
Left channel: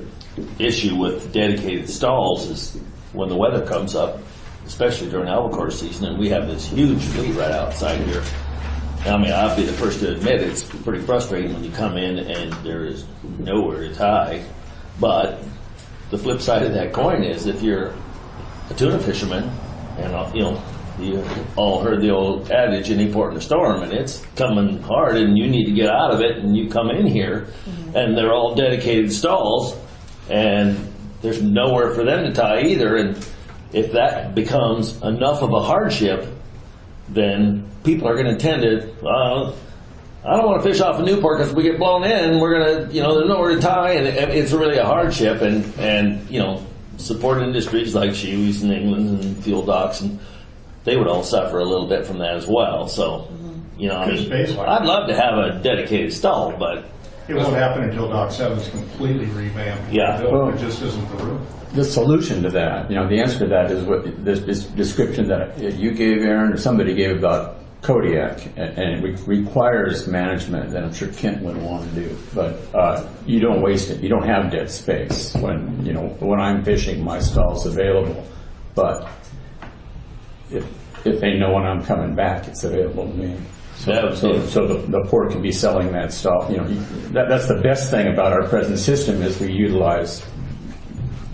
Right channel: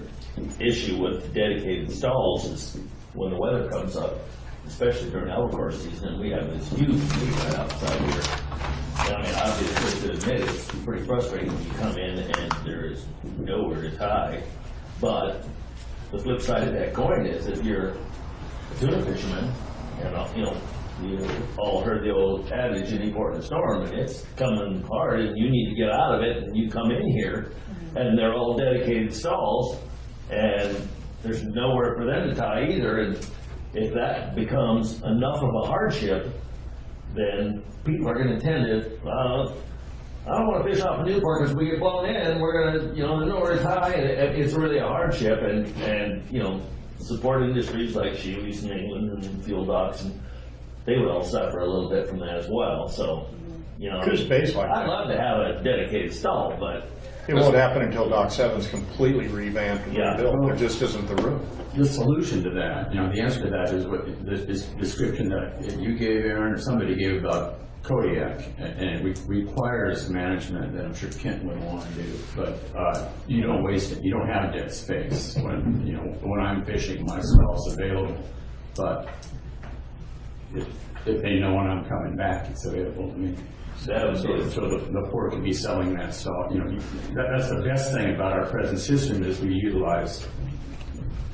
issue with dedicated stalls is when the weather comes up, especially during albacore season, and we have this huge fleet right outside here. I mean, I'll be the first to admit it's pretty frustrating when you come in and there is nowhere to tie. But the flip side of that coin is if you're a tuna fisherman, and you know, you all heard the old adage, any port in a storm, and it's coming hard and you need to get out of it, and you come in here and they're all dedicated stalls and there's nowhere for them to tie either. And if that becomes enough of a hardship, then people are going to tend to, I don't want to fish off of Newport because if we get blown in, we're going to, you know, there's nowhere to tie, and it's really a hardship. And you know, support industries like Shealy's in England and fuel docks, and they would all suffer a little bit from that as well. So, you know, I mean, I'd love to have a dedicated stall, but it won't happen until Dock 7's completely revamped. Yeah. There just isn't the room. The solution to that, you know, the answer to that is what this description that you gave, Aaron, or somebody gave about Kodiak, and it requires management that I'm sure Kent would want to do. But you don't waste it. You don't have dead space when, you know, when I'm fishing, my stall's available. But if they know when I'm coming back, it's available to me. So the port could be selling that stall. You know, that's the best thing about our present system is we utilize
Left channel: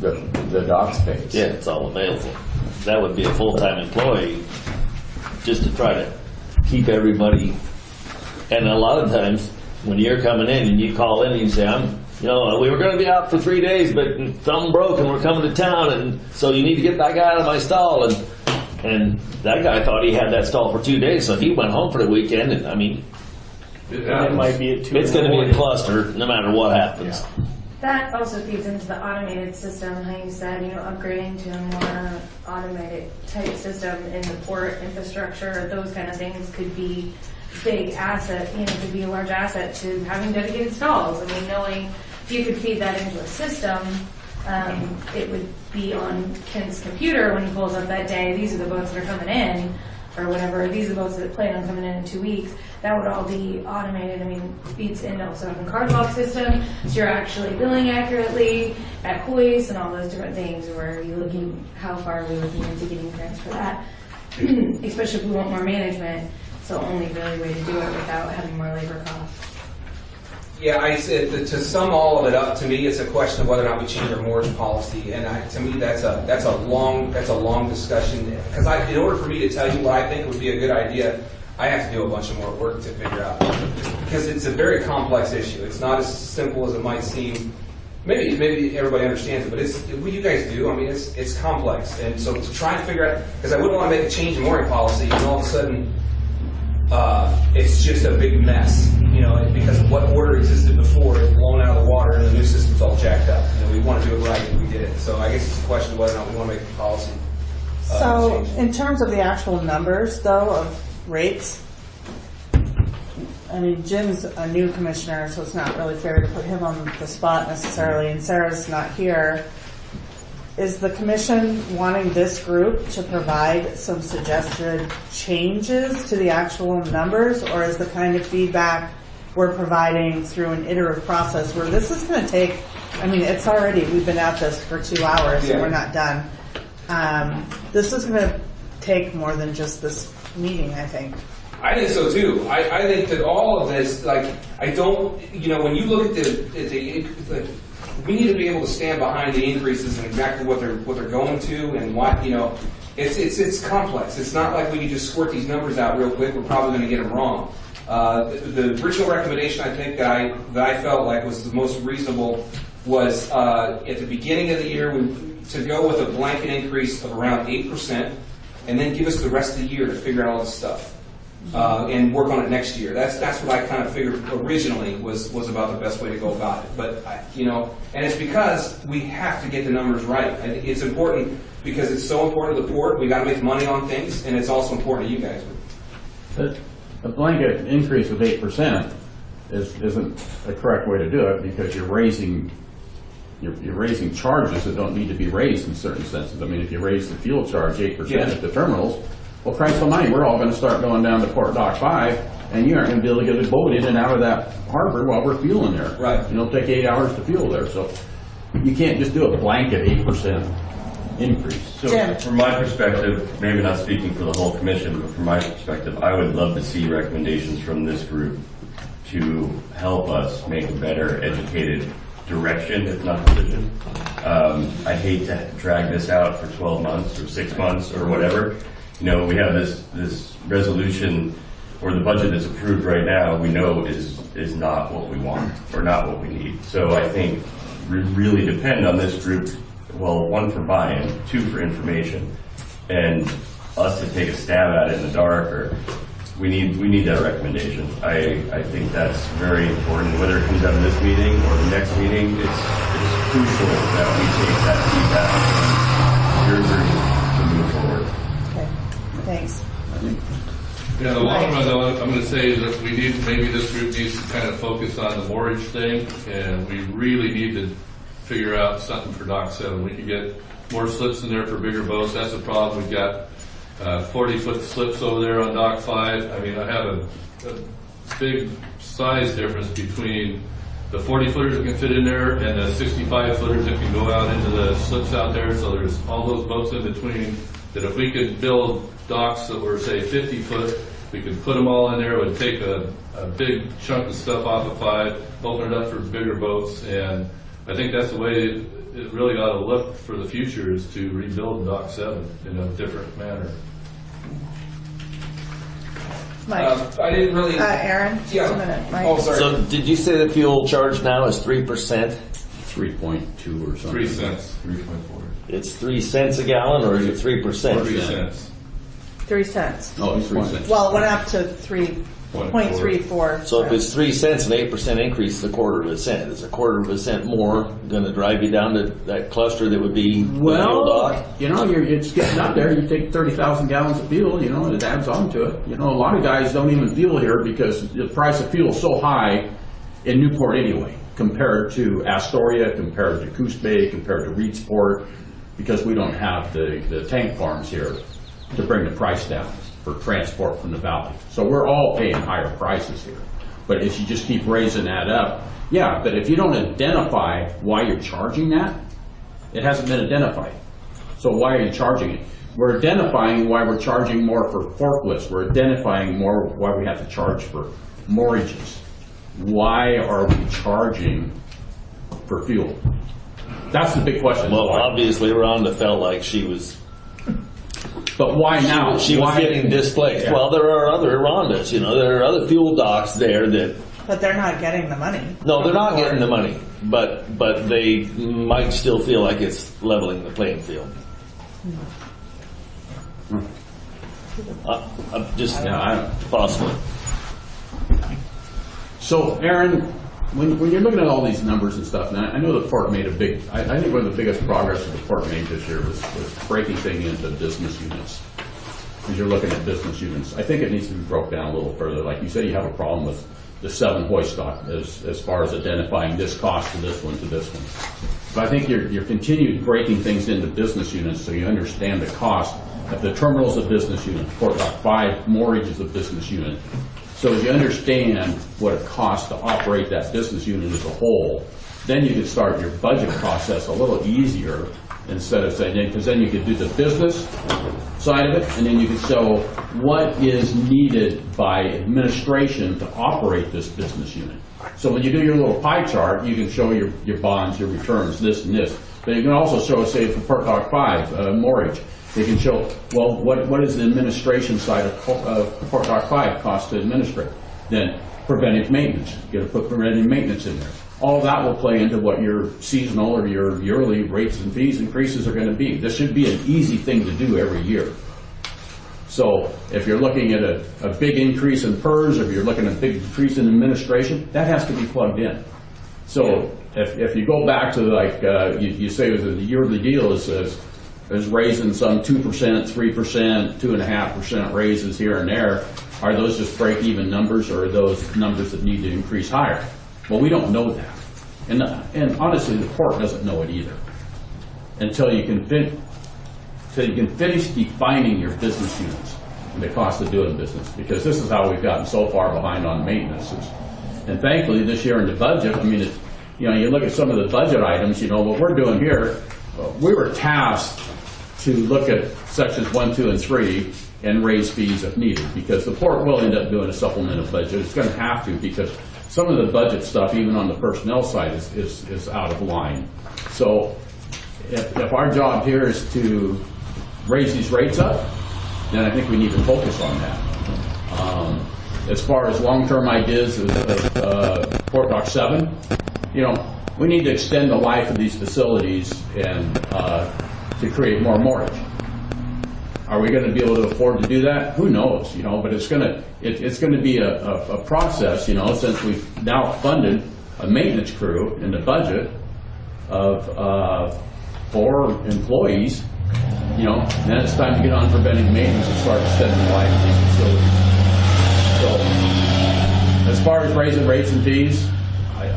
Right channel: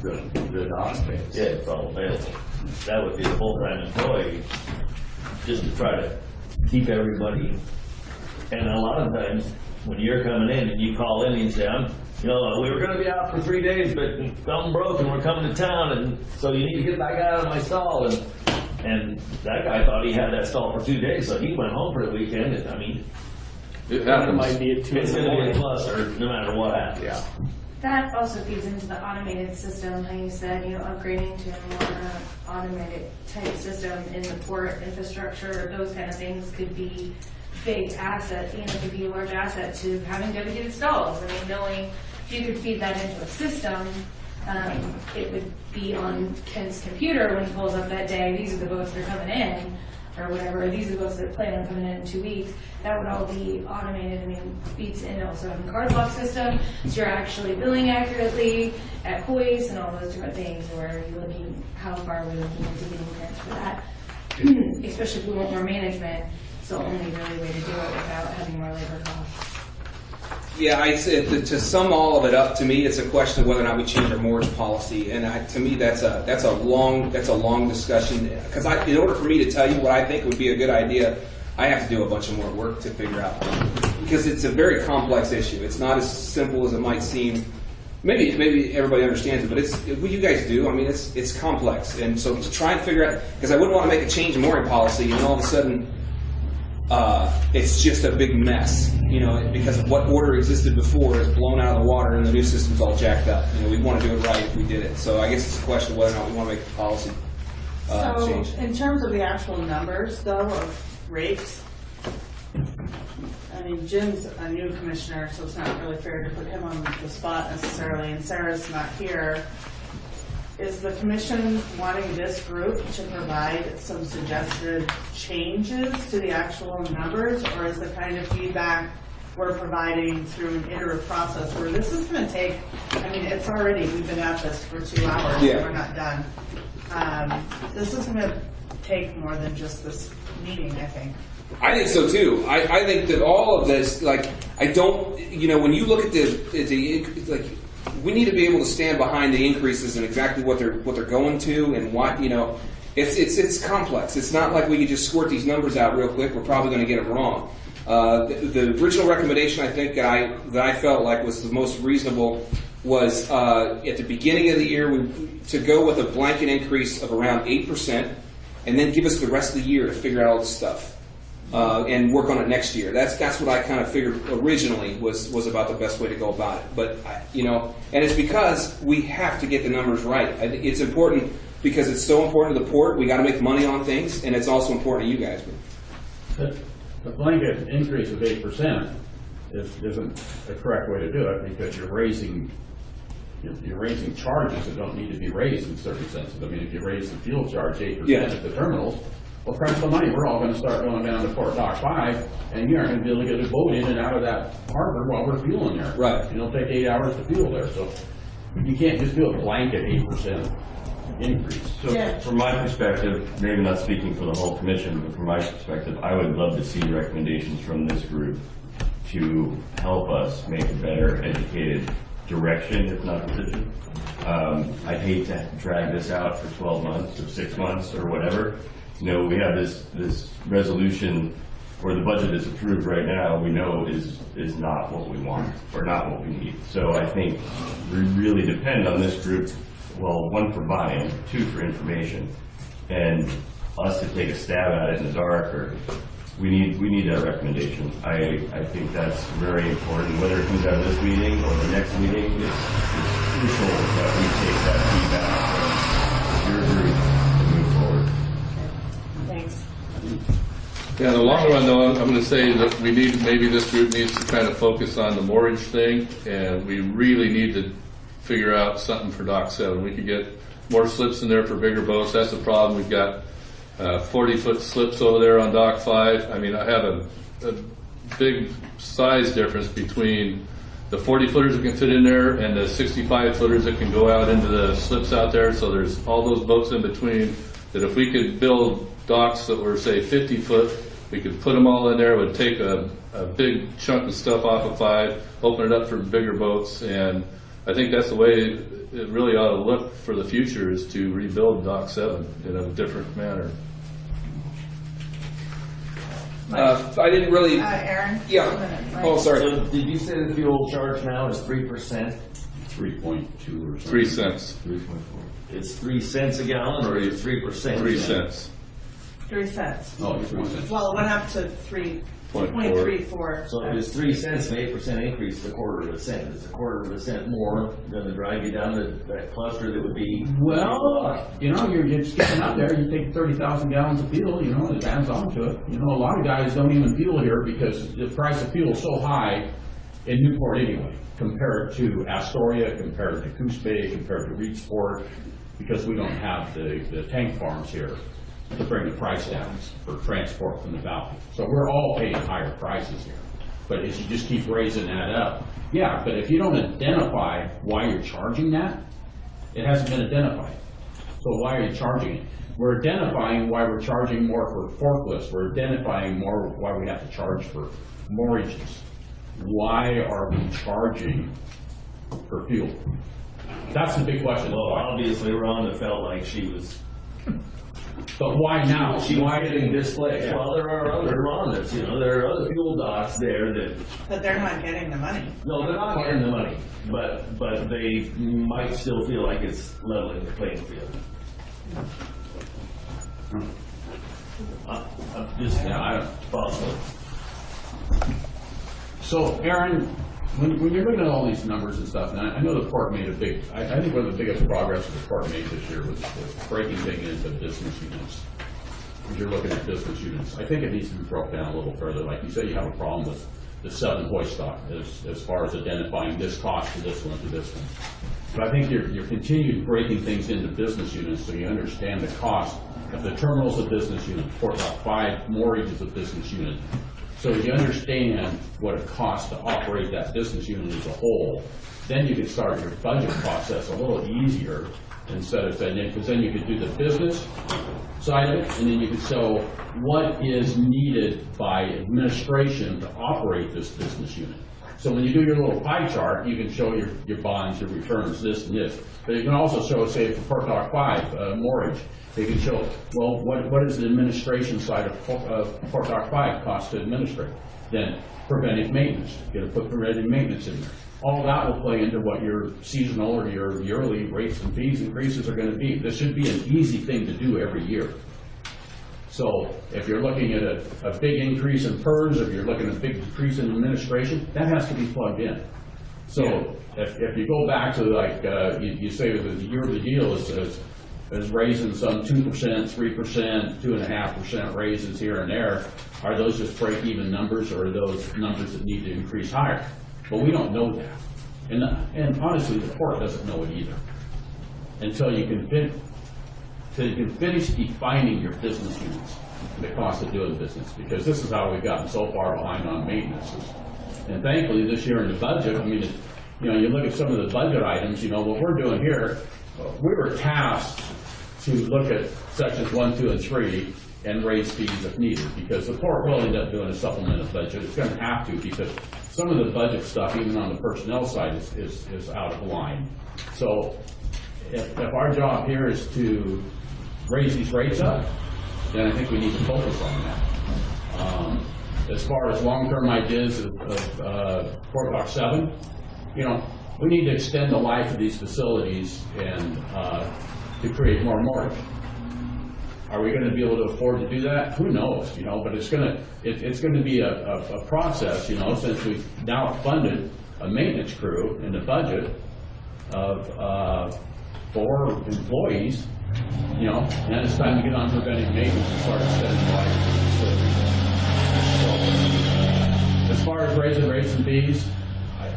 the dock space. yeah, it's all available. That would be a full-time employee just to try to keep everybody. And a lot of times when you're coming in and you call in and you say, you know, we were going to be out for 3 days, but something broke and we're coming to town, and so you need to get that guy out of my stall. And that guy thought he had that stall for 2 days, so he went home for the weekend. And I mean, It might be at 2 It's going to be a cluster, no matter what happens. That also feeds into the automated system, how you said, upgrading to a more automated type system in the port infrastructure, those kind of things could be big asset, could be a large asset to having dedicated stalls. I mean, knowing if you could feed that into a system, it would be on Ken's computer when he pulls up that day, these are the boats that are coming in, or whatever, these are the boats that plan on coming in 2 weeks. That would all be automated. I mean, feeds into also having card lock system, so you're actually billing accurately at hoist and all those different things. Or are you looking, how far are we looking into getting grants for that? Especially if we want more management. So only really way to do it without having more labor costs. Yeah, I said to sum all of it up, to me, it's a question of whether or not we change our mortgage policy, and to me, that's a long discussion. Because in order for me to tell you what I think would be a good idea, I have to do a bunch of more work to figure out, because it's a very complex issue. It's not as simple as it might seem. Maybe everybody understands it, but it's what you guys do. I mean, it's complex, and so to try and figure out, because I wouldn't want to make a change in mooring policy, and all of a sudden, it's just a big mess. Because of what order existed before is blown out of the water, and the new system's all jacked up. We want to do it right if we did it. So I guess it's a question of whether or not we want to make a policy change. In terms of the actual numbers, though, of rates, I mean, Jim's a new commissioner, so it's not really fair to put him on the spot necessarily, and Sarah's not here. Is the commission wanting this group to provide some suggested changes to the actual numbers, or is the kind of feedback we're providing through an iterative process where this is going to take, I mean, we've been at this for 2 hours and we're not done. This is going to take more than just this meeting, I think. I think so too. I think that all of this, when you look at we need to be able to stand behind the increases and exactly what they're going to and what, it's complex. It's not like we can just squirt these numbers out real quick. We're probably going to get them wrong. The original recommendation, I think, that I felt like was the most reasonable was at the beginning of the year to go with a blanket increase of around 8% and then give us the rest of the year to figure out all this stuff and work on it next year. That's what I kind of figured originally was about the best way to go about it. But and it's because we have to get the numbers right. I think it's important because it's so important to the port. We got to make money on things, and it's also important to you guys. A blanket increase of 8% isn't the correct way to do it, because you're raising charges that don't need to be raised in certain senses. I mean, if you raise the fuel charge 8% at the terminals, well, Christ almighty, we're all going to start going down to Port Dock 5, and you aren't going to be able to get a boat in and out of that harbor while we're fueling there. Right. It'll take 8 hours to fuel there, so you can't just do a blanket 8% increase. So from my perspective, maybe not speaking for the whole commission, but from my perspective, I would love to see recommendations from this group to help us make a better educated direction, if not decision. I hate to drag this out for 12 months or 6 months or whatever. We have this resolution, or the budget that's approved right now, we know is not what we want or not what we need. So I think we really depend on this group. Well, 1 for buying, 2 for information, and us to take a stab at it in the dark. Or we need that recommendation. I think that's very important. Whether it comes out of this meeting or the next meeting, it's crucial that we take that feedback from your group to move forward. Okay, thanks. Yeah, in the long run, though, I'm going to say that maybe this group needs to kind of focus on the mortgage thing, and we really need to figure out something for Dock 7. We could get more slips in there for bigger boats. That's the problem. We've got 40-foot slips over there on Dock 5. I mean, I have a big size difference between the 40-footers that can fit in there and the 65-footers that can go out into the slips out there. So there's all those boats in between that if we could build docks that were, say, 50-foot, we could put them all in there. It would take a big chunk of stuff off of 5, open it up for bigger boats, and I think that's the way it really ought to look for the future, is to rebuild Dock 7 in a different manner. I didn't really... Aaron? Yeah. Oh, sorry. So did you say the fuel charge now is 3%? 3.2 or something. 3 cents. 3.4. It's 3 cents a gallon, or is it 3%? 3 cents. 3 cents. Oh, it's 3 cents. Well, it went up to 3.34. So if it's 3 cents, an 8% increase is a quarter of a cent. Is a quarter of a cent more going to drive you down to that cluster that would be fuel dock? You know, you're just getting out there, you take 30,000 gallons of fuel, you know, and it adds on to it. You know, a lot of guys don't even fuel here because the price of fuel is so high in Newport anyway, compared to Astoria, compared to Coos Bay, compared to Reedsport, because we don't have the tank farms here to bring the price down for transport from the valley. So we're all paying higher prices here. But as you just keep raising that up, yeah, but if you don't identify why you're charging that, it hasn't been identified. So why are you charging it? We're identifying why we're charging more for forklifts. We're identifying more why we have to charge for mortgages. Why are we charging for fuel? That's the big question. Well, obviously Rhonda felt like she was... But why now? She was getting displaced. Yeah. Well, there are other Rhondas, you know, there are other fuel docks there that... But they're not getting the money. No, they're not getting the money, but they might still feel like it's leveling the playing field. I'm just possible. So, Aaron, when you're looking at all these numbers and stuff, and I know the port made a big, I think one of the biggest progress that the port made this year was breaking things into business units. As you're looking at business units, I think it needs to be broke down a little further. Like you say, you have a problem with the 7 hoist stock as far as identifying this cost to this one to this one. But I think you're continued breaking things into business units so you understand the cost. If the terminal's a business unit, Port Dock 5 mortgage is a business unit. So you understand what it costs to operate that business unit as a whole, then you can start your budget process a little easier instead of saying, because then you could do the business side of it, and then you can show what is needed by administration to operate this business unit. So when you do your little pie chart, you can show your bonds, your returns, this and this. But you can also show, say, for Port Dock 5 mortgage, you can show, well, what is the administration side of Port Dock 5 cost to administrate? Then preventive maintenance, you got to put preventive maintenance in there. All that will play into what your seasonal or your yearly rates and fees increases are going to be. This should be an easy thing to do every year. So if you're looking at a big increase in PERS, if you're looking at a big increase in administration, that has to be plugged in. So if you go back to like, you say the yearly deal is raising some 2%, 3%, 2.5% raises here and there, are those just break-even numbers, or are those numbers that need to increase higher? Well, we don't know that. And honestly, the port doesn't know it either until you can finish defining your business units and the cost of doing business, because this is how we've gotten so far behind on maintenance. And thankfully, this year in the budget, I mean, you know, you look at some of the budget items, you know, what we're doing here, we were tasked to look at sections 1, 2, and 3 and raise fees if needed, because the port will end up doing a supplemental budget. It's going to have to, because some of the budget stuff, even on the personnel side, is out of line. So if our job here is to raise these rates up, then I think we need to focus on that. As far as long-term ideas of Port Dock 7, you know, we need to extend the life of these facilities and to create more mortgage. Are we going to be able to afford to do that? Who knows, you know, but it's going to be a process, you know, since we've now funded a maintenance crew in the budget of 4 employees, you know, then it's time to get on preventive maintenance and start extending the life of these facilities. So as far as raising rates and fees,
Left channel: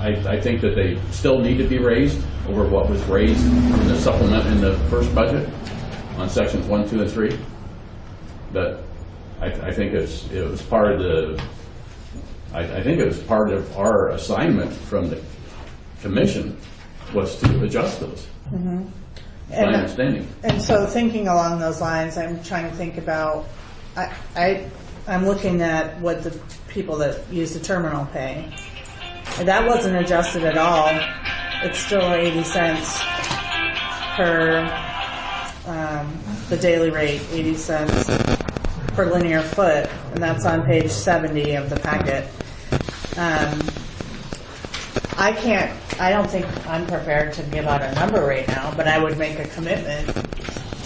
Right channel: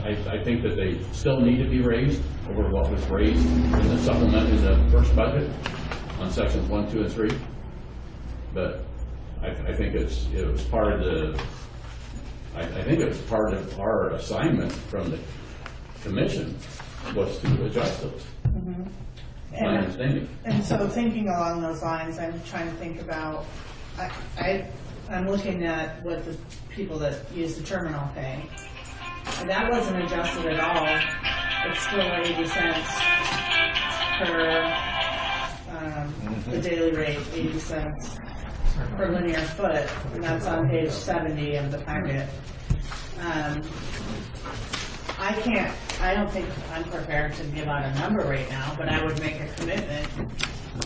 I think that they still need to be raised over what was raised in the supplement in the first budget on sections 1, 2, and 3. But I think it was part of the. I think it was part of our assignment from the commission was to adjust those. Mm-hmm. My understanding. And so thinking along those lines, I'm trying to think about. I'm looking at what the people that use the terminal pay. That wasn't adjusted at all. It's still 80 cents per the daily rate, 80 cents per linear foot, and that's on page 70 of the packet. I don't think I'm prepared to give out a number right now, but I would make a commitment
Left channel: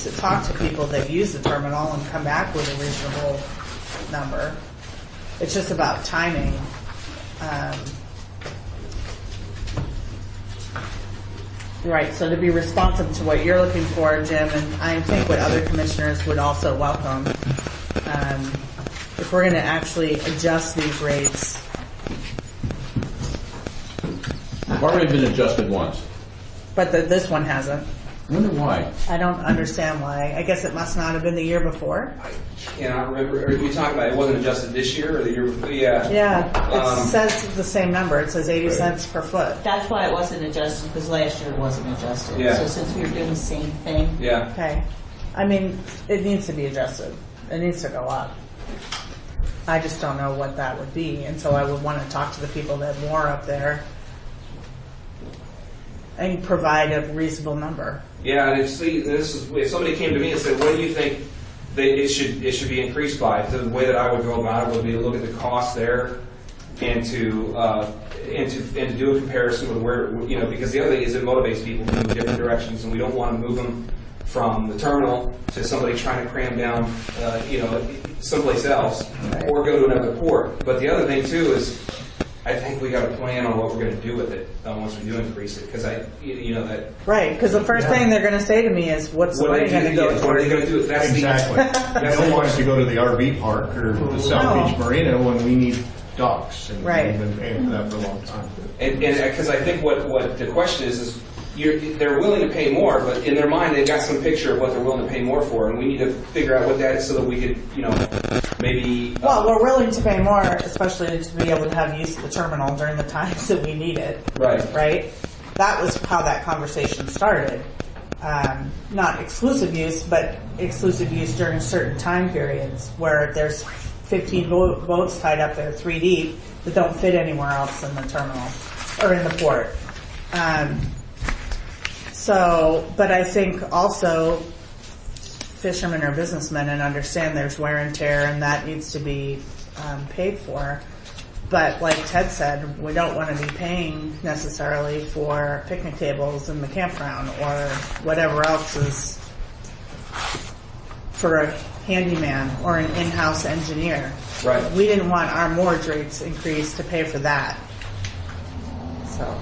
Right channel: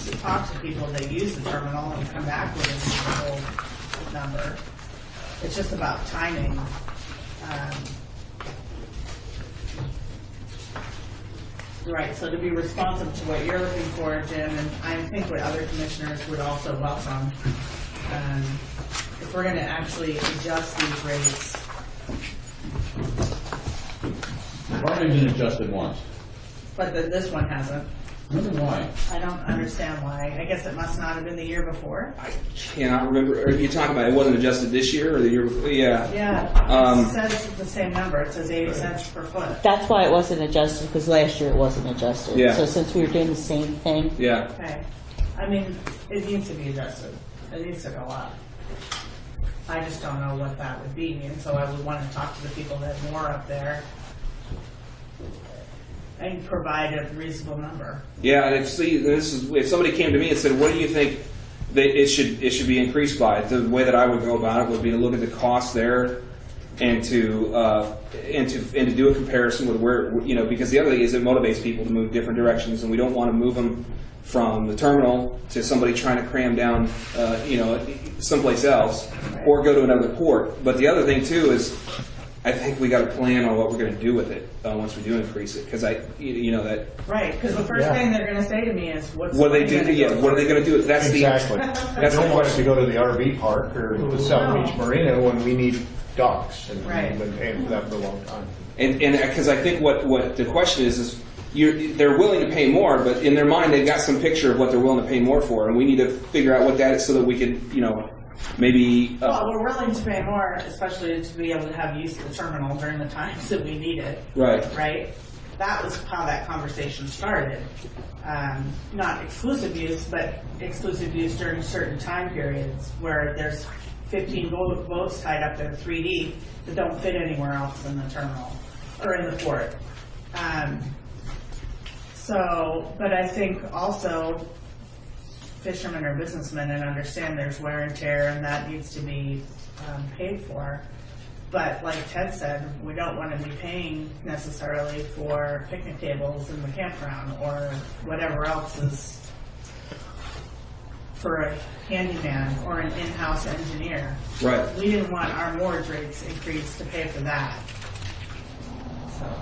to talk to people that use the terminal and come back with a reasonable number. It's just about timing. Right, so to be responsive to what you're looking for, Jim, and I think what other commissioners would also welcome, if we're going to actually adjust these rates. It's already been adjusted once. But this one hasn't. I wonder why. I don't understand why. I guess it must not have been the year before. Cannot remember. Are you talking about it wasn't adjusted this year or the year before? Yeah. Yeah, it says the same number. It says 80 cents per foot. That's why it wasn't adjusted, because last year it wasn't adjusted. Yeah. So since we were doing the same thing. Yeah. Okay. I mean, it needs to be adjusted. It needs to go up. I just don't know what that would be, and so I would want to talk to the people that have more up there and provide a reasonable number. Yeah, and if somebody came to me and said, "What do you think that it should be increased by?" The way that I would go about it would be to look at the cost there, and to do a comparison with where, because the other thing is it motivates people to move different directions, and we don't want to move them from the terminal to somebody trying to cram down, someplace else, or go to another port. But the other thing too is, I think we got to plan on what we're going to do with it once we do increase it, because that. Right, because the first thing they're going to say to me is, "What are they going to do? What are they going to do?" That's Exactly. That's No one wants to go to the RV park or the South Beach Marina when we need docks, and Right. we've been paying for that for a long time. And because I think what the question is they're willing to pay more, but in their mind they've got some picture of what they're willing to pay more for, and we need to figure out what that is so that we could, maybe. Well, we're willing to pay more, especially to be able to have use of the terminal during the times that we need it. Right. Right? That was how that conversation started. Not exclusive use, but exclusive use during certain time periods where there's 15 boats tied up there 3 deep that don't fit anywhere else in the terminal or in the port. But I think also fishermen are businessmen and understand there's wear and tear, and that needs to be paid for. But like Ted said, we don't want to be paying necessarily for picnic tables in the campground or whatever else is for a handyman or an in-house engineer. Right. We didn't want our moored rates increased to pay for that. So.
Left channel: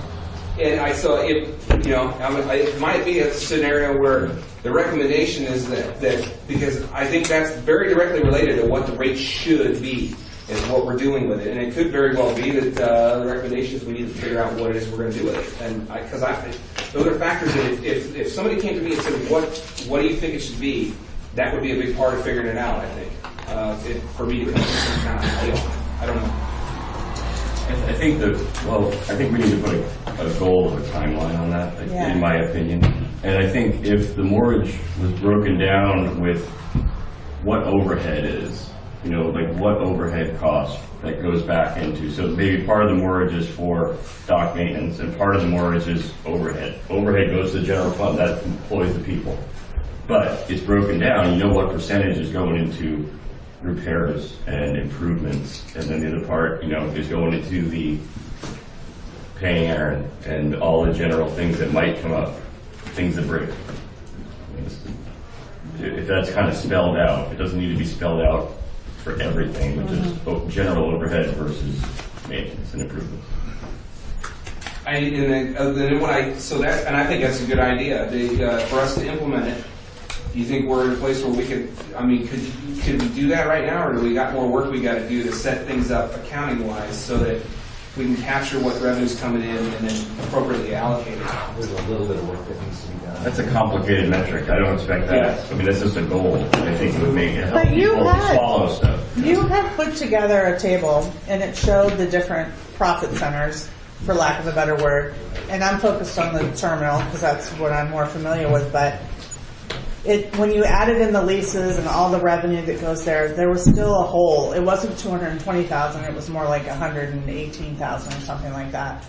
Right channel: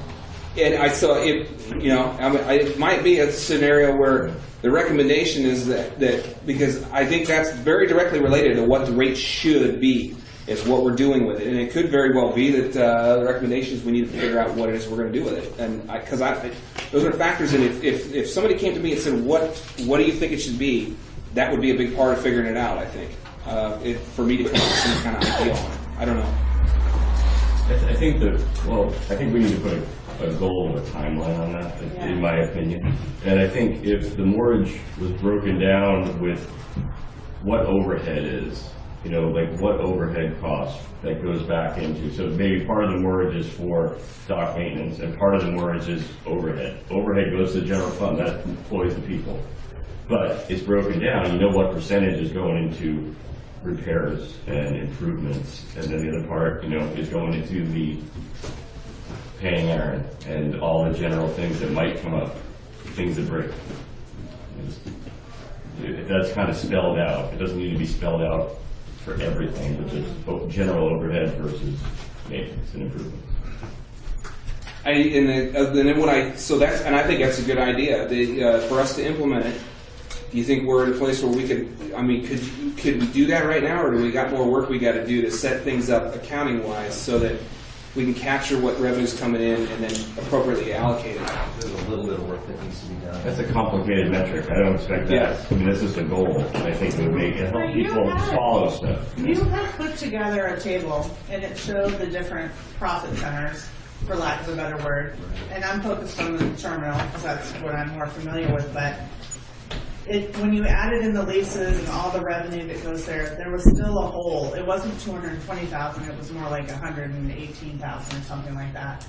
And I saw it, it might be a scenario where the recommendation is that because I think that's very directly related to what the rate should be, is what we're doing with it. And it could very well be that the recommendations, we need to figure out what it is we're going to do with it. And because those are factors that if somebody came to me and said, what do you think it should be, that would be a big part of figuring it out, I think, for me to come up with some kind of idea. I don't know. I think we need to put a goal of a timeline on that, in my opinion. And I think if the moorage was broken down with what overhead is, what overhead cost that goes back into. So maybe part of the moorage is for dock maintenance, and part of the moorage is overhead. Overhead goes to the general fund, that employs the people. But it's broken down, what percentage is going into repairs and improvements, and then the other part, is going into the paying Aaron and all the general things that might come up, things that break. If that's kind of spelled out, it doesn't need to be spelled out for everything, which is general overhead versus maintenance and improvements. I think that's a good idea. For us to implement it, do you think we're in a place where we could we do that right now, or do we got more work we got to do to set things up accounting-wise so that we can capture what revenue's coming in and then appropriately allocate it? There's a little bit of work that needs to be done. That's a complicated metric. I don't expect that. I mean, that's just a goal. I think it would make it help But you people had- swallow stuff. You had put together a table, and it showed the different profit centers, for lack of a better word. And I'm focused on the terminal because that's what I'm more familiar with. But when you added in the leases and all the revenue that goes there, there was still a hole. It wasn't 220,000. It was more like 118,000 or something like that.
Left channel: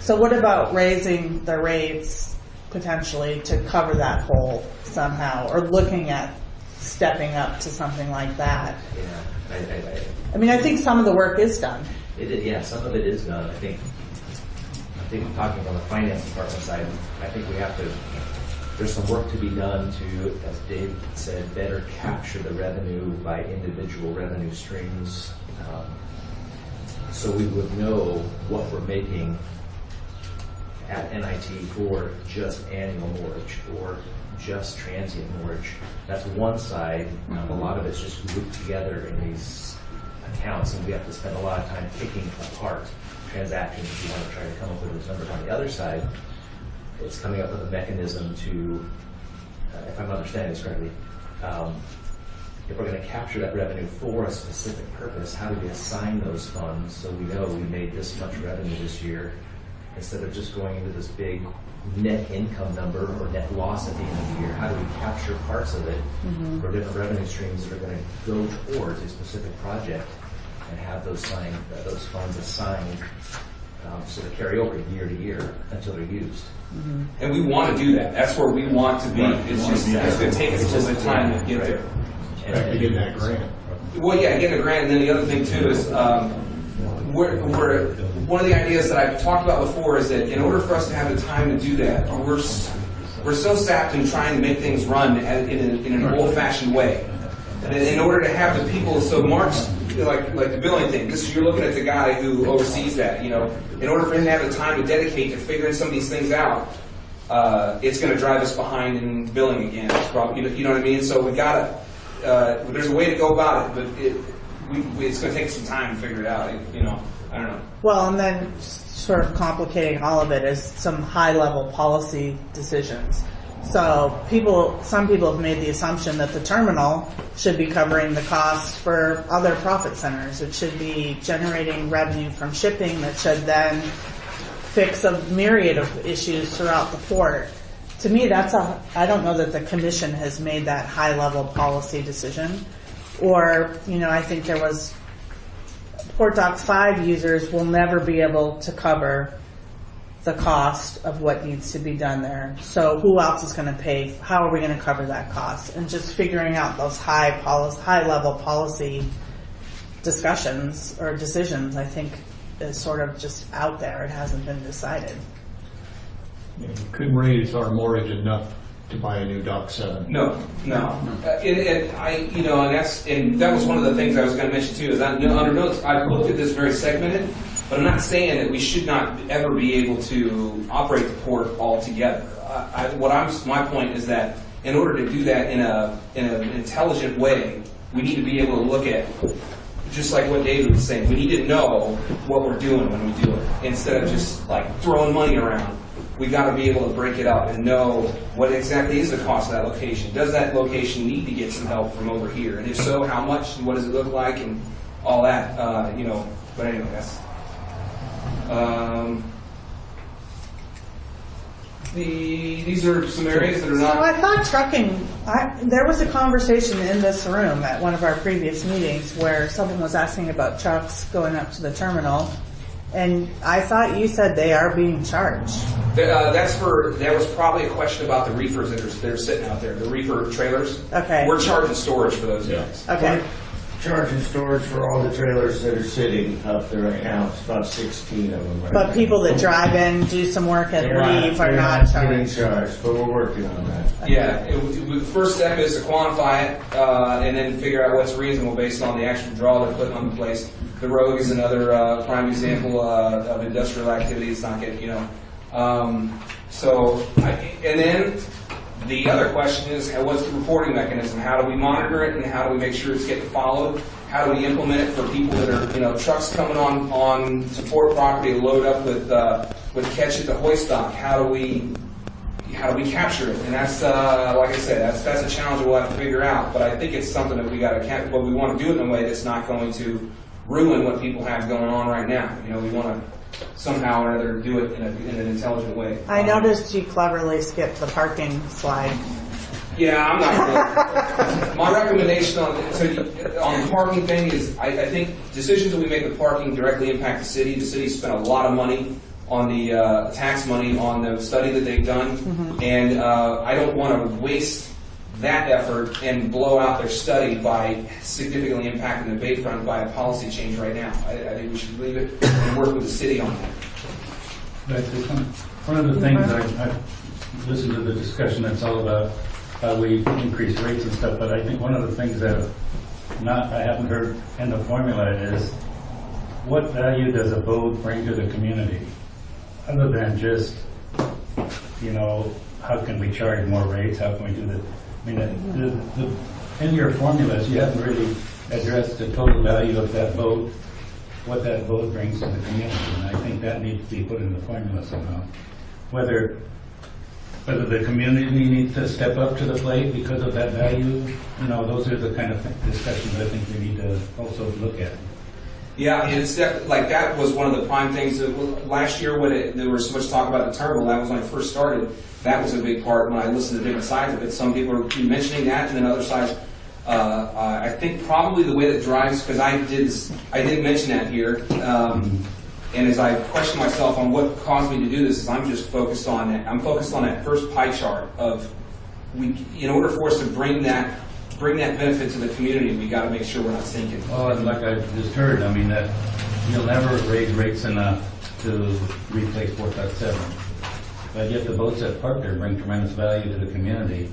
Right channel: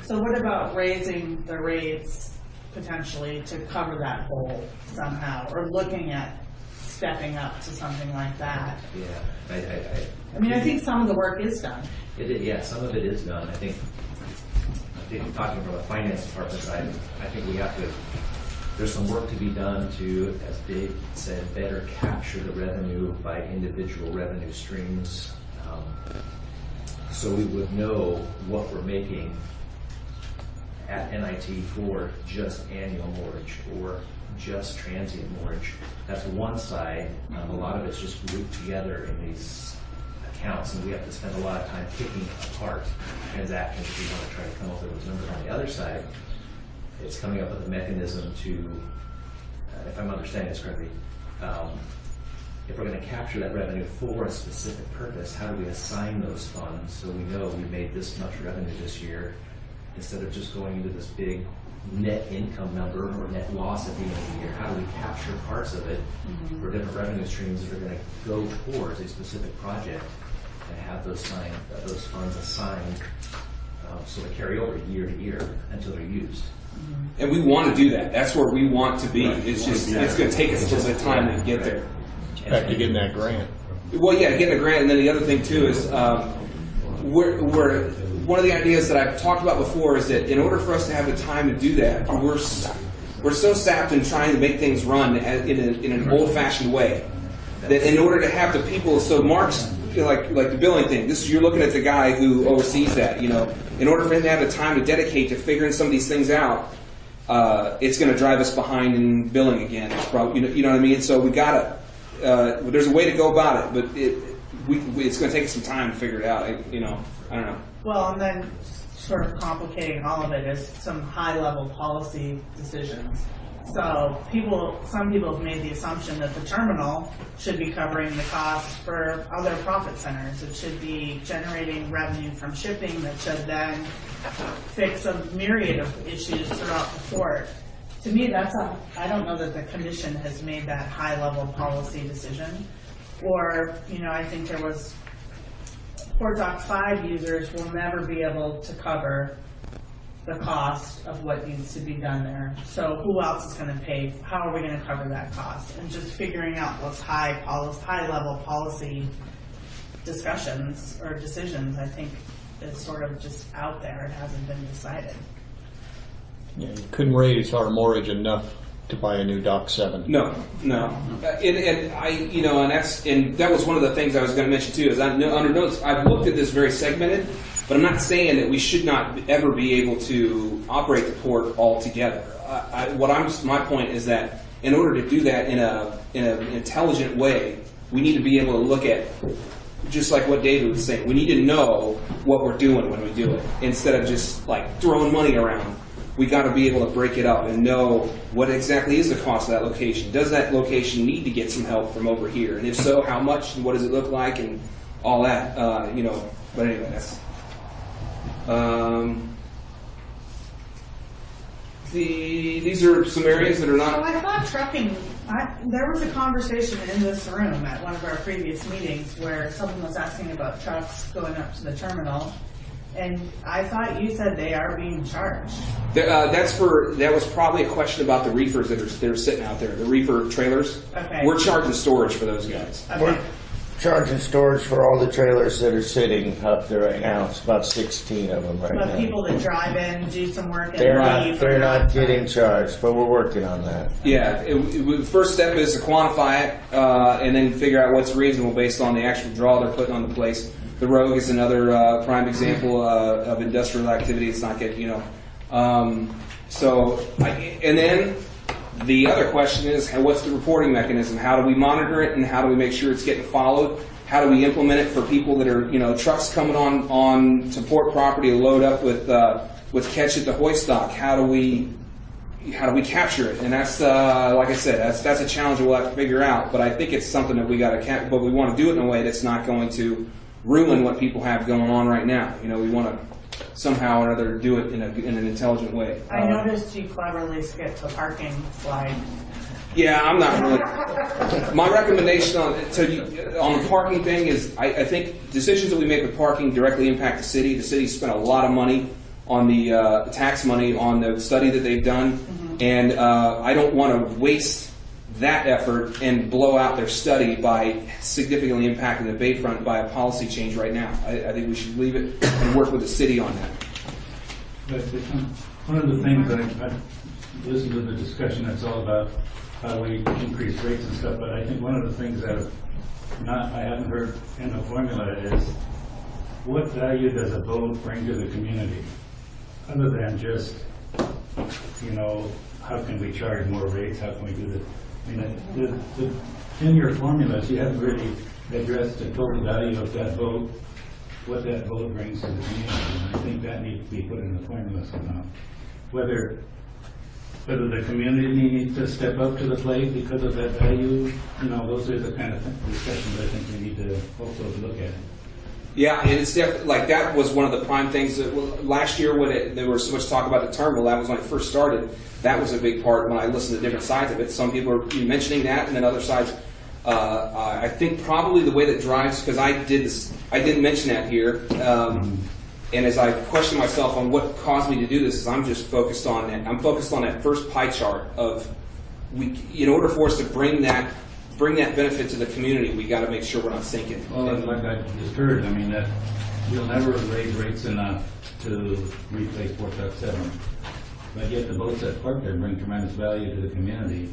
So what about raising the rates potentially to cover that hole somehow, or looking at stepping up to something like that? Yeah, I think some of the work is done. Some of it is done. I think talking from the finance department side, I think we have to There's some work to be done to, as Dave said, better capture the revenue by individual revenue streams. So we would know what we're making at NIT for just annual mortgage or just transient mortgage. That's one side. A lot of it's just grouped together in these accounts, and we have to spend a lot of time picking apart transactions. We want to try to come up with those numbers. On the other side, it's coming up with a mechanism to, if I'm understanding this correctly, if we're going to capture that revenue for a specific purpose, how do we assign those funds so we know we made this much revenue this year, instead of just going into this big net income number or net loss at the end of the year? How do we capture parts of it for different revenue streams that are going to go towards a specific project and have those funds assigned so they carry over year to year until they're used? And we want to do that. That's where we want to be. It's just, it's going to take us a little bit of time to get there. Back to getting that grant. Well, yeah, getting a grant, and then the other thing too is, one of the ideas that I've talked about before is that in order for us to have the time to do that, we're so sapped in trying to make things run in an old-fashioned way that in order to have the people, so Mark's like the billing thing. You're looking at the guy who oversees that. In order for him to have the time to dedicate to figuring some of these things out, it's going to drive us behind in billing again. It's probably, you know what I mean. So we gotta. There's a way to go about it, but it's going to take some time to figure it out. I don't know. Well, and then sort of complicating all of it is some high-level policy decisions. So some people have made the assumption that the terminal should be covering the cost for other profit centers. It should be generating revenue from shipping that should then fix a myriad of issues throughout the port. To me, I don't know that the commission has made that high-level policy decision. Or, I think there was Port Dock 5 users will never be able to cover the cost of what needs to be done there. So who else is going to pay? How are we going to cover that cost? And just figuring out those high-level policy discussions or decisions, I think, is sort of just out there. It hasn't been decided. You couldn't raise our mortgage enough to buy a new Dock 7. No. And that was one of the things I was going to mention too. Is I've looked at this very segmented, but I'm not saying that we should not ever be able to operate the port altogether. My point is that in order to do that in an intelligent way, we need to be able to look at, just like what David was saying, we need to know what we're doing when we do it, instead of just like throwing money around. We got to be able to break it up and know what exactly is the cost of that location. Does that location need to get some help from over here? And if so, how much, and what does it look like, and all that, But anyway, that's... these are some areas that are not... So I thought trucking, there was a conversation in this room at one of our previous meetings where someone was asking about trucks going up to the terminal, and I thought you said they are being charged. That was probably a question about the reefers that are sitting out there, the reefer trailers. Okay. We're charging storage for those guys. Okay. We're charging storage for all the trailers that are sitting up there right now. It's about 16 of them right now. But people that drive in, do some work and leave are they're not not getting charged. charged, but we're working on that. Yeah, the first step is to quantify it and then figure out what's reasonable based on the actual draw they're putting on the place. The Rogue is another prime example of industrial activity. It's not getting, and then the other question is, what's the reporting mechanism? How do we monitor it, and how do we make sure it's getting followed? How do we implement it for people that are, trucks coming on to port property to load up with catch at the hoist dock? How do we capture it? And that's, like I said, that's a challenge that we'll have to figure out. But I think it's something that we got to, but we want to do it in a way that's not going to ruin what people have going on right now. We want to somehow or other do it in an intelligent way. I noticed you cleverly skipped the parking slide. Yeah, I'm not really. My recommendation on the parking thing is, I think decisions that we make with parking directly impact the city. The city spent a lot of money on the tax money on the study that they've done, and I don't want to waste that effort and blow out their study by significantly impacting the Bayfront by a policy change right now. I think we should leave it and work with the city on that. One of the things listen to the discussion that's all about how we increase rates and stuff, but I think one of the things that I haven't heard in the formula is what value does a boat bring to the community? Other than just, you know, how can we charge more rates? How can we do that? I mean, in your formulas, you haven't really addressed the total value of that boat, what that boat brings to the community. And I think that needs to be put in the formula somehow. Whether the community needs to step up to the plate because of that value, you know, those are the kind of discussions I think we need to also look at. Yeah, it's definitely, like, that was one of the prime things that, well, last year when there was so much talk about the terminal, that was when I first started. That was a big part when I listened to different sides of it. Some people are mentioning that, and then other sides. I think probably the way that drives, because I didn't mention that here, and as I question myself on what caused me to do this, is I'm just focused on that. I'm focused on that first pie chart of, in order for us to bring that benefit to the community, we got to make sure we're not sinking. Well, like I just heard, I mean, that you'll never raise rates enough to replace 457. But yet the boats that park there bring tremendous value to the community.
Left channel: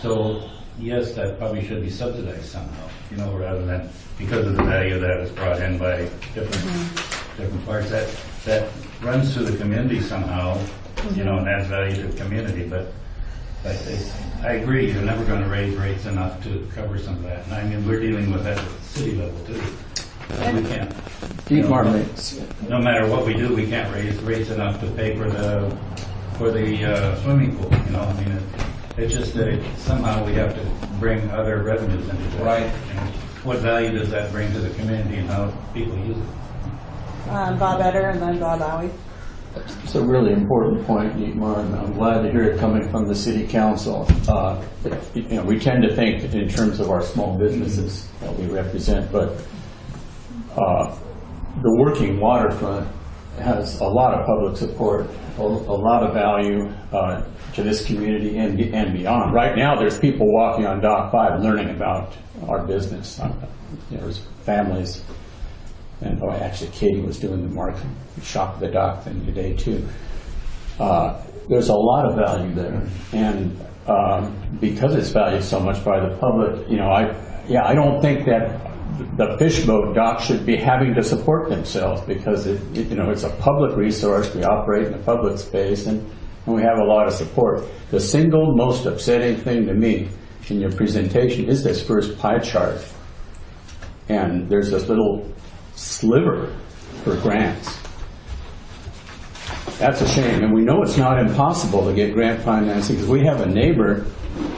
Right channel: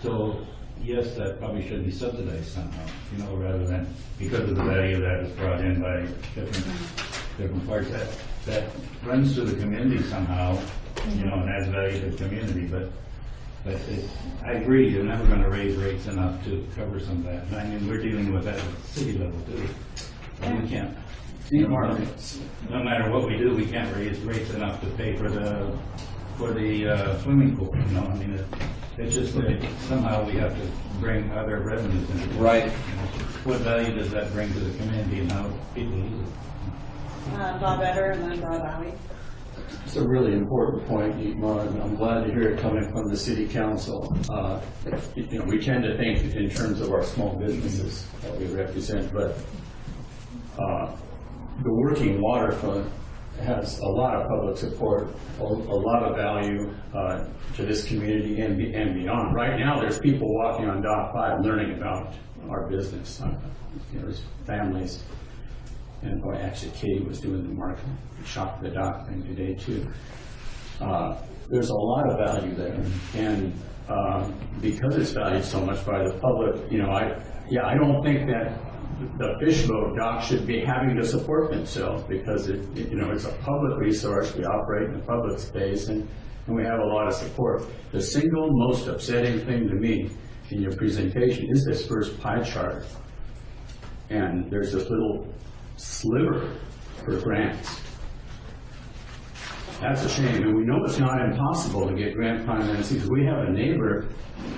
So yes, that probably should be subsidized somehow, you know, rather than because of the value that was brought in by different parts. That runs to the community somehow, you know, and adds value to the community. But I agree, you're never going to raise rates enough to cover some of that. And I mean, we're dealing with that at the city level too. We can't. Keep our rates. No matter what we do, we can't raise rates enough to pay for the swimming pool. You know, I mean, it's just that somehow we have to bring other revenues into it. Right. You know, what value does that bring to the community and how people use it? Bob Etter and then Bob Owie. It's a really important point, Dietmar, and I'm glad to hear it coming from the city council. You know, we tend to think in terms of our small businesses that we represent, but the working waterfront has a lot of public support, a lot of value to this community and beyond. Right now, there's people walking on Dock 5 learning about our business. There's families. And actually, Katie was doing the market shop the dock thing today too. There's a lot of value there, and because it's valued so much by the public, you know, I don't think that the fish boat dock should be having to support themselves because you know, it's a public resource. We operate in a public space, and we have a lot of support. The single most upsetting thing to me in your presentation is this first pie chart, and there's this little sliver for grants. That's a shame, and we know it's not impossible to get grant financing because we have a neighbor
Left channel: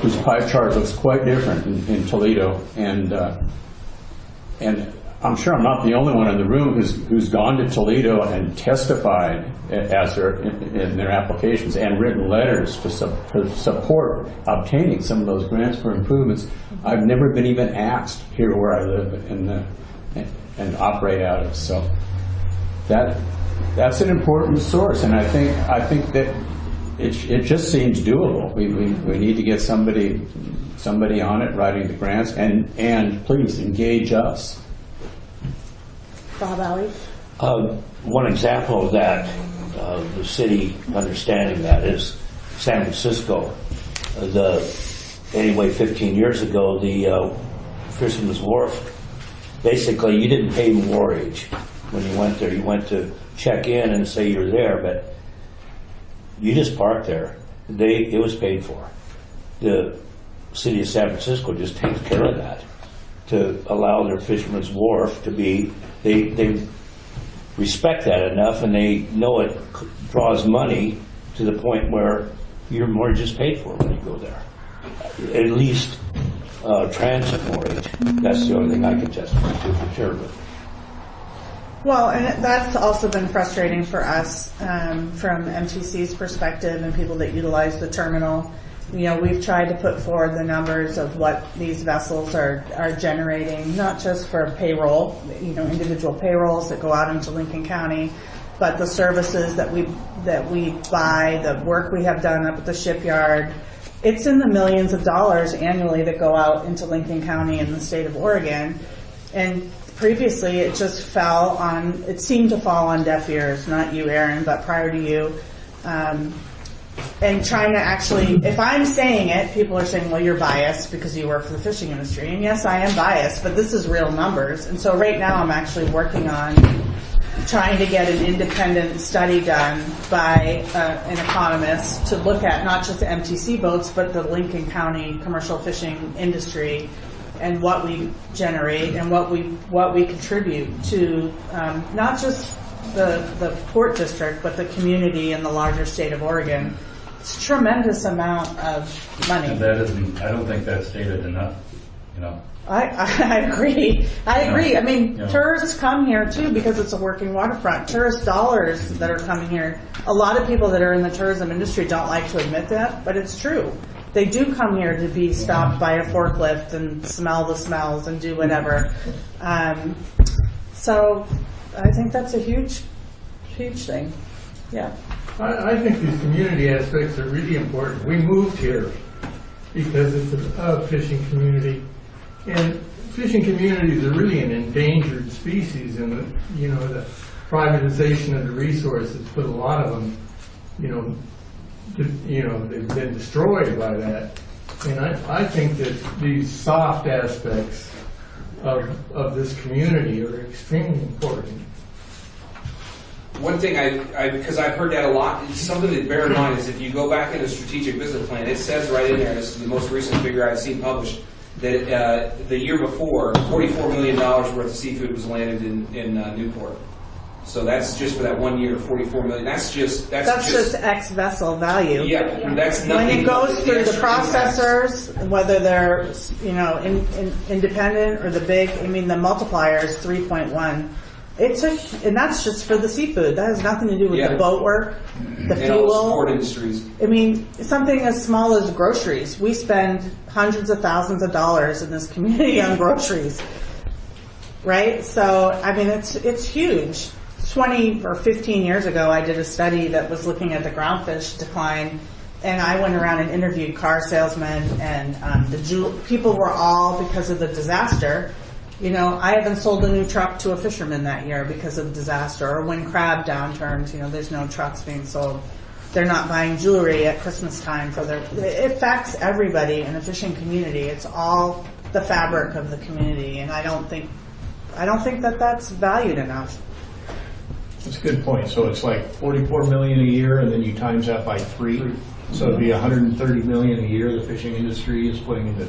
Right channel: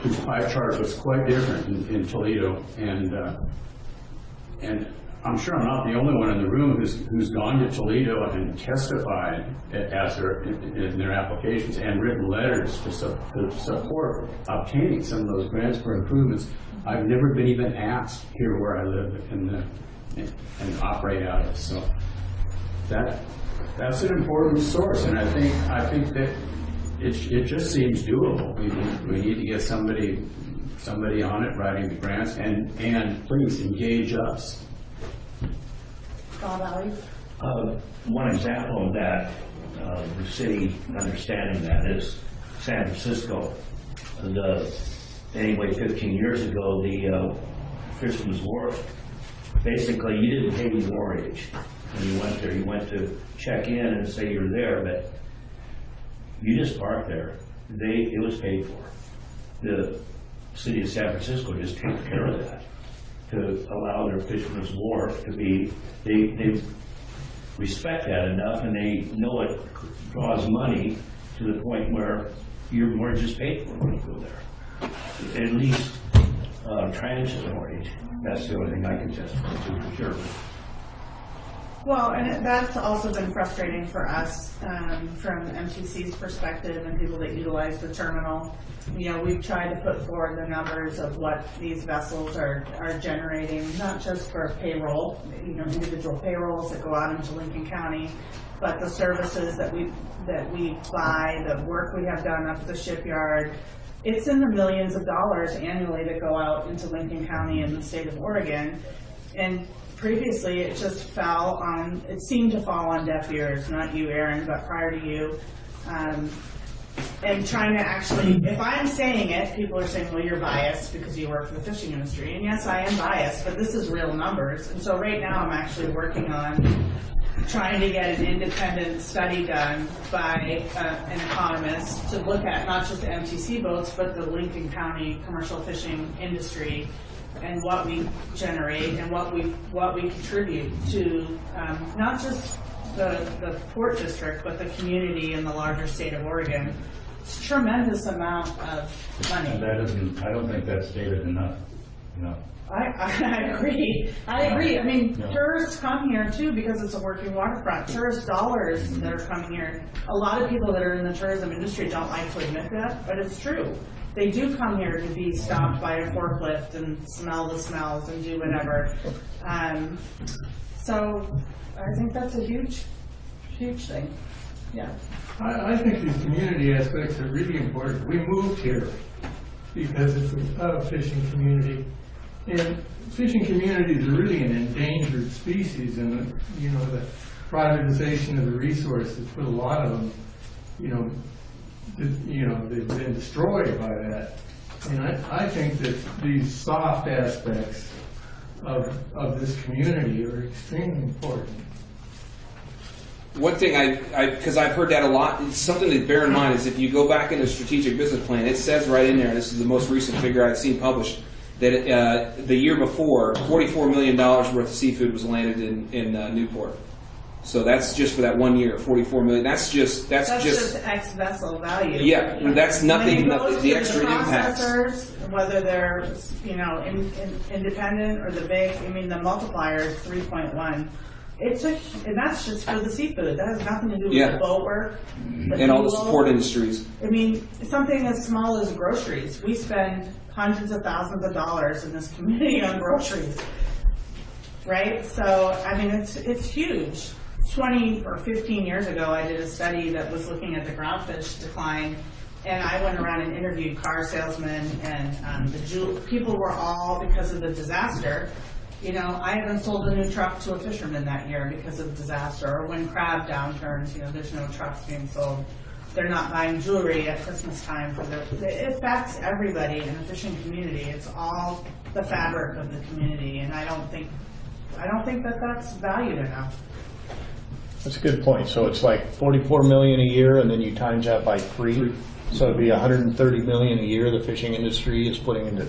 whose pie chart looks quite different in Toledo, and I'm sure I'm not the only one in the room who's gone to Toledo and testified as in their applications and written letters to support obtaining some of those grants for improvements. I've never been even asked here where I live and operate out of. So that's an important source, and I think that it just seems doable. We need to get somebody on it writing the grants, and please engage us. Bob Owie. One example of that, the city understanding that, is San Francisco. Anyway, 15 years ago, the Fisherman's Wharf, basically you didn't pay mortgage when you went there. You went to check in and say you're there, but you just parked there. It was paid for. The city of San Francisco just takes care of that to allow their Fisherman's Wharf to be, they respect that enough, and they know it draws money to the point where your mortgage is paid for when you go there. At least transit mortgage. That's the only thing I can testify to for sure. Well, and that's also been frustrating for us from MTC's perspective and people that utilize the terminal. You know, we've tried to put forward the numbers of what these vessels are generating, not just for payroll, you know, individual payrolls that go out into Lincoln County, but the services that we buy, the work we have done up at the shipyard. It's in the millions of dollars annually that go out into Lincoln County and the state of Oregon. And previously it just it seemed to fall on deaf ears, not you, Aaron, but prior to you. and trying to actually, if I'm saying it, people are saying, well, you're biased because you work for the fishing industry. And yes, I am biased, but this is real numbers. And so right now I'm actually working on trying to get an independent study done by an economist to look at not just the MTC boats, but the Lincoln County commercial fishing industry and what we generate and what we contribute to not just the port district, but the community and the larger state of Oregon. It's a tremendous amount of money. That isn't, I don't think that's stated enough, you know. I agree. I agree. Yeah. I mean, Yeah. tourists come here too because it's a working waterfront. Tourist dollars that are coming here. A lot of people that are in the tourism industry don't like to admit that, but it's true. They do come here to be stopped by a forklift and smell the smells and do whatever. So I think that's a huge, huge thing. Yeah. I think these community aspects are really important. We moved here because it's a fishing community. And fishing communities are really an endangered species, and the privatization of the resources put a lot of them, they've been destroyed by that. And I think that these soft aspects of this community are extremely important. One thing because I've heard that a lot, something to bear in mind is if you go back into strategic business plan, it says right in there, this is the most recent figure I've seen published, that the year before, $44 million worth of seafood was landed in Newport. So that's just for that 1 year, $44 million. That's just X vessel value. Yeah, that's nothing. When it goes but through the extra impacts. processors, whether they're independent or the big, I mean the multiplier is 3.1. And that's just for the seafood. That has nothing to do with the boat work, the and fuel. all the support industries. I mean, something as small as groceries. We spend hundreds of thousands of dollars in this community on groceries, right? So, I mean, it's huge. 20 or 15 years ago, I did a study that was looking at the groundfish decline, and I went around and interviewed car salesmen, and people were all, because of the disaster, I haven't sold a new truck to a fisherman that year because of the disaster, or when crab downturns, there's no trucks being sold. They're not buying jewelry at Christmas time it affects everybody in the fishing community. It's all the fabric of the community, and I don't think that that's valued enough. That's a good point. So it's like 44 million a year, and then you times that by 3. So it'd be 130 million a year the fishing industry is putting into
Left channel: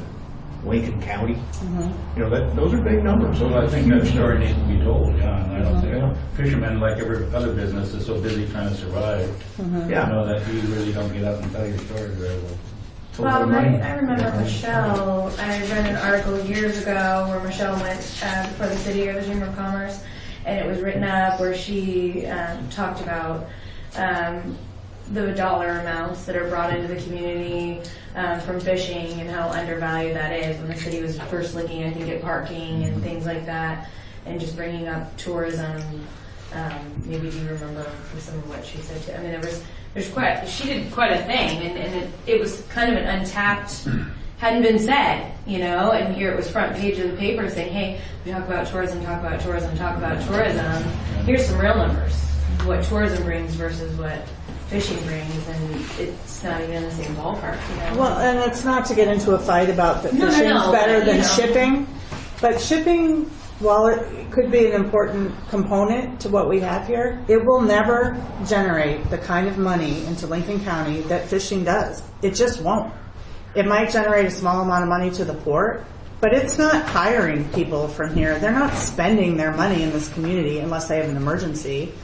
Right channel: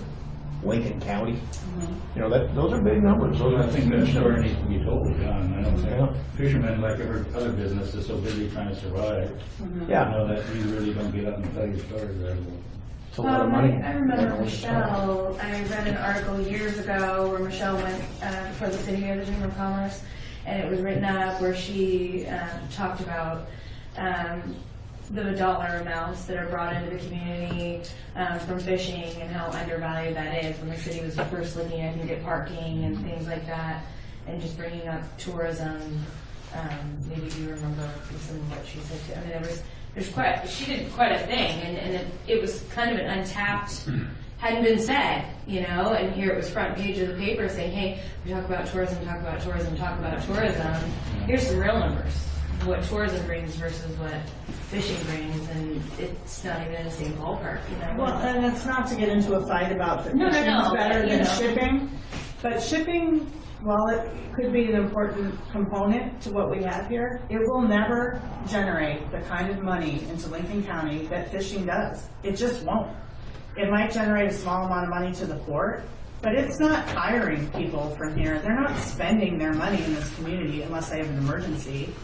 Lincoln County. Mm-hmm. Those are big numbers. Those I think that story needs to be told, John. I don't Yeah. think fishermen, like every other business, is so busy trying to survive. Mm-hmm. Yeah. That you really don't get up and tell your story very well. Well, I remember Michelle, I read an article years ago where Michelle went for the city or the Chamber of Commerce, and it was written up where she talked about the dollar amounts that are brought into the community from fishing and how undervalued that is when the city was first looking, I think, at parking and things like that, and just bringing up tourism. Maybe do you remember some of what she said? I mean, she did quite a thing, and it was kind of an untapped, hadn't been said, and here it was front page of the paper saying, hey, we talk about tourism, talk about tourism, talk about tourism. Here's some real numbers, what tourism brings versus what fishing brings, and it's not even in the same ballpark, Well, and it's not to get into a fight about that fishing is better than shipping, but shipping, while it could be an important component to what we have here, it will never generate the kind of money into Lincoln County that fishing does. It just won't. It might generate a small amount of money to the port, but it's not hiring people from here. They're not spending their money in this community unless they have an emergency.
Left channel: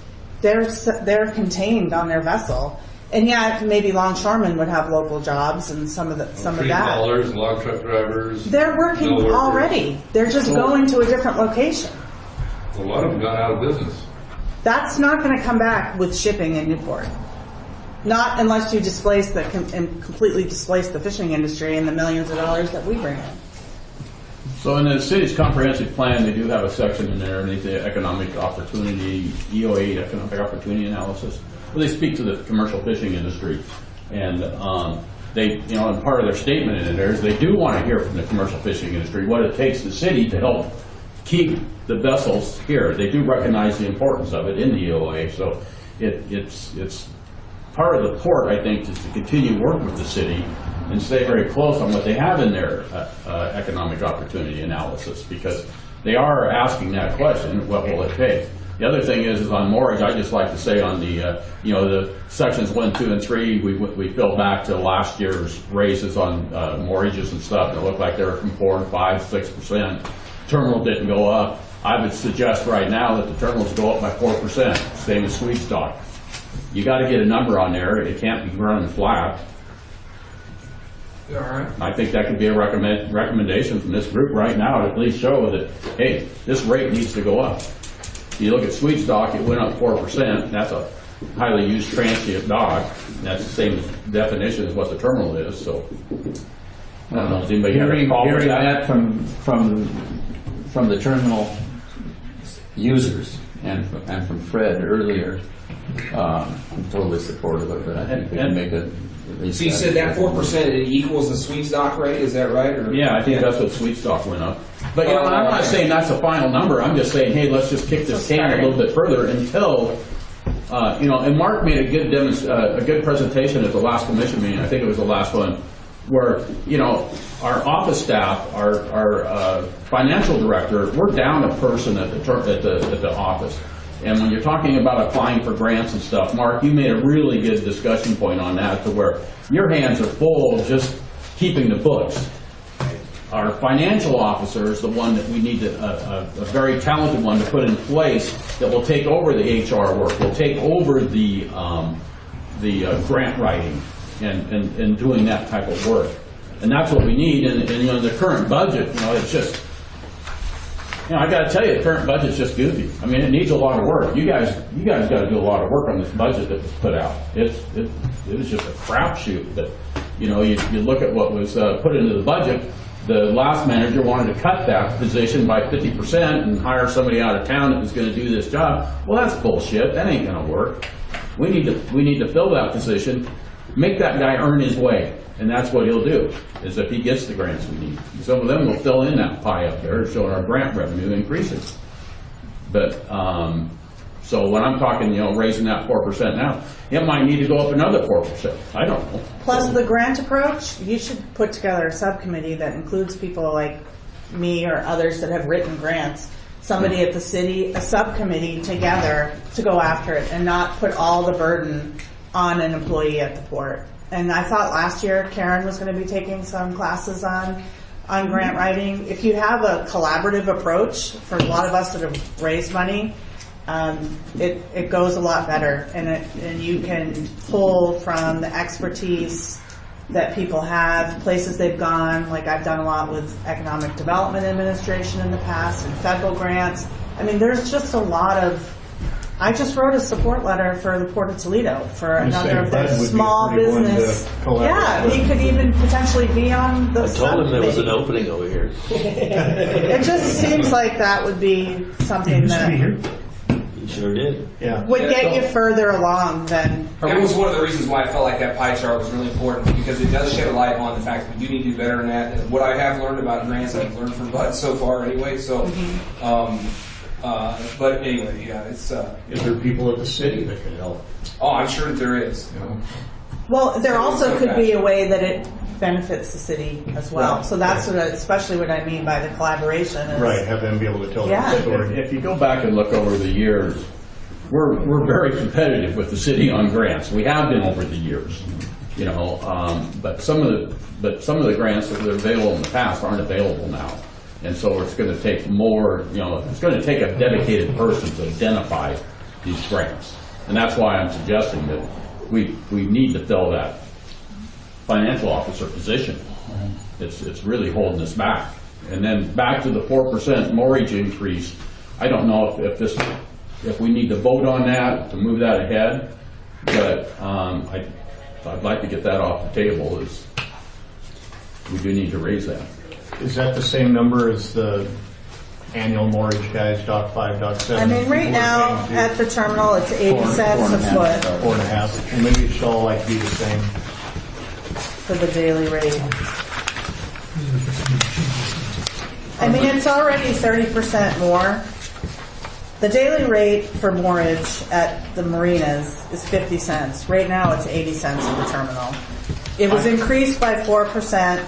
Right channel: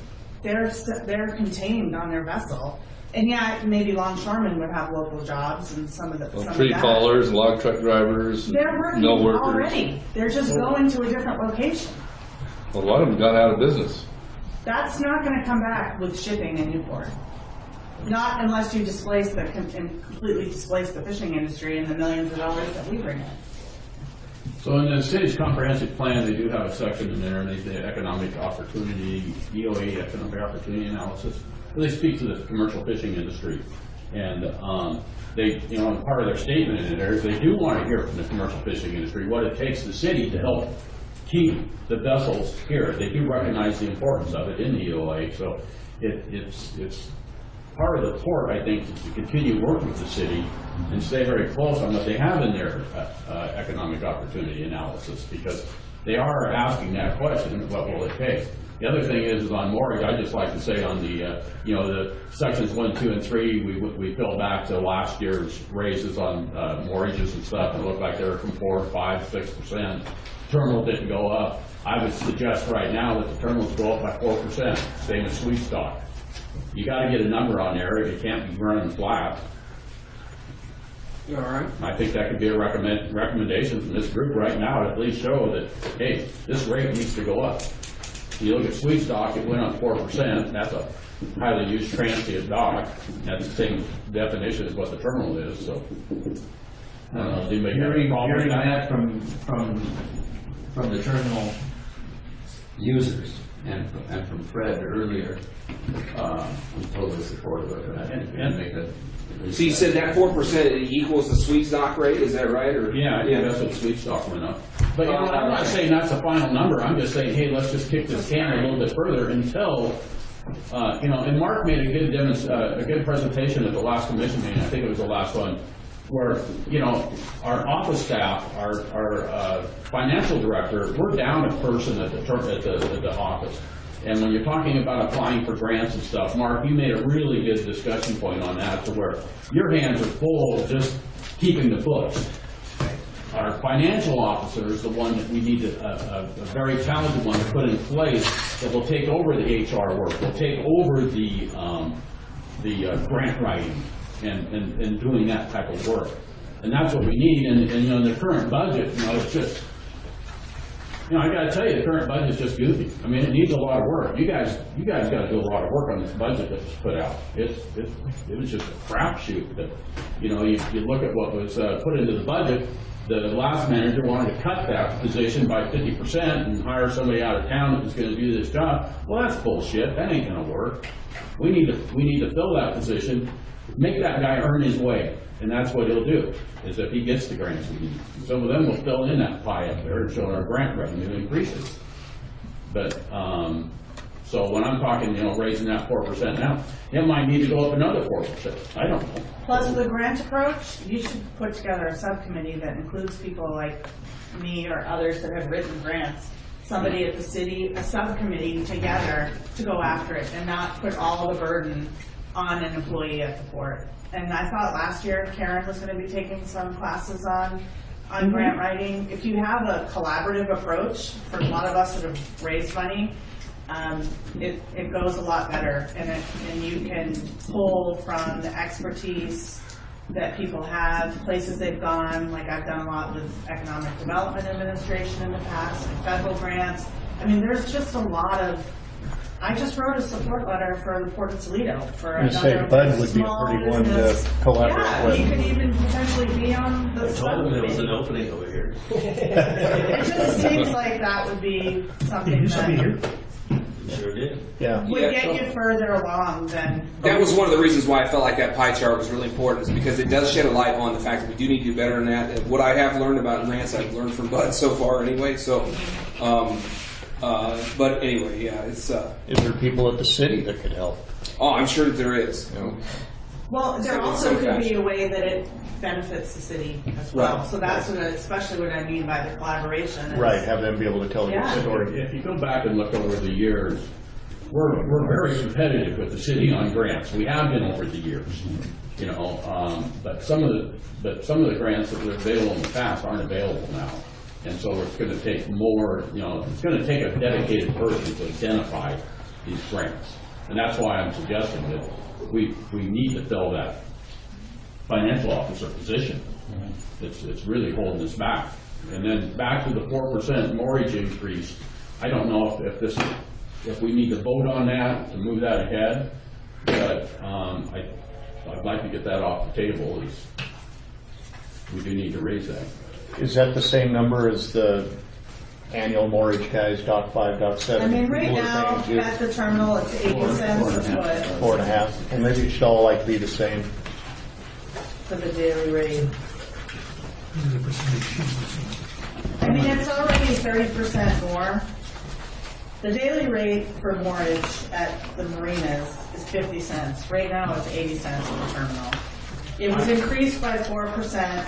They're contained on their vessel. And yet, maybe longshoremen would have local jobs and some of that. Tree haulers and log truck drivers. They're working no workers. already. They're just going to a different location. A lot of them got out of business. That's not going to come back with shipping in Newport. Not unless you completely displace the fishing industry and the millions of dollars that we bring in. So in the city's comprehensive plan, they do have a section in there underneath the economic opportunity, EO8 economic opportunity analysis, where they speak to the commercial fishing industry. And they, and part of their statement in there is they do want to hear from the commercial fishing industry what it takes the city to help keep the vessels here. They do recognize the importance of it in the EOA, so it's part of the port, I think, is to continue work with the city and stay very close on what they have in their economic opportunity analysis, because they are asking that question, what will it take? The other thing is on mortgage, I just like to say on the, the sections 1, 2, and 3, we fell back to last year's raises on mortgages and stuff. It looked like they were from 4, 5, 6%. Terminal didn't go up. I would suggest right now that the terminals go up by 4%, same as sweet stock. You got to get a number on there. It can't be running flat. All right. I think that could be a recommendation from this group right now to at least show that, hey, this rate needs to go up. You look at sweet stock, it went up 4%. That's a highly used transient dog. And that's the same definition as what the terminal is. So I don't know. Does anybody have a problem with that? From the terminal users and from Fred earlier. I'm totally supportive of it. I think we can make a. So you said that 4% equals the sweet stock rate, is that right? Or? Yeah, I think that's what sweet stock went up. But I'm not saying that's the final number. I'm just saying, hey, let's just kick this can a little bit further until, and Mark made a good presentation at the last commission meeting. I think it was the last one, where our office staff, our financial director, we're down a person at the office. And when you're talking about applying for grants and stuff, Mark, you made a really good discussion point on that, to where your hands are full just keeping the books. Our financial officer is the one that we need a very talented one to put in place that will take over the HR work, will take over the grant writing and doing that type of work. And that's what we need. And the current budget, it's just. I got to tell you, the current budget's just goofy. I mean, it needs a lot of work. You guys got to do a lot of work on this budget that was put out. It was just a crapshoot. But you look at what was put into the budget. The last manager wanted to cut that position by 50% and hire somebody out of town that was going to do this job. Well, that's bullshit. That ain't going to work. We need to fill that position, make that guy earn his way. And that's what he'll do, is if he gets the grants we need. Some of them will fill in that pie up there, showing our grant revenue increases. But, so when I'm talking, raising that 4% now, it might need to go up another 4%. I don't know. Plus the grant approach, you should put together a subcommittee that includes people like me or others that have written grants. Somebody at the city, a subcommittee together to go after it and not put all the burden on an employee at the port. And I thought last year Karen was going to be taking some classes on grant writing. If you have a collaborative approach, for a lot of us that have raised money, it goes a lot better, and you can pull from the expertise that people have, places they've gone. Like I've done a lot with Economic Development Administration in the past and federal grants. I mean, there's just a lot of. I just wrote a support letter for the Port of Toledo for another small business. Yeah, he could even potentially be on the. I told him there was an opening over here. It just seems like that would be something that sure did. Yeah. would get you further along than. That was one of the reasons why I felt like that pie chart was really important, because it does shed a light on the fact that we do need to do better than that. And what I have learned about grants, I've learned from Bud so far anyway. So. But anyway, yeah, it's. Is there people at the city that could help? Oh, I'm sure that there is. Well, there also could be a way that it benefits the city as well. Right. So that's especially what I mean by the collaboration. Right, have them be able to tell the story. If you go back and look over the years, we're very competitive with the city on grants. We have been over the years, but some of the grants that were available in the past aren't available now. And so it's going to take more, it's going to take a dedicated person to identify these grants. And that's why I'm suggesting that we need to fill that financial officer position. It's really holding us back. And then back to the 4% mortgage increase, I don't know if we need to vote on that to move that ahead, but I'd like to get that off the table, as we do need to raise that. Is that the same number as the annual mortgage guys, Doc 5, Doc 7? I mean, right now at the terminal, it's 80 cents a foot. 4.5. Well, maybe it should all be the same. For the daily rate. I mean, it's already 30% more The daily rate for moorage at the marinas is 50 cents. Right now, it's 80 cents at the terminal. It was increased by 4%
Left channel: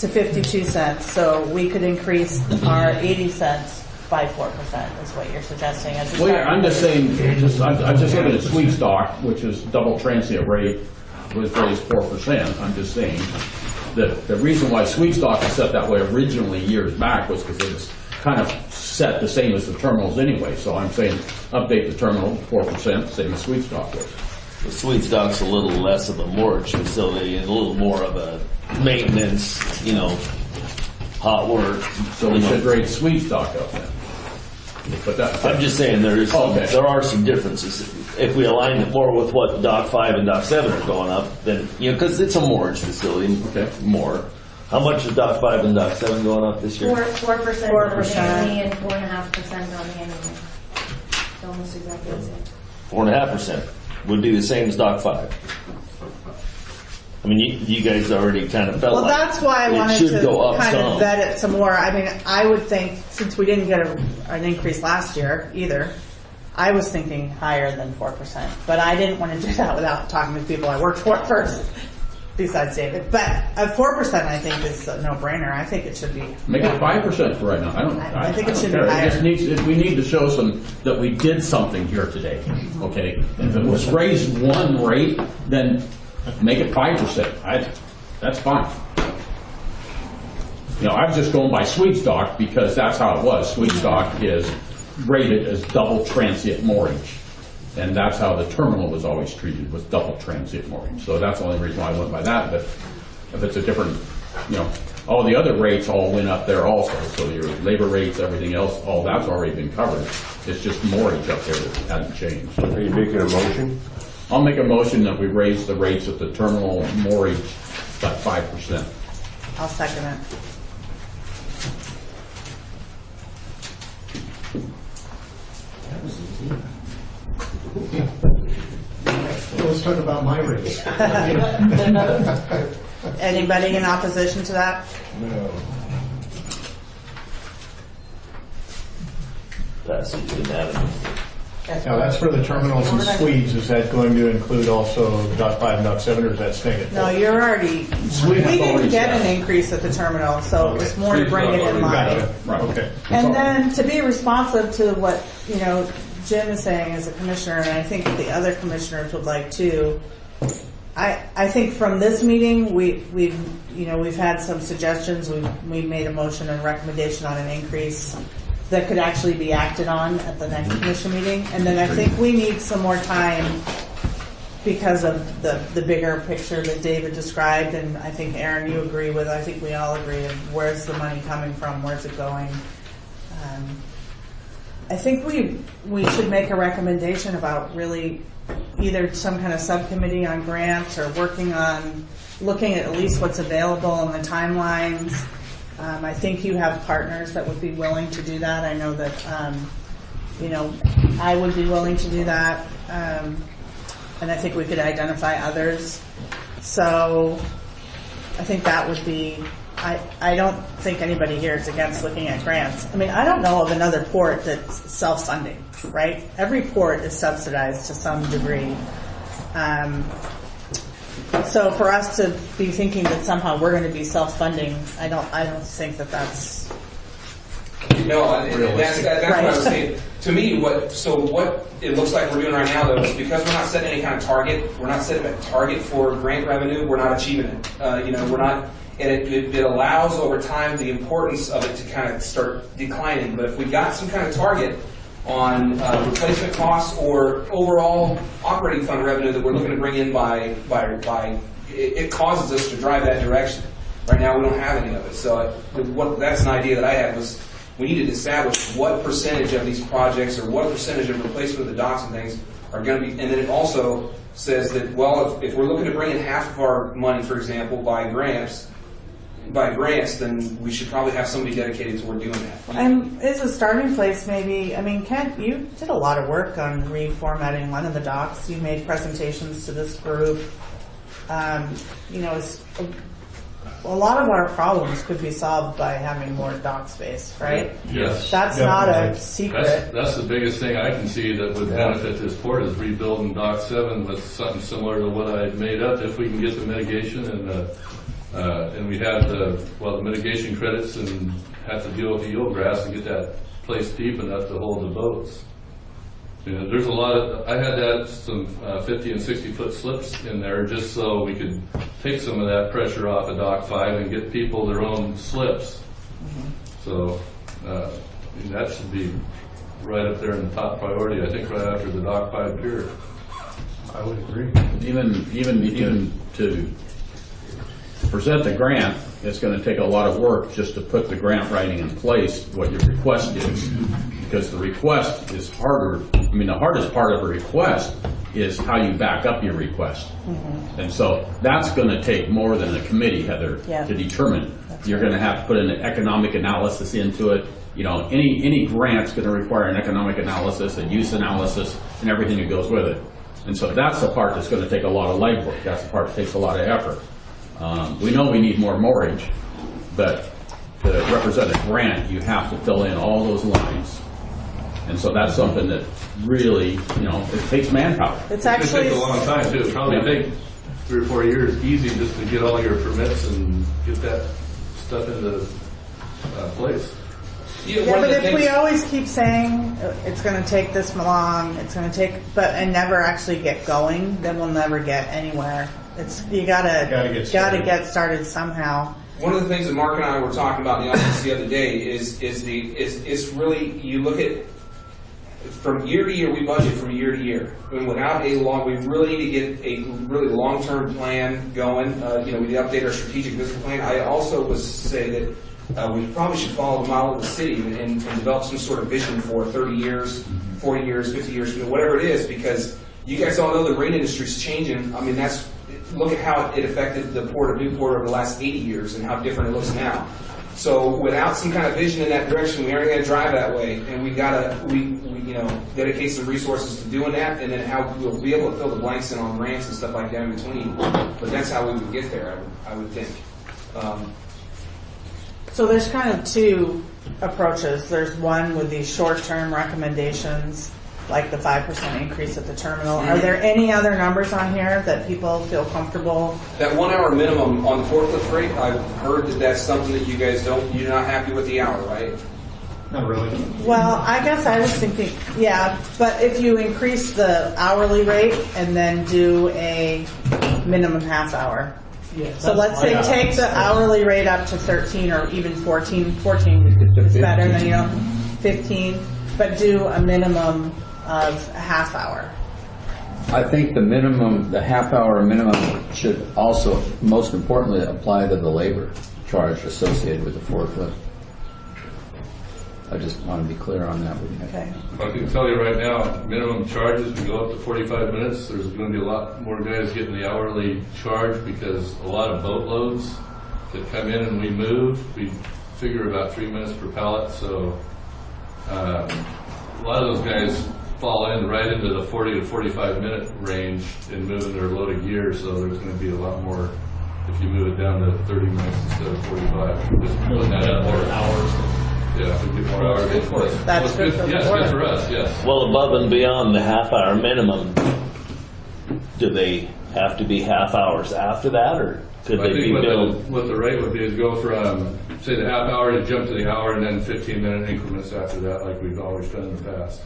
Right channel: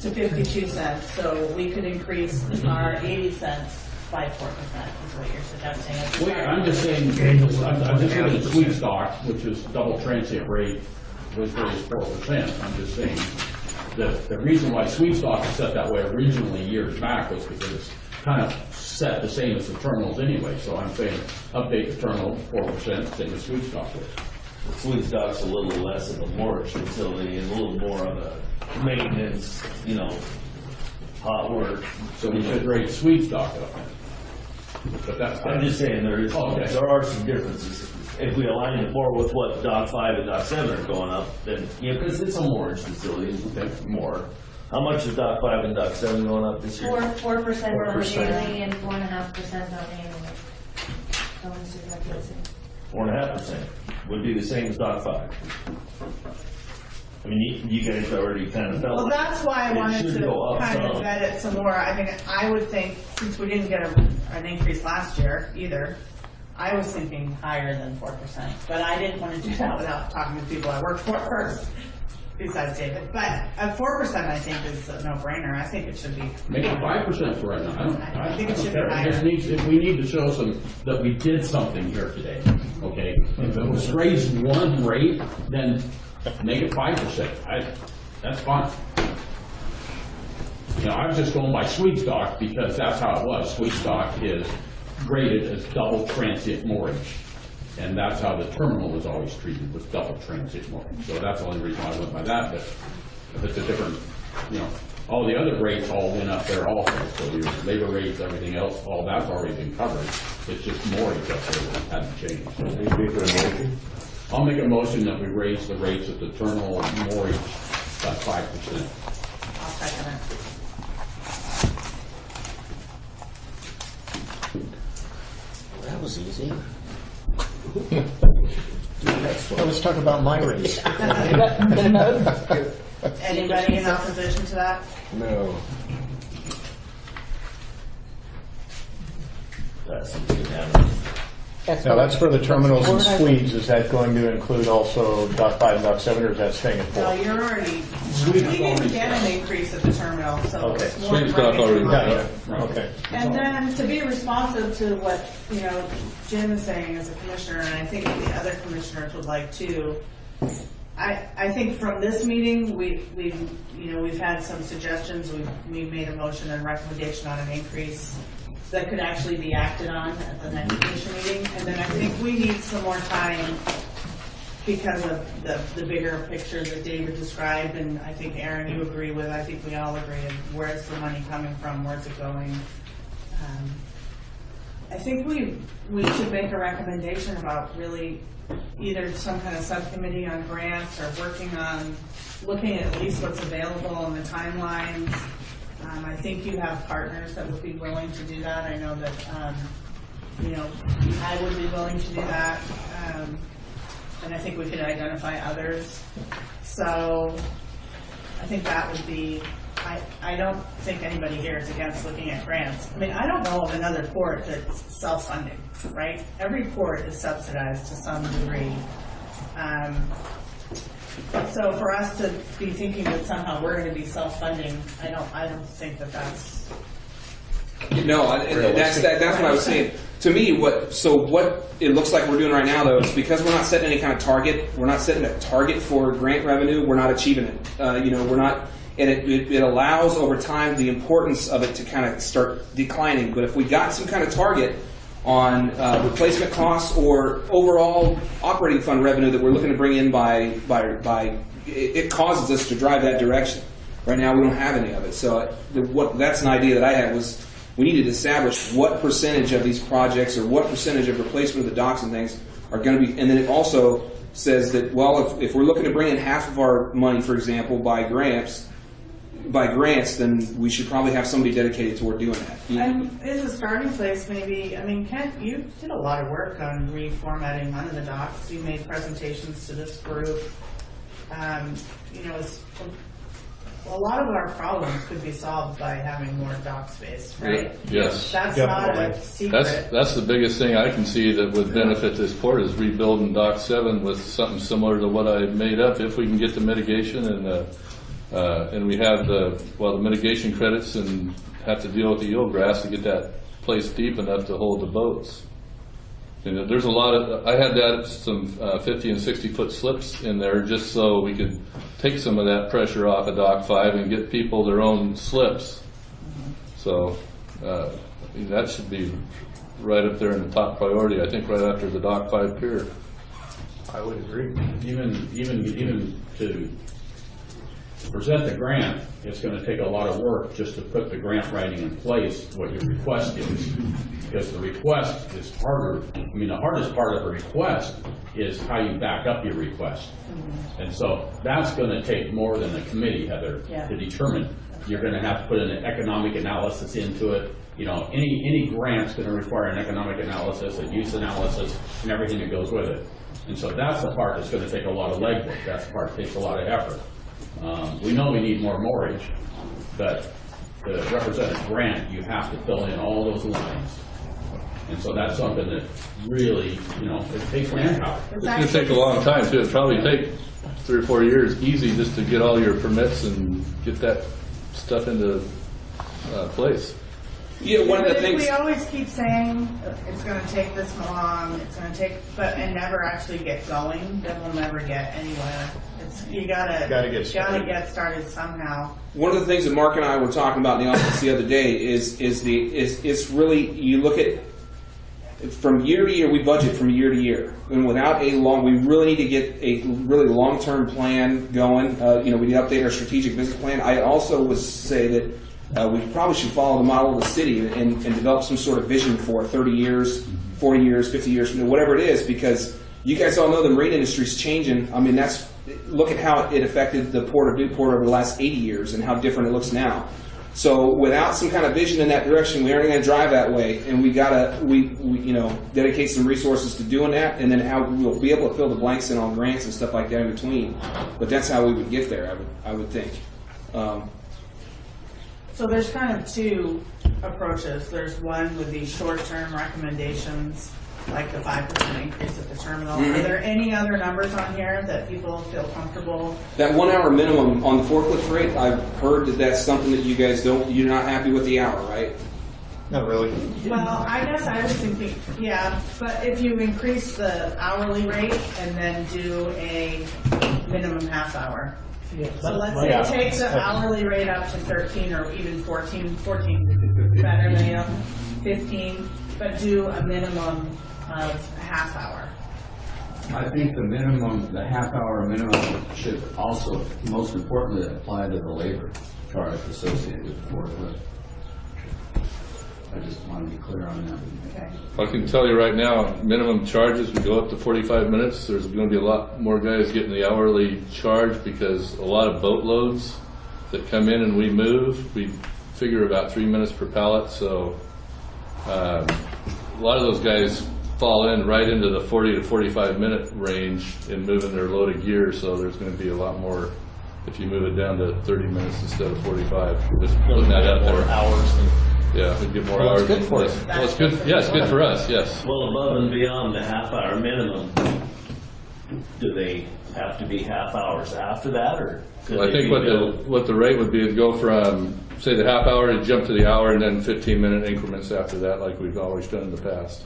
to 52 cents, so we could increase our 80 cents by 4%, is what you're suggesting. As a Well, yeah, I'm just saying, I'm just looking at sweet stock, which is double transient rate, was raised 4%. I'm just saying, the reason why sweet stock is set that way originally years back was because it was kind of set the same as the terminals anyway. So I'm saying, update the terminal 4%, same as sweet stock was. The sweet stock's a little less of a mortgage facility and a little more of a maintenance, hot work. So we should raise sweet stock up then. But I'm just saying there are some differences. If we align it more with what Dock 5 and Dock 7 are going up, then, because it's a mortgage facility, more. How much is Dock 5 and Dock 7 going up this year? 4% on the daily and 4.5% on the annual. So almost exactly the same. 4.5% would be the same as Dock 5. I mean, you guys already kind of felt Well, like that's why I it wanted should to go up kind of some. vet it some more. I mean, I would think, since we didn't get an increase last year either, I was thinking higher than 4%. But I didn't want to do that without talking to people I worked for first, besides David. But 4% I think is a no-brainer. I think it should be. Make it 5% for right now. I think it should be care. higher. It just needs, we need to show that we did something here today, okay? If it was raised one rate, then make it 5%. That's fine. I'm just going by sweet stock because that's how it was. Sweet stock is rated as double transient moorage. And that's how the terminal was always treated, was double transient moorage. So that's the only reason why I went by that. But if it's a different, all the other rates all went up there also. So your labor rates, everything else, all that's already been covered. It's just moorage up there that hadn't changed. Are you making a motion? I'll make a motion that we raise the rates at the terminal moorage by 5%. I'll second it. That was easy. Let's talk about my race. Anybody in opposition to that? No. That seems unanimous. Now, that's for the terminals and suites. Is that going to include also Dock 5 and Dock 7, or is that staying at 4? No, you're already, we didn't get an increase at the terminal, so it's more to bring it in line. Right, okay. And then to be responsive to what, Jim is saying as a commissioner, and I think the other commissioners would like too, I think from this meeting, we've had some suggestions, we've made a motion and recommendation on an increase that could actually be acted on at the next commission meeting. And then I think we need some more time because of the bigger picture that David described, and I think, Aaron, you agree with, I think we all agree, of where's the money coming from, where's it going. I think we should make a recommendation about really either some kind of subcommittee on grants or working on looking at least what's available and the timelines. I think you have partners that would be willing to do that. I know that, I would be willing to do that. And I think we could identify others. So I think that would be, I don't think anybody here is against looking at grants. I mean, I don't know of another port that's self-funding, right? Every port is subsidized to some degree. So for us to be thinking that somehow we're going to be self-funding, I don't think that that's. No, that's what I was saying. To me, what it looks like we're doing right now, though, is because we're not setting any kind of target. We're not setting a target for grant revenue. We're not achieving it. We're not, and it allows over time the importance of it to kind of start declining. But if we got some kind of target on replacement costs or overall operating fund revenue that we're looking to bring in by it causes us to drive that direction. Right now, we don't have any of it. So that's an idea that I had was we need to establish what percentage of these projects or what percentage of replacement of the docks and things are going to be, and then it also says that, well, if we're looking to bring in half of our money, for example, by grants, then we should probably have somebody dedicated toward doing that. And as a starting place, maybe, I mean, Kent, you did a lot of work on reformatting one of the docks. You made presentations to this group. a lot of our problems could be solved by having more dock space, right? Yes. That's not a secret. That's the biggest thing I can see that would benefit this port is rebuilding Dock 7 with something similar to what I made up if we can get the mitigation and we have the mitigation credits and have to deal with the eelgrass to get that place deep enough to hold the boats. And there's a lot of, I had some 50 and 60 foot slips in there just so we could take some of that pressure off of Dock 5 and get people their own slips. So that should be right up there in the top priority, I think right after the Dock 5 pier. I would agree. Even to present the grant, it's going to take a lot of work just to put the grant writing in place, what your request is. Because the request is harder. I mean, the hardest part of a request is how you back up your request. And so that's going to take more than a committee, Heather, to determine. You're going to have to put an economic analysis into it. You know, any grant's going to require an economic analysis, a use analysis, and everything that goes with it. And so that's the part that's going to take a lot of legwork. That's the part that takes a lot of effort. We know we need more moorage, but to represent a grant, you have to fill in all those lines. And so that's something that really, you know, it takes manpower. It's going to take a long time too. It'll probably take 3 or 4 years easy just to get all your permits and get that stuff into place. Yeah, but if we always keep saying it's going to take this long, it's going to take, and never actually get going, then we'll never get anywhere. You gotta get started somehow. One of the things that Mark and I were talking about in the office the other day is really, you look at from year to year, we budget from year to year, and without we really need to get a really long-term plan going. We need to update our strategic business plan. I also would say that we probably should follow the model of the city and develop some sort of vision for 30 years, 40 years, 50 years, whatever it is, because you guys all know the marine industry is changing. I mean, look at how it affected the port of Newport over the last 80 years and how different it looks now. So without some kind of vision in that direction, we aren't going to drive that way, and we dedicate some resources to doing that, and then how we'll be able to fill the blanks in on grants and stuff like that in between. But that's how we would get there, I would think. So there's kind of two approaches. There's one with these short-term recommendations, like the 5% increase at the terminal. Are there any other numbers on here that people feel comfortable? That 1 hour minimum on the forklift rate, I've heard that that's something that you guys you're not happy with the hour, right? Not really. Well, I guess I was thinking, yeah, but if you increase the hourly rate and then do a minimum half hour. Yeah, So let's say take the hourly rate up to 13 or even 14. 14 is better than 15, but do a minimum of a half hour. I think the half-hour minimum should also, most importantly, apply to the labor charge associated with the forklift. I just want to be clear on that. Okay. I can tell you right now, minimum charges would go up to 45 minutes. There's going to be a lot more guys getting the hourly charge because a lot of boat loads that come in and we move, we figure about 3 minutes per pallet. So a lot of those guys fall in right into the 40 to 45 minute range in moving their load of gear. So there's going to be a lot more if you move it down to 30 minutes instead of 45. Just putting that up there. Hours. Yeah, we get more hours. It's good for us. That's good for yeah, it's good for us, yes. Well, above and beyond the half-hour minimum, do they have to be half hours after that, or could I they think be what the rate would be is go from, say, the half hour to jump to the hour and then 15-minute increments after that, like we've always done in the past.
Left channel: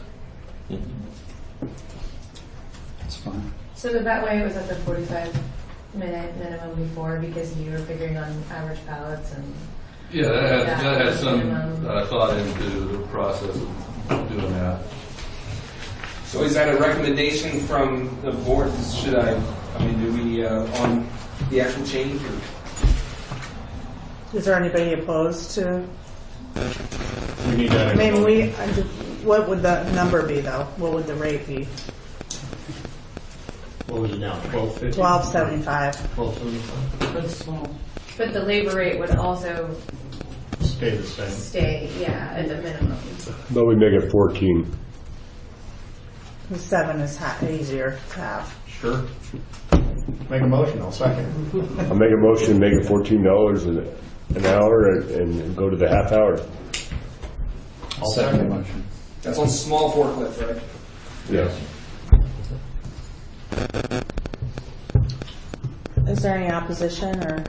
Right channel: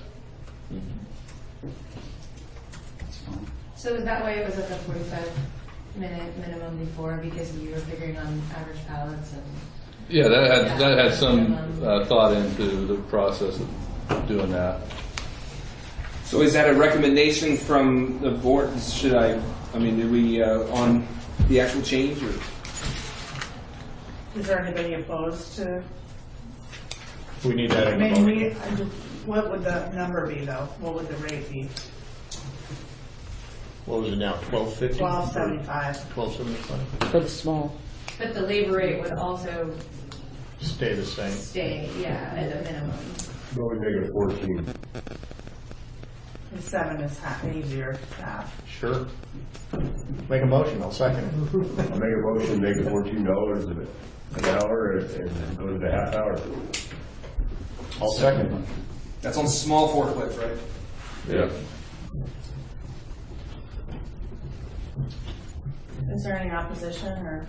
That's fine. So that way it was like a 45-minute minimum before because you were figuring on average pallets and... Yeah, that had some thought into the process of doing that. So is that a recommendation from the board? Do we, on the actual change? Or? Is there anybody opposed to? We need that. What would the number be though? What would the rate be? What was it now? 12.50? $12.75. $12.75. For the small. But the labor rate would also Stay the same. stay, at the minimum. But we make it 14. The 7 is easier to have. Sure. Make a motion, I'll second. I'll make a motion, make it $14 an hour and go to the half hour. I'll second the motion. That's on small forklift, right? Yes. Is there any opposition or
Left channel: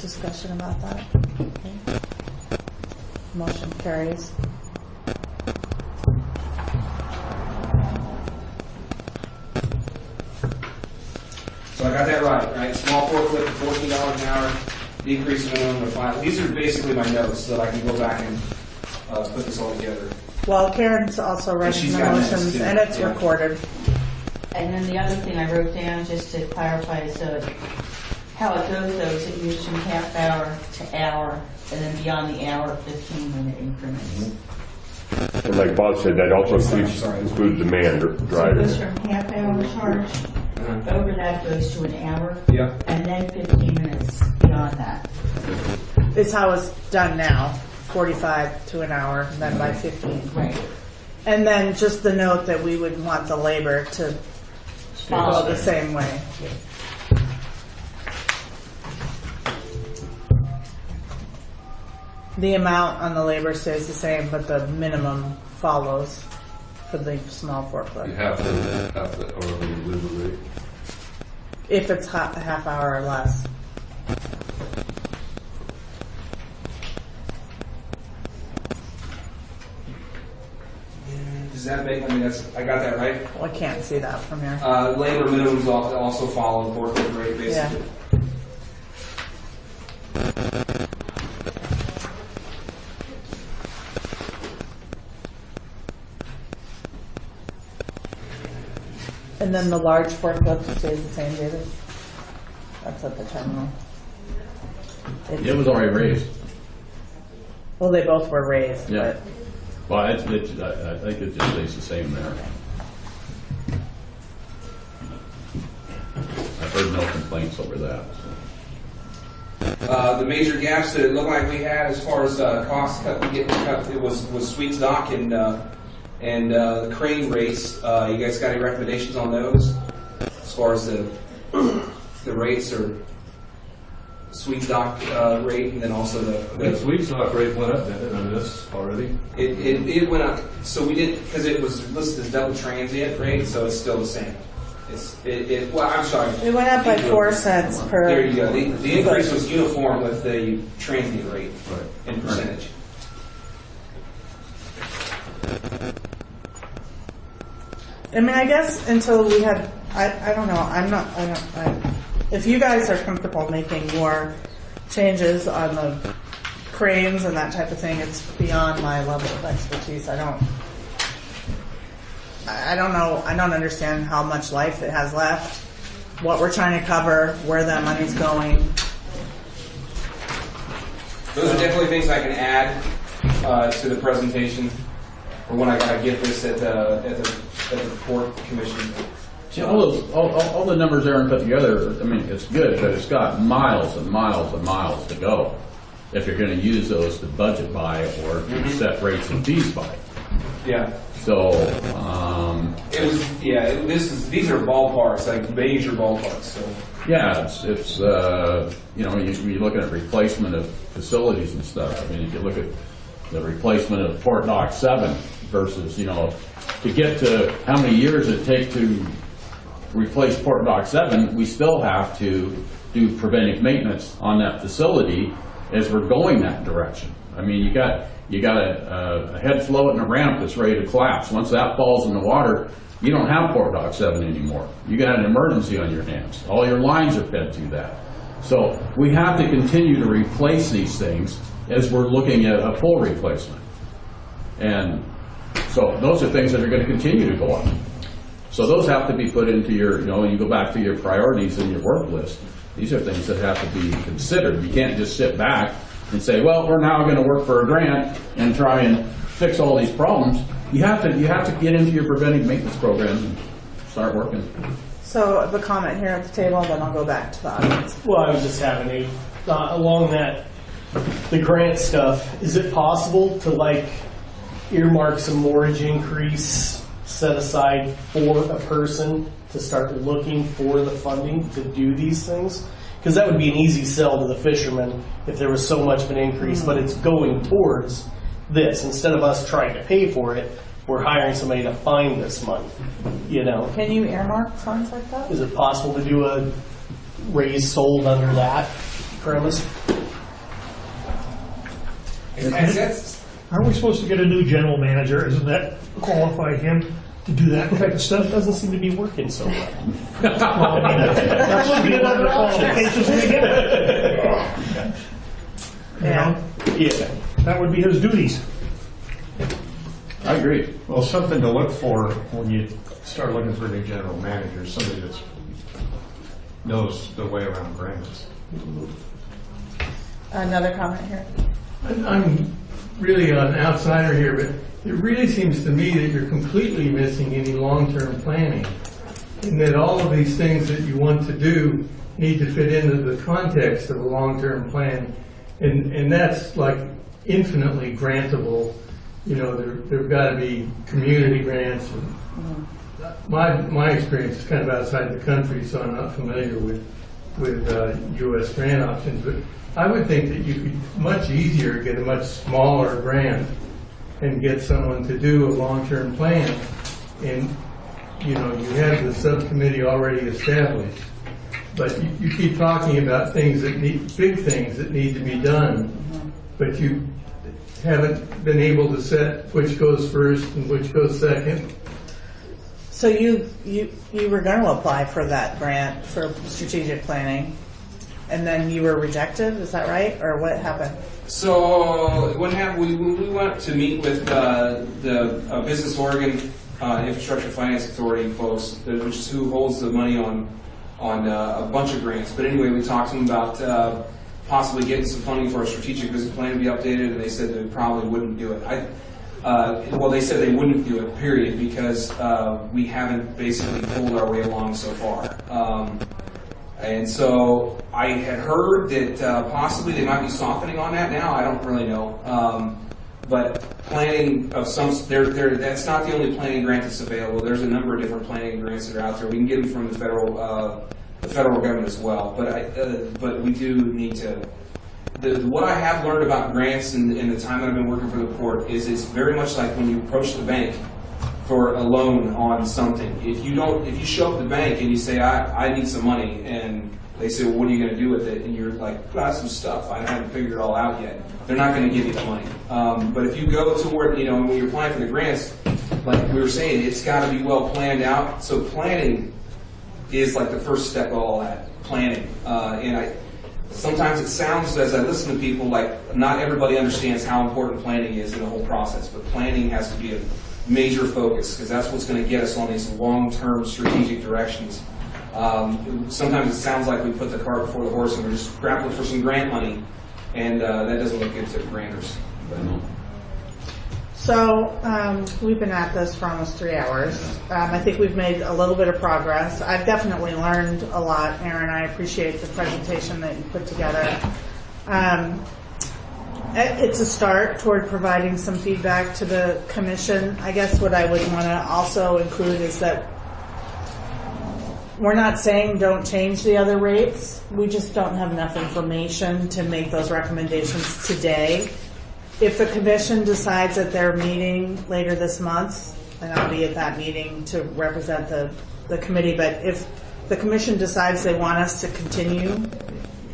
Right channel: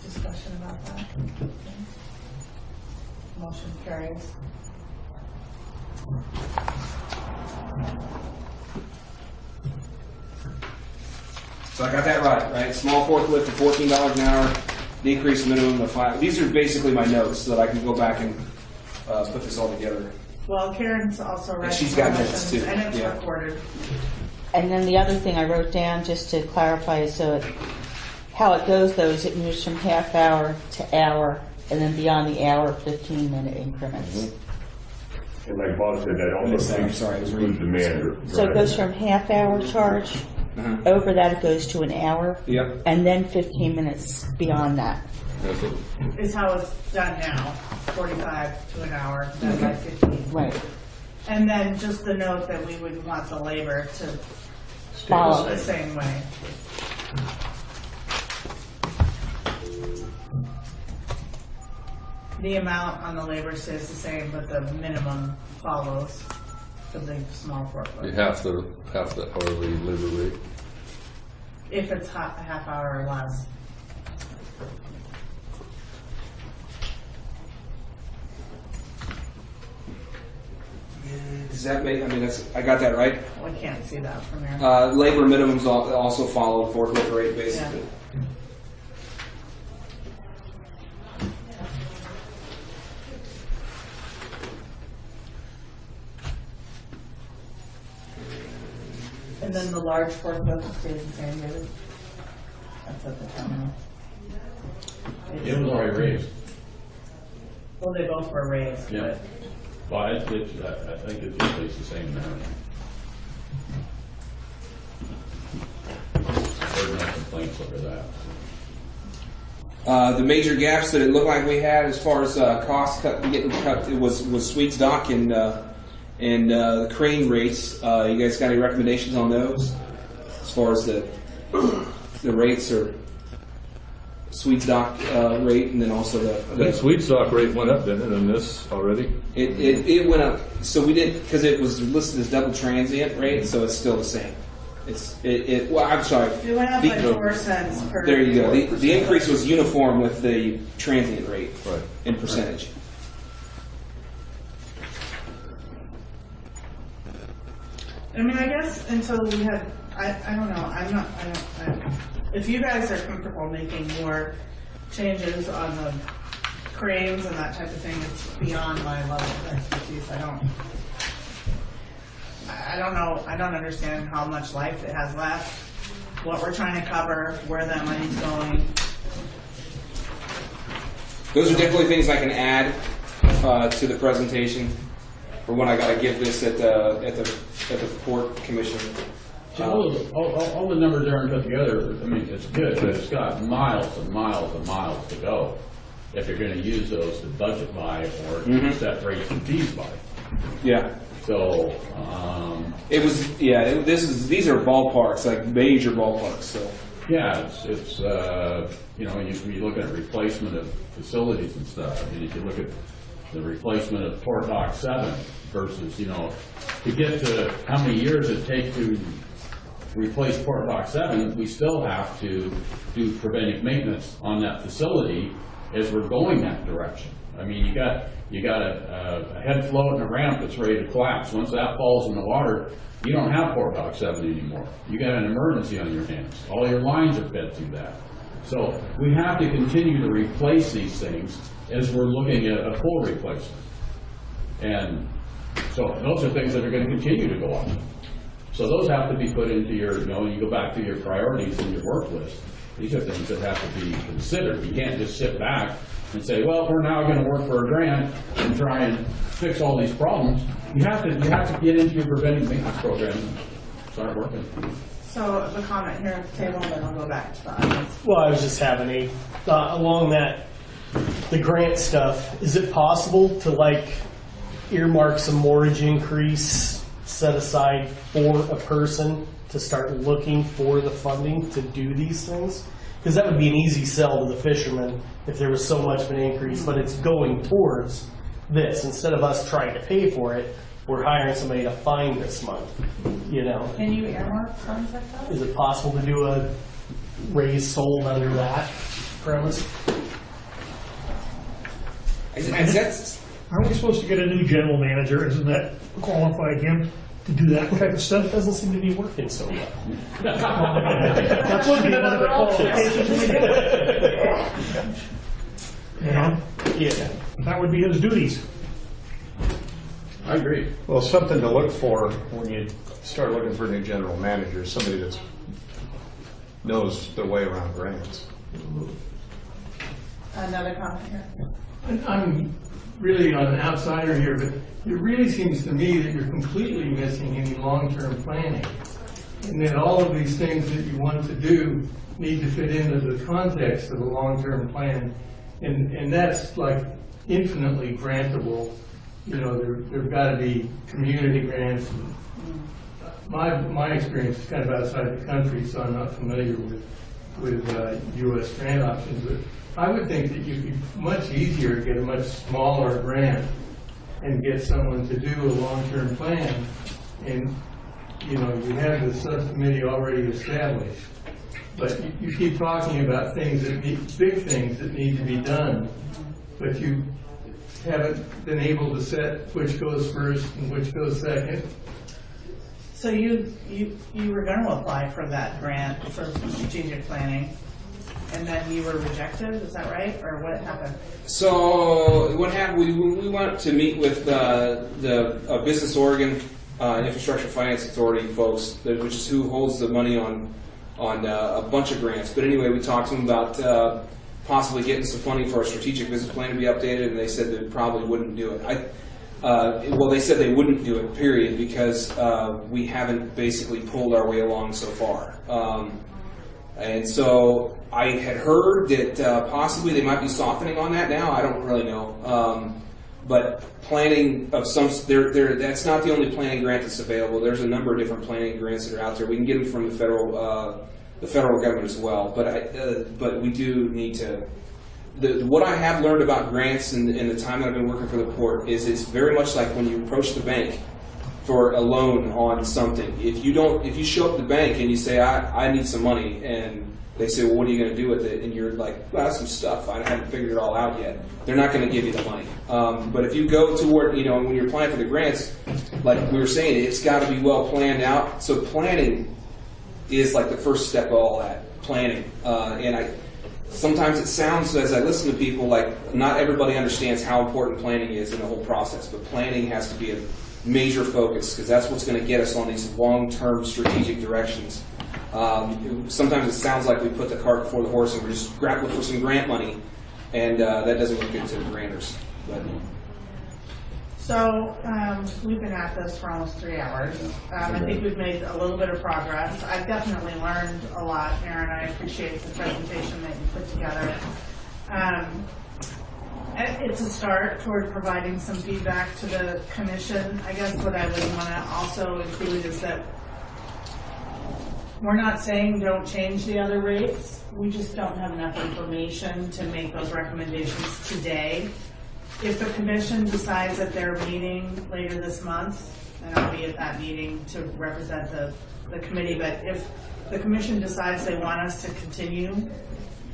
discussion about that? Okay. Motion carries. So I got that right? Small forklift to $14 an hour, decrease minimum of 5. These are basically my notes so that I can go back and put this all together. Well, Karen's also writing she's the got minutes, motions, too. and it's Yeah. recorded. And then the other thing I wrote down, just to clarify, how it goes though is it moves from half hour to hour, and then beyond the hour, 15-minute increments. And like Bob said, that also includes the man So it driver. goes from half hour charge, over that it goes to an hour, Yep. and then 15 minutes beyond that. Is how it's done now, 45 to an hour, then by 15. Right. And then just the note that we would want the labor to follow the same way. The amount on the labor stays the same, but the minimum follows for the small You forklift. have to hourly labor rate. If it's a half hour or less. Does that make, I mean, I got that right? Well, I can't see that from here. Labor minimums also follow the forklift rate, basically. And then the large forklift stays the same, David? That's at the terminal. It was already raised. Well, they both were raised. Yeah. Well, I think it just stays the same there. I've heard no complaints over that. The major gaps that it looked like we had as far as costs getting cut, it was Sweets Dock and the crane rates. You guys got any recommendations on those as far as the rates or Sweets Dock rate, and then also The Sweet Stock rate went up then on this already. It went up. So we did, because it was listed as double transient rate, so it's still the same. Well, I'm sorry. It went up by 4 cents per. There you go. The increase was uniform with the transient rate in percentage. I mean, I guess until we had, I don't know, if you guys are comfortable making more changes on the cranes and that type of thing, it's beyond my level of expertise. I don't know, I don't understand how much life it has left, what we're trying to cover, where that money's going. Those are definitely things I can add to the presentation, or when I get this at the port commission. See, all the numbers there and put together, I mean, it's good, but it's got miles and miles and miles to go if you're going to use those to budget by or set rates and fees by. Yeah. So, it was, these are ballparks, like major ballparks, so. yeah, it's you know, you're looking at replacement of facilities and stuff. I mean, if you look at the replacement of Port Dock 7 versus, you know, to get to how many years it takes to replace Port Dock 7, we still have to do preventive maintenance on that facility as we're going that direction. I mean, you got a head float and a ramp that's ready to collapse. Once that falls in the water, you don't have Port Dock 7 anymore. You got an emergency on your hands. All your lines are fed through that. So we have to continue to replace these things as we're looking at a full replacement. And so those are things that are going to continue to go up. So those have to be put into your, you know, you go back to your priorities and your work list. These are things that have to be considered. You can't just sit back and say, well, we're now going to work for a grant and try and fix all these problems. You have to get into your preventive maintenance program and start working. So the comment here at the table, then I'll go back to the audience. Well, I was just having a thought along that, the grant stuff. Is it possible to like earmark some mortgage increase set aside for a person to start looking for the funding to do these things. Because that would be an easy sell to the fishermen if there was so much of an increase, but it's going towards this. Instead of us trying to pay for it, we're hiring somebody to find this money, you know? Can you earmark funds like that? Is it possible to do a raise sold under that premise? Aren't we supposed to get a new general manager? Isn't that qualify him to do that type of stuff? Doesn't seem to be working so well. Well, I mean, that should be one of the qualifications we get. You know? Yeah. That would be his duties. I agree. Well, something to look for when you start looking for a new general manager is somebody that knows their way around grants. Another comment here. I'm really an outsider here, but it really seems to me that you're completely missing any long-term planning. And that all of these things that you want to do need to fit into the context of a long-term plan. And that's like infinitely grantable. You know, there've got to be community grants. My experience is kind of outside the country, so I'm not familiar with U.S. grant options. But I would think that you could much easier get a much smaller grant and get someone to do a long-term plan. And you know, you have the subcommittee already established. But you keep talking about things that need, big things that need to be done, but you haven't been able to set which goes first and which goes second. So you were going to apply for that grant for strategic planning, and then you were rejected, is that right? Or what happened? So what happened, we went to meet with the Business Oregon Infrastructure Finance Authority folks, which is who holds the money on a bunch of grants. But anyway, we talked to them about possibly getting some funding for a strategic business plan to be updated, and they said they probably wouldn't do it. Well, they said they wouldn't do it, period, because we haven't basically pulled our way along so far. And so I had heard that possibly they might be softening on that now. I don't really know. But planning of some, that's not the only planning grant that's available. There's a number of different planning grants that are out there. We can get them from the federal government as well. But we do need to. What I have learned about grants in the time that I've been working for the port is it's very much like when you approach the bank for a loan on something. If you show up at the bank and you say, I need some money, and they say, well, what are you going to do with it? And you're like, well, that's some stuff. I haven't figured it all out yet. They're not going to give you the money. But if you go toward, when you're applying for the grants, like we were saying, it's got to be well planned out. So planning is like the first step of all that, planning. And sometimes it sounds, as I listen to people, like not everybody understands how important planning is in the whole process. But planning has to be a major focus, because that's what's going to get us on these long-term strategic directions. Sometimes it sounds like we put the cart before the horse and we're just grappling for some grant money, and that doesn't look good to the grantors. So we've been at this for almost 3 hours. I think we've made a little bit of progress. I've definitely learned a lot, Aaron. I appreciate the presentation that you put together. It's a start toward providing some feedback to the commission. I guess what I would want to also include is that we're not saying don't change the other rates. We just don't have enough information to make those recommendations today. If the commission decides at their meeting later this month, then I'll be at that meeting to represent the committee. But if the commission decides they want us to continue,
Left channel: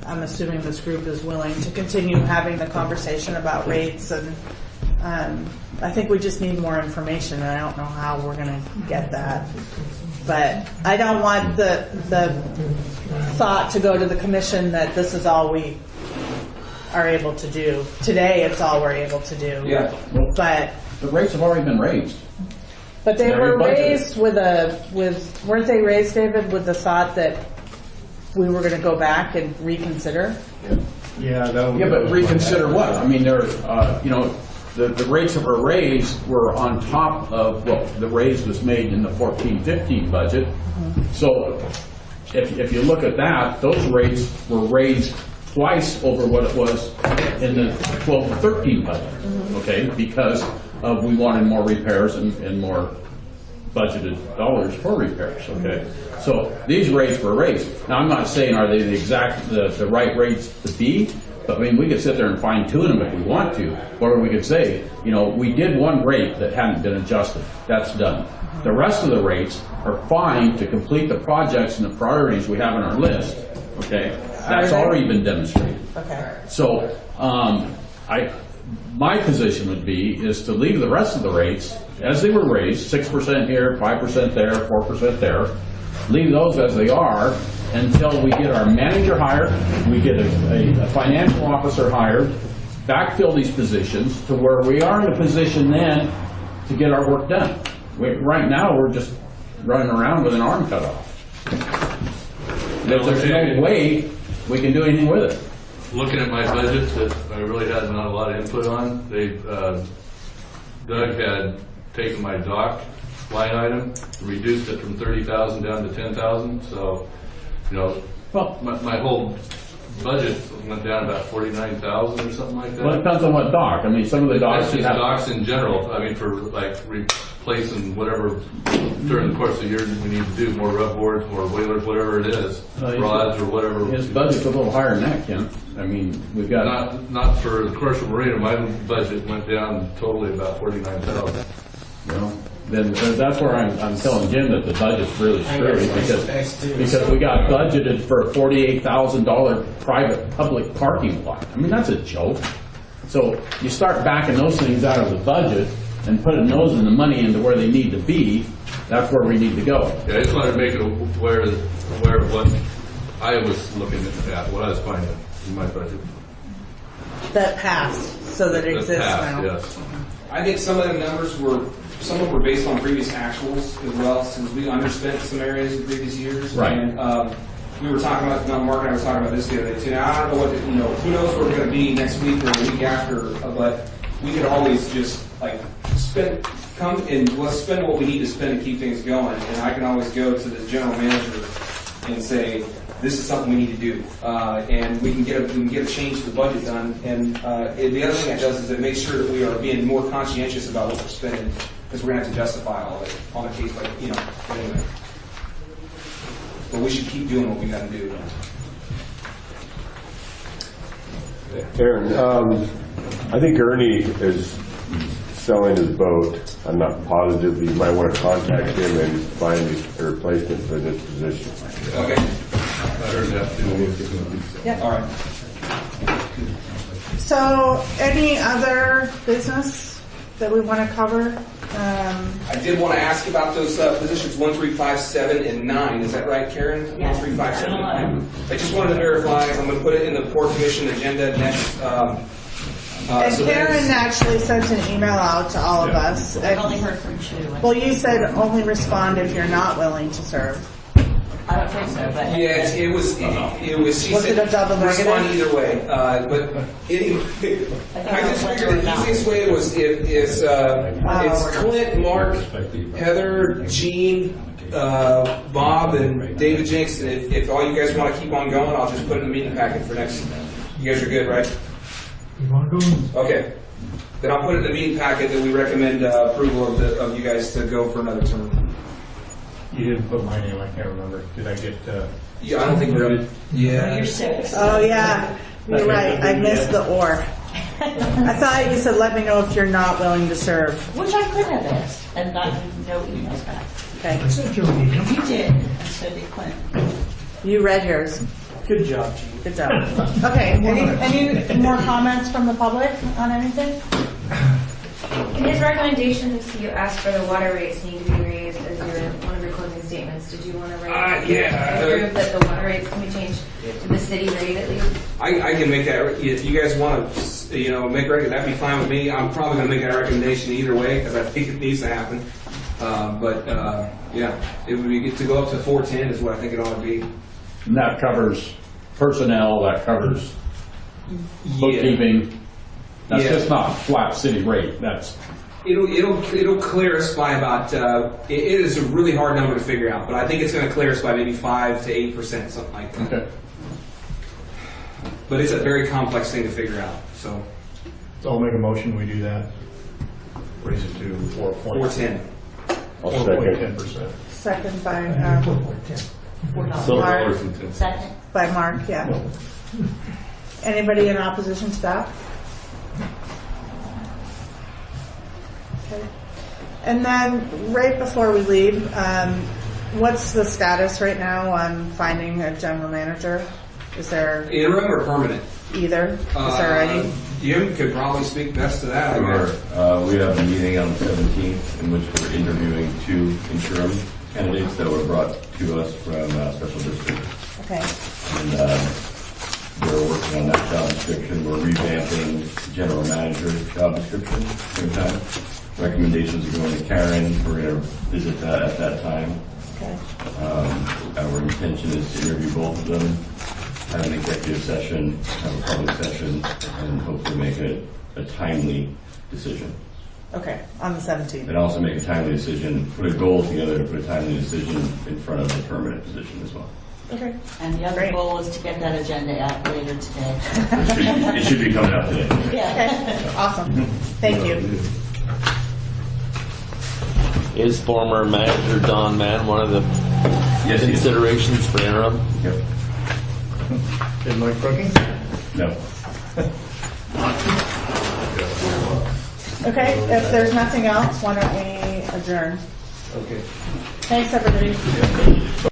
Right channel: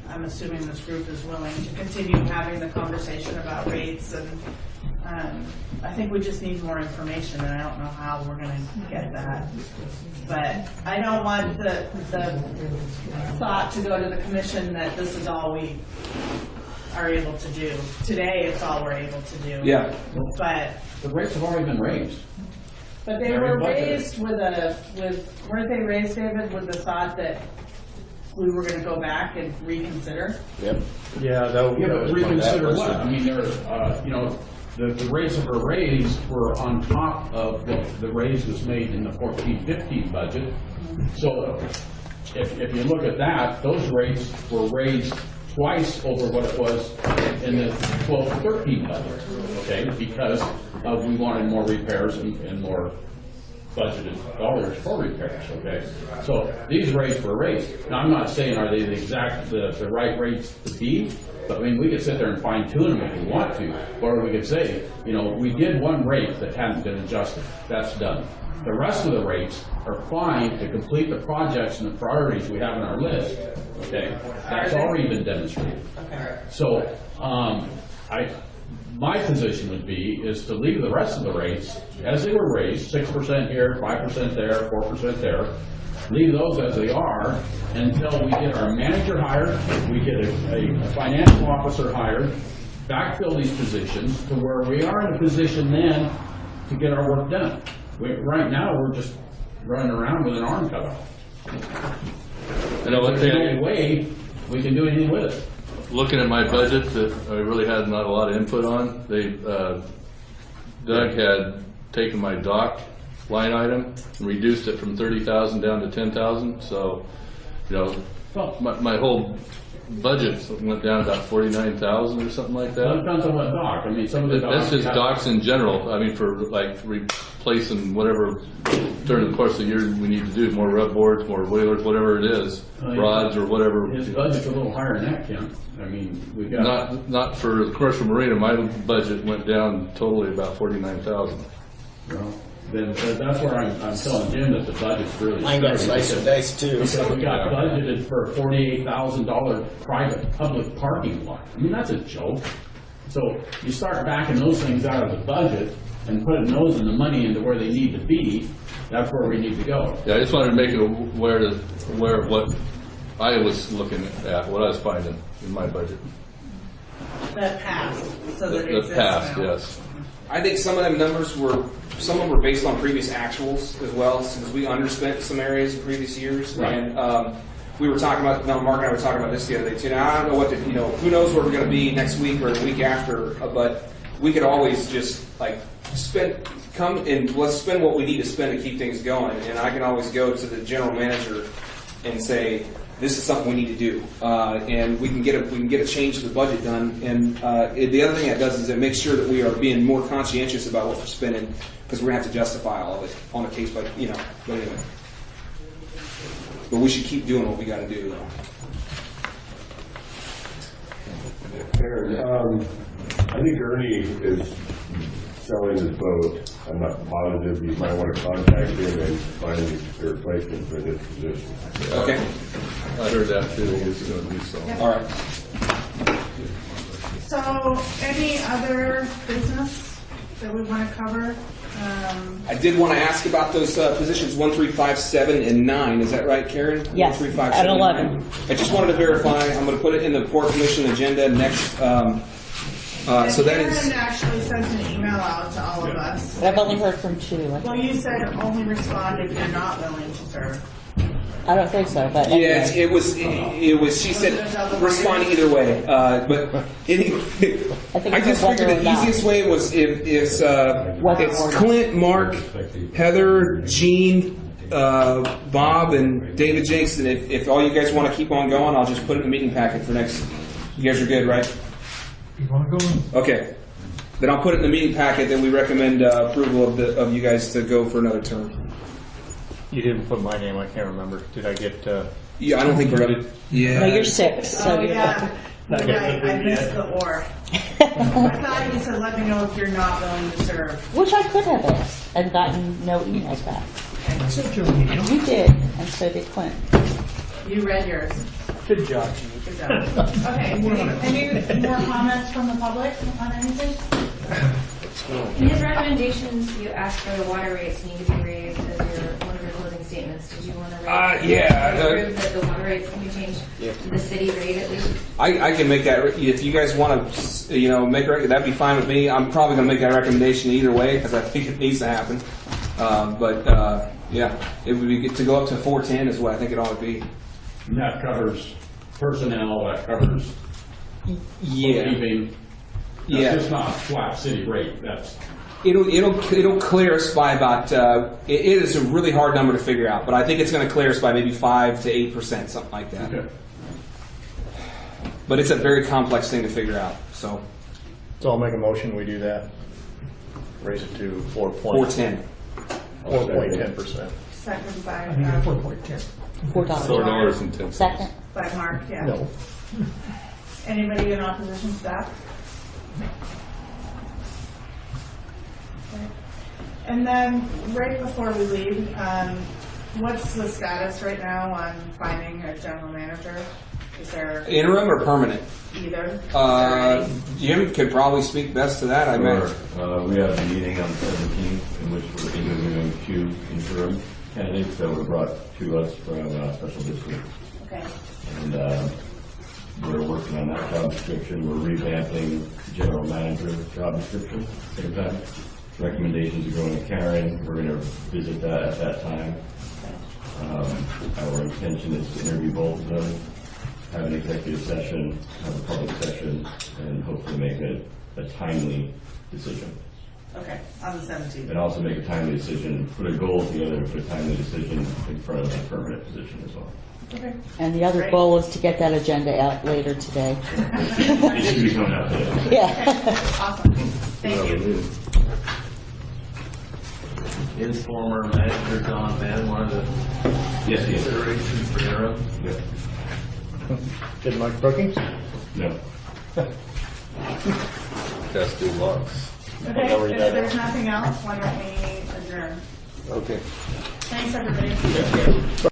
I'm assuming this group is willing to continue having the conversation about rates, and I think we just need more information, and I don't know how we're going to get that. But I don't want the thought to go to the commission that this is all we are able to do. Today, it's all we're able to do. Yeah. But the rates have already been raised. But they were raised weren't they raised, David, with the thought that we were going to go back and reconsider? Yeah. Yeah, but reconsider what? I mean, the rates that were raised were on top of the raise was made in the 14-15 budget. Mm-hmm. So if you look at that, those rates were raised twice over what it was in the 12-13 budget, okay? Because we wanted more repairs and more budgeted dollars for repairs, okay? So these rates were raised. Now, I'm not saying are they the right rates to be, but I mean, we could sit there and fine tune them if we want to, or we could say, you know, we did one rate that hadn't been adjusted. That's done. The rest of the rates are fine to complete the projects and the priorities we have on our list, okay? That's already been demonstrated. Okay. So, my position would be is to leave the rest of the rates as they were raised, 6% here, 5% there, 4% there. Leave those as they are until we get our manager hired, we get a financial officer hired, backfill these positions to where we are in a position then to get our work done. Right now, we're just running around with an arm cut off. There's the only way we can do anything with it. Looking at my budget that I really had not a lot of input on, Doug had taken my dock line item, reduced it from 30,000 down to 10,000. So, you know, well, my whole budget went down about 49,000 or something like that. Well, it depends on what dock. I mean, some of the docks. That's just docks in general. I mean, for like replacing whatever during the course of the year we need to do, more rub boards, more whalers, whatever it is, rods or whatever. His budget's a little higher than that, Ken. I mean, we've got not for the commercial marina. My budget went down totally about 49,000. Well, then that's where I'm telling Jim that the budget's really scary because we got budgeted for a $48,000 private public parking lot. I mean, that's a joke. So you start backing those things out of the budget and putting those in the money into where they need to be. That's where we need to go. Yeah, I just wanted to make it aware of what I was looking at, what I was finding in my budget. That passed, so that exists now. Yes. I think some of them numbers were based on previous actuals as well, since we underspent some areas in previous years. Right. And we were talking about, Mark and I were talking about this the other day too. Now I don't know what who knows where we're going to be next week or the week after, but we could always just like come and let's spend what we need to spend to keep things going. And I can always go to the general manager and say, this is something we need to do, and we can get a change to the budget done. And the other thing it does is it makes sure that we are being more conscientious about what we're spending, because we're gonna have to justify all of it on a case by But anyway, but we should keep doing what we got to do. Aaron, I think Ernie is selling his boat. I'm not positive. You might want to contact him and find a replacement for this position. Okay. I heard that too. Yep. All right. So, any other business that we want to cover? I did want to ask about those positions 1, 3, 5, 7, and 9. Is that right, Karen? Yes. 1, 3, 5, 7, and 9. I just wanted to verify. I'm going to put it in the Port Commission agenda next. And Karen actually sent an email out to all of us. I've only heard from 2. Well, you said only respond if you're not willing to serve. I don't think so, but Yes, it was. She Was said it a double respond negative? either way. But I just figured the easiest way is it's Clint, Mark, Heather, Gene, Bob, and David Jenks. And if all you guys want to keep on going, I'll just put it in the meeting packet for next. You guys are good, right? You want to go? Okay. Then I'll put it in the meeting packet that we recommend approval of you guys to go for another term. You didn't put my name, I can't remember. Did I get, Yeah, I don't think we're gonna. Yeah. No, you're 6. Oh, yeah. You're right. I missed the or. I thought you said let me know if you're not willing to serve. Which I could have asked. I've gotten no emails back. Okay. I sent you an email. You did, and so did Clint. You read yours. Good job, Gene. Good job. Okay. Any more comments from the public on anything? In his recommendations, you asked for the water rates need to be raised as one of your closing statements. Did you want to prove that the water rates can be changed to the city rate at least? I can make that. If you guys want to, make a that'd be fine with me. I'm probably going to make that recommendation either way because I think it needs to happen. Yeah, it would be good to go up to 410 is what I think it ought to be. And that covers personnel, that covers bookkeeping. That's just not a flat city rate. That's it'll clear us by about. It is a really hard number to figure out, but I think it's going to clear us by maybe 5 to 8%, something like that. Okay. But it's a very complex thing to figure out. So I'll make a motion, we do that. Raise it to 4.10. 410. I'll second. 4.10%. Second by, $4.10. Second. by Mark, yeah. No. Anybody in opposition to that? Okay. And then, right before we leave, what's the status right now on finding a general manager? Is there Interim or permanent? either? Is there any? You could probably speak best to that, I Sure. bet. We have a meeting on the 17th in which we're interviewing 2 interim candidates that were brought to us from special districts. Okay. And we're working on that job description. We're revamping the general manager's job description at the same time. Recommendations are going to Karen. We're going to visit that at that time. Our intention is to interview both of them, have an executive session, have a public session, and hopefully make a timely decision. Okay, on the 17th. And also make a timely decision, put a goal together to put a timely decision in front of the permanent position as well. Okay. And the other Great. goal is to get that agenda out later today. It should be coming out today. Yeah. Okay, awesome. Thank you. Is former manager Don Mann one of the Yes, he is. considerations for interim? Yep. Did Mike cooking? No. Okay, if there's nothing else, why don't we adjourn? Okay. Thanks, everybody.